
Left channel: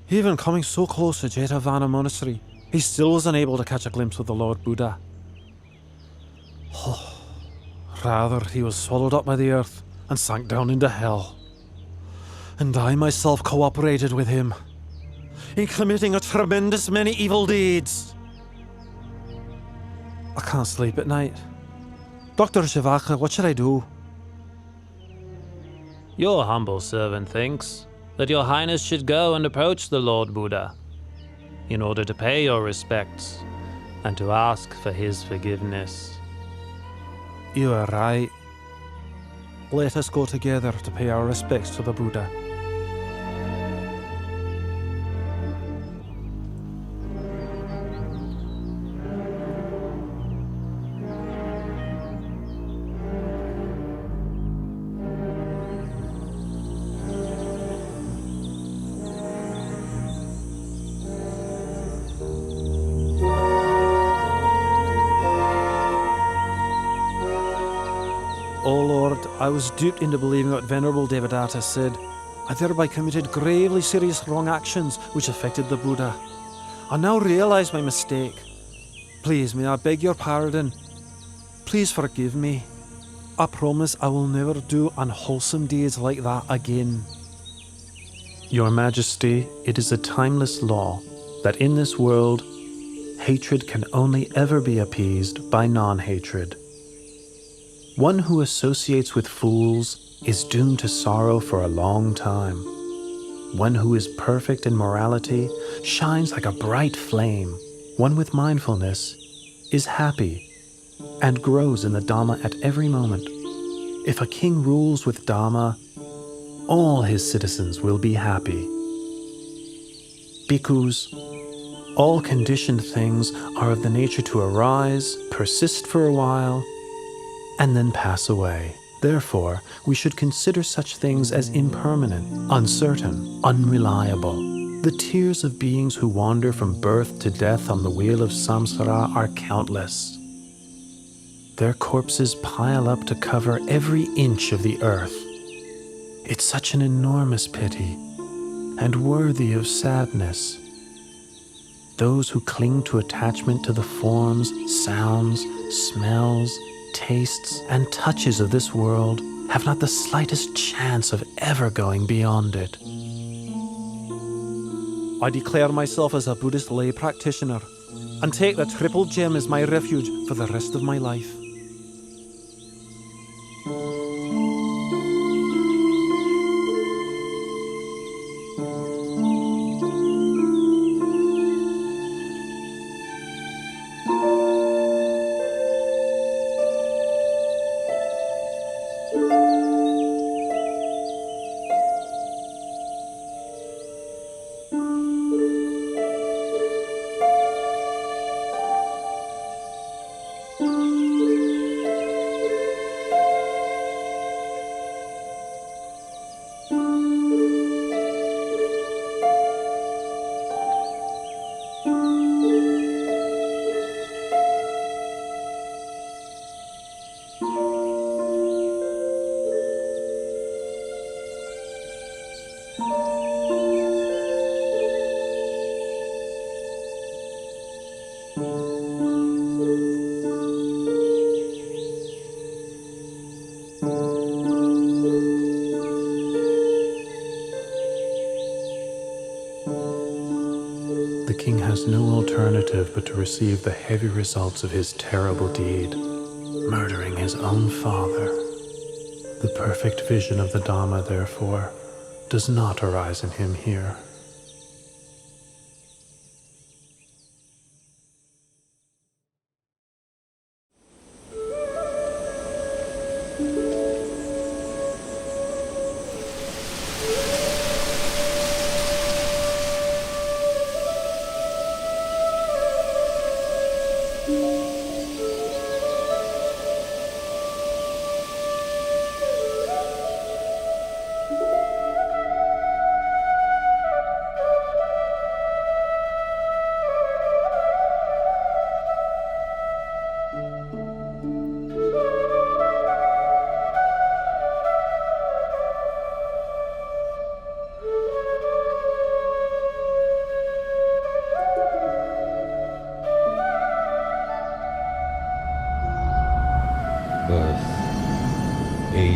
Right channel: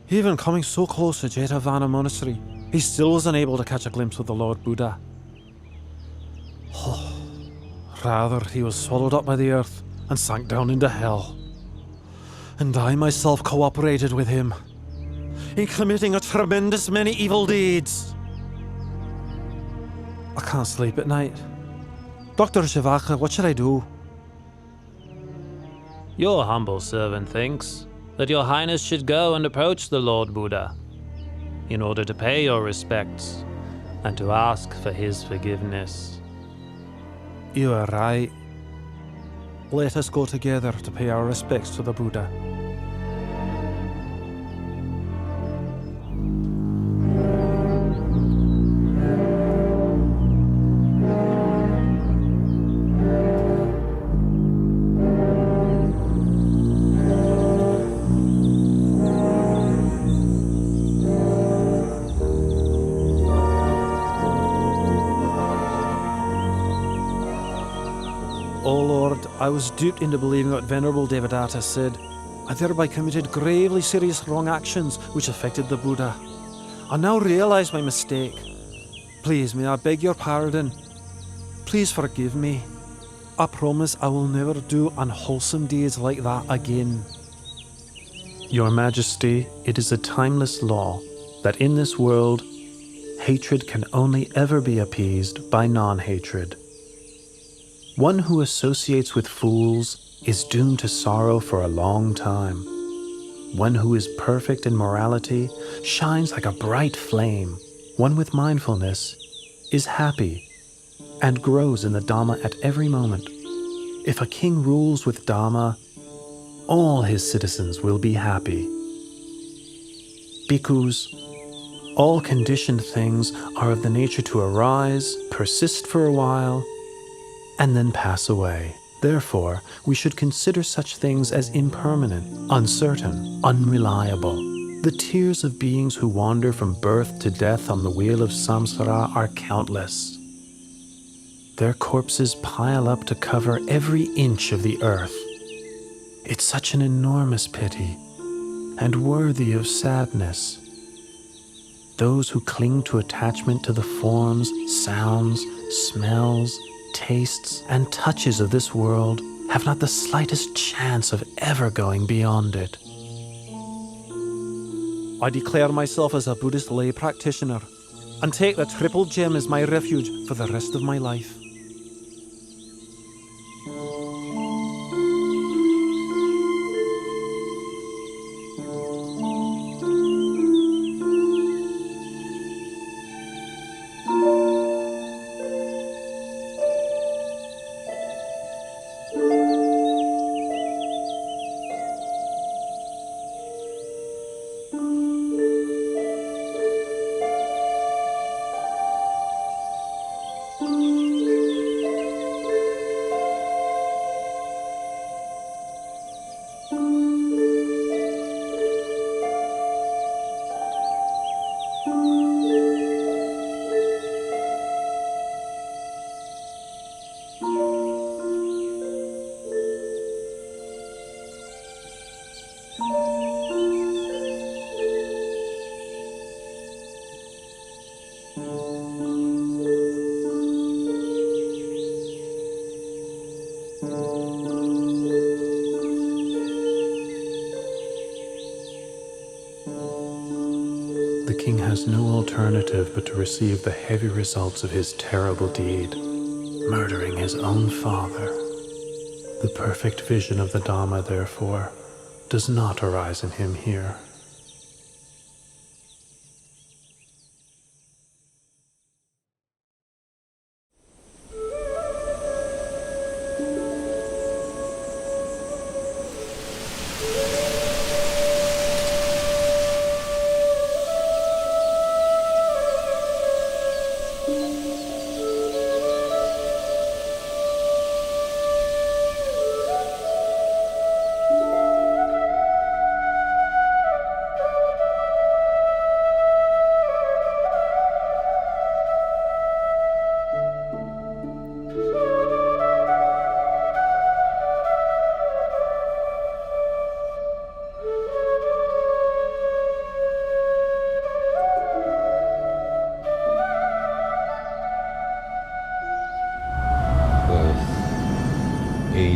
Even coming so close to Jetavana Monastery, he still was unable to catch a glimpse of the Lord Buddha. Rather, he was swallowed up by the earth and sank down into hell. And I myself cooperated with him in committing a tremendous many evil deeds. I can't sleep at night. Dr. Shivaka, what should I do? Your humble servant thinks that your highness should go and approach the Lord Buddha in order to pay your respects and to ask for his forgiveness. You are right. Let us go together to pay our respects to the Buddha. O Lord, I was duped into believing what Venerable Devadatta said. I thereby committed gravely serious wrong actions which affected the Buddha. I now realize my mistake. Please, may I beg your pardon? Please forgive me. I promise I will never do unwholesome deeds like that again. Your Majesty, it is a timeless law that in this world, hatred can only ever be appeased by non-hatred. One who associates with fools is doomed to sorrow for a long time. One who is perfect in morality shines like a bright flame. One with mindfulness is happy and grows in the Dhamma at every moment. If a king rules with Dhamma, all his citizens will be happy. Bhikkhus, all conditioned things are of the nature to arise, persist for a while, and then pass away. Therefore, we should consider such things as impermanent, uncertain, unreliable. The tears of beings who wander from birth to death on the wheel of samsara are countless. Their corpses pile up to cover every inch of the earth. It's such an enormous pity and worthy of sadness. Those who cling to attachment to the forms, sounds, smells, tastes, and touches of this world have not the slightest chance of ever going beyond it. I declare myself as a Buddhist lay practitioner and take the Triple Gem as my refuge for the rest of my life. The king has no alternative but to receive the heavy results of his terrible deed, murdering his own father. The perfect vision of the Dhamma, therefore, does not arise in him here.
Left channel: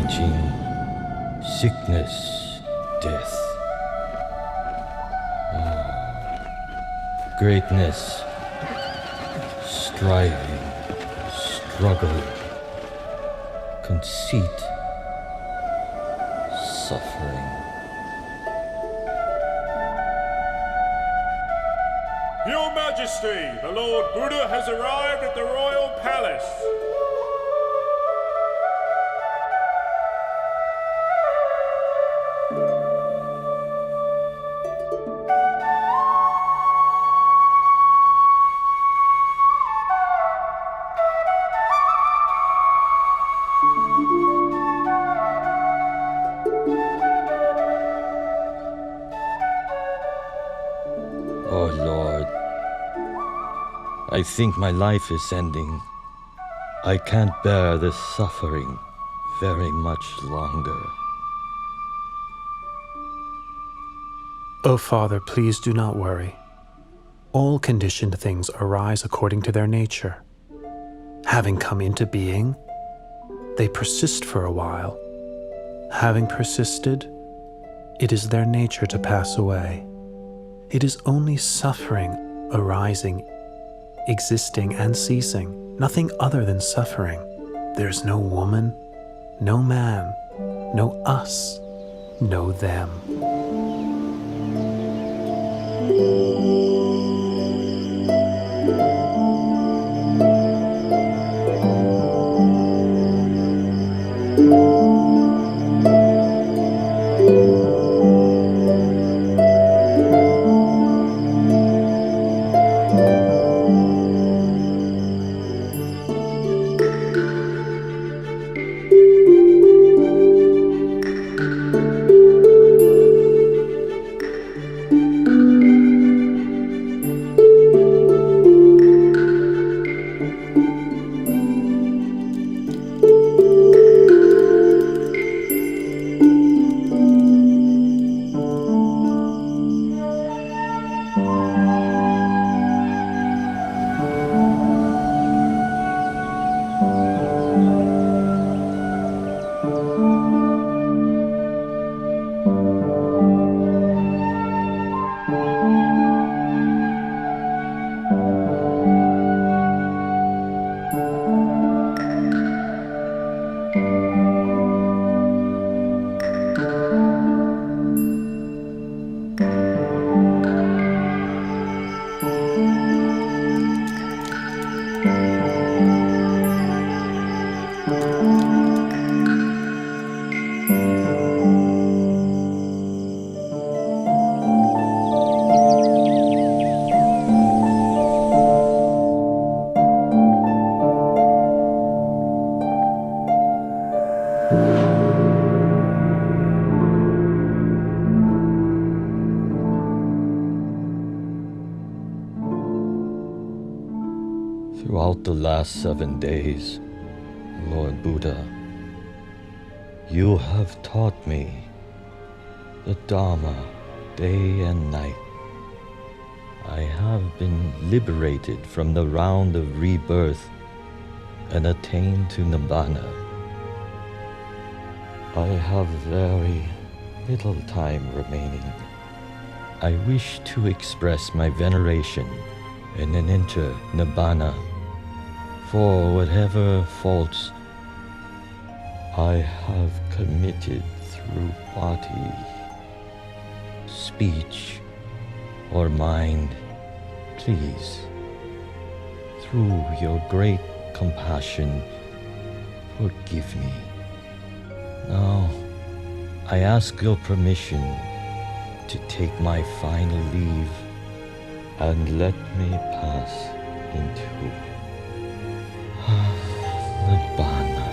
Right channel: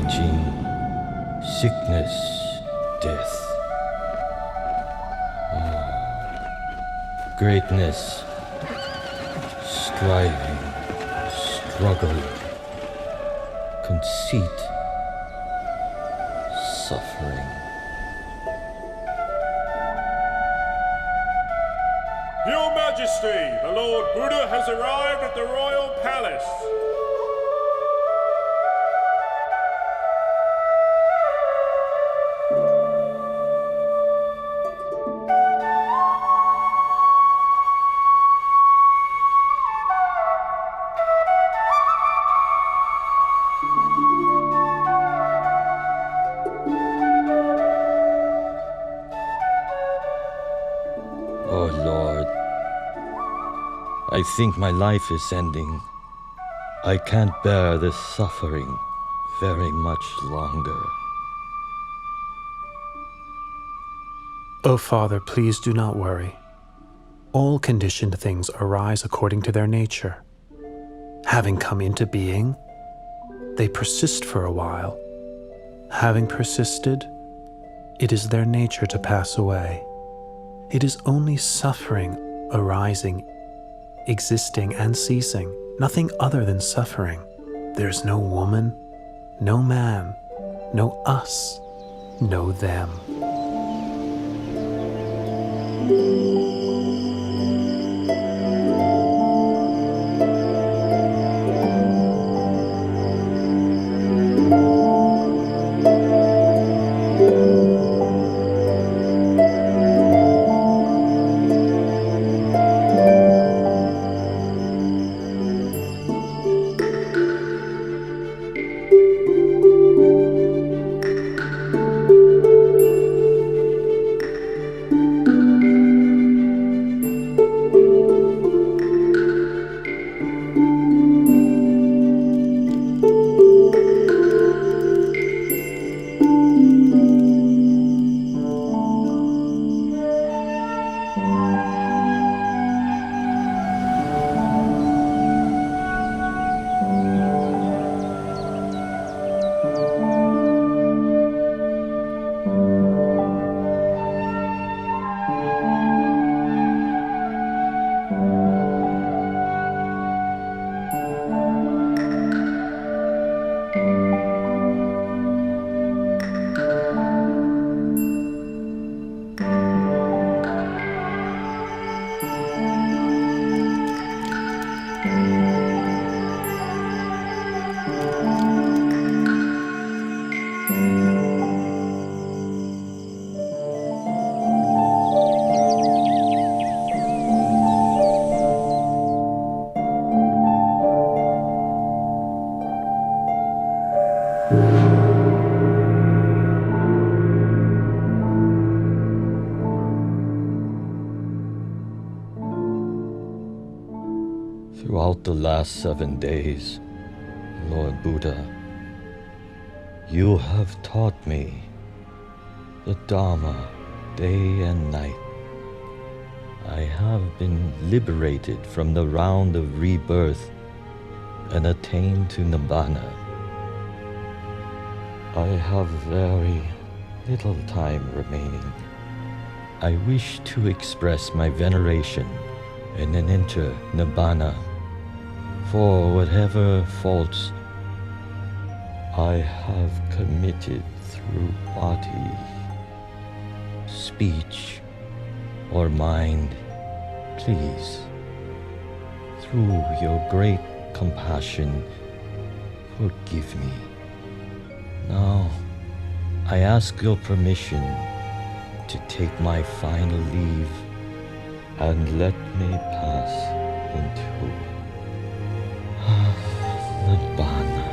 aging, sickness, death. Greatness, striving, struggle, conceit, suffering. Your Majesty, the Lord Buddha has arrived at the royal palace. Oh Lord, I think my life is ending. I can't bear this suffering very much longer. O Father, please do not worry. All conditioned things arise according to their nature. Having come into being, they persist for a while. Having persisted, it is their nature to pass away. It is only suffering arising, existing and ceasing, nothing other than suffering. There's no woman, no man, no us, no them. Throughout the last 7 days, Lord Buddha, you have taught me the Dharma day and night. I have been liberated from the round of rebirth and attained to Nibbana. I have very little time remaining. I wish to express my veneration and then enter Nibbana for whatever faults I have committed through body, speech, or mind. Please, through your great compassion, forgive me. Now, I ask your permission to take my final leave and let me pass into Nibbana.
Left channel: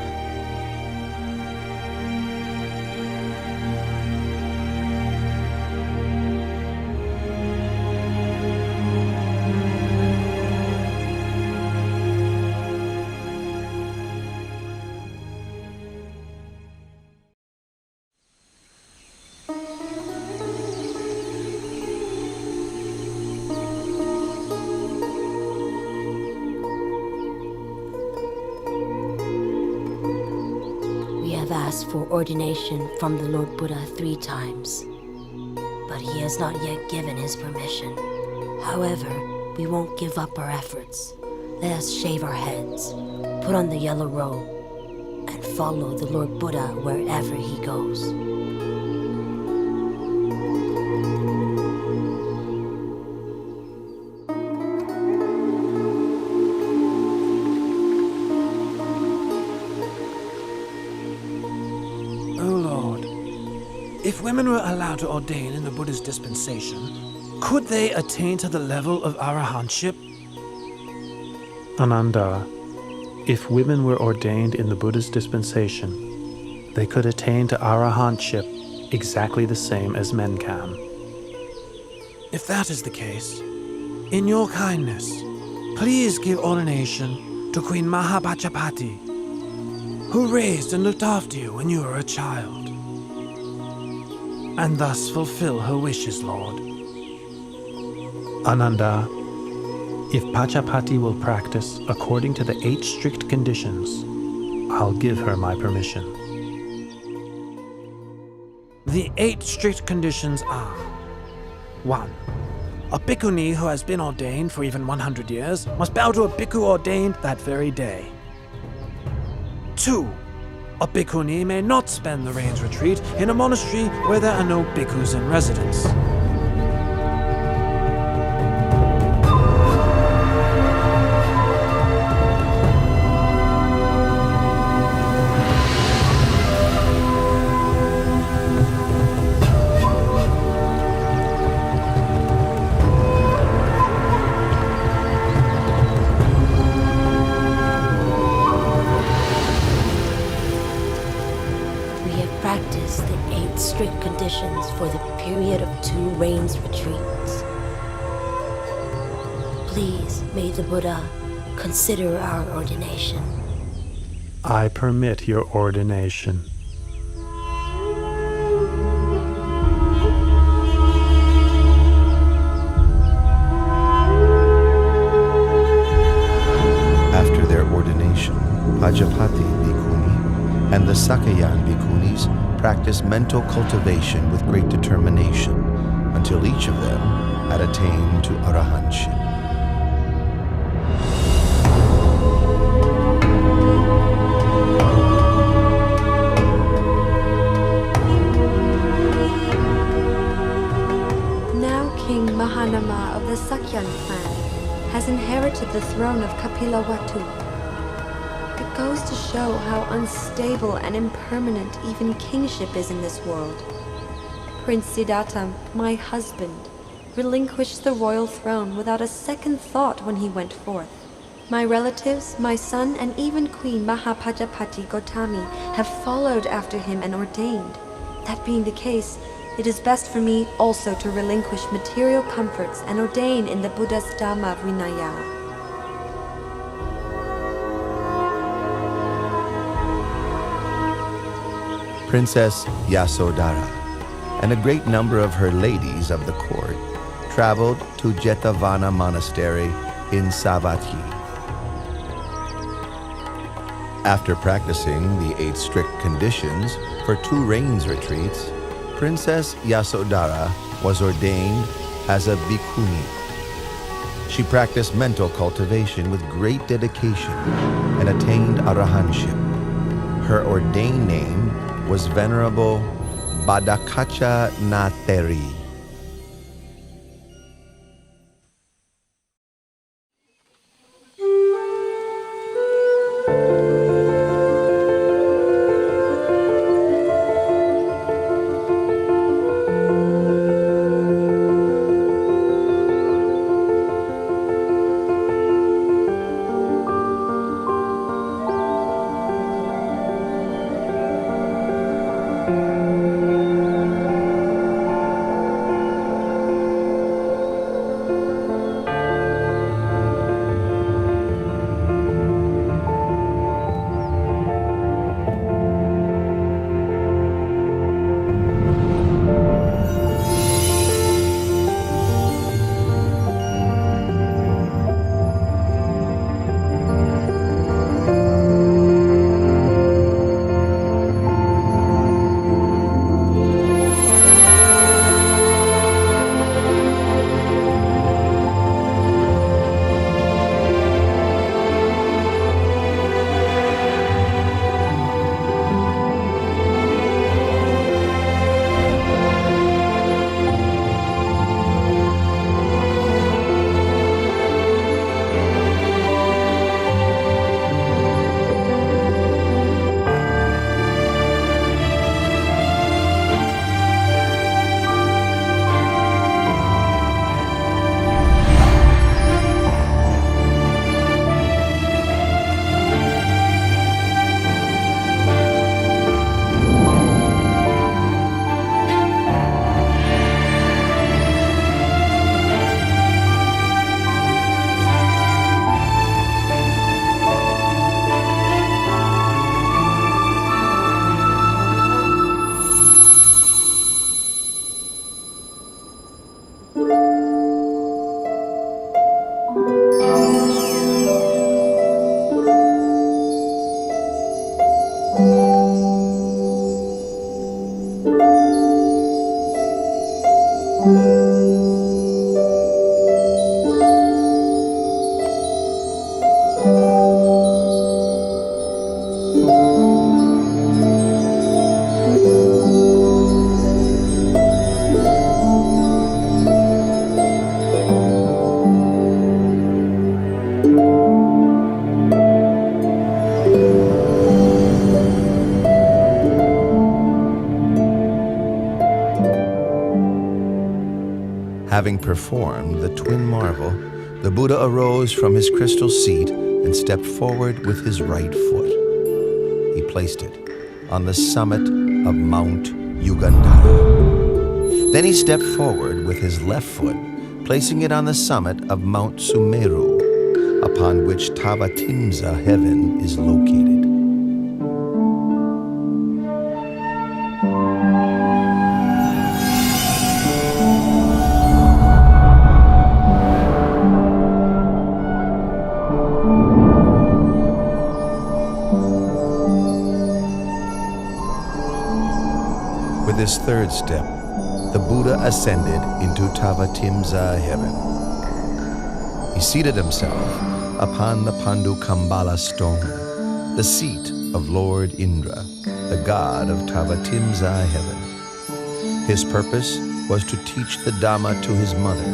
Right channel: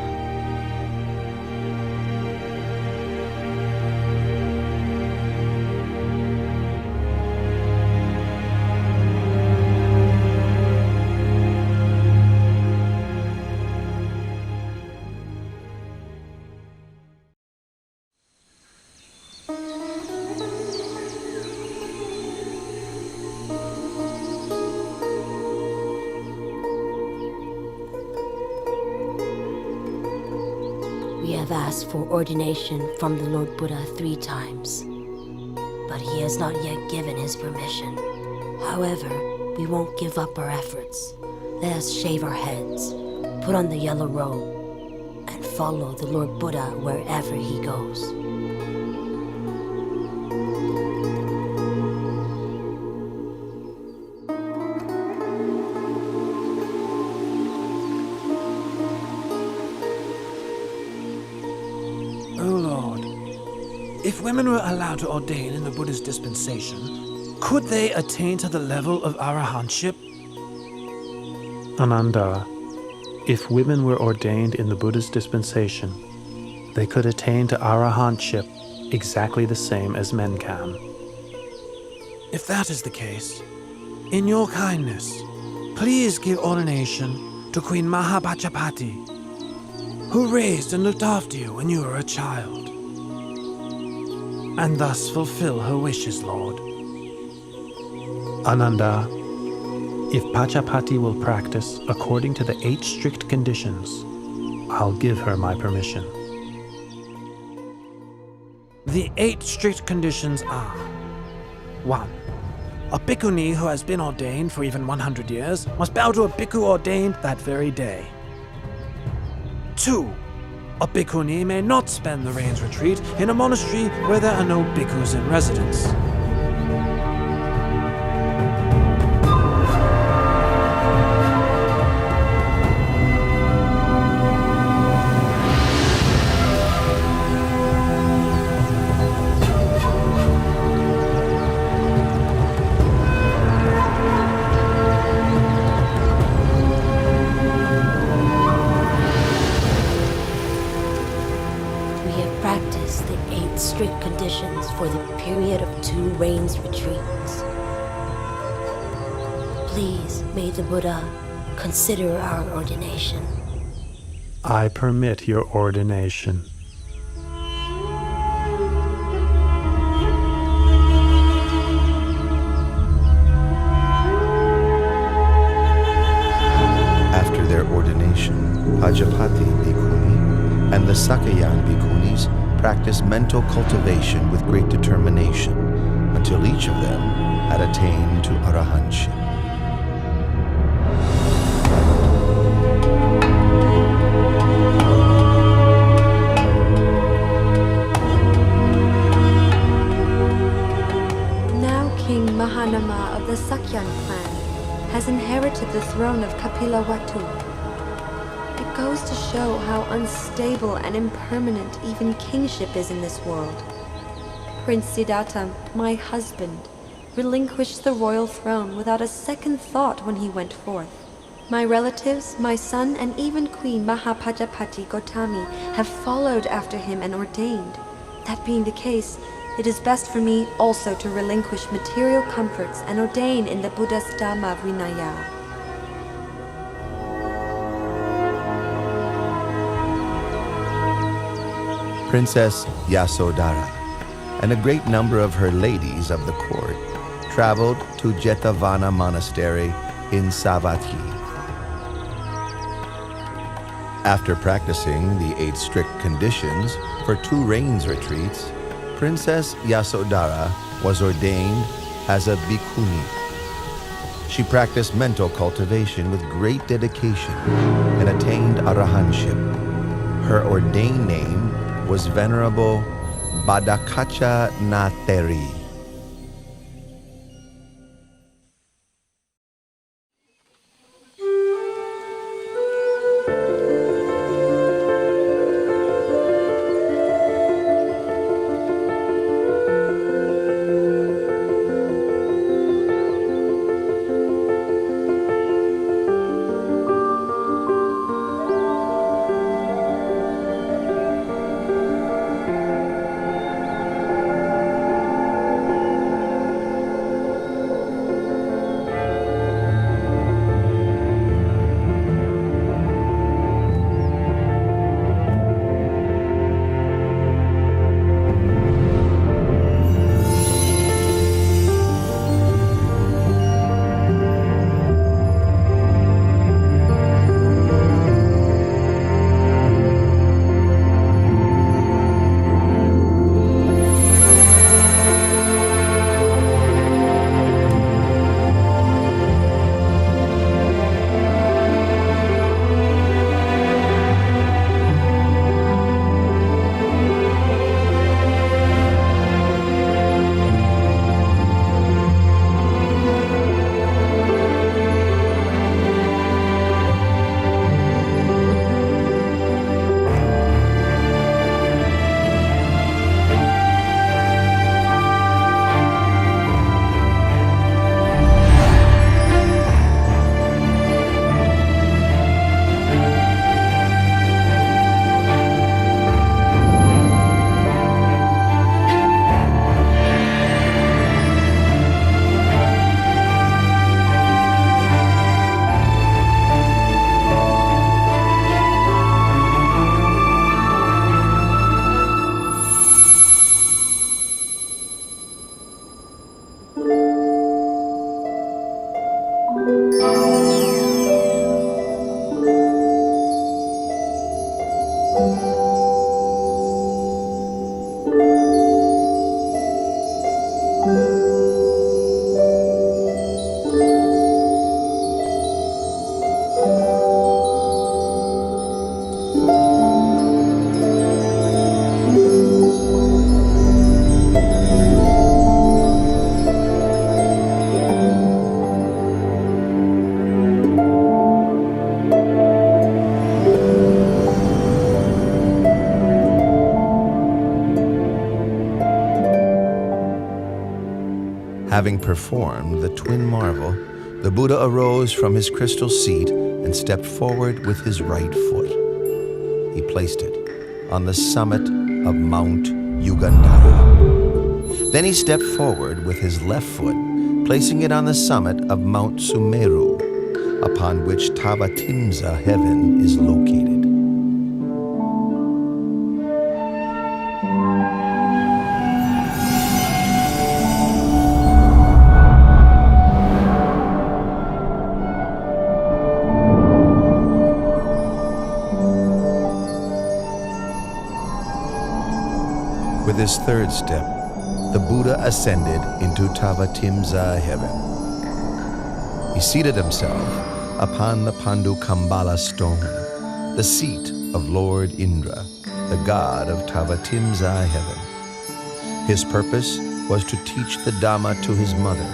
asked for ordination from the Lord Buddha 3 times, but he has not yet given his permission. However, we won't give up our efforts. Let us shave our heads, put on the yellow robe, and follow the Lord Buddha wherever he goes. Oh Lord, if women were allowed to ordain in the Buddhist dispensation, could they attain to the level of arahantship? Ananda, if women were ordained in the Buddhist dispensation, they could attain to arahantship exactly the same as men can. If that is the case, in your kindness, please give ordination to Queen Mahapajapati, who raised and looked after you when you were a child, and thus fulfill her wishes, Lord. Ananda, if Pajapati will practice according to the 8 strict conditions, I'll give her my permission. The 8 strict conditions are: 1. A bhikkhuni who has been ordained for even 100 years must bow to a bhikkhu ordained that very day. 2. A bhikkhuni may not spend the rains retreat in a monastery where there are no bhikkhus in residence. 'Practice the 8 strict conditions for the period of 2 rains retreats. Please, may the Buddha consider our ordination. I permit your ordination. After their ordination, Pajapati Bhikkhuni and the Sakayan Bhikkhunis practiced mental cultivation with great determination until each of them had attained to arahantship. Now King Mahanama of the Sakyan clan has inherited the throne of Kapilavatthu. It goes to show how unstable and impermanent even kingship is in this world. Prince Siddhartha, my husband, relinquished the royal throne without a second thought when he went forth. My relatives, my son, and even Queen Mahapajapati Gotami have followed after him and ordained. That being the case, it is best for me also to relinquish material comforts and ordain in the Buddha's Dhamma Vinaya. Princess Yasodhara and a great number of her ladies of the court traveled to Jetavana Monastery in Savatthi. After practicing the 8 strict conditions for 2 rains retreats, Princess Yasodhara was ordained as a bhikkhuni. She practiced mental cultivation with great dedication and attained arahantship. Her ordained name was Venerable Badakacha Nateri. Having performed the twin marvel, the Buddha arose from his crystal seat and stepped forward with his right foot. He placed it on the summit of Mount Yugandhara. Then he stepped forward with his left foot, placing it on the summit of Mount Sumeru, upon which Tavatimsa heaven is located. With his third step, the Buddha ascended into Tavatimsa heaven. He seated himself upon the Pandukambala stone, the seat of Lord Indra, the god of Tavatimsa heaven. His purpose was to teach the Dhamma to his mother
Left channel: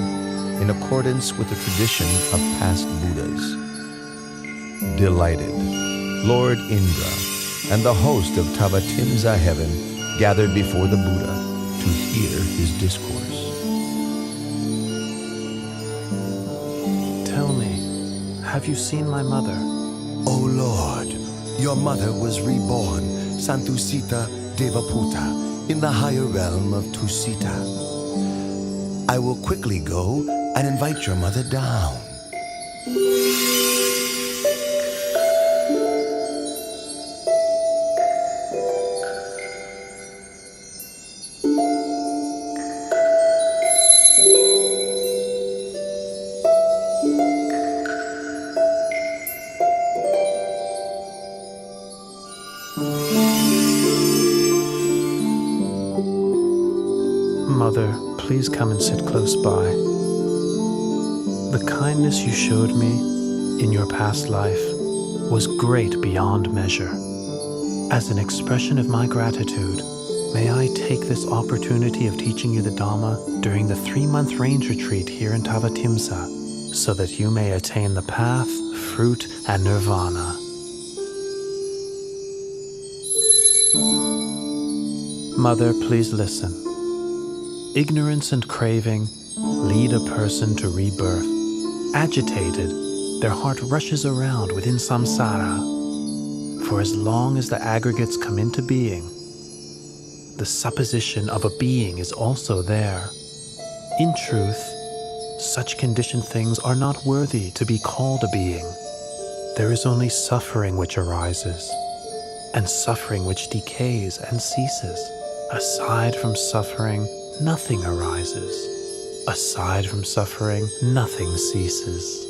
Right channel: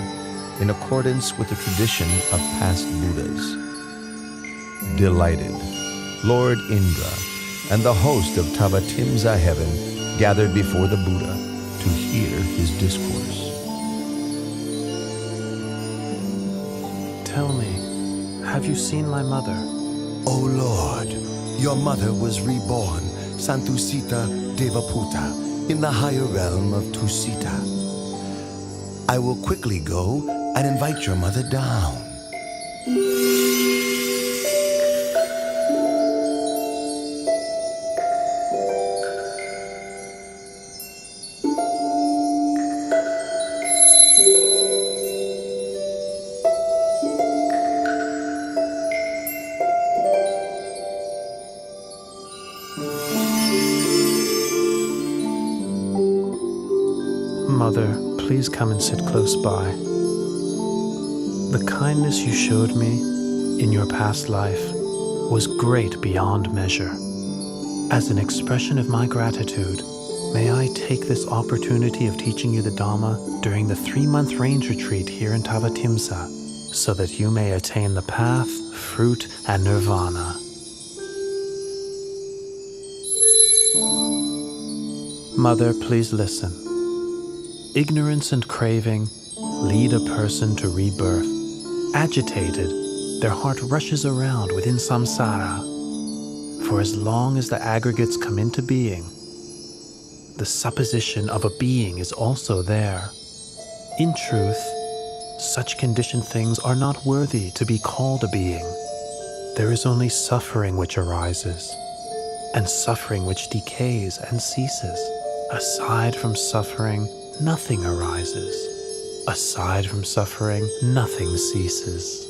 in accordance with the tradition of past Buddhas. Delighted, Lord Indra and the host of Tavatimsa heaven gathered before the Buddha to hear his discourse. Tell me, have you seen my mother? O Lord, your mother was reborn, Santusita Devaputa, in the higher realm of Tusita. I will quickly go and invite your mother down. Mother, please come and sit close by. The kindness you showed me in your past life was great beyond measure. As an expression of my gratitude, may I take this opportunity of teaching you the Dhamma during the 3-month range retreat here in Tavatimsa, so that you may attain the path, fruit, and nirvana. Mother, please listen. Ignorance and craving lead a person to rebirth. Agitated, their heart rushes around within samsara. For as long as the aggregates come into being, the supposition of a being is also there. In truth, such conditioned things are not worthy to be called a being. There is only suffering which arises, and suffering which decays and ceases. Aside from suffering, nothing arises. Aside from suffering, nothing ceases.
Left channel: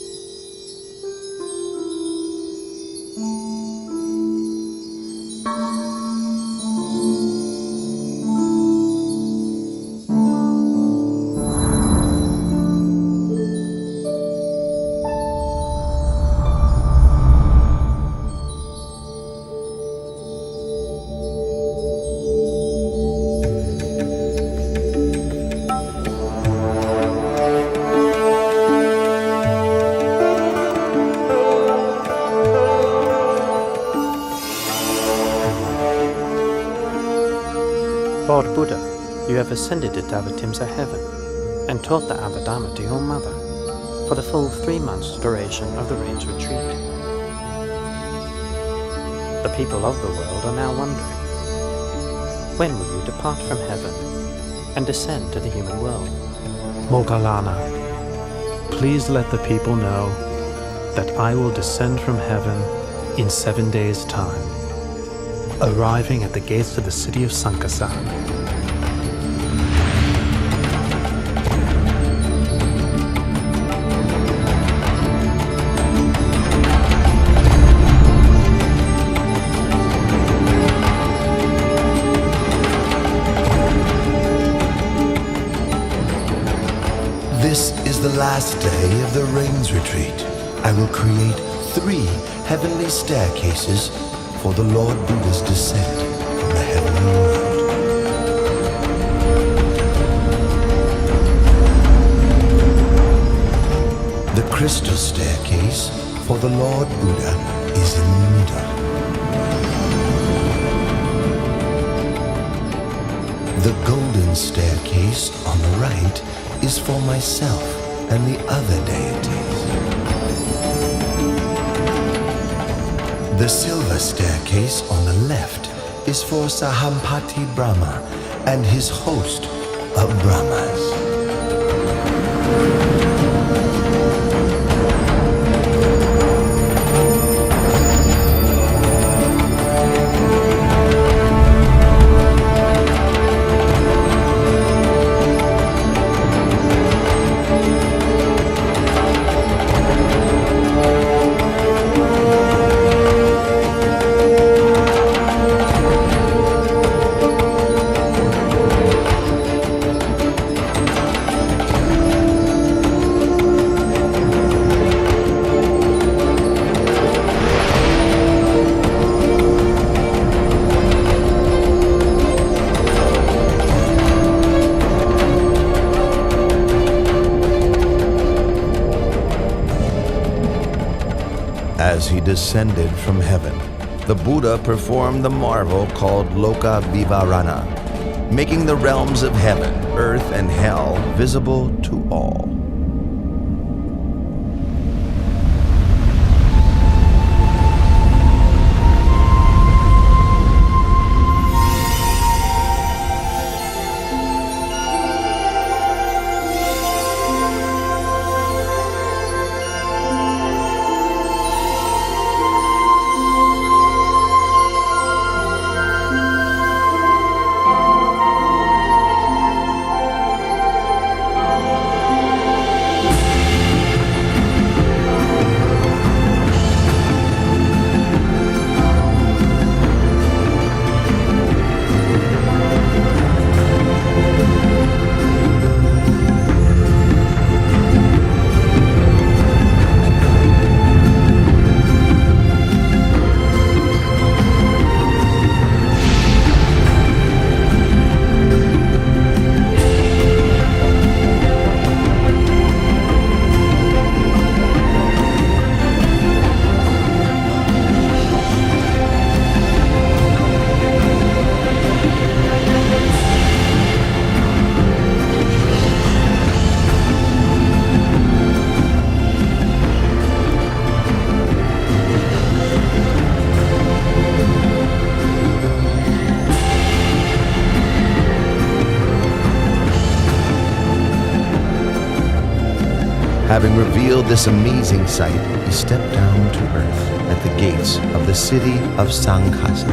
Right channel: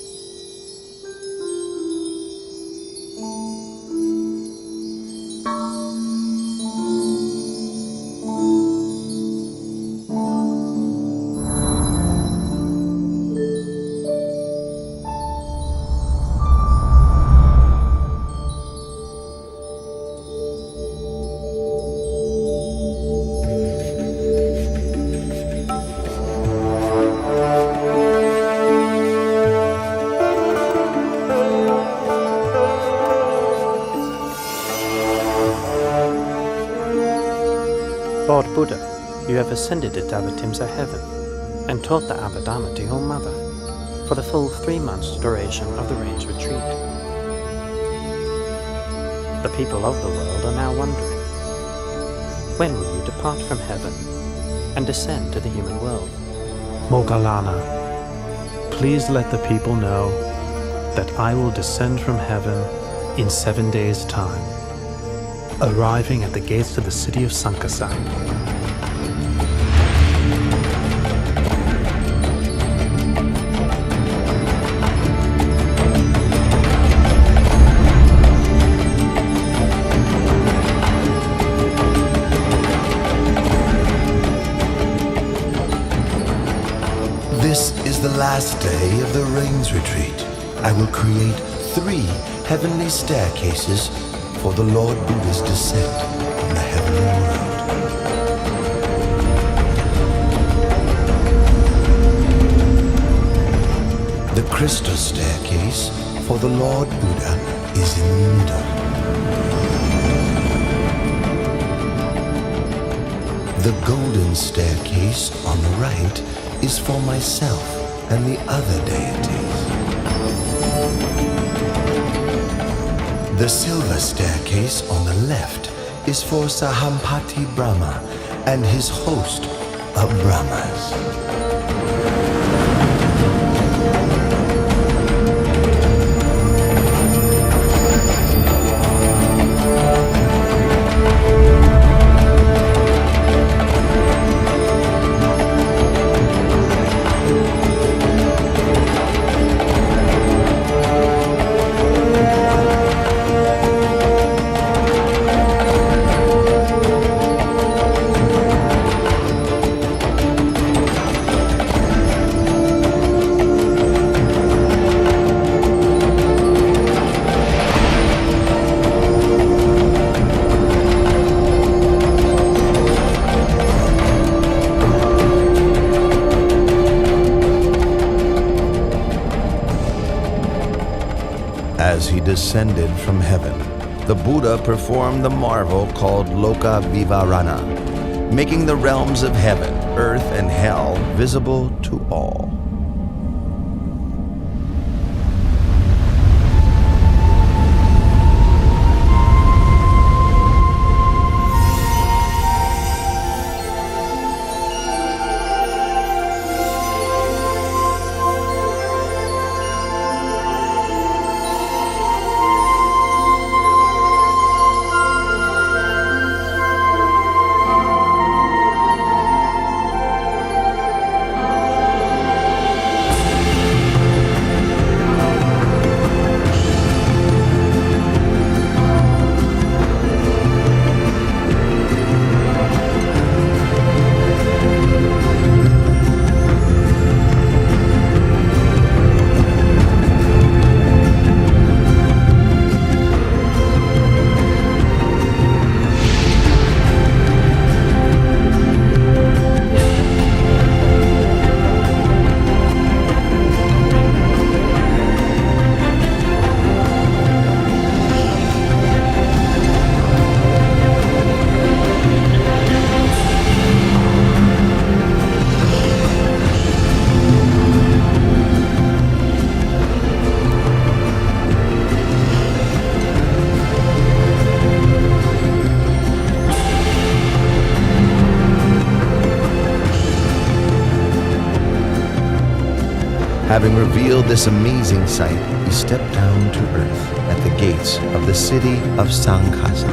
Lord Buddha, you have ascended to Tavatimsa heaven and taught the Abhidhamma to your mother for the full 3 months duration of the range retreat. The people of the world are now wondering, when will you depart from heaven and descend to the human world? Moggallana, please let the people know that I will descend from heaven in 7 days' time, arriving at the gates of the city of Sankasa. This is the last day of the rains retreat. I will create 3 heavenly staircases for the Lord Buddha's descent from the heavenly world. The crystal staircase for the Lord Buddha is in the middle. The golden staircase on the right is for myself and the other deities. The silver staircase on the left is for Sahampati Brahma and his host of Brahmas. As he descended from heaven, the Buddha performed the marvel called Loka Vivarana, making the realms of heaven, earth, and hell visible to all. Having revealed this amazing sight, he stepped down to earth at the gates of the city of Sankhasa.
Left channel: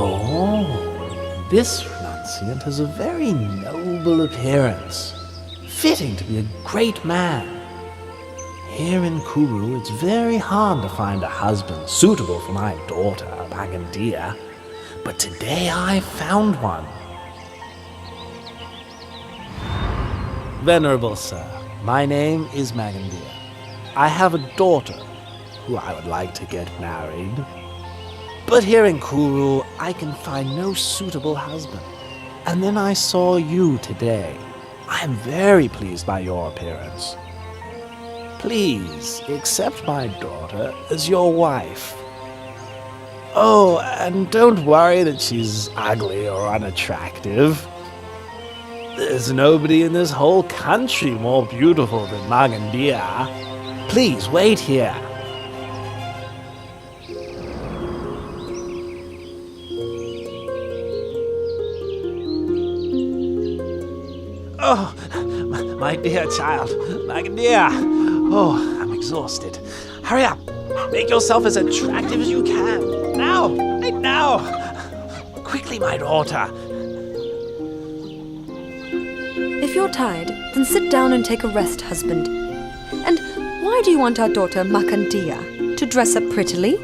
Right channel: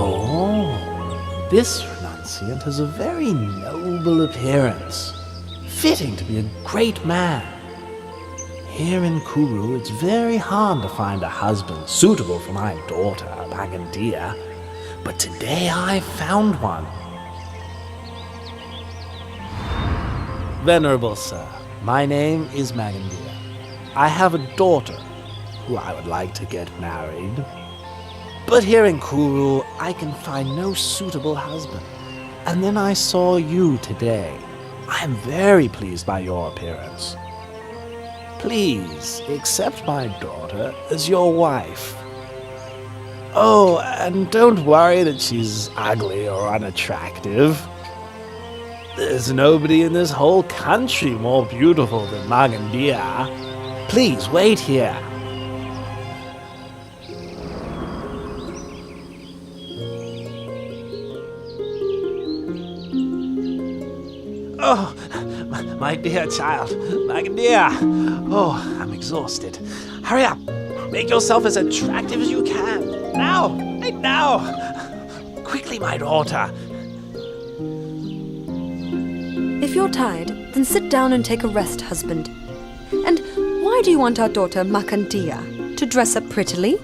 Oh, this renunciant has a very noble appearance. fitting to be a great man. Here in Kuru, it's very hard to find a husband suitable for my daughter, Magandia. But today I found one. Venerable Sir, my name is Magandia. I have a daughter who I would like to get married. But here in Kuru, I can find no suitable husband. And then I saw you today. I am very pleased by your appearance. Please accept my daughter as your wife. Oh, and don't worry that she's ugly or unattractive. There's nobody in this whole country more beautiful than Magandia. Please wait here. Oh, my dear child, Magandia. Oh, I'm exhausted. Hurry up. Make yourself as attractive as you can. Now, right now. Quickly, my daughter. If you're tired, then sit down and take a rest, husband. And why do you want our daughter Makandia to dress up prettily?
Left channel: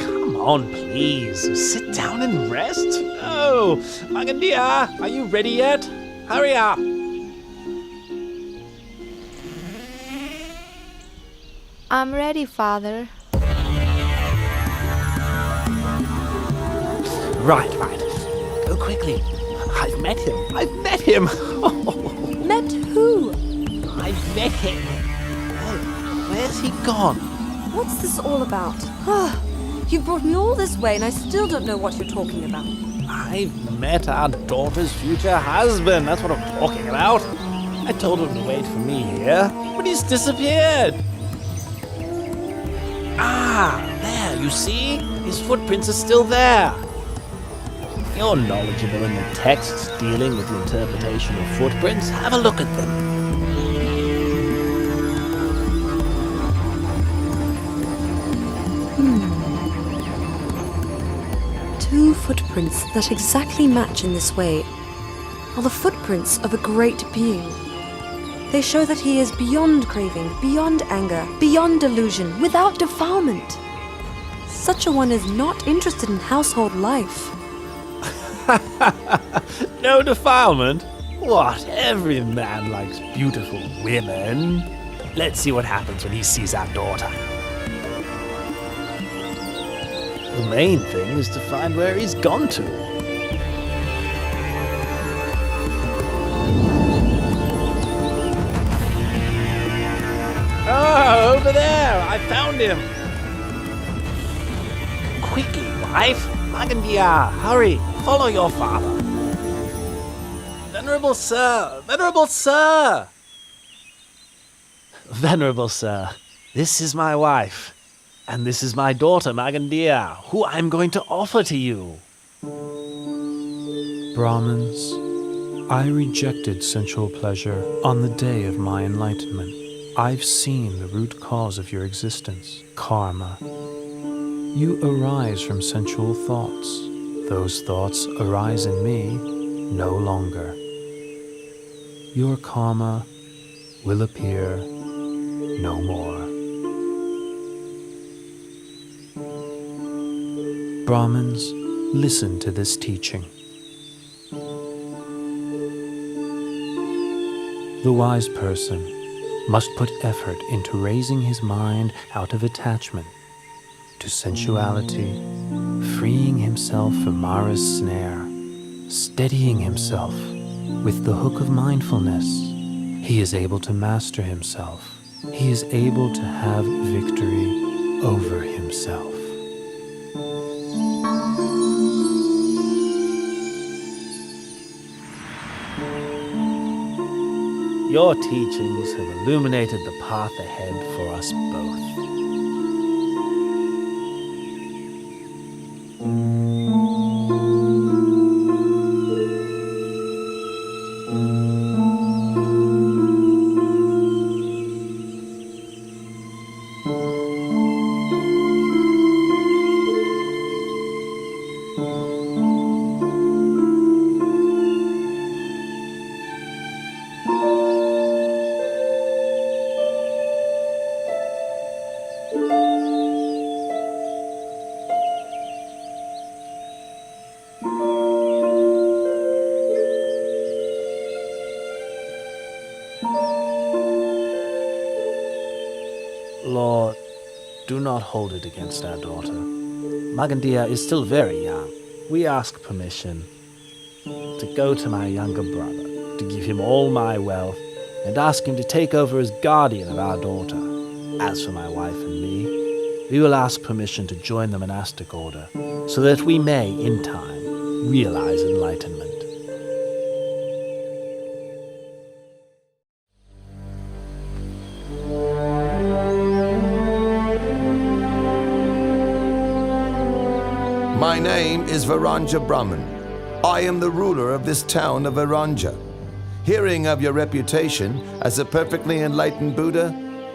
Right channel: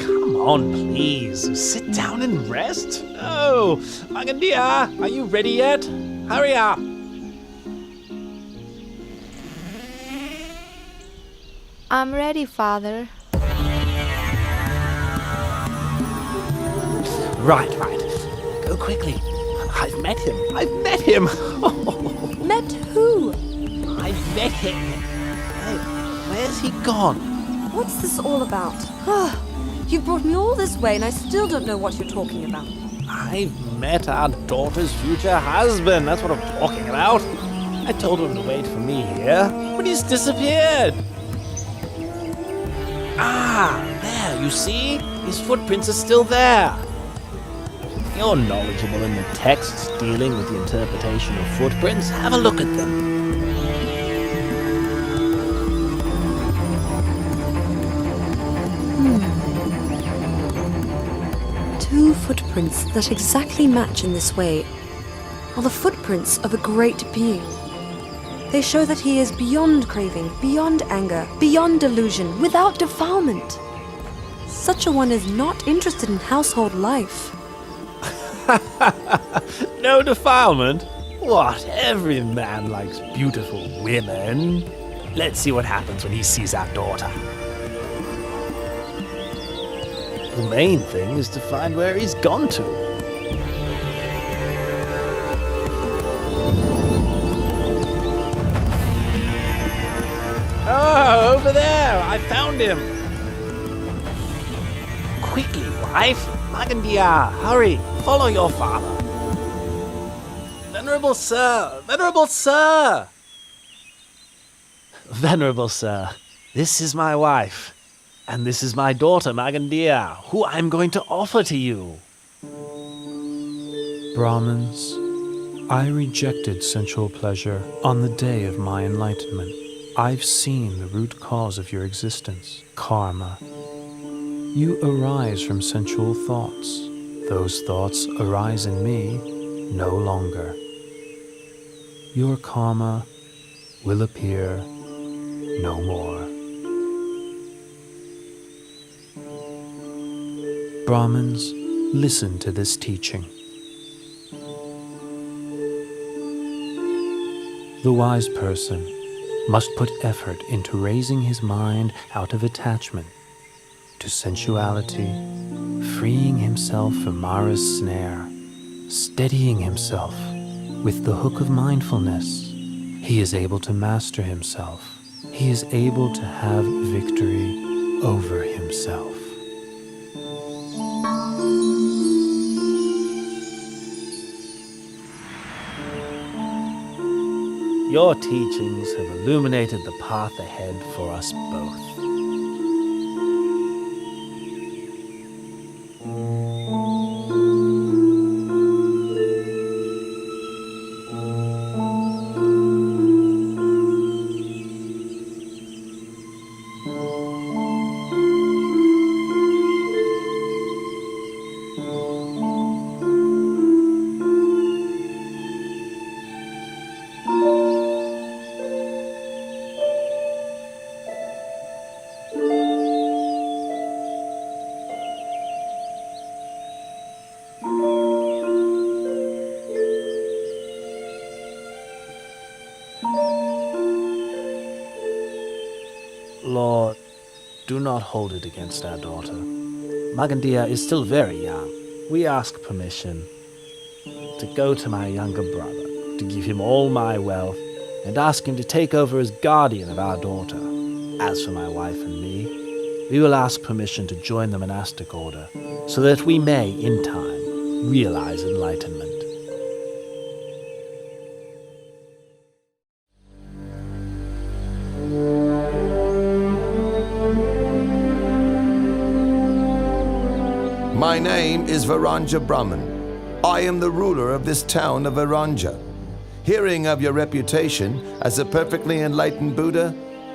Come on, please. Sit down and rest. No. Magandia, are you ready yet? Hurry up. I'm ready, Father. Right. Go quickly. I've met him. Met who? I've met him. Hey, where's he gone? What's this all about? You've brought me all this way and I still don't know what you're talking about. I've met our daughter's future husband. That's what I'm talking about. I told him to wait for me here, but he's disappeared. Ah, there, you see? His footprints are still there. You're knowledgeable in the texts dealing with the interpretation of footprints. Have a look at them. 2 footprints that exactly match in this way are the footprints of a great being. They show that he is beyond craving, beyond anger, beyond delusion, without defilement. Such a one is not interested in household life. No defilement? What? Every man likes beautiful women. Let's see what happens when he sees our daughter. The main thing is to find where he's gone to. Oh, over there! I found him! Quickly, wife! Magandia, hurry! Follow your father! Venerable sir! Venerable sir! Venerable sir, this is my wife. And this is my daughter, Magandia, who I'm going to offer to you. Brahmins, I rejected sensual pleasure on the day of my enlightenment. I've seen the root cause of your existence, karma. You arise from sensual thoughts. Those thoughts arise in me no longer. Your karma will appear no more. Brahmins, listen to this teaching. The wise person must put effort into raising his mind out of attachment to sensuality, freeing himself from Mara's snare, steadying himself with the hook of mindfulness. He is able to master himself. He is able to have victory over himself. Your teachings have illuminated the path ahead for us both. Lord, do not hold it against our daughter. Magandia is still very young. We ask permission to go to my younger brother, to give him all my wealth, and ask him to take over as guardian of our daughter. As for my wife and me, we will ask permission to join the monastic order, so that we may, in time, realize enlightenment. My name is Varanja Brahman. I am the ruler of this town of Varanja. Hearing of your reputation as a perfectly enlightened Buddha,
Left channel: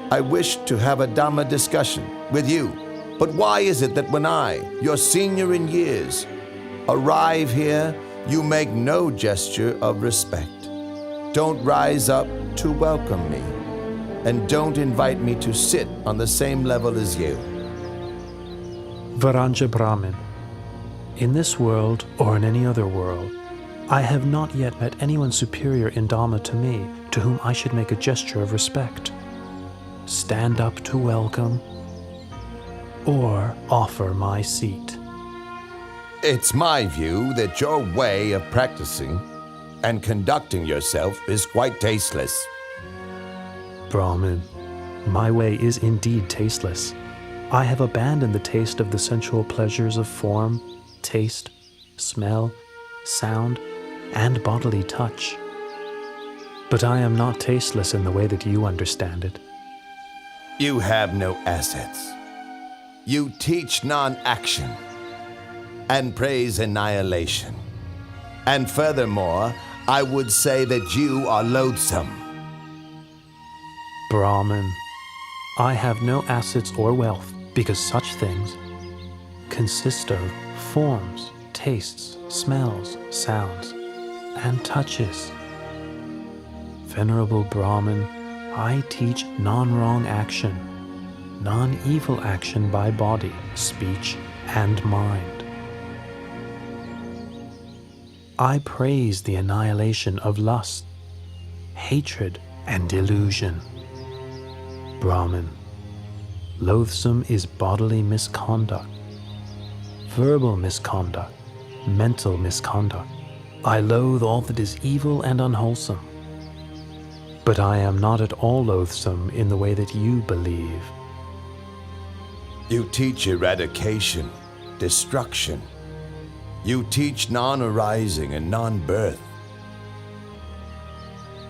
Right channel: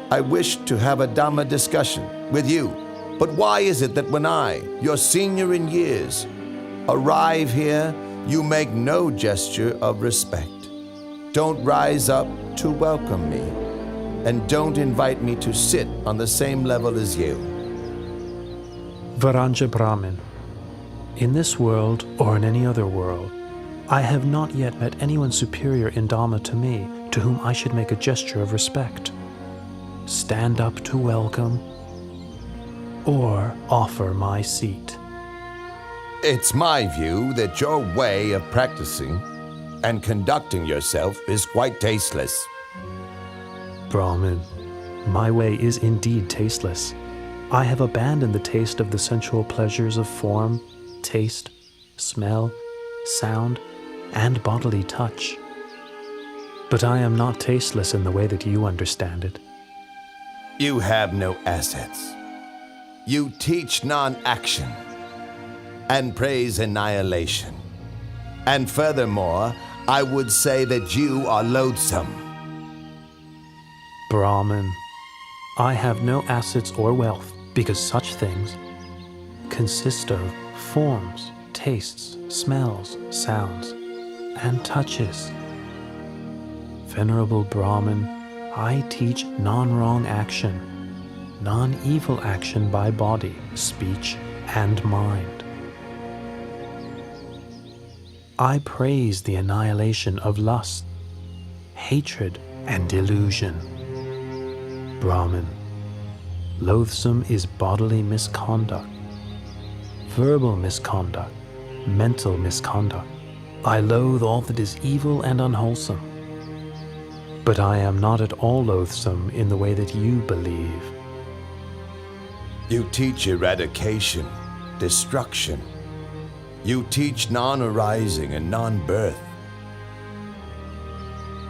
I wish to have a Dhamma discussion with you. But why is it that when I, your senior in years, arrive here, you make no gesture of respect? Don't rise up to welcome me, and don't invite me to sit on the same level as you. Varanja Brahmin, in this world or in any other world, I have not yet met anyone superior in Dhamma to me to whom I should make a gesture of respect, stand up to welcome, or offer my seat. It's my view that your way of practicing and conducting yourself is quite tasteless. Brahmin, my way is indeed tasteless. I have abandoned the taste of the sensual pleasures of form, taste, smell, sound, and bodily touch. But I am not tasteless in the way that you understand it. You have no assets. You teach non-action and praise annihilation. And furthermore, I would say that you are loathsome. Brahmin, I have no assets or wealth because such things consist of forms, tastes, smells, sounds, and touches. Venerable Brahmin, I teach non-wrong action, non-evil action by body, speech, and mind. I praise the annihilation of lust, hatred, and delusion. Brahmin, loathsome is bodily misconduct, verbal misconduct, mental misconduct. I loathe all that is evil and unwholesome. But I am not at all loathsome in the way that you believe. You teach eradication, destruction. You teach non-arising and non-birth.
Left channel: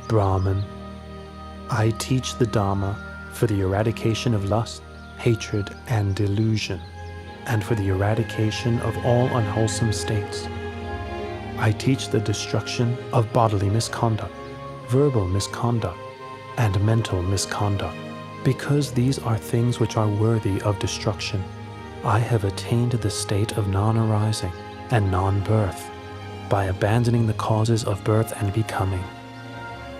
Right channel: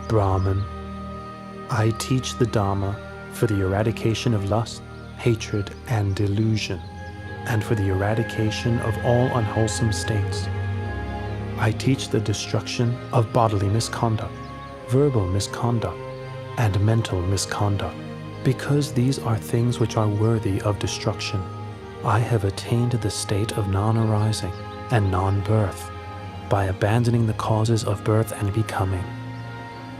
Brahman, I teach the Dhamma for the eradication of lust, hatred, and delusion, and for the eradication of all unwholesome states. I teach the destruction of bodily misconduct, verbal misconduct, and mental misconduct. Because these are things which are worthy of destruction, I have attained the state of non-arising and non-birth by abandoning the causes of birth and becoming.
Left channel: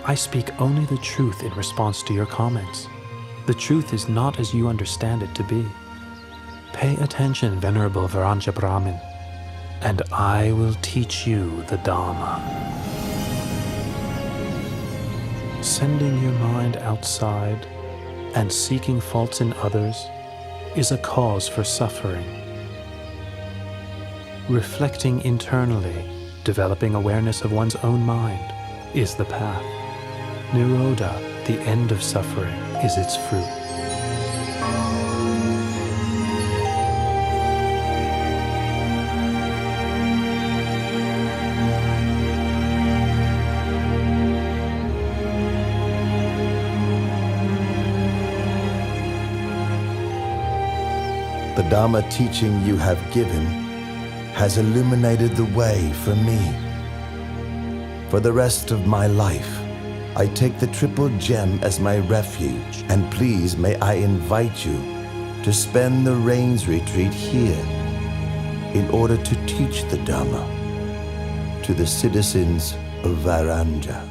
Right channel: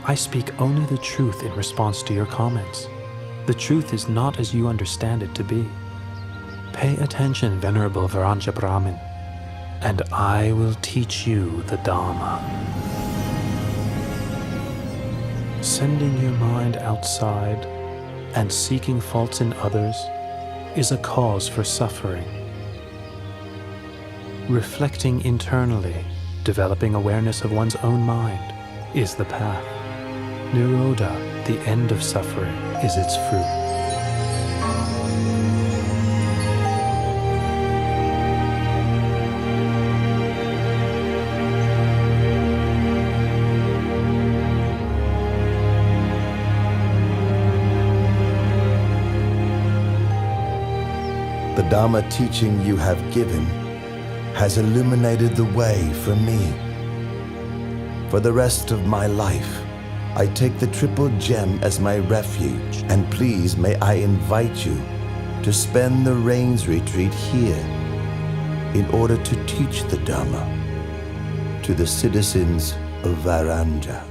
I speak only the truth in response to your comments. The truth is not as you understand it to be. Pay attention, Venerable Varanja Brahmin, and I will teach you the Dhamma. Sending your mind outside and seeking faults in others is a cause for suffering. Reflecting internally, developing awareness of one's own mind, is the path. Nirodha, the end of suffering, is its fruit. The Dhamma teaching you have given has illuminated the way for me. For the rest of my life, I take the Triple Gem as my refuge, and please may I invite you to spend the Rains Retreat here in order to teach the Dhamma to the citizens of Varanja.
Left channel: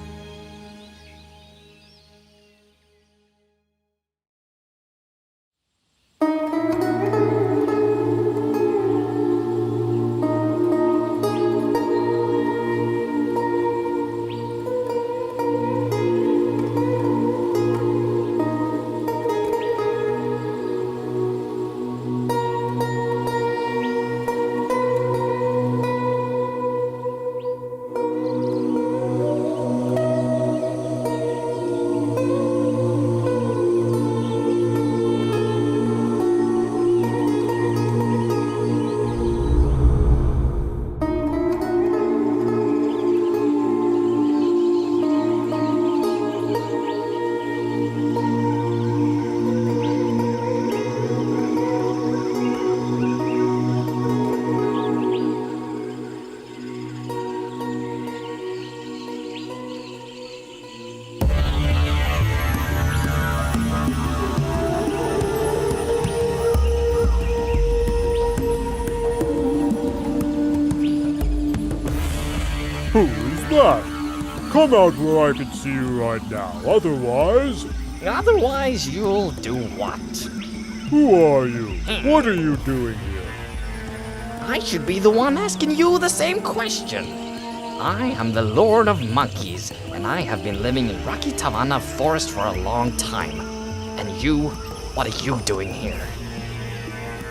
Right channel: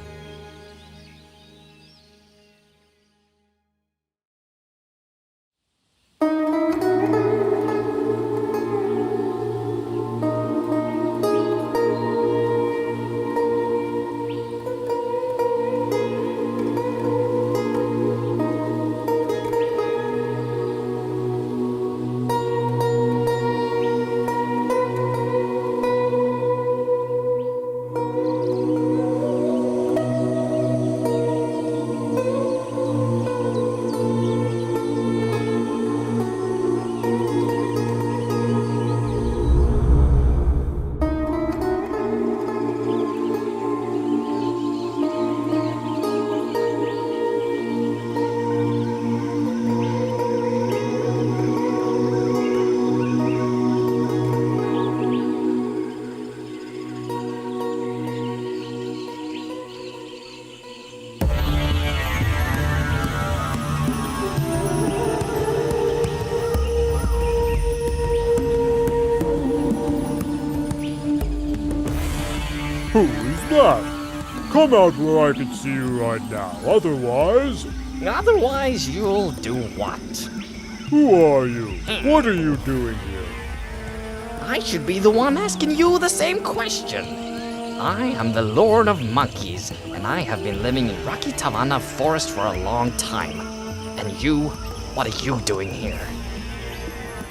Come out where I can see you right now. Otherwise, you'll do what? Who are you? What are you doing here? I should be the one asking you the same question. I am the Lord of Monkeys, and I have been living in Rocky Tavanna Forest for a long time. And you, what are you doing here?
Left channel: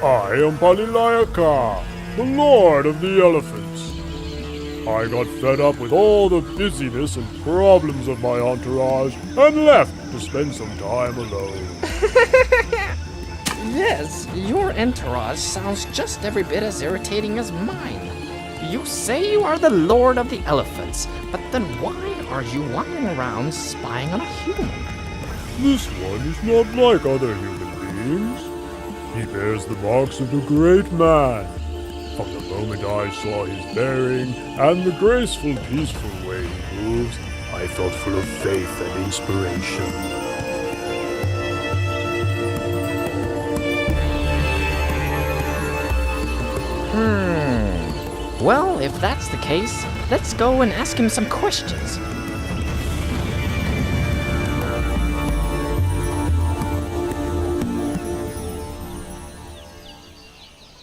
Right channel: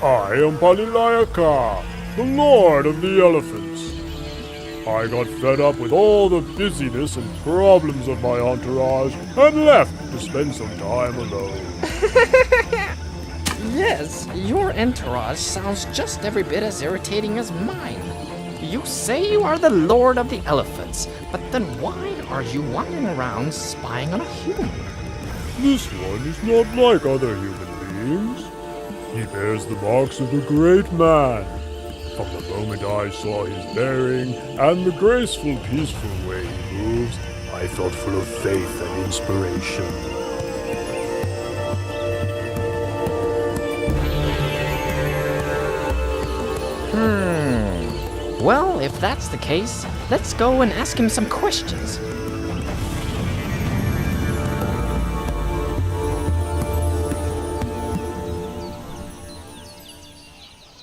I am Pali Canon, the Lord of the Elephants. I got fed up with all the busyness and problems of my entourage and left to spend some time alone. Yes, your entourage sounds just every bit as irritating as mine. You say you are the Lord of the Elephants, but then why are you wandering around spying on a human? This one is not like other human beings. He bears the marks of a great man. From the moment I saw his bearing and the graceful, peaceful way he moves, I felt full of faith and inspiration. Well, if that's the case, let's go and ask him some questions.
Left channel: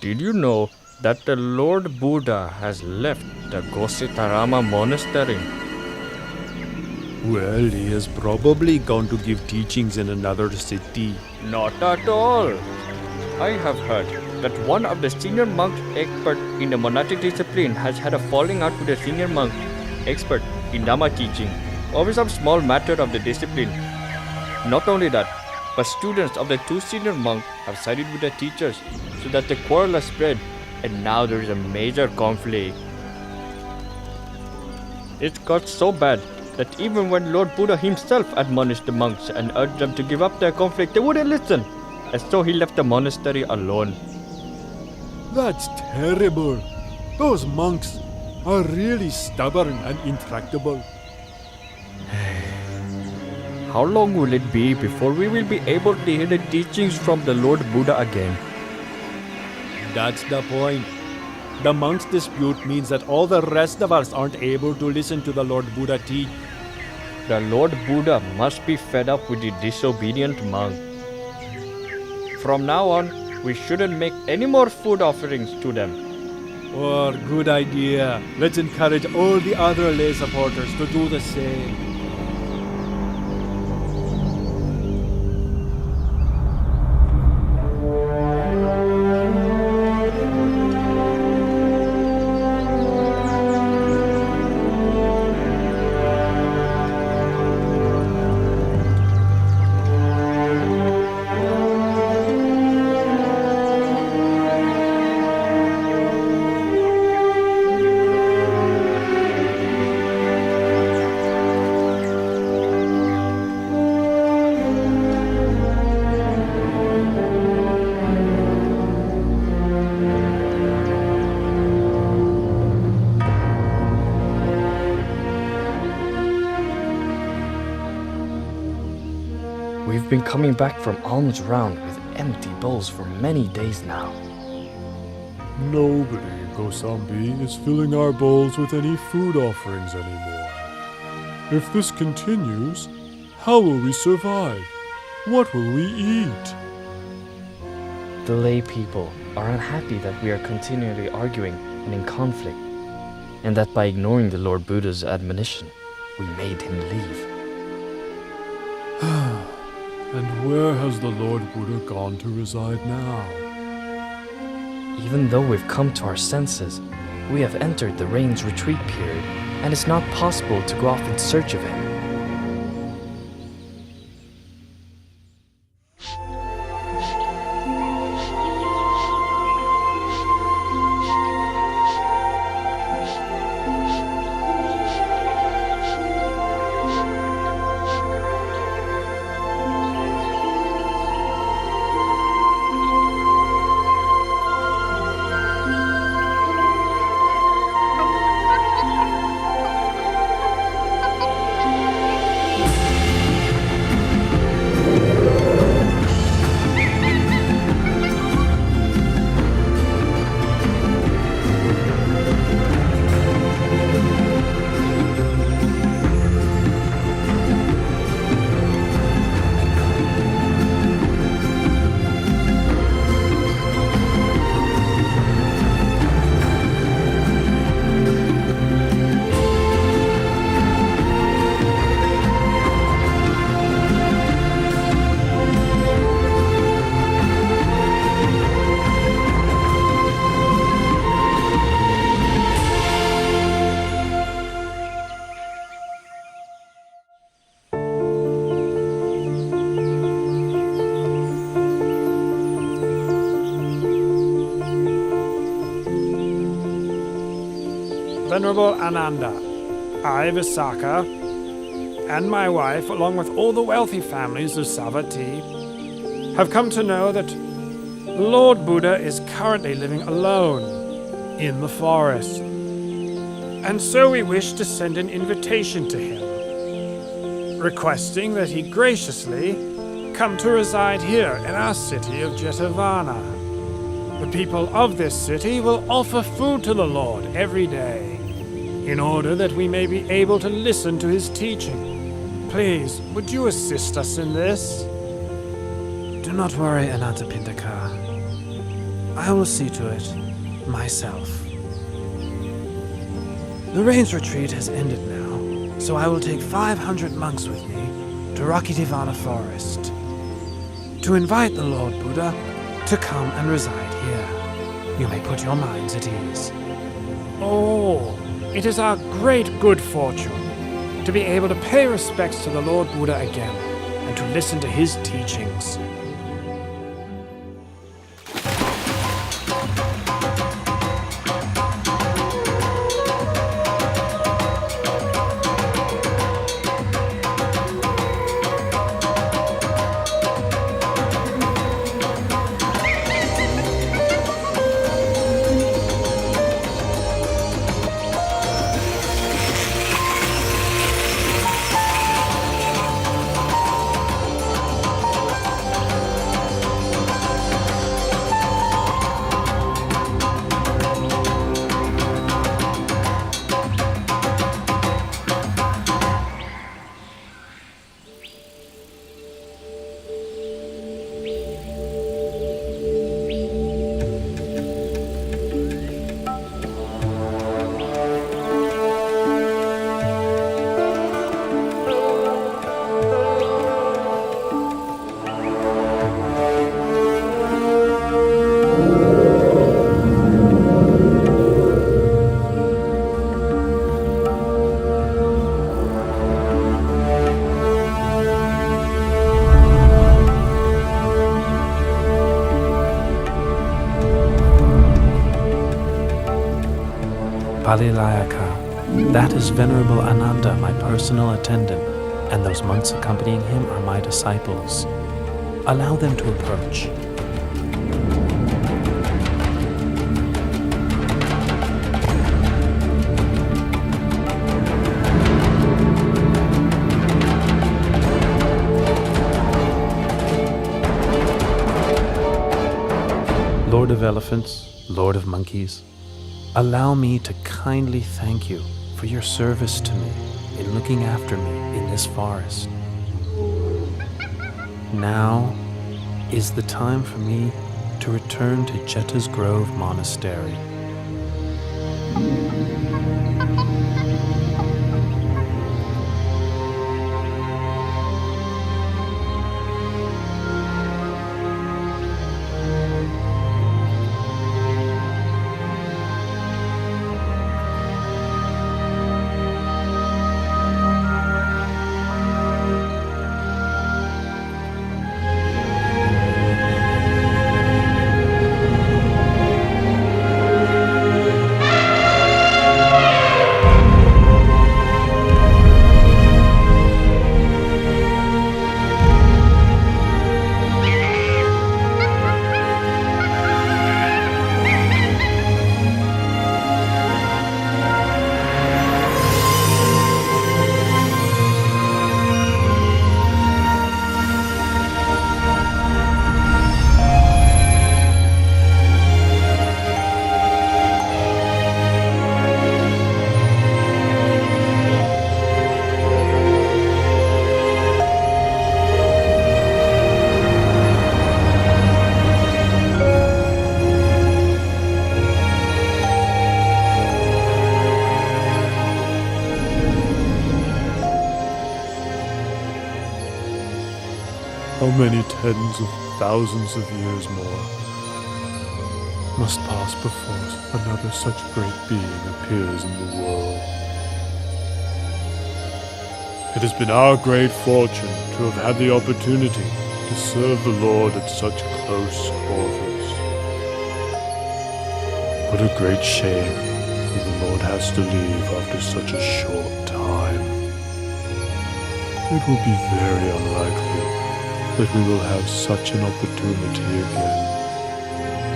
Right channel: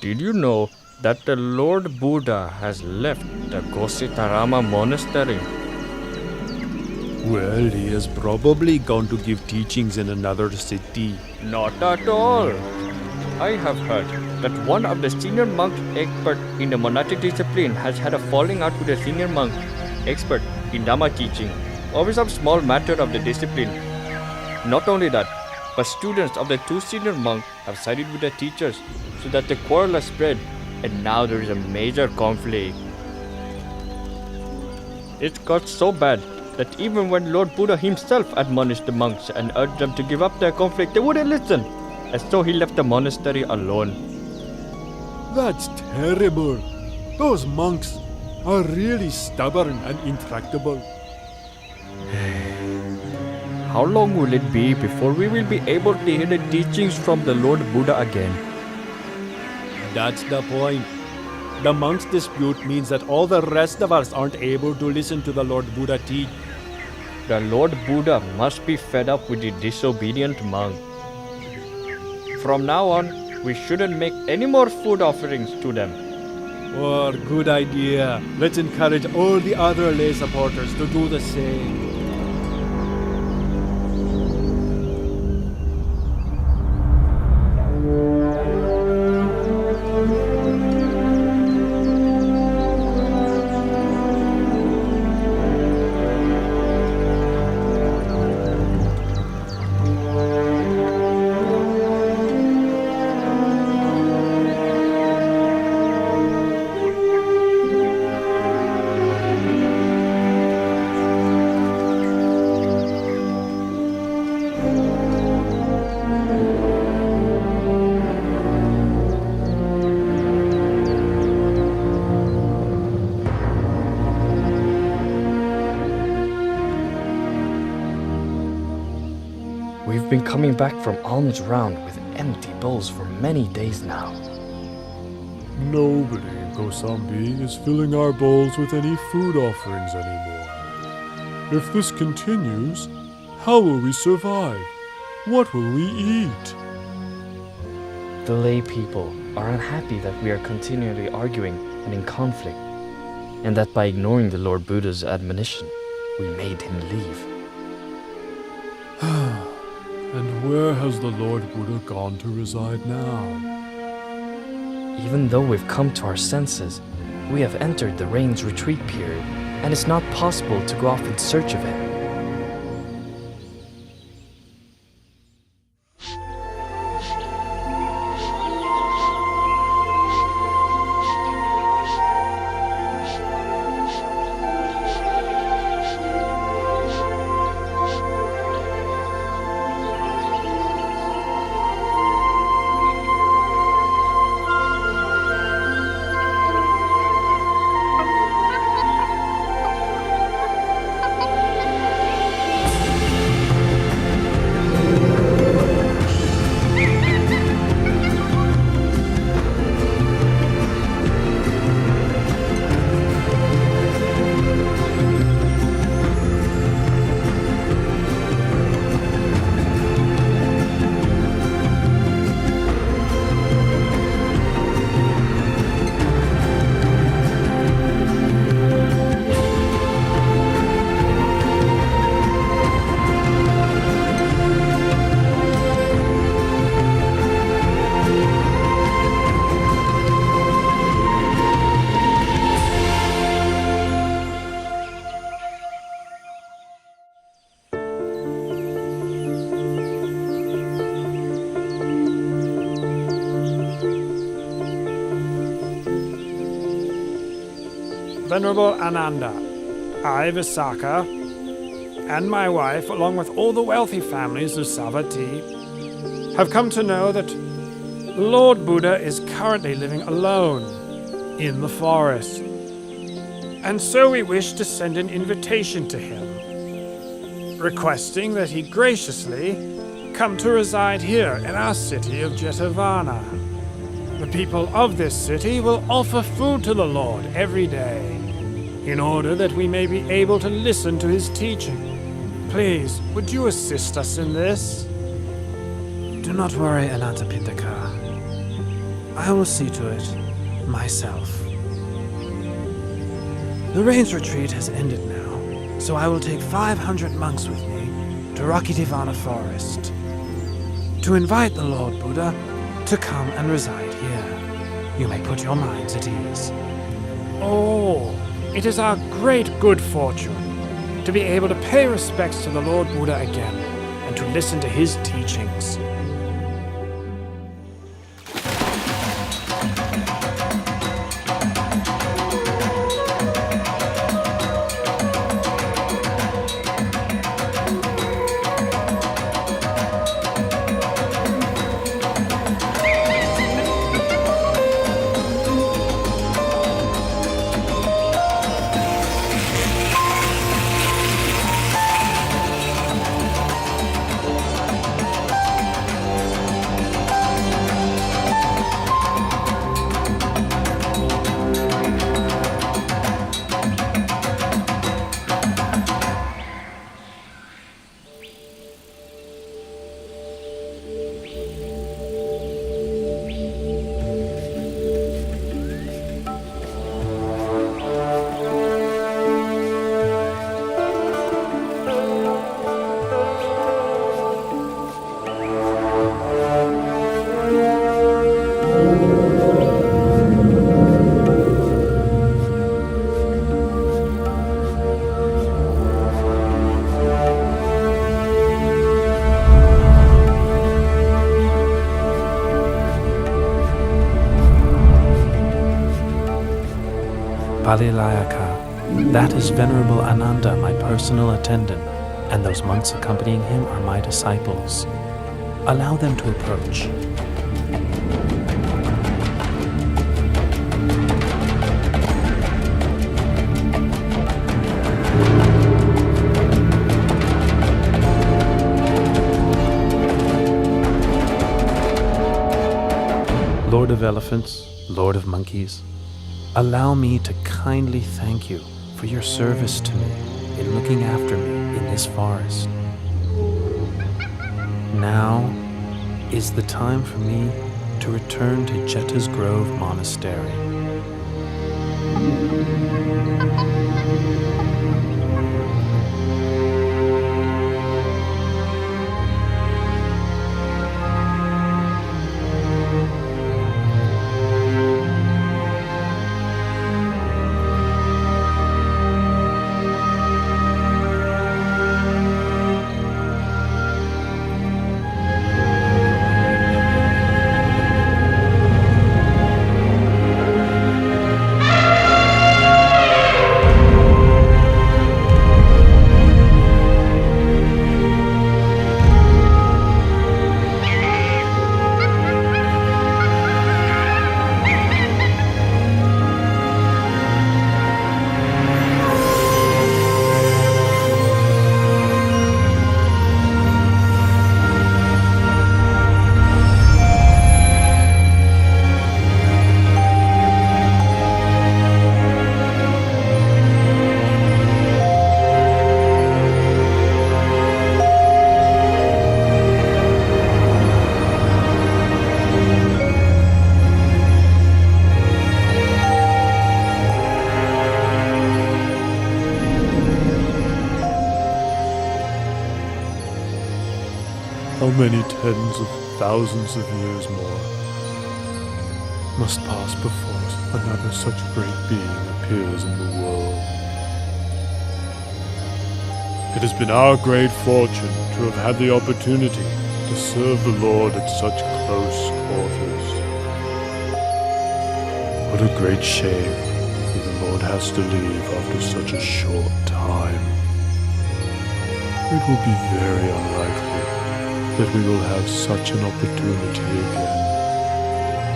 Did you know that the Lord Buddha has left the Gositarama monastery? Well, he is probably gone to give teachings in another city. Not at all. I have heard that one of the senior monks expert in the monastic discipline has had a falling out with a senior monk expert in Dhamma teaching over some small matter of the discipline. Not only that, but students of the two senior monks have sided with the teachers so that the quarrel has spread, and now there is a major conflict. It got so bad that even when Lord Buddha himself admonished the monks and urged them to give up their conflict, they wouldn't listen, and so he left the monastery alone. That's terrible. Those monks are really stubborn and intractable. How long will it be before we will be able to hear the teachings from the Lord Buddha again? That's the point. The monks' dispute means that all the rest of us aren't able to listen to the Lord Buddha teach. The Lord Buddha must be fed up with the disobedient monk. From now on, we shouldn't make any more food offerings to them. Oh, good idea. Let's encourage all the other lay supporters to do the same. We've been coming back from alms round with empty bowls for many days now. Nobody in Kosambi is filling our bowls with any food offerings anymore. If this continues, how will we survive? What will we eat? The lay people are unhappy that we are continually arguing and in conflict, and that by ignoring the Lord Buddha's admonition, we made him leave. And where has the Lord Buddha gone to reside now? Even though we've come to our senses, we have entered the rain's retreat period, and it's not possible to go off in search of him. Venerable Ananda, I, Visakha, and my wife, along with all the wealthy families of Savatthi, have come to know that Lord Buddha is currently living alone in the forest. And so we wish to send an invitation to him, requesting that he graciously come to reside here in our city of Jetavana. The people of this city will offer food to the Lord every day, in order that we may be able to listen to his teaching. Please, would you assist us in this? Do not worry, Anathapindaka. I will see to it myself. The rains retreat has ended now, so I will take 500 monks with me to Rakitivana Forest to invite the Lord Buddha to come and reside here. You may put your minds at ease. Oh, it is our great good fortune to be able to pay respects to the Lord Buddha again and to listen to his teachings. Palilayaka, that is Venerable Ananda, my personal attendant, and those monks accompanying him are my disciples. Allow them to approach. Lord of Elephants, Lord of Monkeys, allow me to kindly thank you for your service to me in looking after me in this forest. Now is the time for me to return to Jeta's Grove Monastery. How many tens of thousands of years more must pass before another such great being appears in the world? It has been our great fortune to have had the opportunity to serve the Lord at such close quarters. What a great shame if the Lord has to leave after such a short time. It will be very unlikely that we will have such an opportunity again.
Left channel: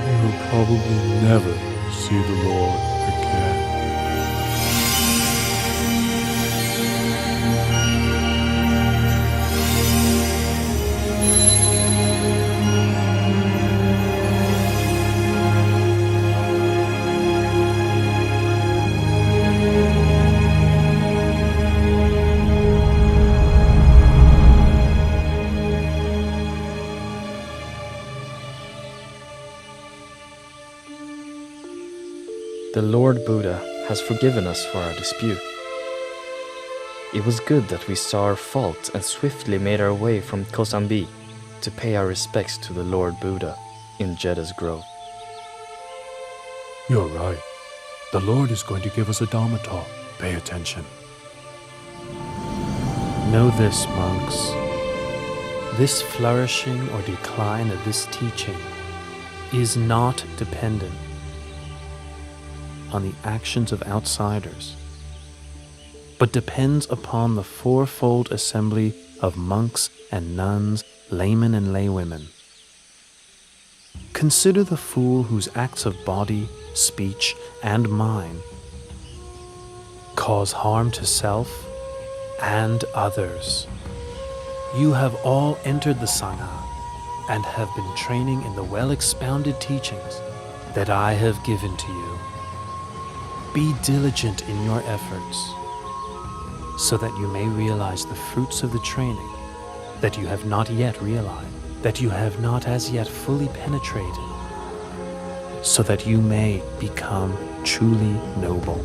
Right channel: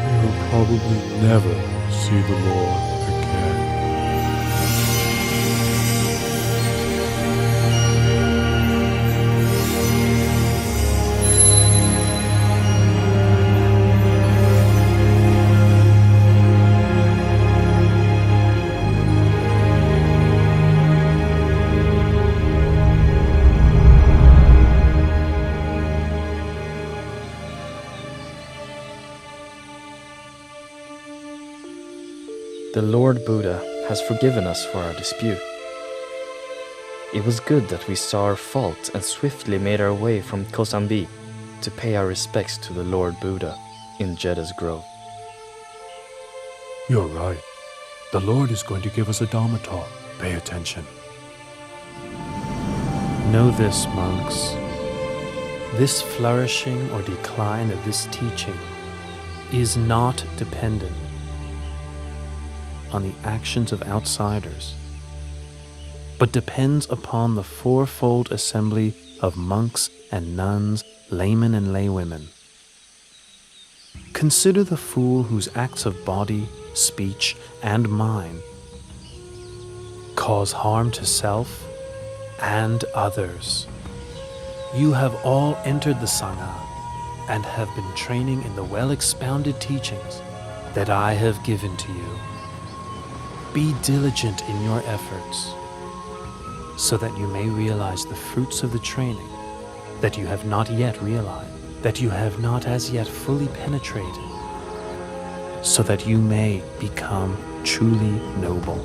We will probably never see the Lord again. The Lord Buddha has forgiven us for our dispute. It was good that we saw our fault and swiftly made our way from Kosambi to pay our respects to the Lord Buddha in Jedda's Grove. You're right. The Lord is going to give us a Dharma talk. Pay attention. Know this, monks. This flourishing or decline of this teaching is not dependent on the actions of outsiders, but depends upon the fourfold assembly of monks and nuns, laymen and laywomen. Consider the fool whose acts of body, speech, and mind cause harm to self and others. You have all entered the Sangha and have been training in the well-expounded teachings that I have given to you. Be diligent in your efforts so that you may realize the fruits of the training that you have not yet realized, that you have not as yet fully penetrated, so that you may become truly noble.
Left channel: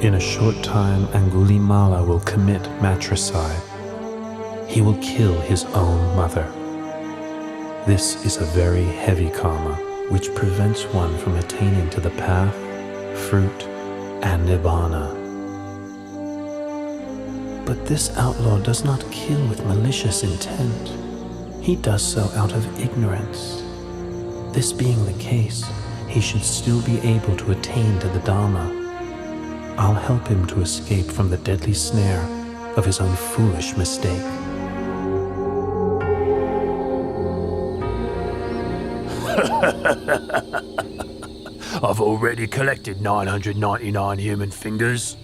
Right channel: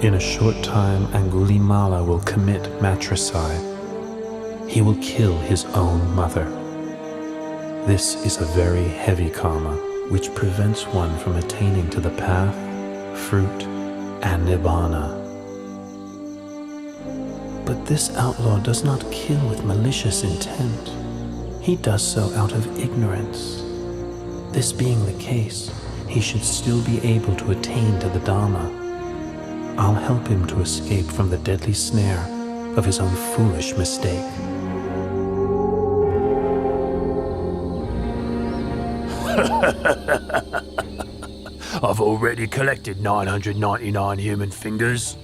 In a short time, Angulimala will commit matricide. He will kill his own mother. This is a very heavy karma, which prevents one from attaining to the path, fruit, and nibbana. But this outlaw does not kill with malicious intent. He does so out of ignorance. This being the case, he should still be able to attain to the Dharma. I'll help him to escape from the deadly snare of his own foolish mistake. I've already collected 999 human fingers.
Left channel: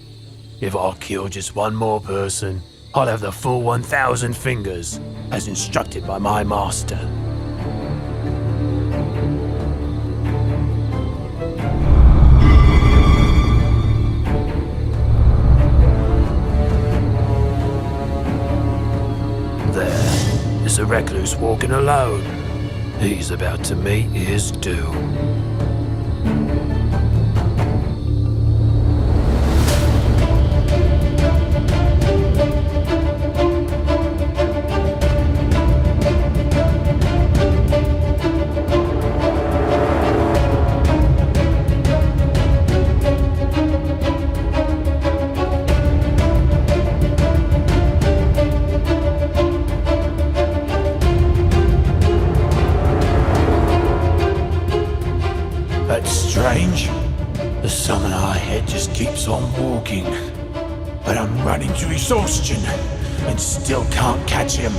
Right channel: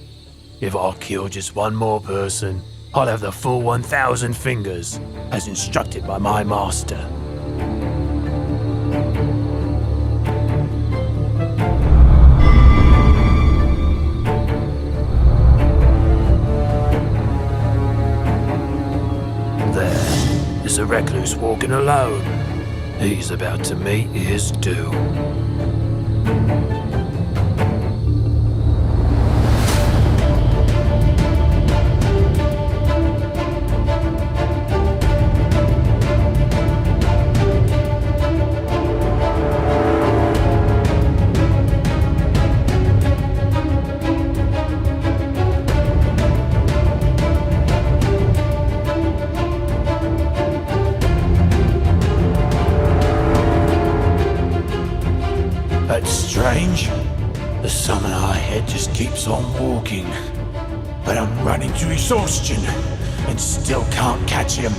If I kill just one more person, I'll have the full 1,000 fingers, as instructed by my master. There's a recluse walking alone. He's about to meet his doom. That's strange. The summoner ahead just keeps on walking. But I'm running to exhaustion and still can't catch him.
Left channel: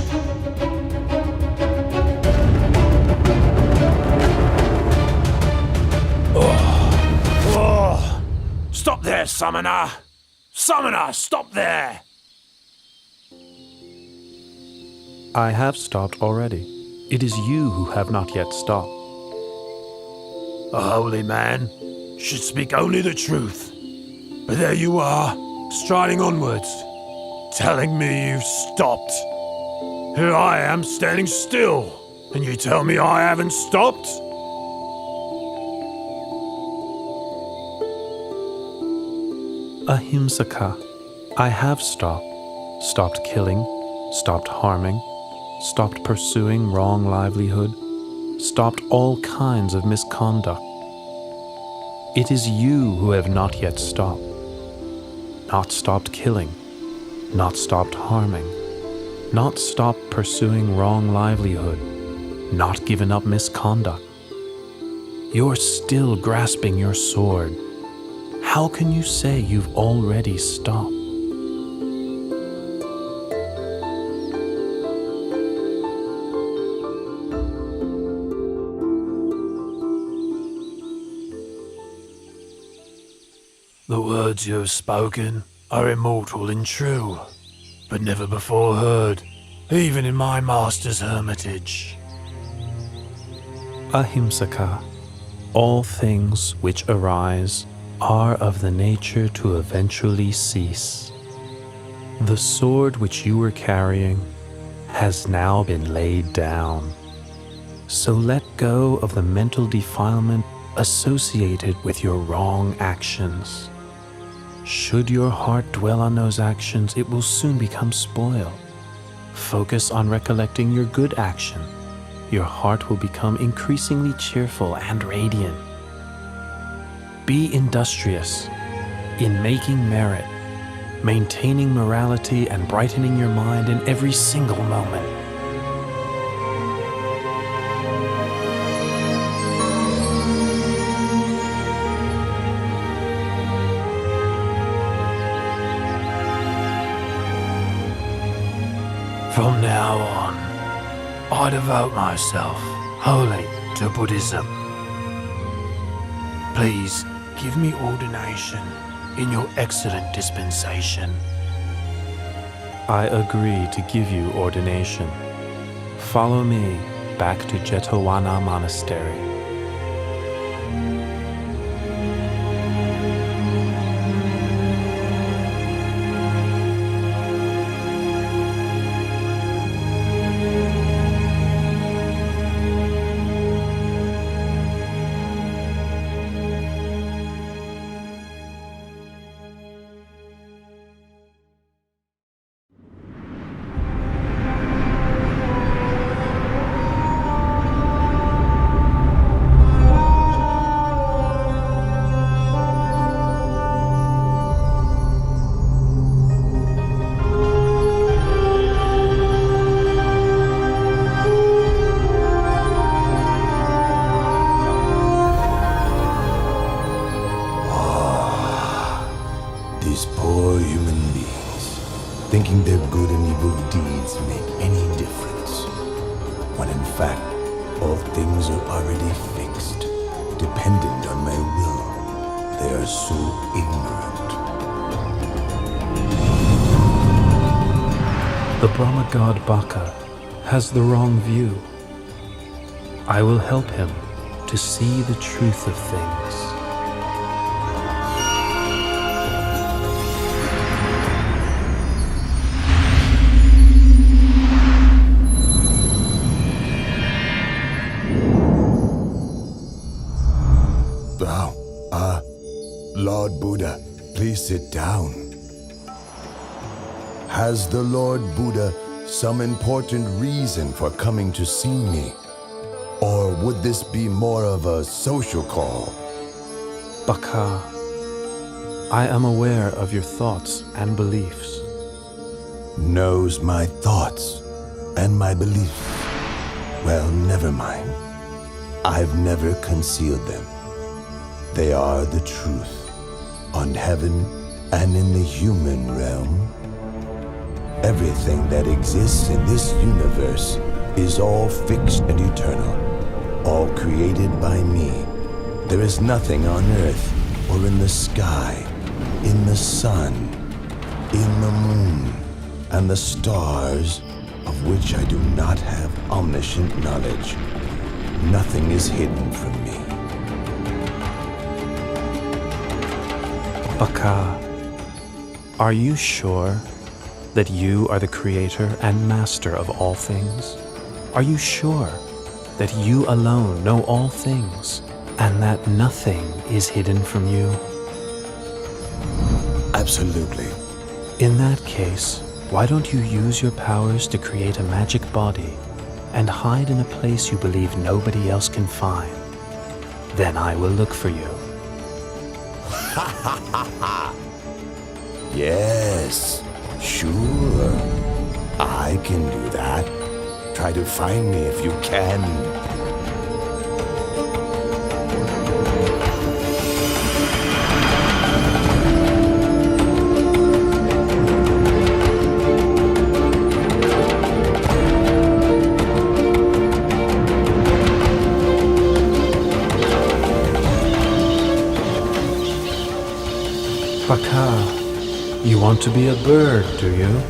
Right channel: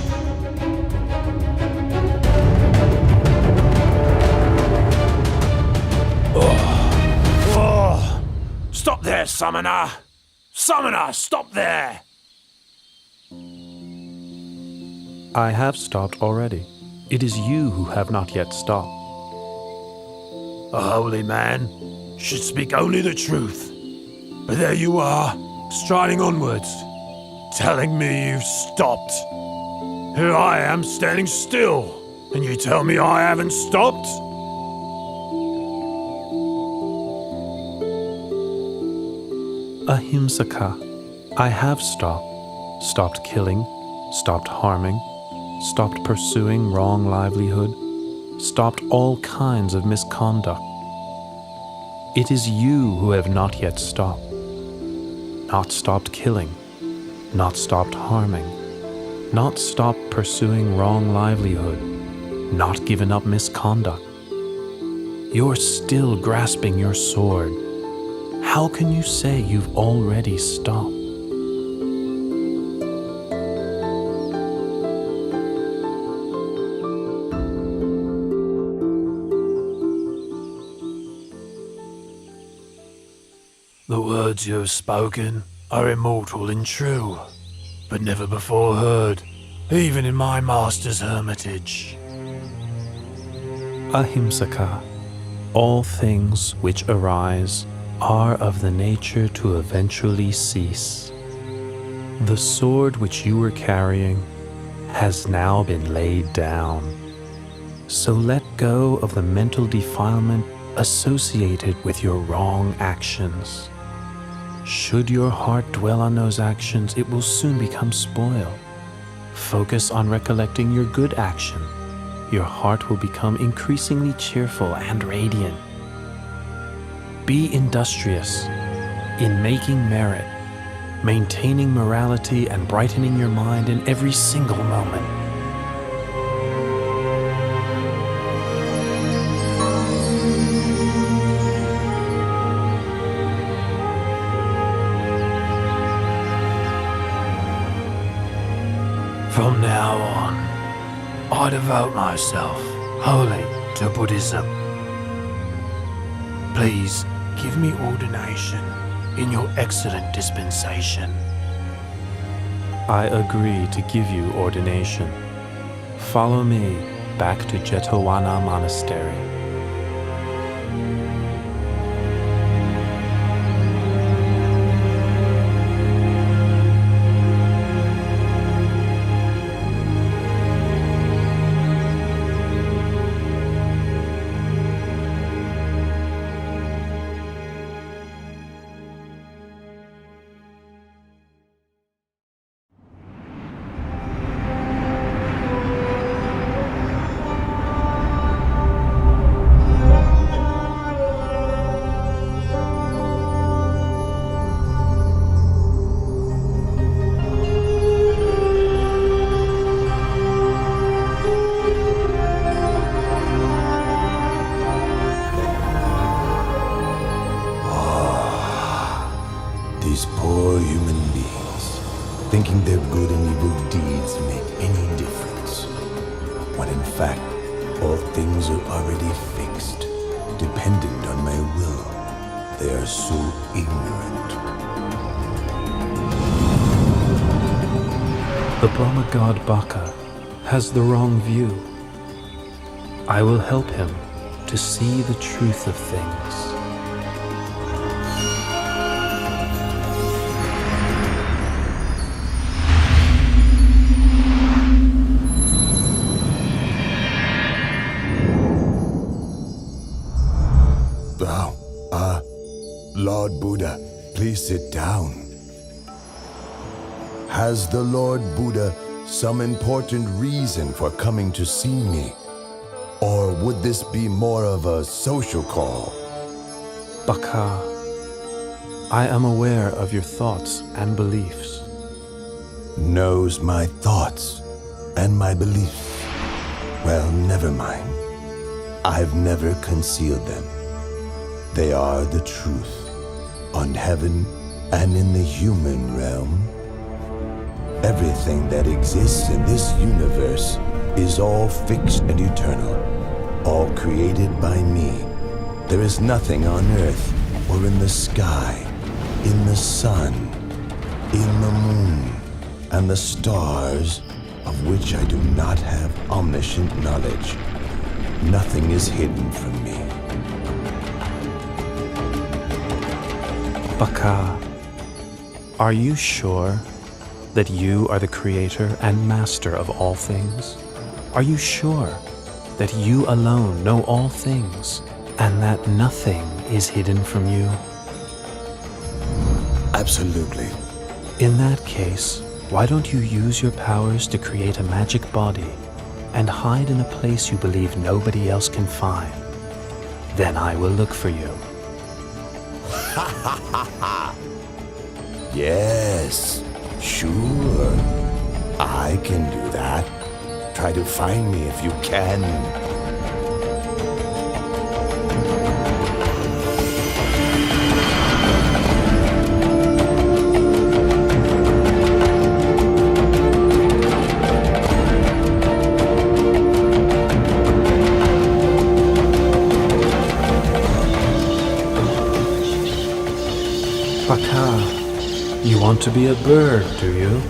Oh. Stop there, summoner! Summoner, stop there! I have stopped already. It is you who have not yet stopped. A holy man should speak only the truth. But there you are, striding onwards, telling me you've stopped. Here I am standing still, and you tell me I haven't stopped? Ahimsaka, I have stopped killing, stopped harming, stopped pursuing wrong livelihood, stopped all kinds of misconduct. It is you who have not yet stopped. Not stopped killing, not stopped harming, not stopped pursuing wrong livelihood, not given up misconduct. You're still grasping your sword. How can you say you've already stopped? The words you have spoken are immortal and true, but never before heard, even in my master's hermitage. Ahimsaka, all things which arise are of the nature to eventually cease. The sword which you were carrying has now been laid down. So let go of the mental defilement associated with your wrong actions. Should your heart dwell on those actions, it will soon become spoiled. Focus on recollecting your good action. Your heart will become increasingly cheerful and radiant. Be industrious in making merit, maintaining morality, and brightening your mind in every single moment. From now on, I devote myself wholly to Buddhism. Please give me ordination in your excellent dispensation. I agree to give you ordination. Follow me back to Jetavana Monastery. These poor human beings, thinking their good and evil deeds make any difference, when in fact all things are already fixed, dependent on my will. They are so ignorant. The Brahma god Baka has the wrong view. I will help him to see the truth of things. Lord Buddha, please sit down. Has the Lord Buddha some important reason for coming to see me? Or would this be more of a social call? Baka, I am aware of your thoughts and beliefs. Knows my thoughts and my beliefs. Well, never mind. I've never concealed them. They are the truth. On heaven and in the human realm, everything that exists in this universe is all fixed and eternal, all created by me. There is nothing on earth or in the sky, in the sun, in the moon, and the stars of which I do not have omniscient knowledge. Nothing is hidden from me. Baka, are you sure that you are the creator and master of all things? Are you sure that you alone know all things and that nothing is hidden from you? Absolutely. In that case, why don't you use your powers to create a magic body and hide in a place you believe nobody else can find? Then I will look for you. Ha ha ha ha! Yes, sure. I can do that. Try to find me if you can. Baka, you want to be a bird, do you?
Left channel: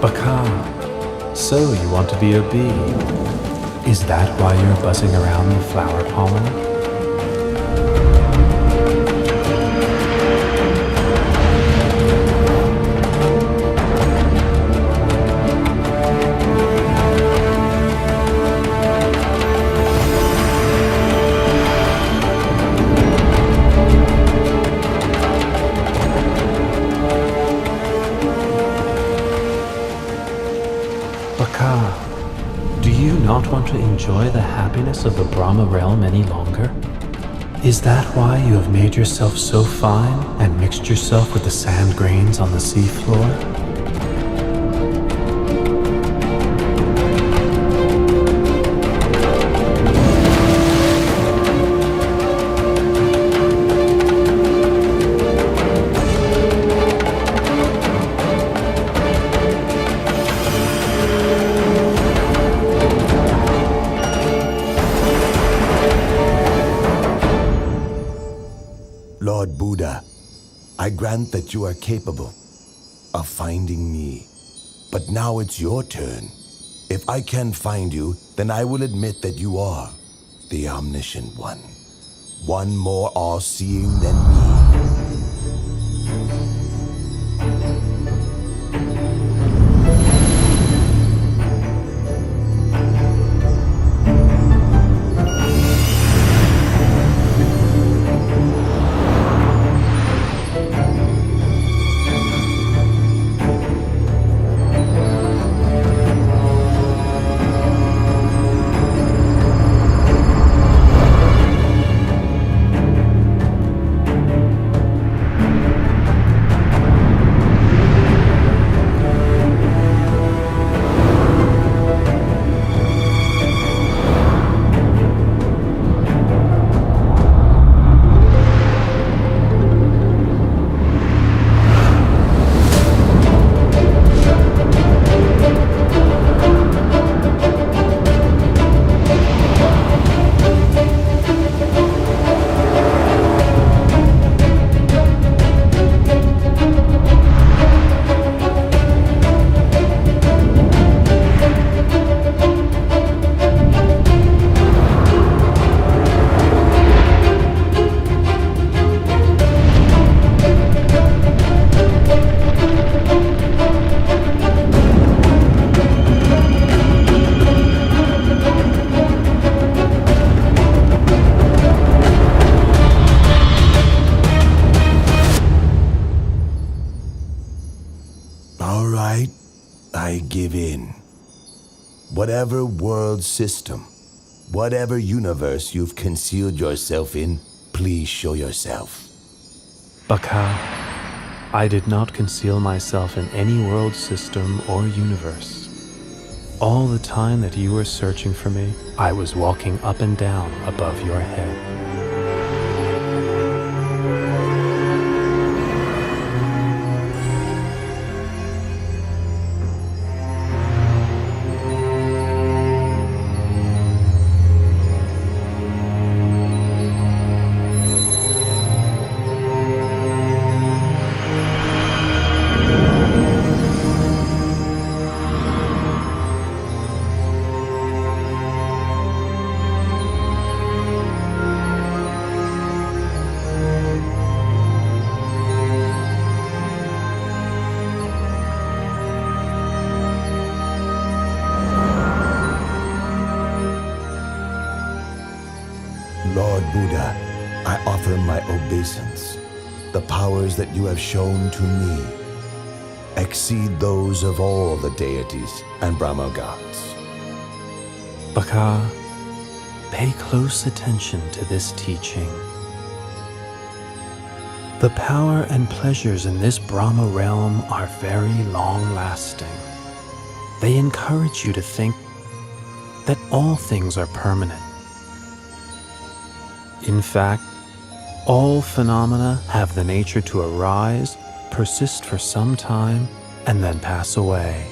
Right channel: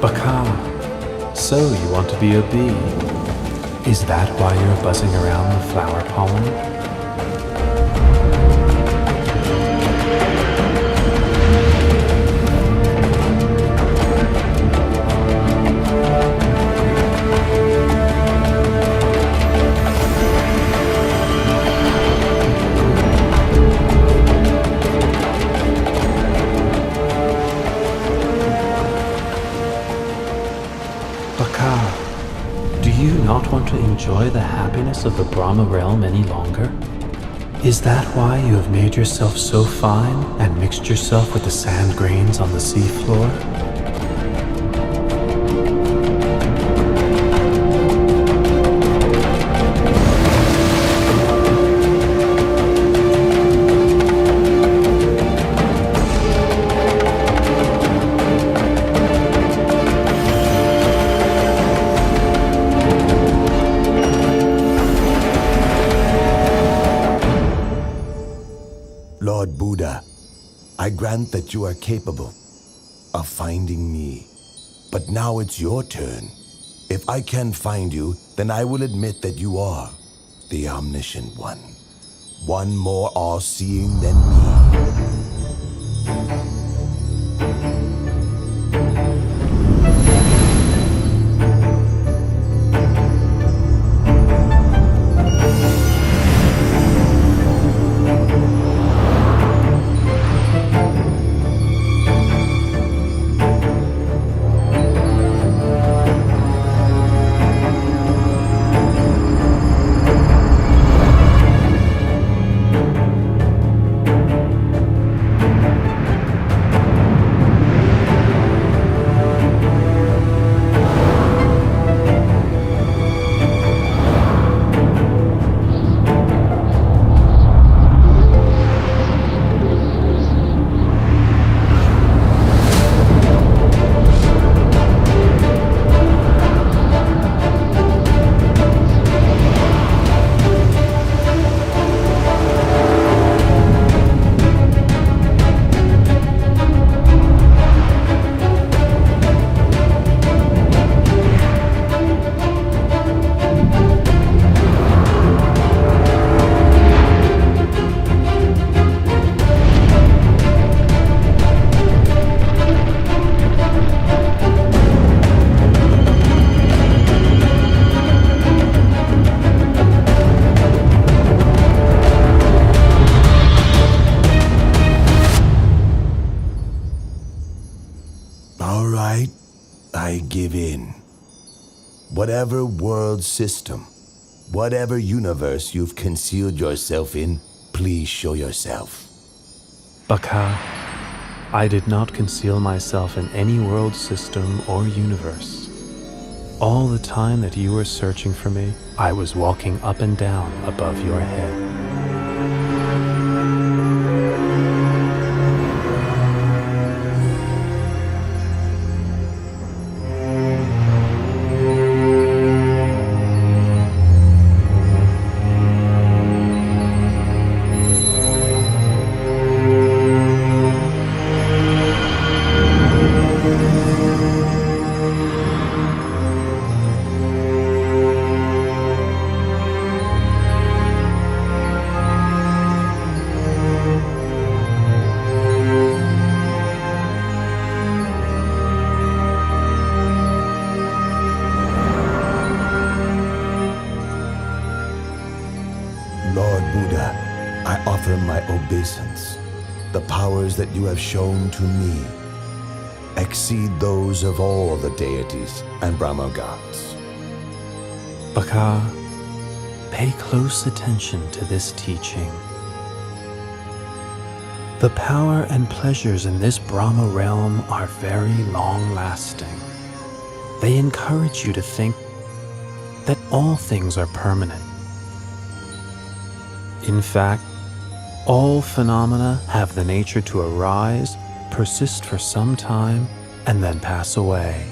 Baka, so you want to be a bee. Is that why you're buzzing around the flower pollen? Baka, do you not want to enjoy the happiness of the Brahma realm any longer? Is that why you have made yourself so fine and mixed yourself with the sand grains on the seafloor? Lord Buddha, I grant that you are capable of finding me. But now it's your turn. If I can find you, then I will admit that you are the omniscient one. One more all-seeing than me. All right, I give in. Whatever world system, whatever universe you've concealed yourself in, please show yourself. Baka, I did not conceal myself in any world system or universe. All the time that you were searching for me, I was walking up and down above your head. Lord Buddha, I offer my obeisance. The powers that you have shown to me exceed those of all the deities and Brahma gods. Baka, pay close attention to this teaching. The power and pleasures in this Brahma realm are very long-lasting. They encourage you to think that all things are permanent. In fact, all phenomena have the nature to arise, persist for some time, and then pass away.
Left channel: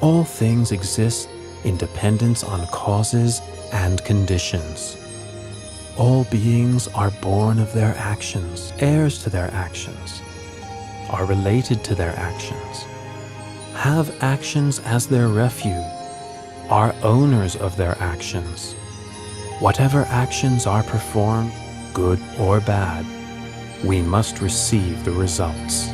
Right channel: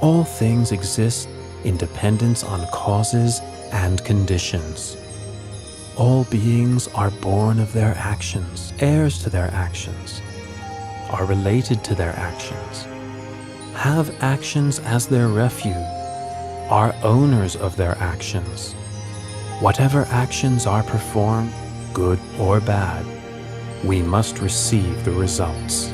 All things exist in dependence on causes and conditions. All beings are born of their actions, heirs to their actions, are related to their actions, have actions as their refuge, are owners of their actions. Whatever actions are performed, good or bad, we must receive the results.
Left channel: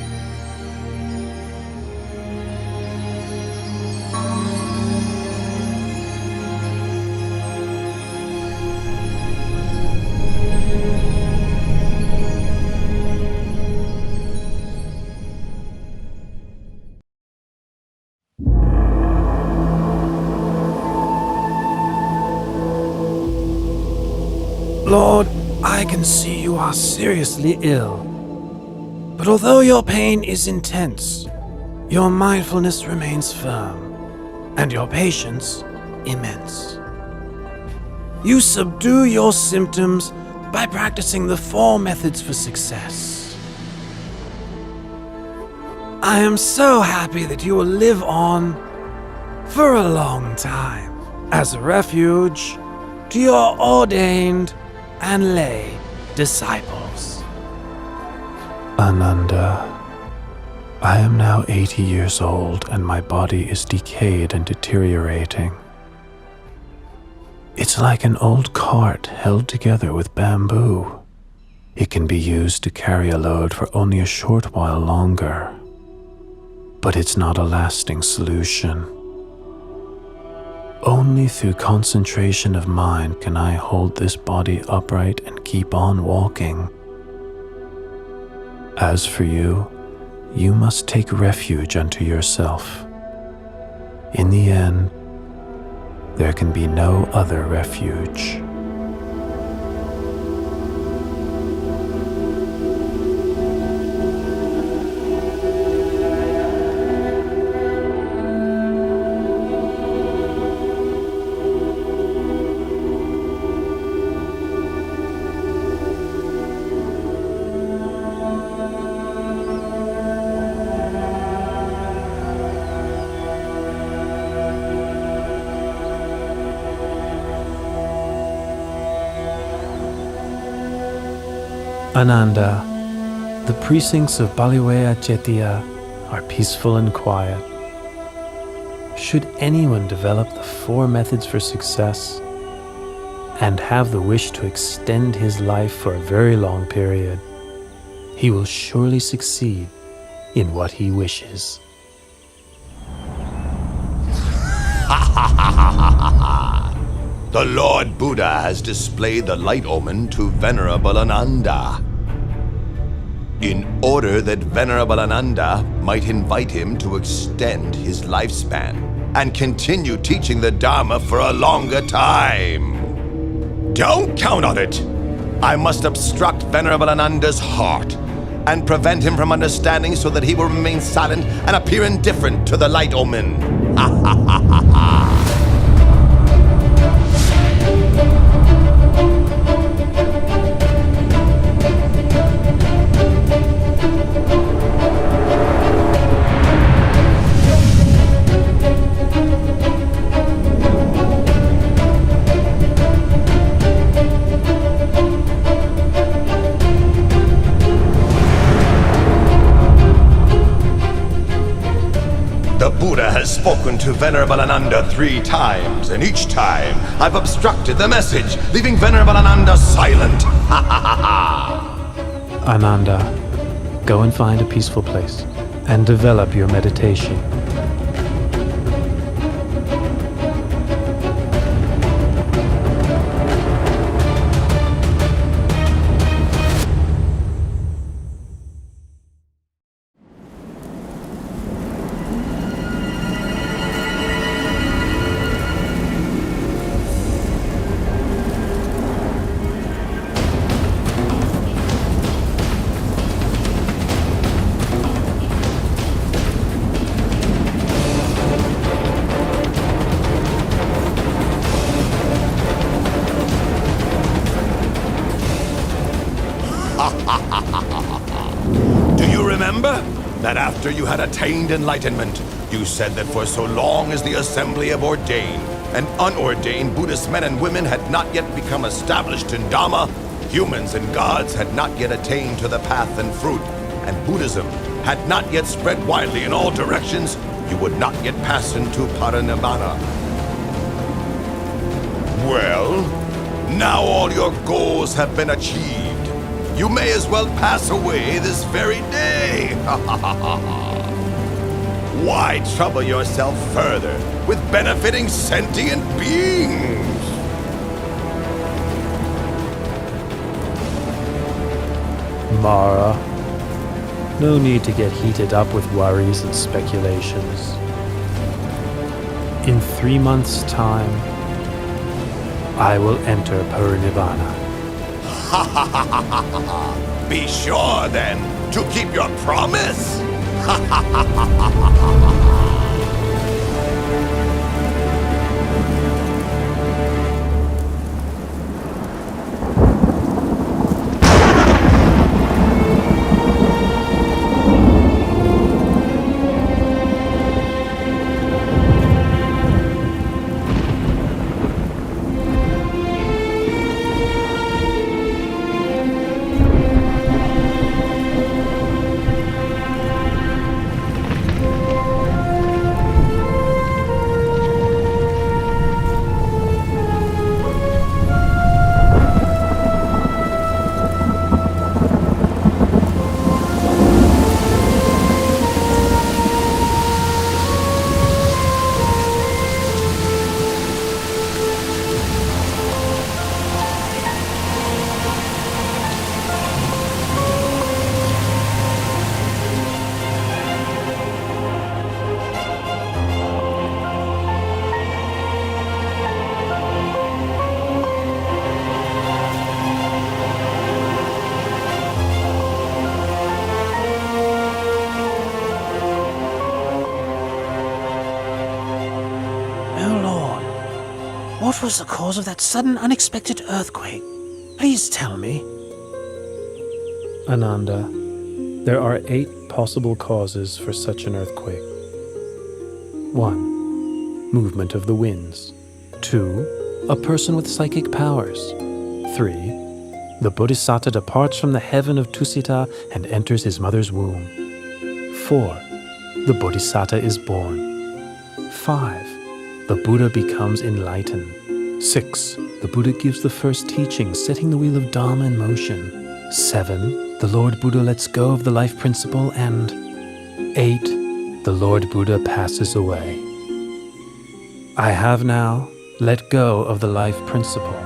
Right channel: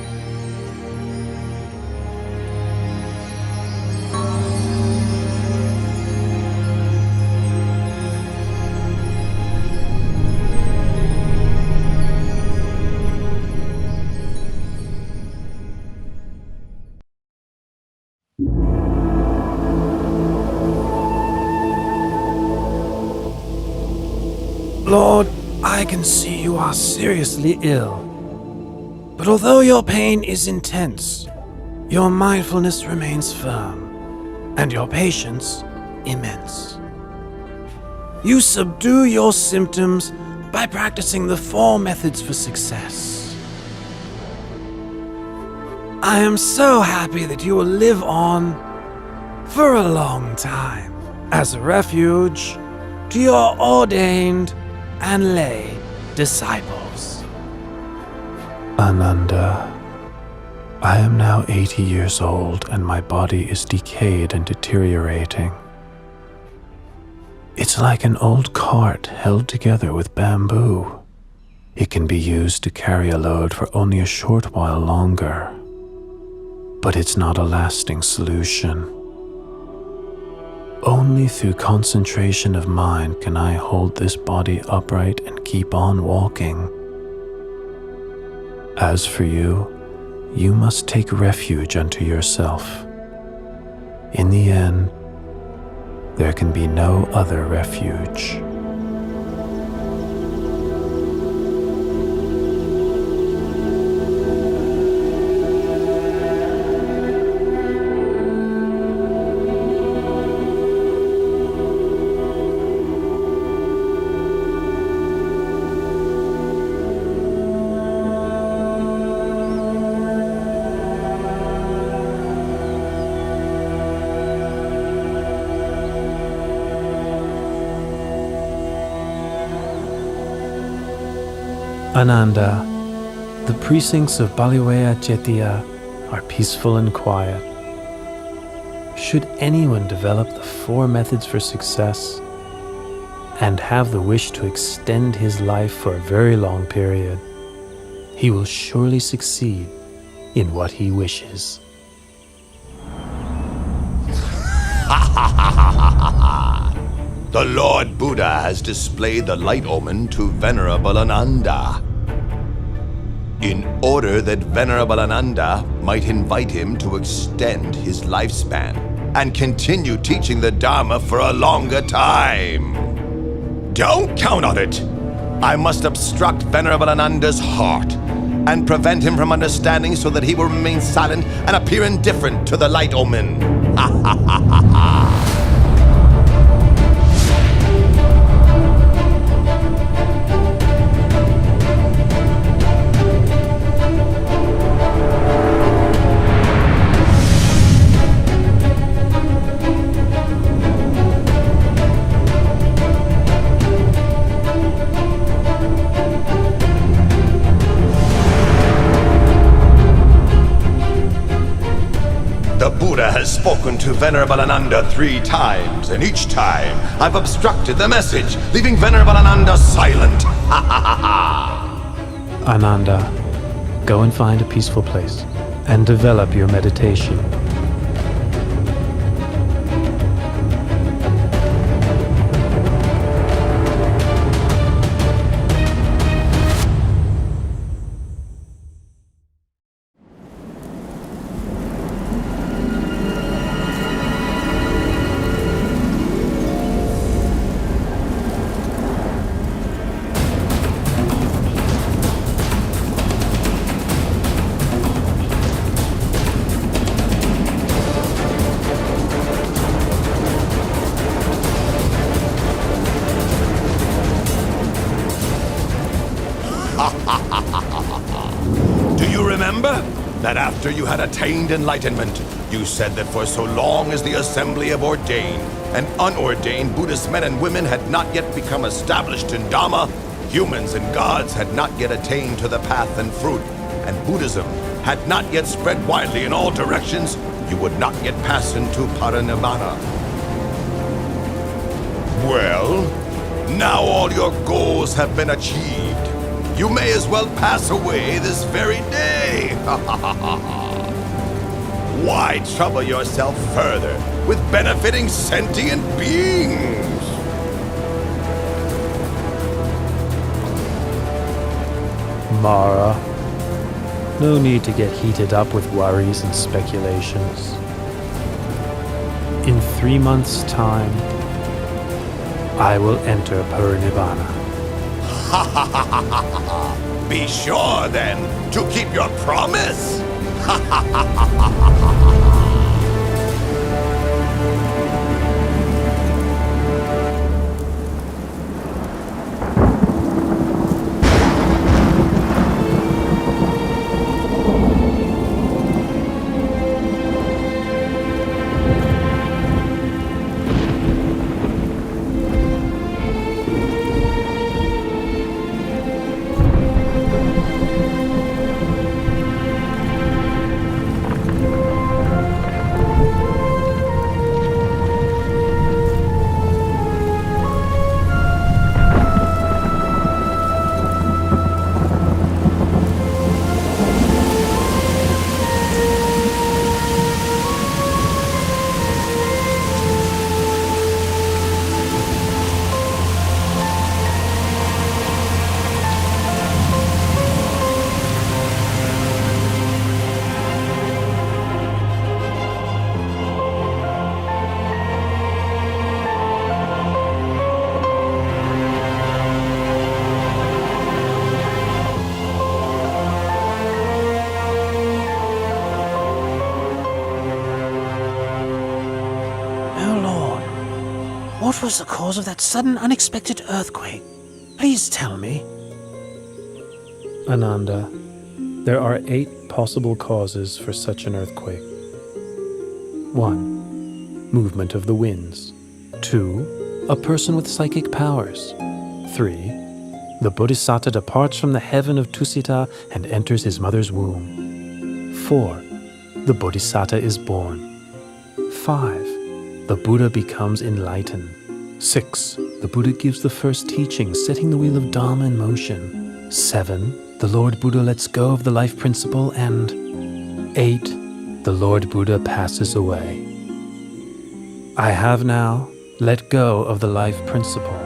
Lord, I can see you are seriously ill. But although your pain is intense, your mindfulness remains firm, and your patience immense. You subdue your symptoms by practicing the 4 methods for success. I am so happy that you will live on for a long time as a refuge to your ordained and lay disciples. Ananda, I am now 80 years old and my body is decayed and deteriorating. It's like an old cart held together with bamboo. It can be used to carry a load for only a short while longer, but it's not a lasting solution. Only through concentration of mind can I hold this body upright and keep on walking. As for you, you must take refuge unto yourself. In the end, there can be no other refuge. Ananda, the precincts of Baliwea Jetiya are peaceful and quiet. Should anyone develop the 4 methods for success and have the wish to extend his life for a very long period, he will surely succeed in what he wishes. The Lord Buddha has displayed the light omen to Venerable Ananda, in order that Venerable Ananda might invite him to extend his lifespan and continue teaching the Dharma for a longer time. Don't count on it! I must obstruct Venerable Ananda's heart and prevent him from understanding so that he will remain silent and appear indifferent to the light omen. Ha ha ha ha ha! The Buddha has spoken to Venerable Ananda 3 times, and each time I've obstructed the message, leaving Venerable Ananda silent. Ha ha ha ha! Ananda, go and find a peaceful place and develop your meditation. remember that after you had attained enlightenment, you said that for so long as the assembly of ordained and unordained Buddhist men and women had not yet become established in Dhamma, humans and gods had not yet attained to the path and fruit, and Buddhism had not yet spread widely in all directions, you would not yet pass into Parinibbana. Well, now all your goals have been achieved. You may as well pass away this very day. Why trouble yourself further with benefiting sentient beings? Mara, no need to get heated up with worries and speculations. In 3 months' time, I will enter Parinibbana. Be sure then to keep your promise. What was the cause of that sudden, unexpected earthquake? Please tell me. Ananda, there are 8 possible causes for such an earthquake. 1. Movement of the winds. 2. A person with psychic powers. 3. The Bodhisattva departs from the heaven of Tusita and enters his mother's womb. 4. The Bodhisattva is born. 5. The Buddha becomes enlightened. 6. The Buddha gives the first teaching, setting the wheel of Dharma in motion. 7. The Lord Buddha lets go of the life principle. And 8. The Lord Buddha passes away. I have now let go of the life principle.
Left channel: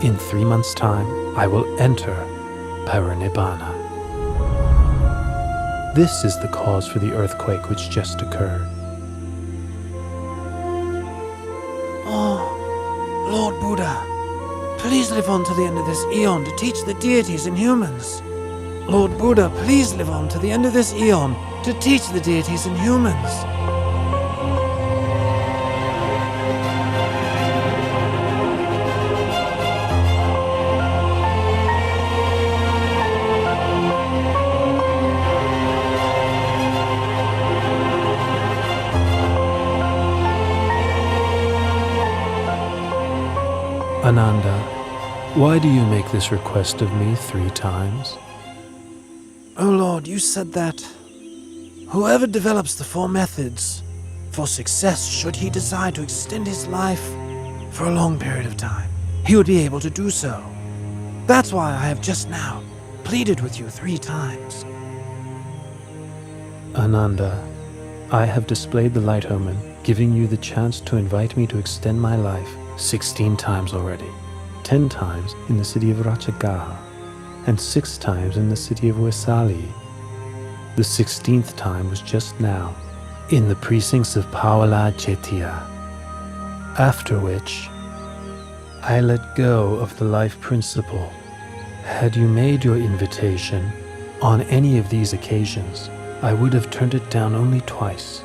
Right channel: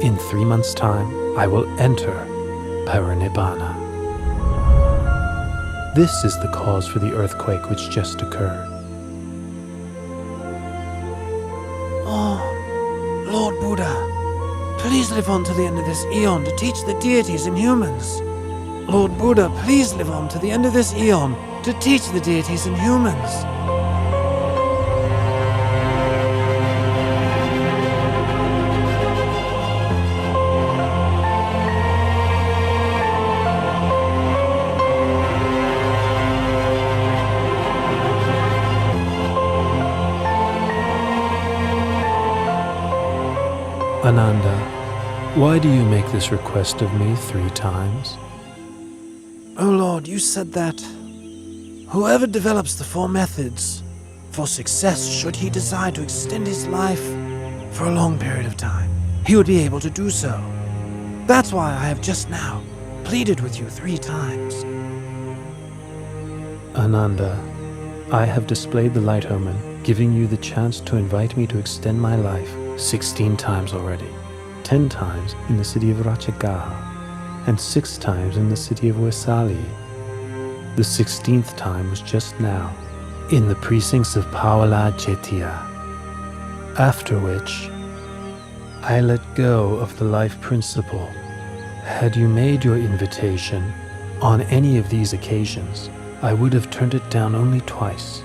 In 3 months' time, I will enter Parinibbana. This is the cause for the earthquake which just occurred. Oh, Lord Buddha, please live on to the end of this eon to teach the deities and humans. Lord Buddha, please live on to the end of this eon to teach the deities and humans. Ananda, why do you make this request of me 3 times? Oh Lord, you said that whoever develops the 4 methods for success, should he desire to extend his life for a long period of time, he would be able to do so. That's why I have just now pleaded with you 3 times. Ananda, I have displayed the light omen, giving you the chance to invite me to extend my life 16 times already. 10 times in the city of Ratchagaha, and 6 times in the city of Vesali. The 16th time was just now, in the precincts of Pawala Chetia. After which, I let go of the life principle. Had you made your invitation on any of these occasions, I would have turned it down only twice,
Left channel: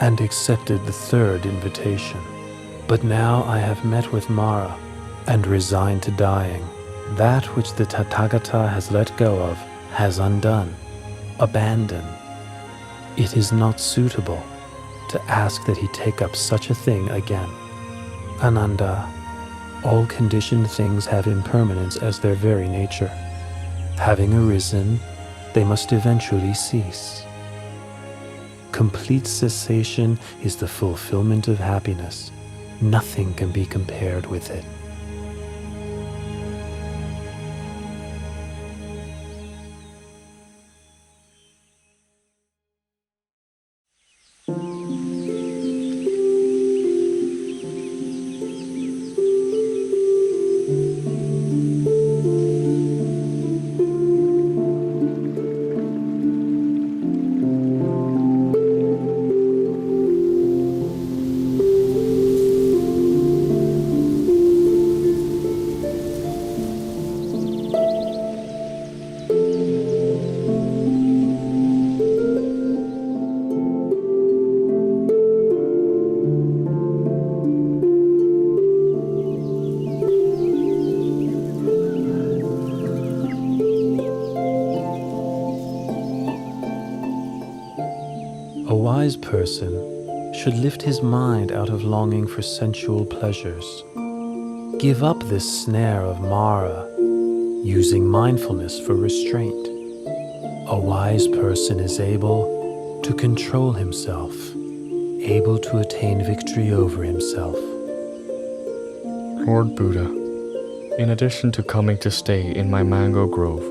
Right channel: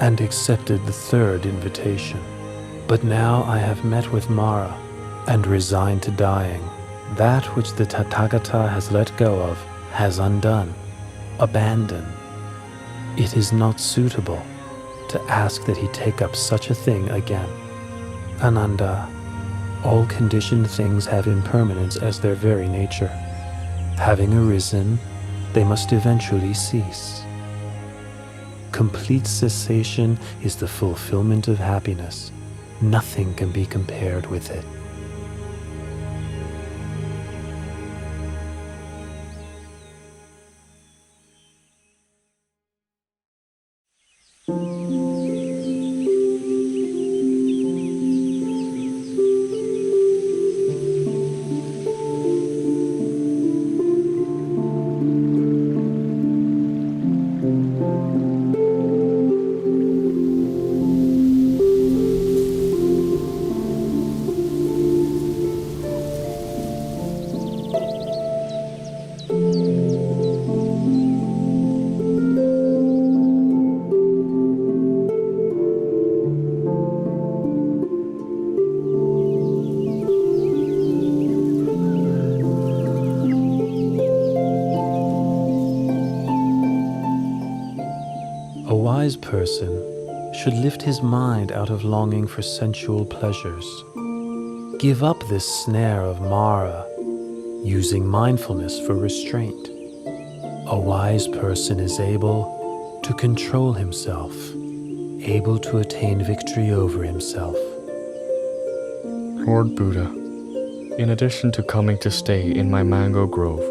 and accepted the 3rd invitation. But now I have met with Mara and resigned to dying. That which the Tathagata has let go of has undone, abandon. It is not suitable to ask that he take up such a thing again. Ananda, all conditioned things have impermanence as their very nature. Having arisen, they must eventually cease. Complete cessation is the fulfillment of happiness. Nothing can be compared with it. A wise person should lift his mind out of longing for sensual pleasures. Give up this snare of Mara, using mindfulness for restraint. A wise person is able to control himself, able to attain victory over himself. Lord Buddha, in addition to coming to stay in my mango grove,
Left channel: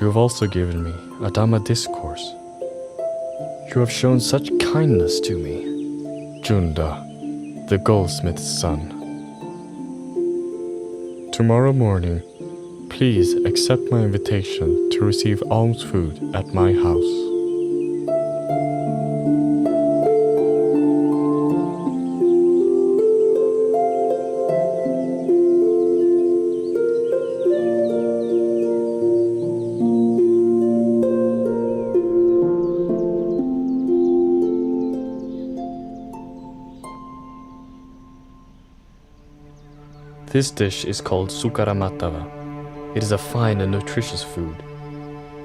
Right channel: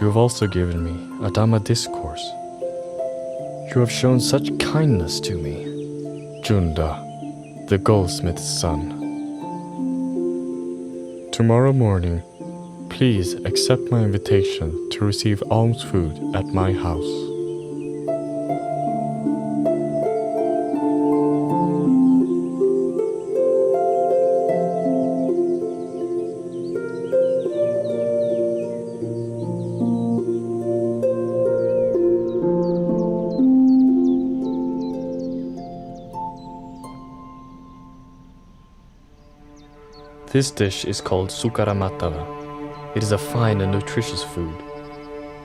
you have also given me a Dhamma discourse. You have shown such kindness to me, Junda, the goldsmith's son. Tomorrow morning, please accept my invitation to receive alms food at my house. This dish is called sukaramatava. It is a fine and nutritious food.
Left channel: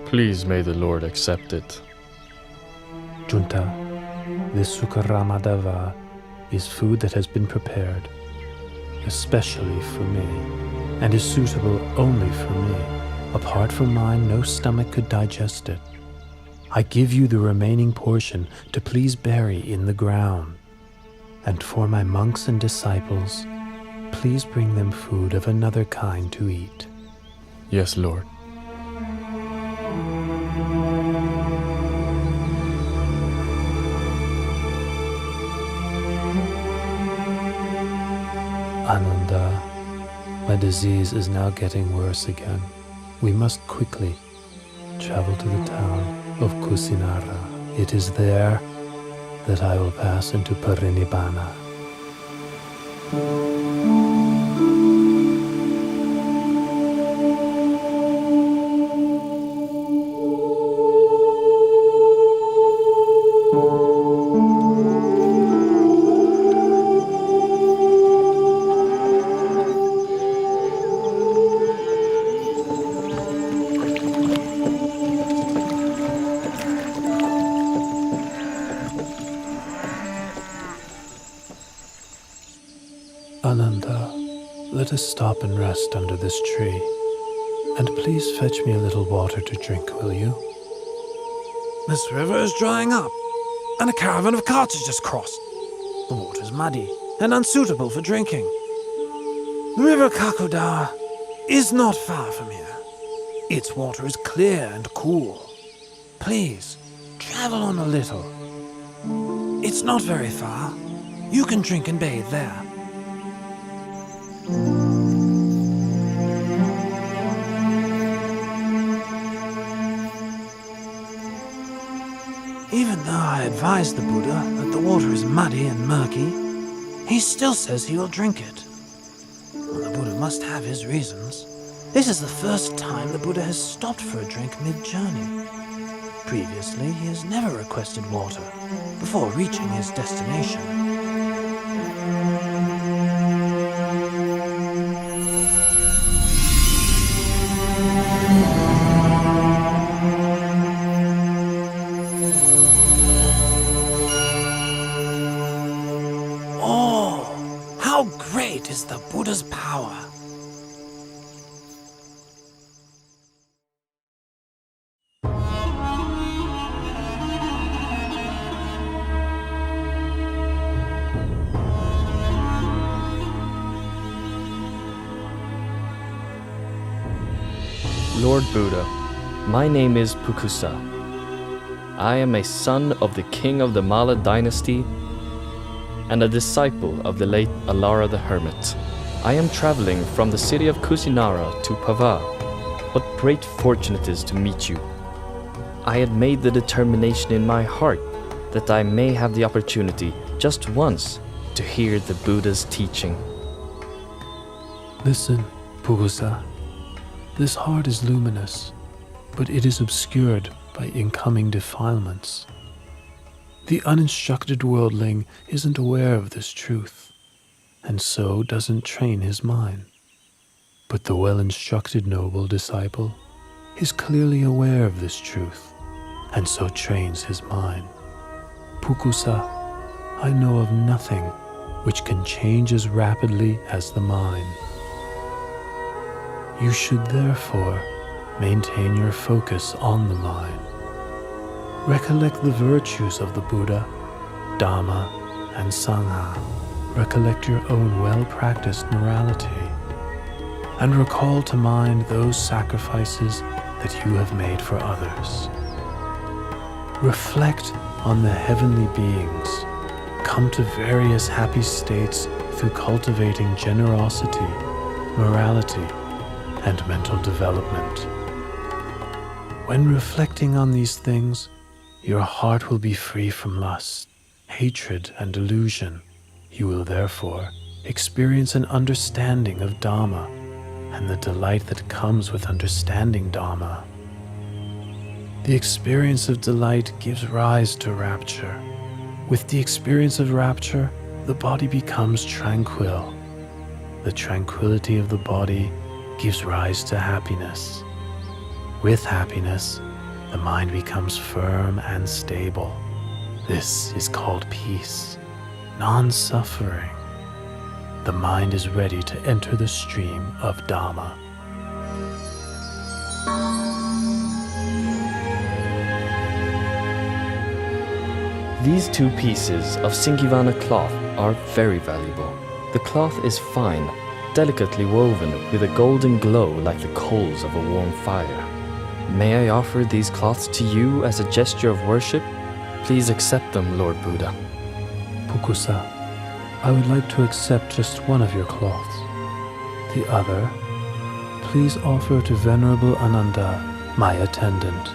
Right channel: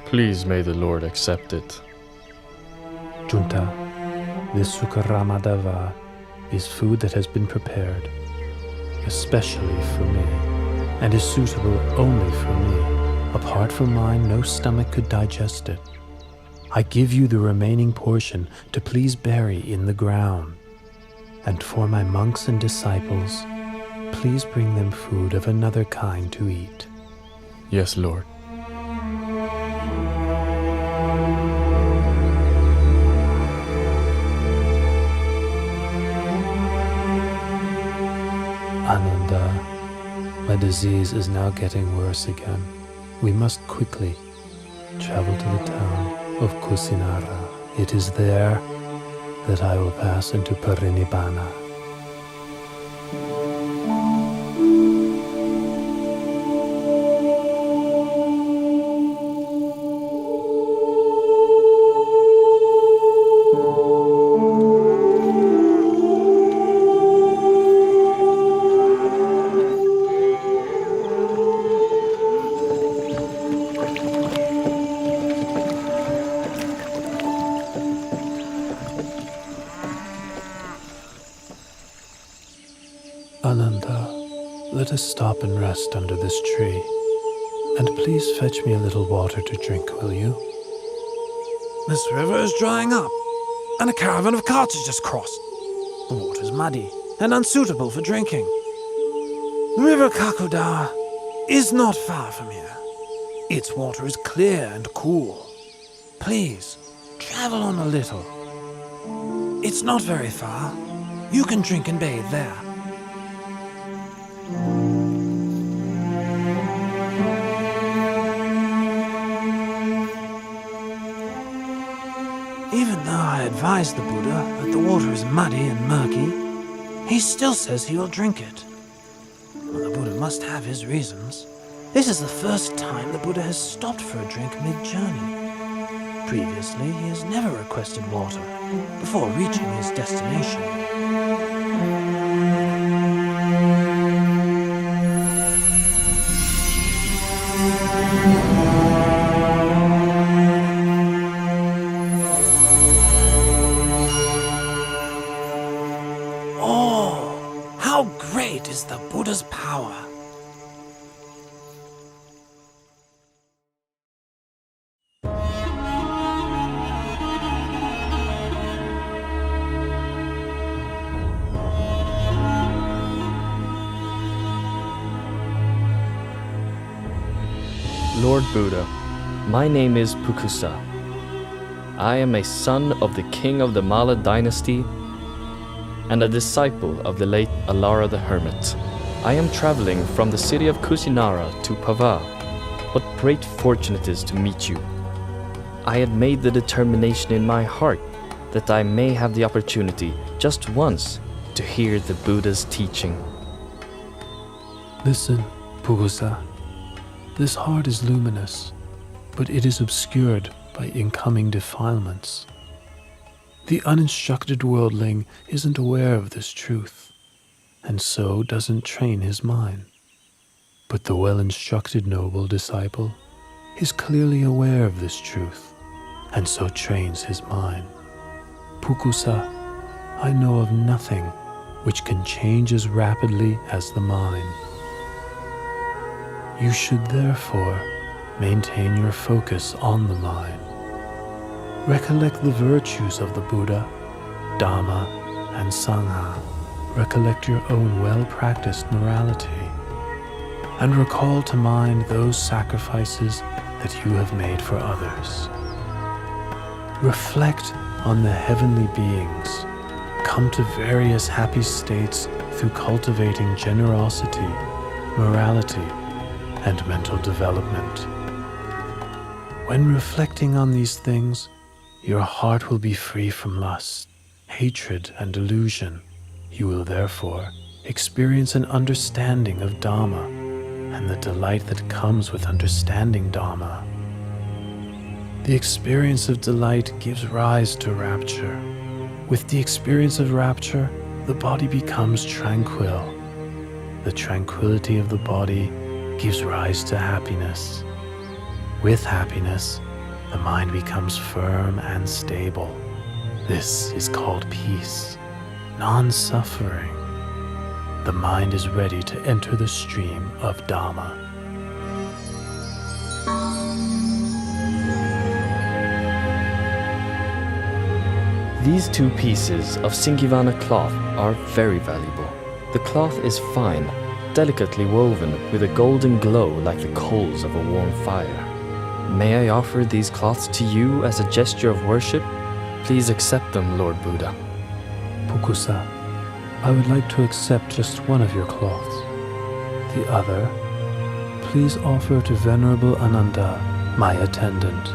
Please may the Lord accept it. Junta, this sukaramadava is food that has been prepared, especially for me, and is suitable only for me. Apart from mine, no stomach could digest it. I give you the remaining portion to please bury in the ground. And for my monks and disciples, please bring them food of another kind to eat. Yes, Lord. Ananda, my disease is now getting worse again. We must quickly travel to the town of Kusinara. It is there that I will pass into Parinibbana. Ananda, let us stop and rest under this tree. And please fetch me a little water to drink, will you? This river is drying up, and a caravan of carts has just crossed. The water is muddy and unsuitable for drinking. The river Kakuda is not far from here. Its water is clear and cool. Please, travel on a little. It's not very far. You can drink and bathe there. Even though I advised the Buddha that the water is muddy and murky, he still says he will drink it. Well, the Buddha must have his reasons. This is the first time the Buddha has stopped for a drink mid-journey. Previously, he has never requested water before reaching his destination. How great is the Buddha's power! Lord Buddha, my name is Pukusa. I am a son of the king of the Mala dynasty and a disciple of the late Alara the Hermit. I am traveling from the city of Kusinara to Pava. What great fortune it is to meet you. I had made the determination in my heart that I may have the opportunity just once to hear the Buddha's teaching. Listen, Pukusa. This heart is luminous, but it is obscured by incoming defilements. The uninstructed worldling isn't aware of this truth, and so doesn't train his mind. But the well-instructed noble disciple is clearly aware of this truth, and so trains his mind. Pukusa, I know of nothing which can change as rapidly as the mind. You should therefore maintain your focus on the mind. Recollect the virtues of the Buddha, Dhamma, and Sangha. Recollect your own well-practiced morality. And recall to mind those sacrifices that you have made for others. Reflect on the heavenly beings. Come to various happy states through cultivating generosity, morality, and mental development. When reflecting on these things, your heart will be free from lust, hatred, and delusion. You will therefore experience an understanding of Dhamma and the delight that comes with understanding Dhamma. The experience of delight gives rise to rapture. With the experience of rapture, the body becomes tranquil. The tranquility of the body gives rise to happiness. With happiness, the mind becomes firm and stable. This is called peace, non-suffering. The mind is ready to enter the stream of Dhamma. These two pieces of Singivana cloth are very valuable. The cloth is fine, delicately woven with a golden glow like the coals of a warm fire. May I offer these cloths to you as a gesture of worship? Please accept them, Lord Buddha. Pukusa, I would like to accept just one of your cloths. The other, please offer to Venerable Ananda, my attendant.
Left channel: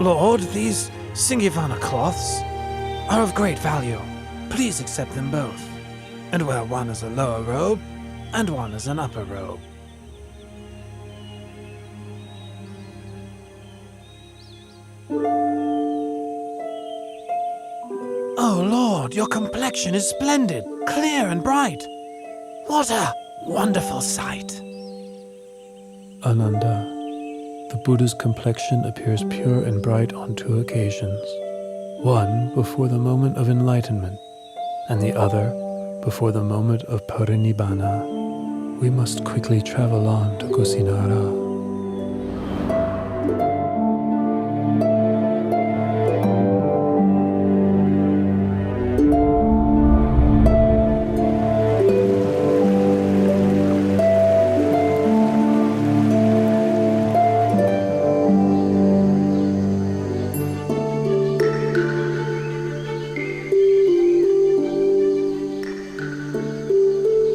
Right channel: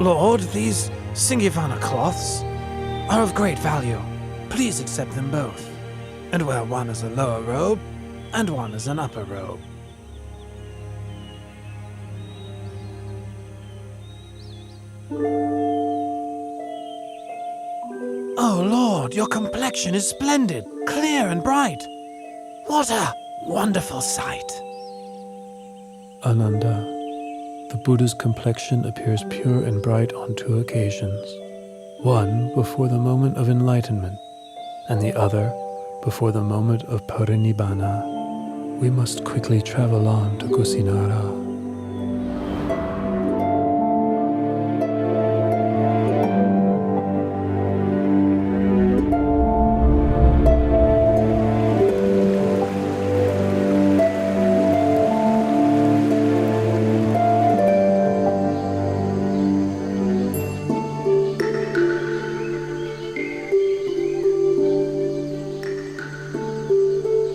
Lord, these Singivana cloths are of great value. Please accept them both, and wear one as a lower robe and one as an upper robe. Oh Lord, your complexion is splendid, clear and bright. What a wonderful sight. Ananda, the Buddha's complexion appears pure and bright on two occasions. One before the moment of enlightenment, and the other before the moment of parinibbana. We must quickly travel on to Kusinara.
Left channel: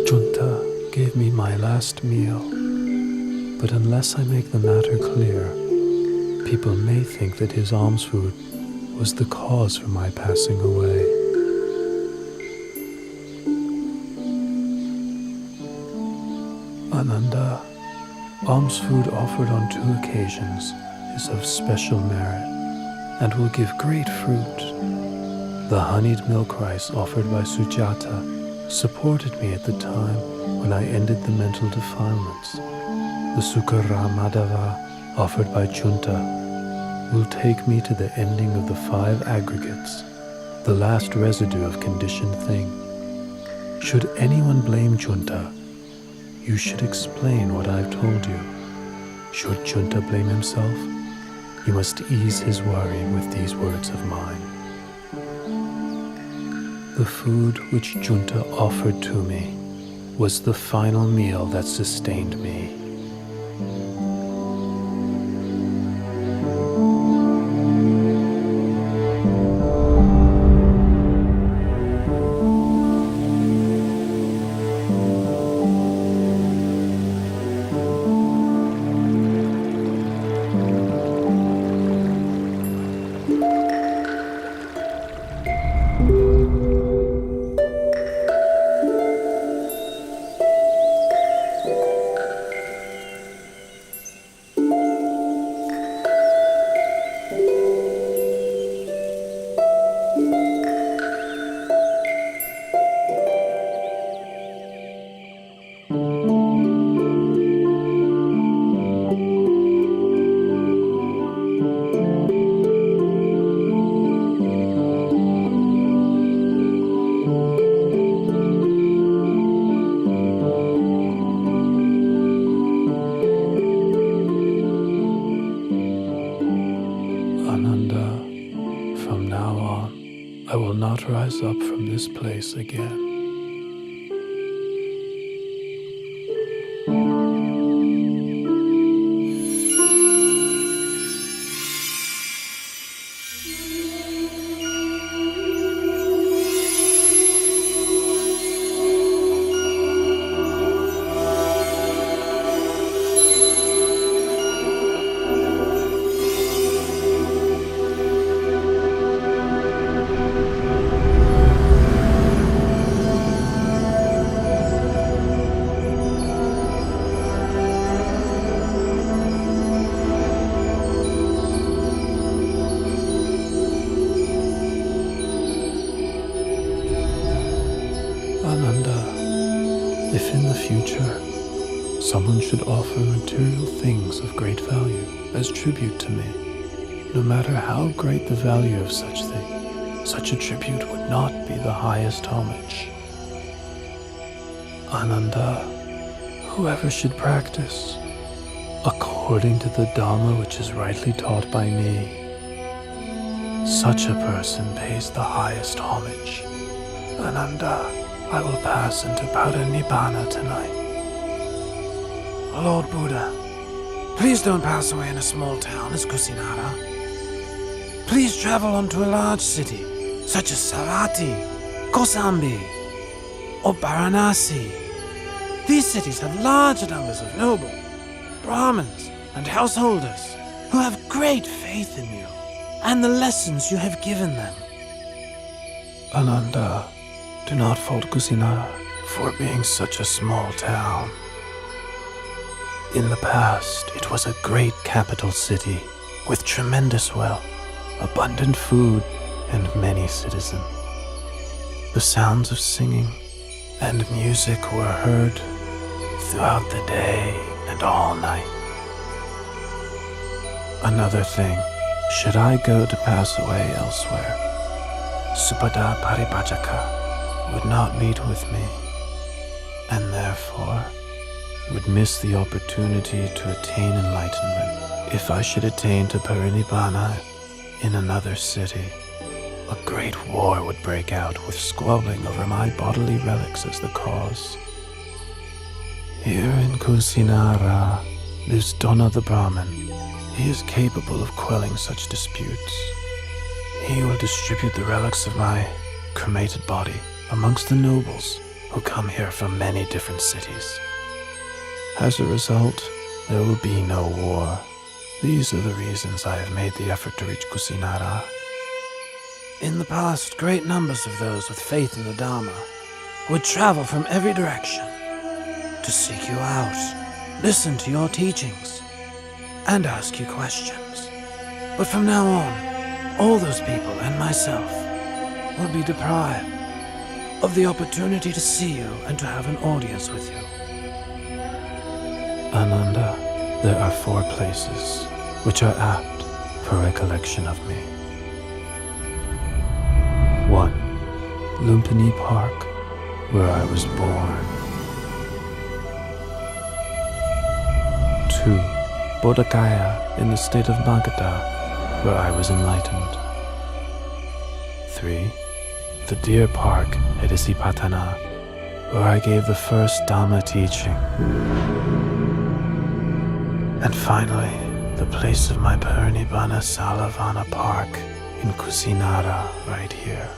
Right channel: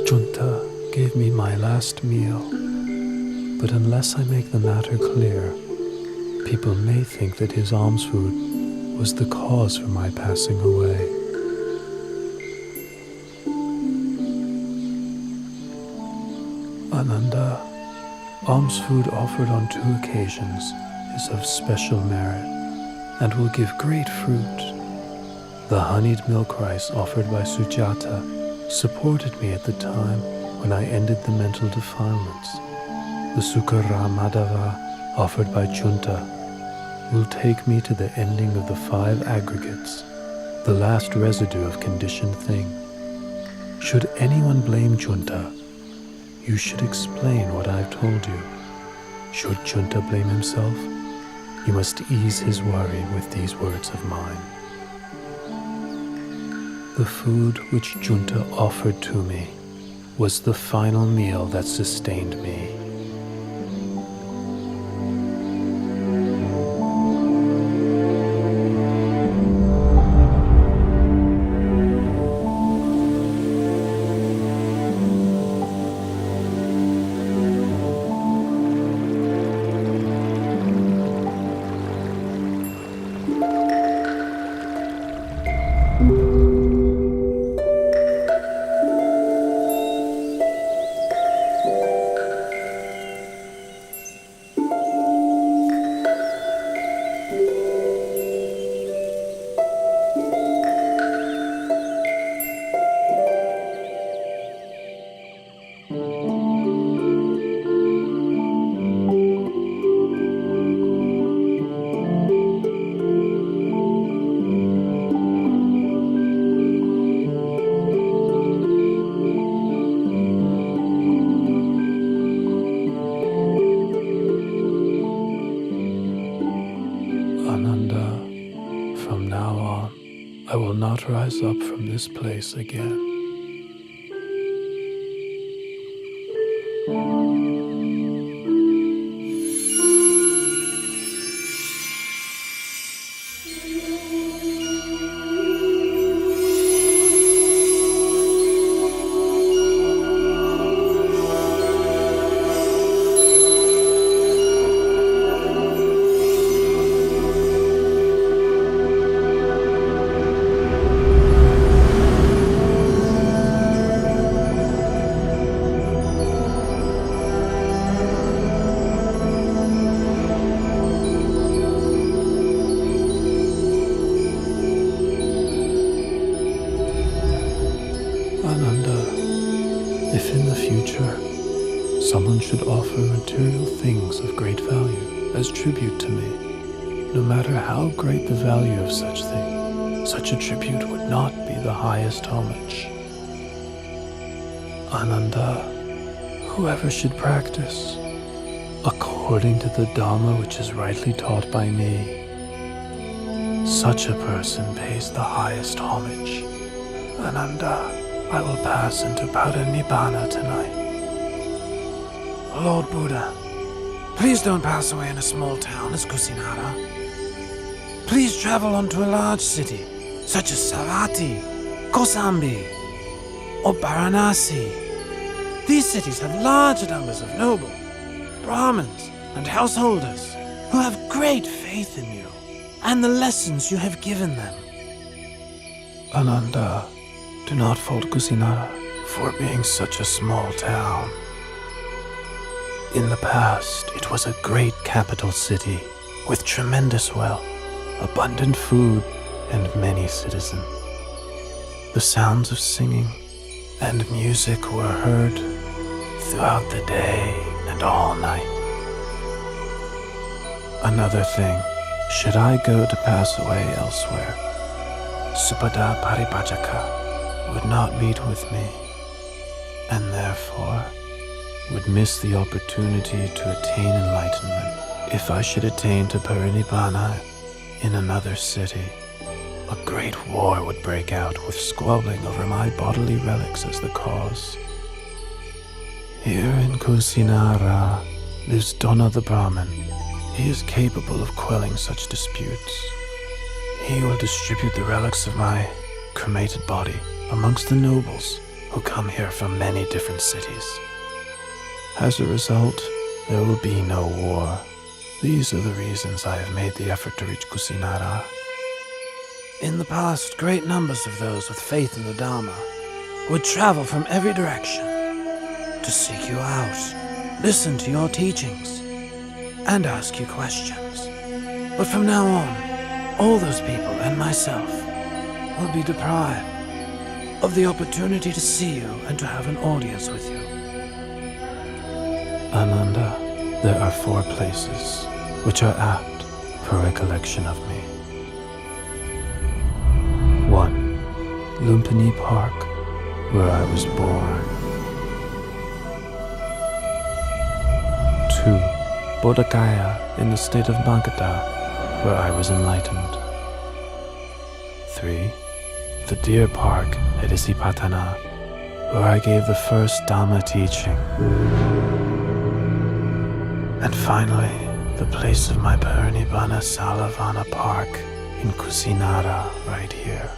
Junta gave me my last meal, but unless I make the matter clear, people may think that his alms food was the cause for my passing away. Ananda, Alms food offered on 2 occasions is of special merit and will give great fruit. The honeyed milk rice offered by Sujata supported me at the time when I ended the mental defilements. The Sukara Madhava offered by Junta will take me to the ending of the 5 aggregates, the last residue of conditioned thing. Should anyone blame Junta, you should explain what I've told you. Should Junta blame himself, you must ease his worry with these words of mine. The food which Junta offered to me was the final meal that sustained me. I will not rise up from this place again. If in the future someone should offer material things of great value as tribute to me, no matter how great the value of such thing, such a tribute would not be the highest homage. Ananda, whoever should practice according to the Dhamma which is rightly taught by me, such a person pays the highest homage. Ananda, I will pass into Parinibbana tonight. Lord Buddha, please don't pass away in a small town as Kusinara. Please travel on to a large city, such as Savatthi, Kosambi, or Varanasi. These cities have large numbers of noble, Brahmins, and householders who have great faith in you and the lessons you have given them. Ananda, do not fault Kusinara for being such a small town. In the past, it was a great capital city with tremendous wealth, abundant food, and many citizens. The sounds of singing and music were heard throughout the day and all night. Another thing, should I go to pass away elsewhere, Supada Paripajaka would not meet with me, and therefore would miss the opportunity to attain enlightenment. If I should attain to Parinibbana in another city, a great war would break out with squabbling over my bodily relics as the cause. Here in Kusinara lives Dona the Brahmin. He is capable of quelling such disputes. He will distribute the relics of my cremated body amongst the nobles who come here from many different cities. As a result, there will be no war. These are the reasons I have made the effort to reach Kusinara. In the past, great numbers of those with faith in the Dharma would travel from every direction to seek you out. listen to your teachings, and ask you questions. But from now on, all those people and myself will be deprived of the opportunity to see you and to have an audience with you. Ananda, there are 4 places which are apt for recollection of me. 1. Lumpini Park, where I was born. 2. Bodhgaya in the state of Magadha, where I was enlightened. 3. The Deer Park at Isipatana, where I gave the first Dhamma teaching. And finally, the place of my Parinibbana Salavana Park in Kusinara, right here.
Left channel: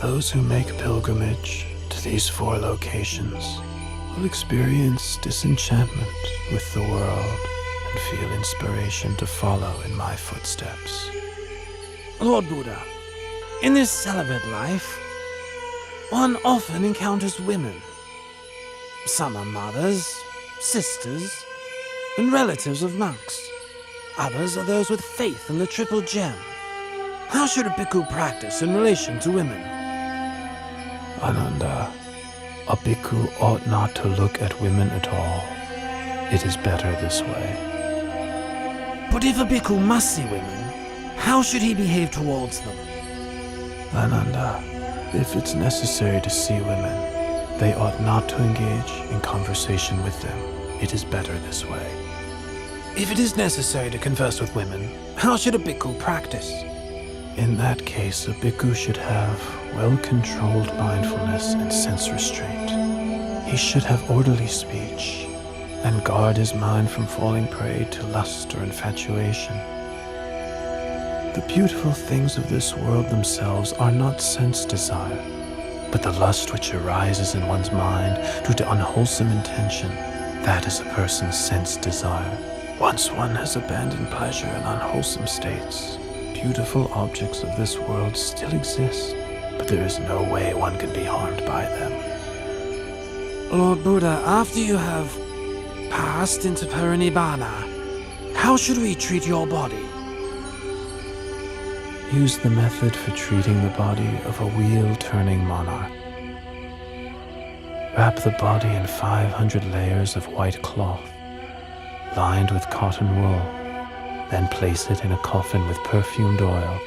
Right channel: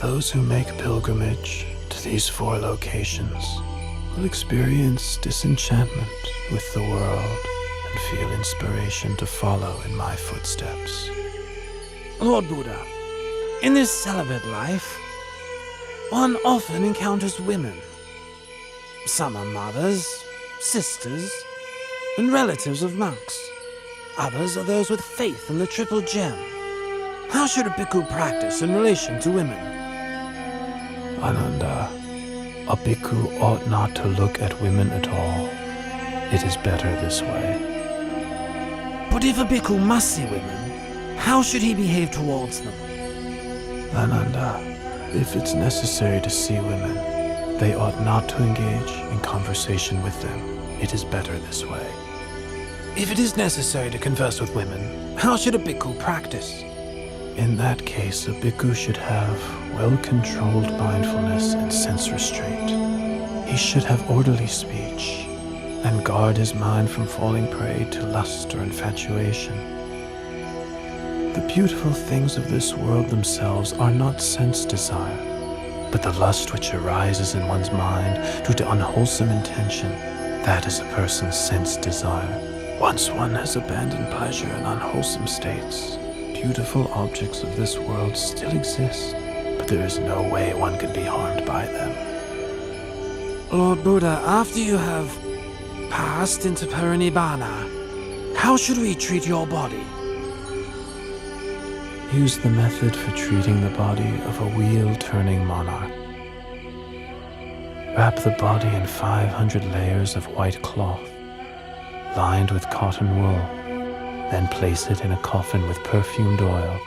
Those who make pilgrimage to these 4 locations will experience disenchantment with the world and feel inspiration to follow in my footsteps. Lord Buddha, in this celibate life, one often encounters women. Some are mothers, sisters, and relatives of monks. Others are those with faith in the triple gem. How should a bhikkhu practice in relation to women? Ananda, a bhikkhu ought not to look at women at all. It is better this way. But if a bhikkhu must see women, how should he behave towards them? Ananda, if it's necessary to see women, they ought not to engage in conversation with them. It is better this way. If it is necessary to converse with women, how should a bhikkhu practice? In that case, a bhikkhu should have well-controlled mindfulness and sense restraint. He should have orderly speech and guard his mind from falling prey to lust or infatuation. The beautiful things of this world themselves are not sense desire, but the lust which arises in one's mind due to unwholesome intention, that is a person's sense desire. Once one has abandoned pleasure in unwholesome states, beautiful objects of this world still exist, but there is no way one can be harmed by them. Lord Buddha, after you have passed into Parinibbana, how should we treat your body? Use the method for treating the body of a wheel-turning monarch. Wrap the body in 500 layers of white cloth, lined with cotton wool. Then place it in a coffin with perfumed oil.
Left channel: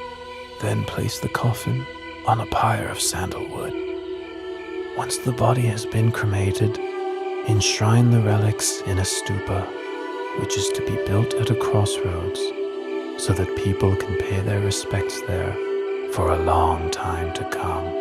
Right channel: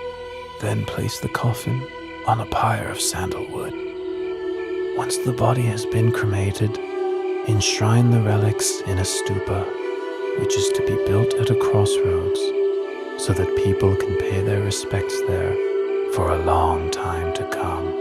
Then place the coffin on a pyre of sandalwood. Once the body has been cremated, enshrine the relics in a stupa, which is to be built at a crossroads, so that people can pay their respects there for a long time to come.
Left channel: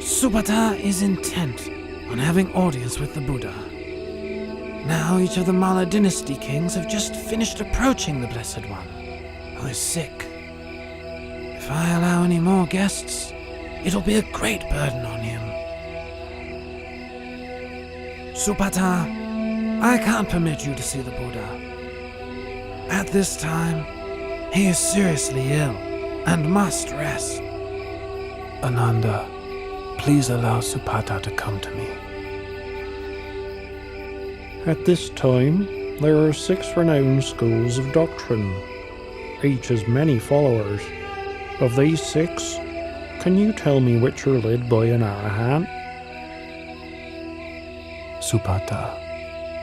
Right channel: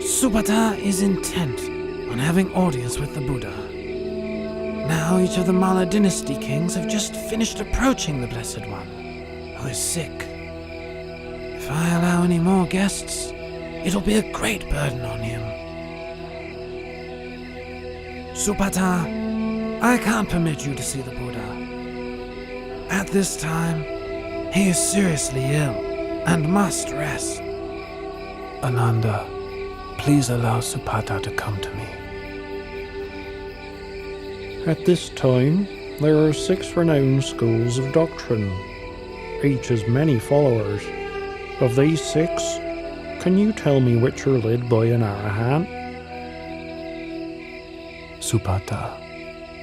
Supata is intent on having audience with the Buddha. Now each of the Mala dynasty kings have just finished approaching the Blessed One, who is sick. If I allow any more guests, it'll be a great burden on him. Supata, I can't permit you to see the Buddha. At this time, he is seriously ill and must rest. Ananda, please allow Supata to come to me. At this time, there are 6 renowned schools of doctrine. Each has many followers. Of these 6, can you tell me which are led by an Arahant? Supata,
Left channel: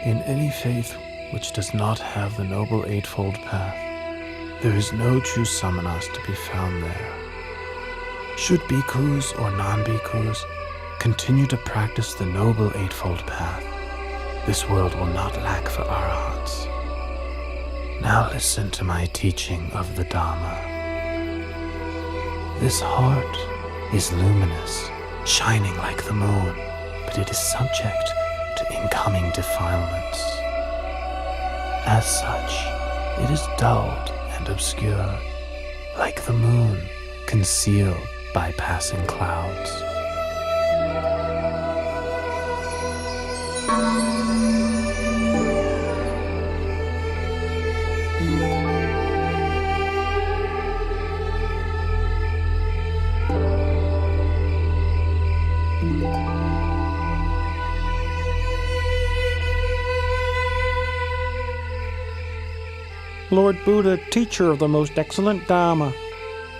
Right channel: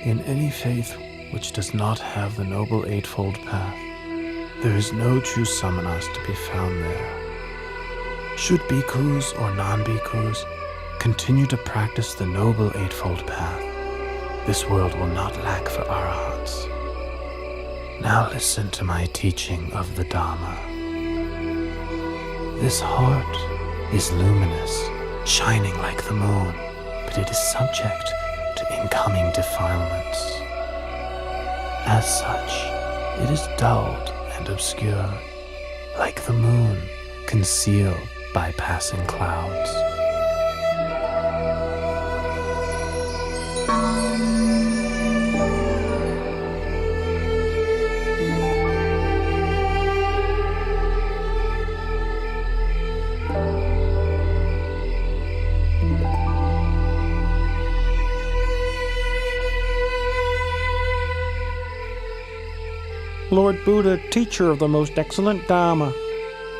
in any faith which does not have the Noble Eightfold Path, there is no true samanas to be found there. Should bhikkhus or non-bhikkhus continue to practice the Noble Eightfold Path, this world will not lack for arahants. Now listen to my teaching of the Dharma. This heart is luminous, shining like the moon, but it is subject to incoming defilements. As such, it is dulled and obscured, like the moon concealed by passing clouds. Lord Buddha, teacher of the most excellent Dharma,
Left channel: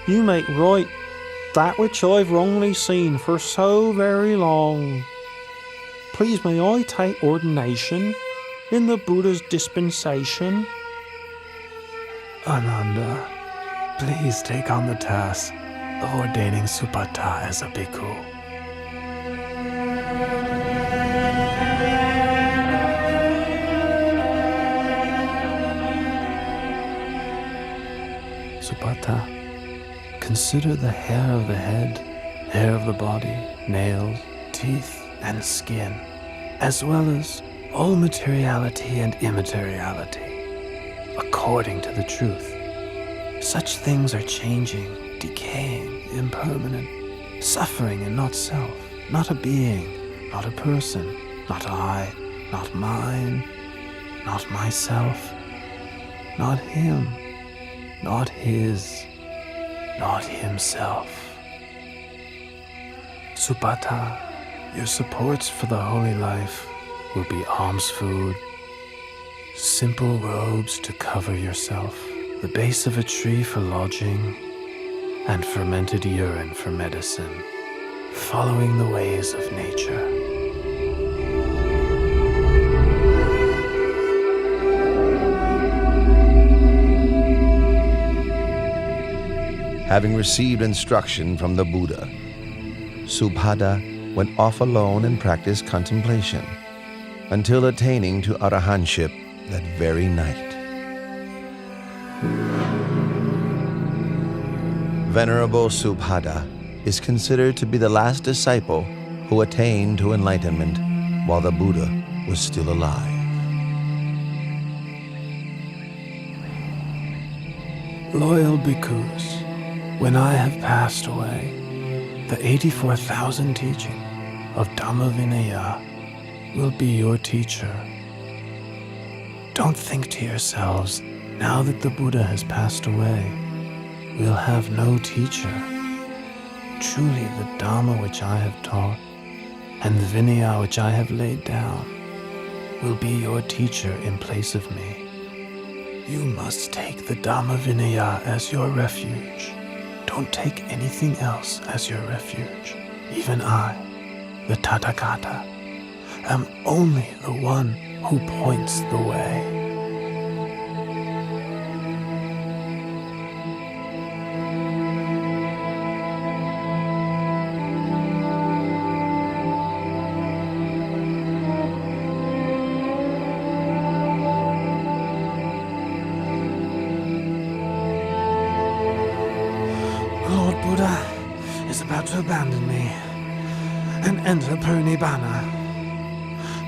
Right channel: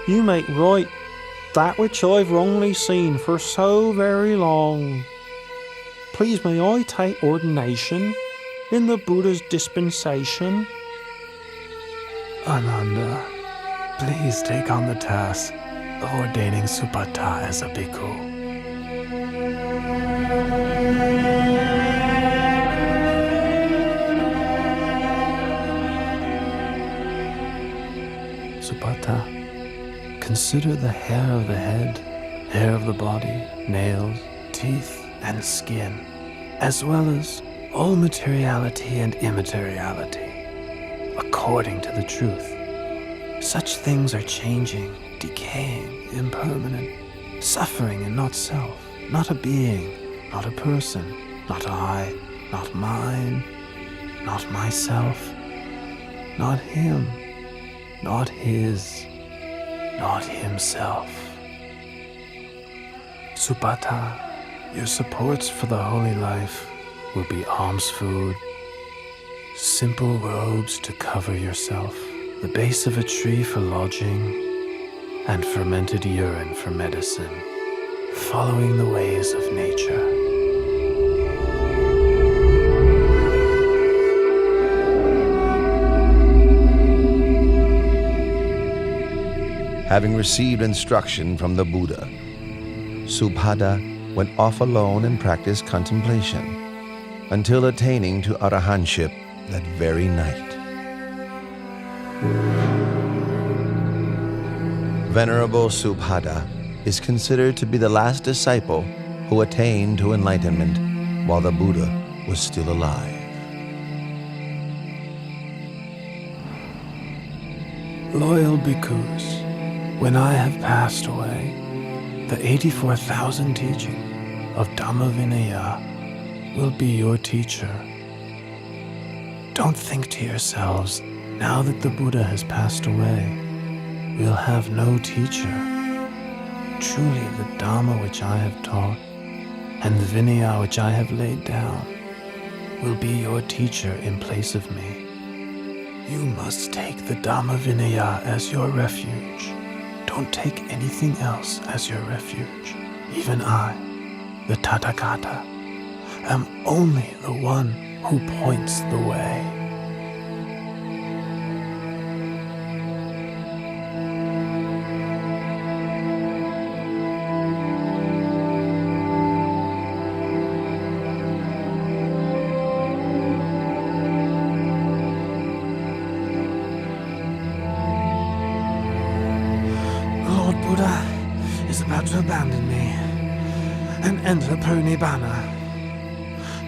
you make right that which I've wrongly seen for so very long. Please may I take ordination in the Buddha's dispensation? Ananda, please take on the task of ordaining Supata as a bhikkhu. Supata, consider the hair of the head, hair of the body, nails, teeth, and skin, as well as all materiality and immateriality, according to the truth. Such things are changing, decaying, impermanent, suffering and not self, not a being, not a person, not I, not mine, not myself, not him, not his, not himself. Supata, your supports for the holy life will be alms food, simple robes to cover yourself, the base of a tree for lodging, and fermented urine for medicine, following the ways of nature. Having received instruction from the Buddha, Subhada went off alone and practiced contemplation until attaining to arahantship that very night. Venerable Subhada is considered to be the last disciple who attained to enlightenment while the Buddha was still alive. Loyal bhikkhus, when I have passed away, the 84,000 teaching of Dhamma Vinaya will be your teacher. Don't think to yourselves, now that the Buddha has passed away, we'll have no teacher. Truly the Dhamma which I have taught and the Vinaya which I have laid down will be your teacher in place of me. You must take the Dhamma Vinaya as your refuge. Don't take anything else as your refuge. Even I, the Tathagata, am only the one who points the way. Lord Buddha is about to abandon me and enter Parinibbana.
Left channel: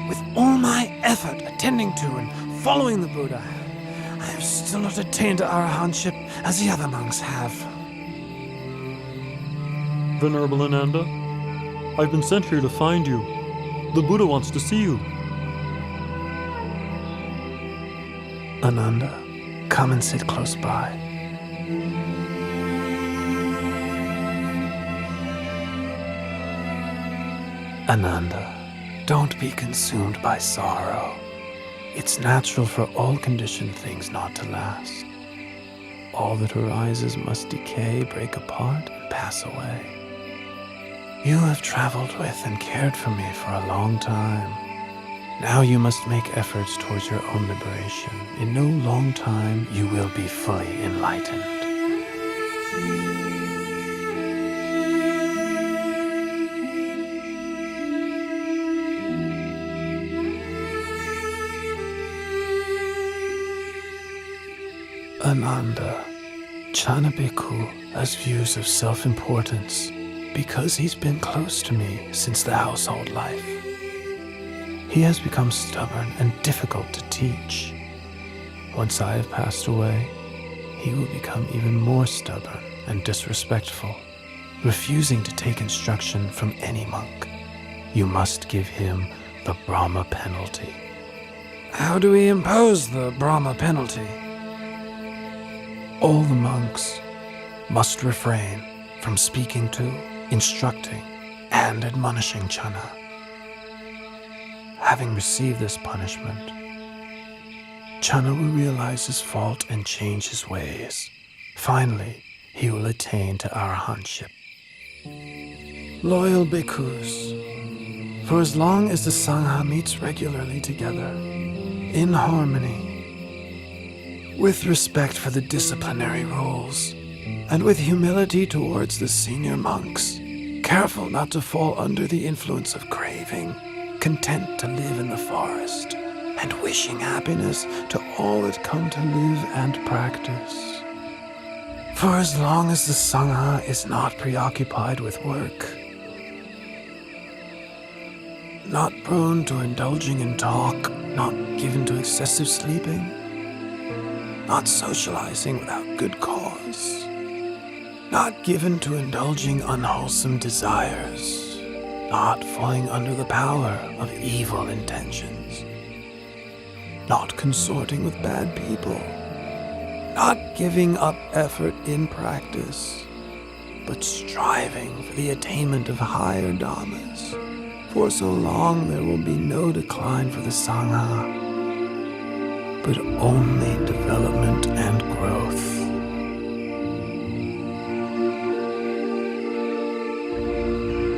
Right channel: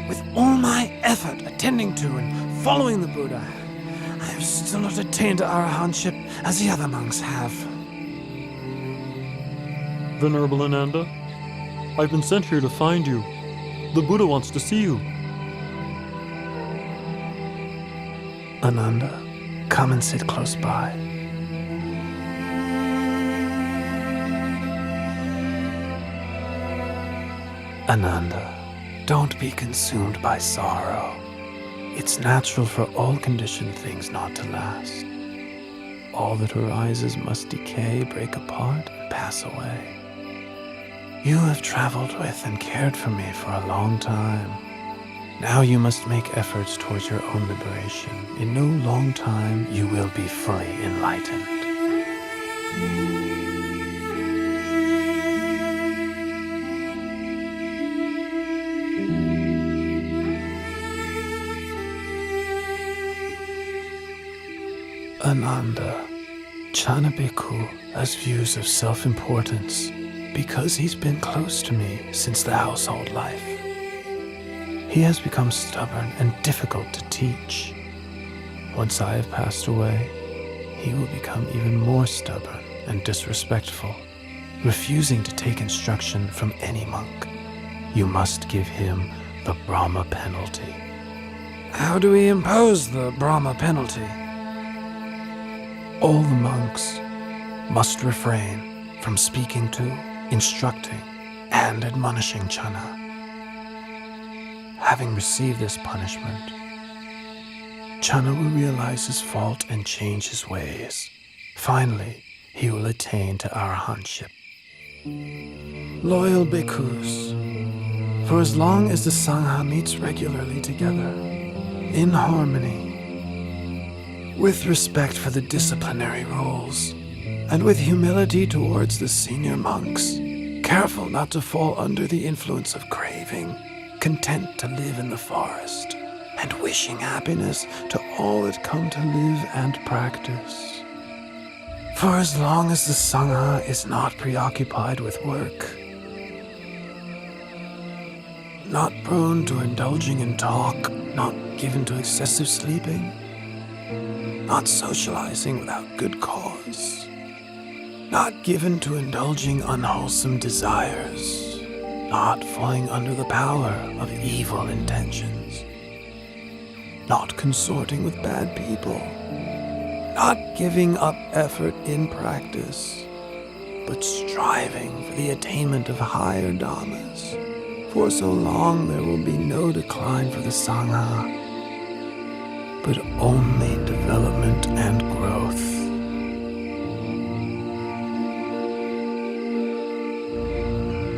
With all my effort attending to and following the Buddha, I have still not attained to arahantship as the other monks have. Venerable Ananda, I've been sent here to find you. The Buddha wants to see you. Ananda, come and sit close by. Ananda, don't be consumed by sorrow. It's natural for all conditioned things not to last. All that arises must decay, break apart, and pass away. You have traveled with and cared for me for a long time. Now you must make efforts towards your own liberation. In no long time, you will be fully enlightened. Ananda, Chana Bhikkhu has views of self-importance because he's been close to me since the household life. He has become stubborn and difficult to teach. Once I have passed away, he will become even more stubborn and disrespectful, refusing to take instruction from any monk. You must give him the Brahma penalty. How do we impose the Brahma penalty? All the monks must refrain from speaking to, instructing, and admonishing Chana. Having received this punishment, Chana will realize his fault and change his ways. Finally, he will attain to arahantship. Loyal bhikkhus, for as long as the Sangha meets regularly together, in harmony, with respect for the disciplinary rules, and with humility towards the senior monks, careful not to fall under the influence of craving, content to live in the forest, and wishing happiness to all that come to live and practice. For as long as the Sangha is not preoccupied with work, not prone to indulging in talk, not given to excessive sleeping, not socializing without good cause, not given to indulging unwholesome desires, not falling under the power of evil intentions, not consorting with bad people, not giving up effort in practice, but striving for the attainment of higher dhammas. For so long there will be no decline for the Sangha, but only development and growth.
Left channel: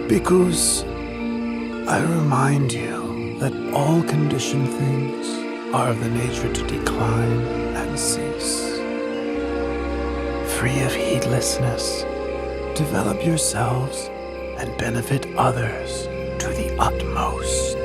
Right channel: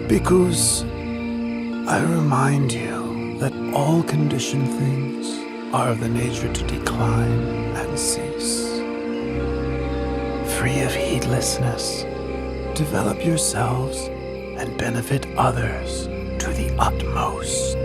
Bhikkhus, I remind you that all conditioned things are of the nature to decline and cease. Free of heedlessness, develop yourselves and benefit others to the utmost.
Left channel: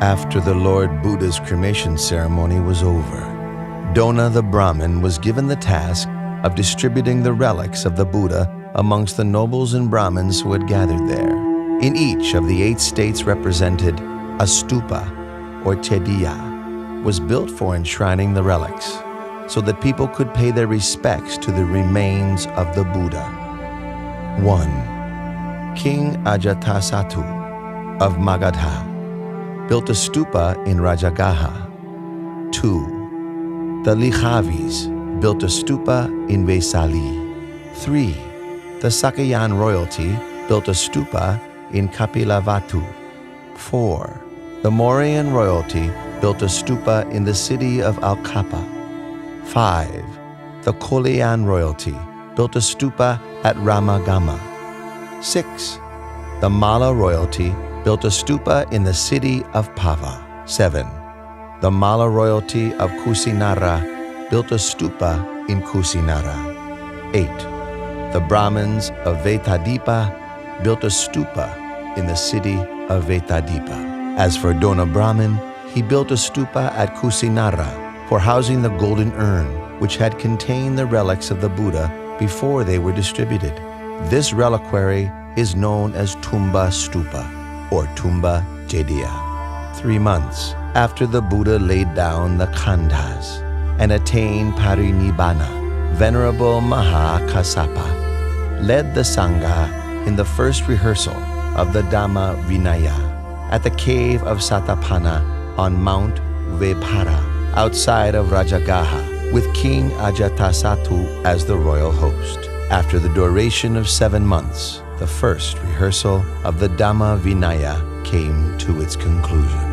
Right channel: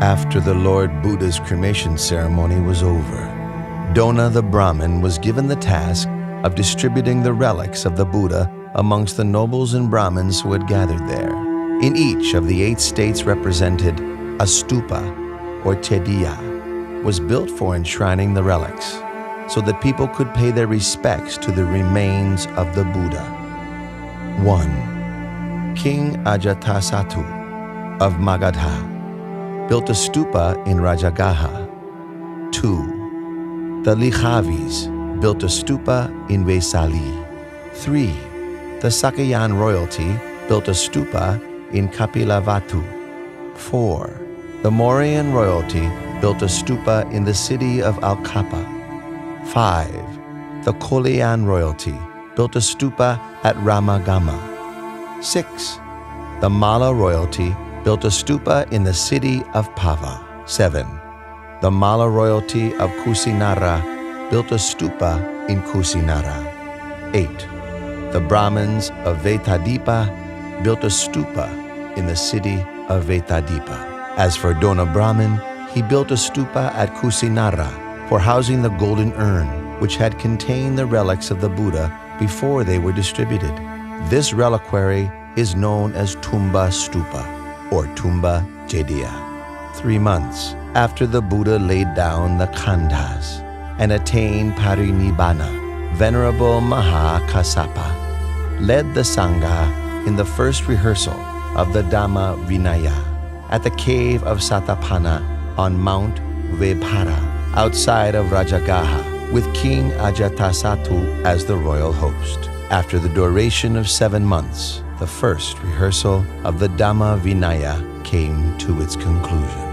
After the Lord Buddha's cremation ceremony was over, Dona the Brahmin was given the task of distributing the relics of the Buddha amongst the nobles and Brahmins who had gathered there. In each of the 8 states represented, a stupa, or chediya, was built for enshrining the relics, so that people could pay their respects to the remains of the Buddha. 1. King Ajatasattu of Magadha built a stupa in Rajagaha. 2. The Likhavis built a stupa in Vesali. 3. The Sakayan royalty built a stupa in Kapilavatu. 4. The Mauryan royalty built a stupa in the city of Al-Kapa. 5. The Kolean royalty built a stupa at Ramagama. 6. The Malla royalty built a stupa in the city of Pava. 7. The Malla royalty of Kusinara built a stupa in Kusinara. 8. The Brahmins of Vetadipa built a stupa in the city of Vetadipa. As for Dona Brahmin, he built a stupa at Kusinara for housing the golden urn, which had contained the relics of the Buddha before they were distributed. This reliquary is known as Tumba Stupa or Tumba Jediya. 3 months after the Buddha laid down the khandhas and attained parinibbana, Venerable Maha Kassapa led the Sangha in the first rehearsal of the Dhamma Vinaya at the cave of Satapana on Mount Vebhara outside of Rajagaha with King Ajatasattu as the royal host. After the duration of 7 months, the first rehearsal of the Dhamma Vinaya came to its conclusion.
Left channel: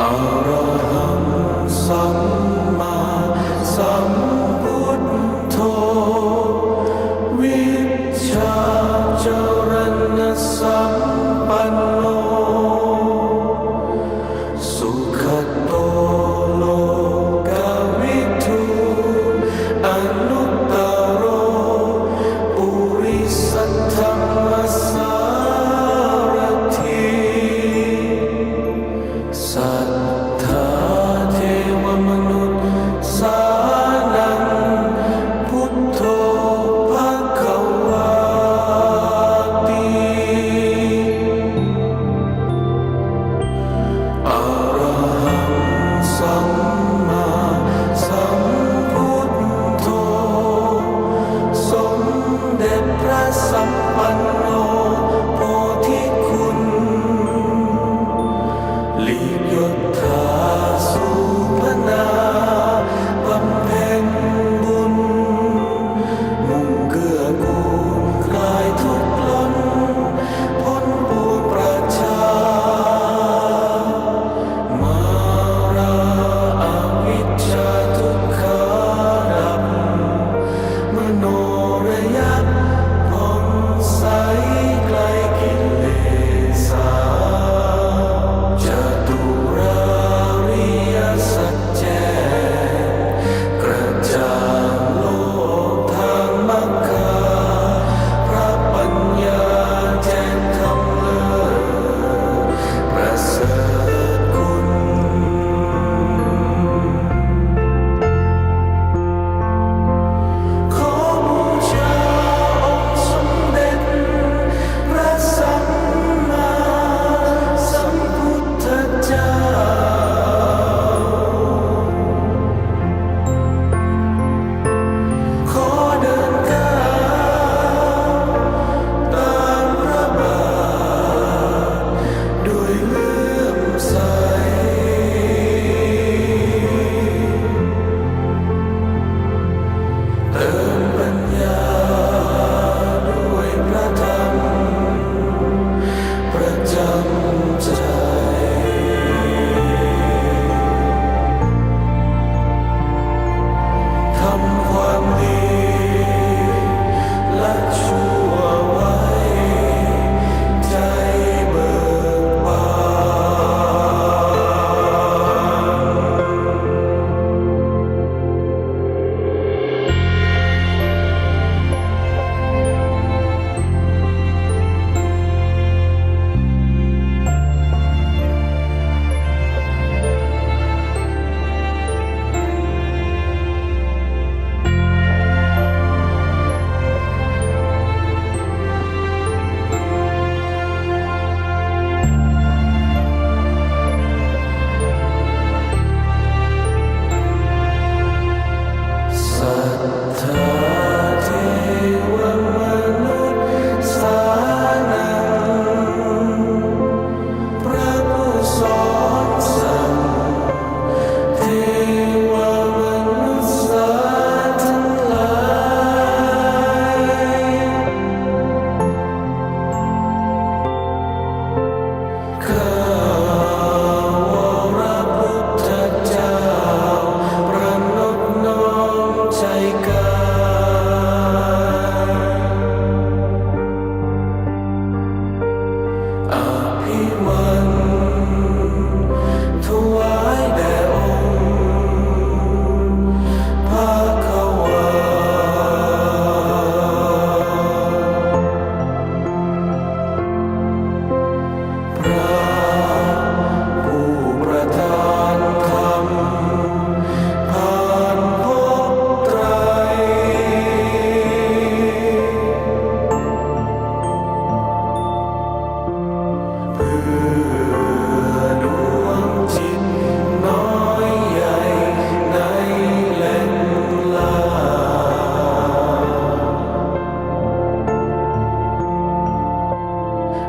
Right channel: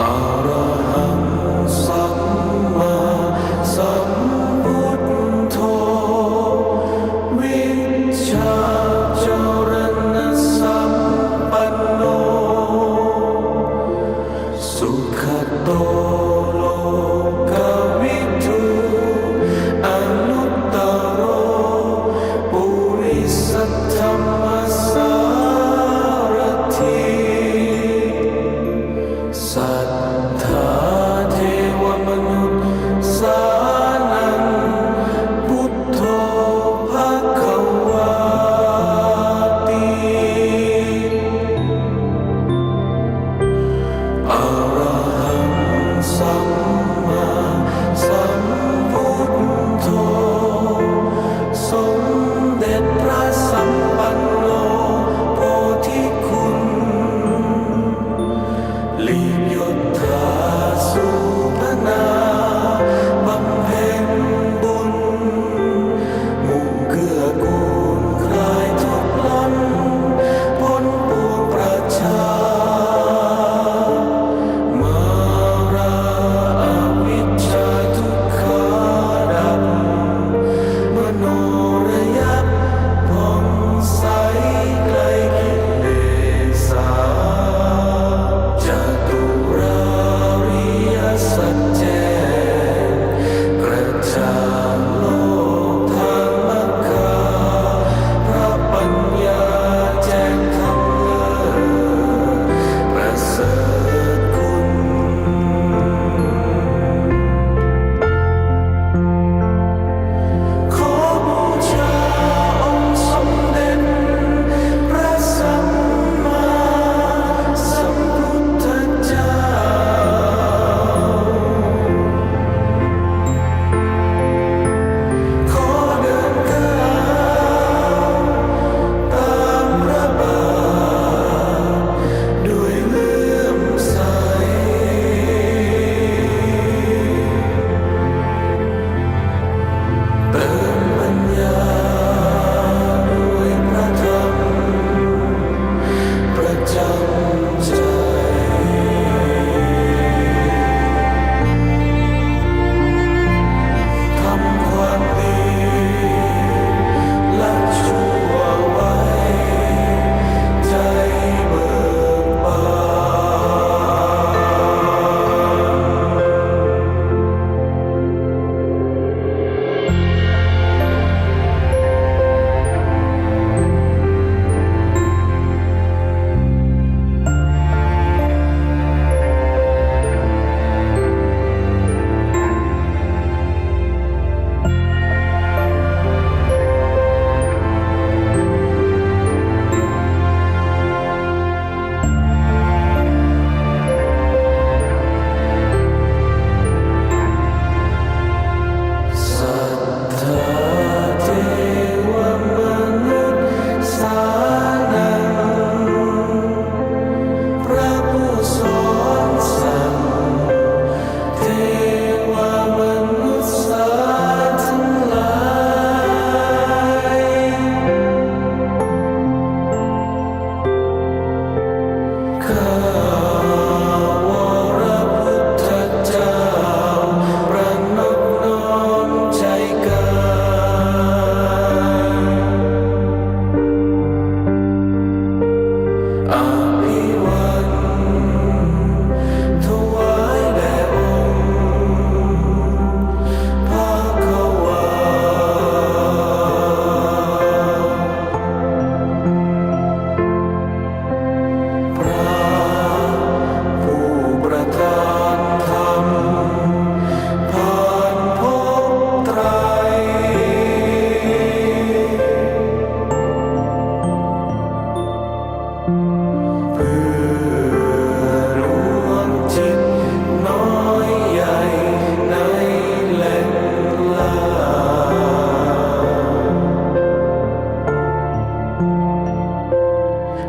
Araham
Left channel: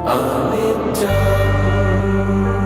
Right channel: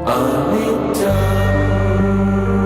อนิจจัง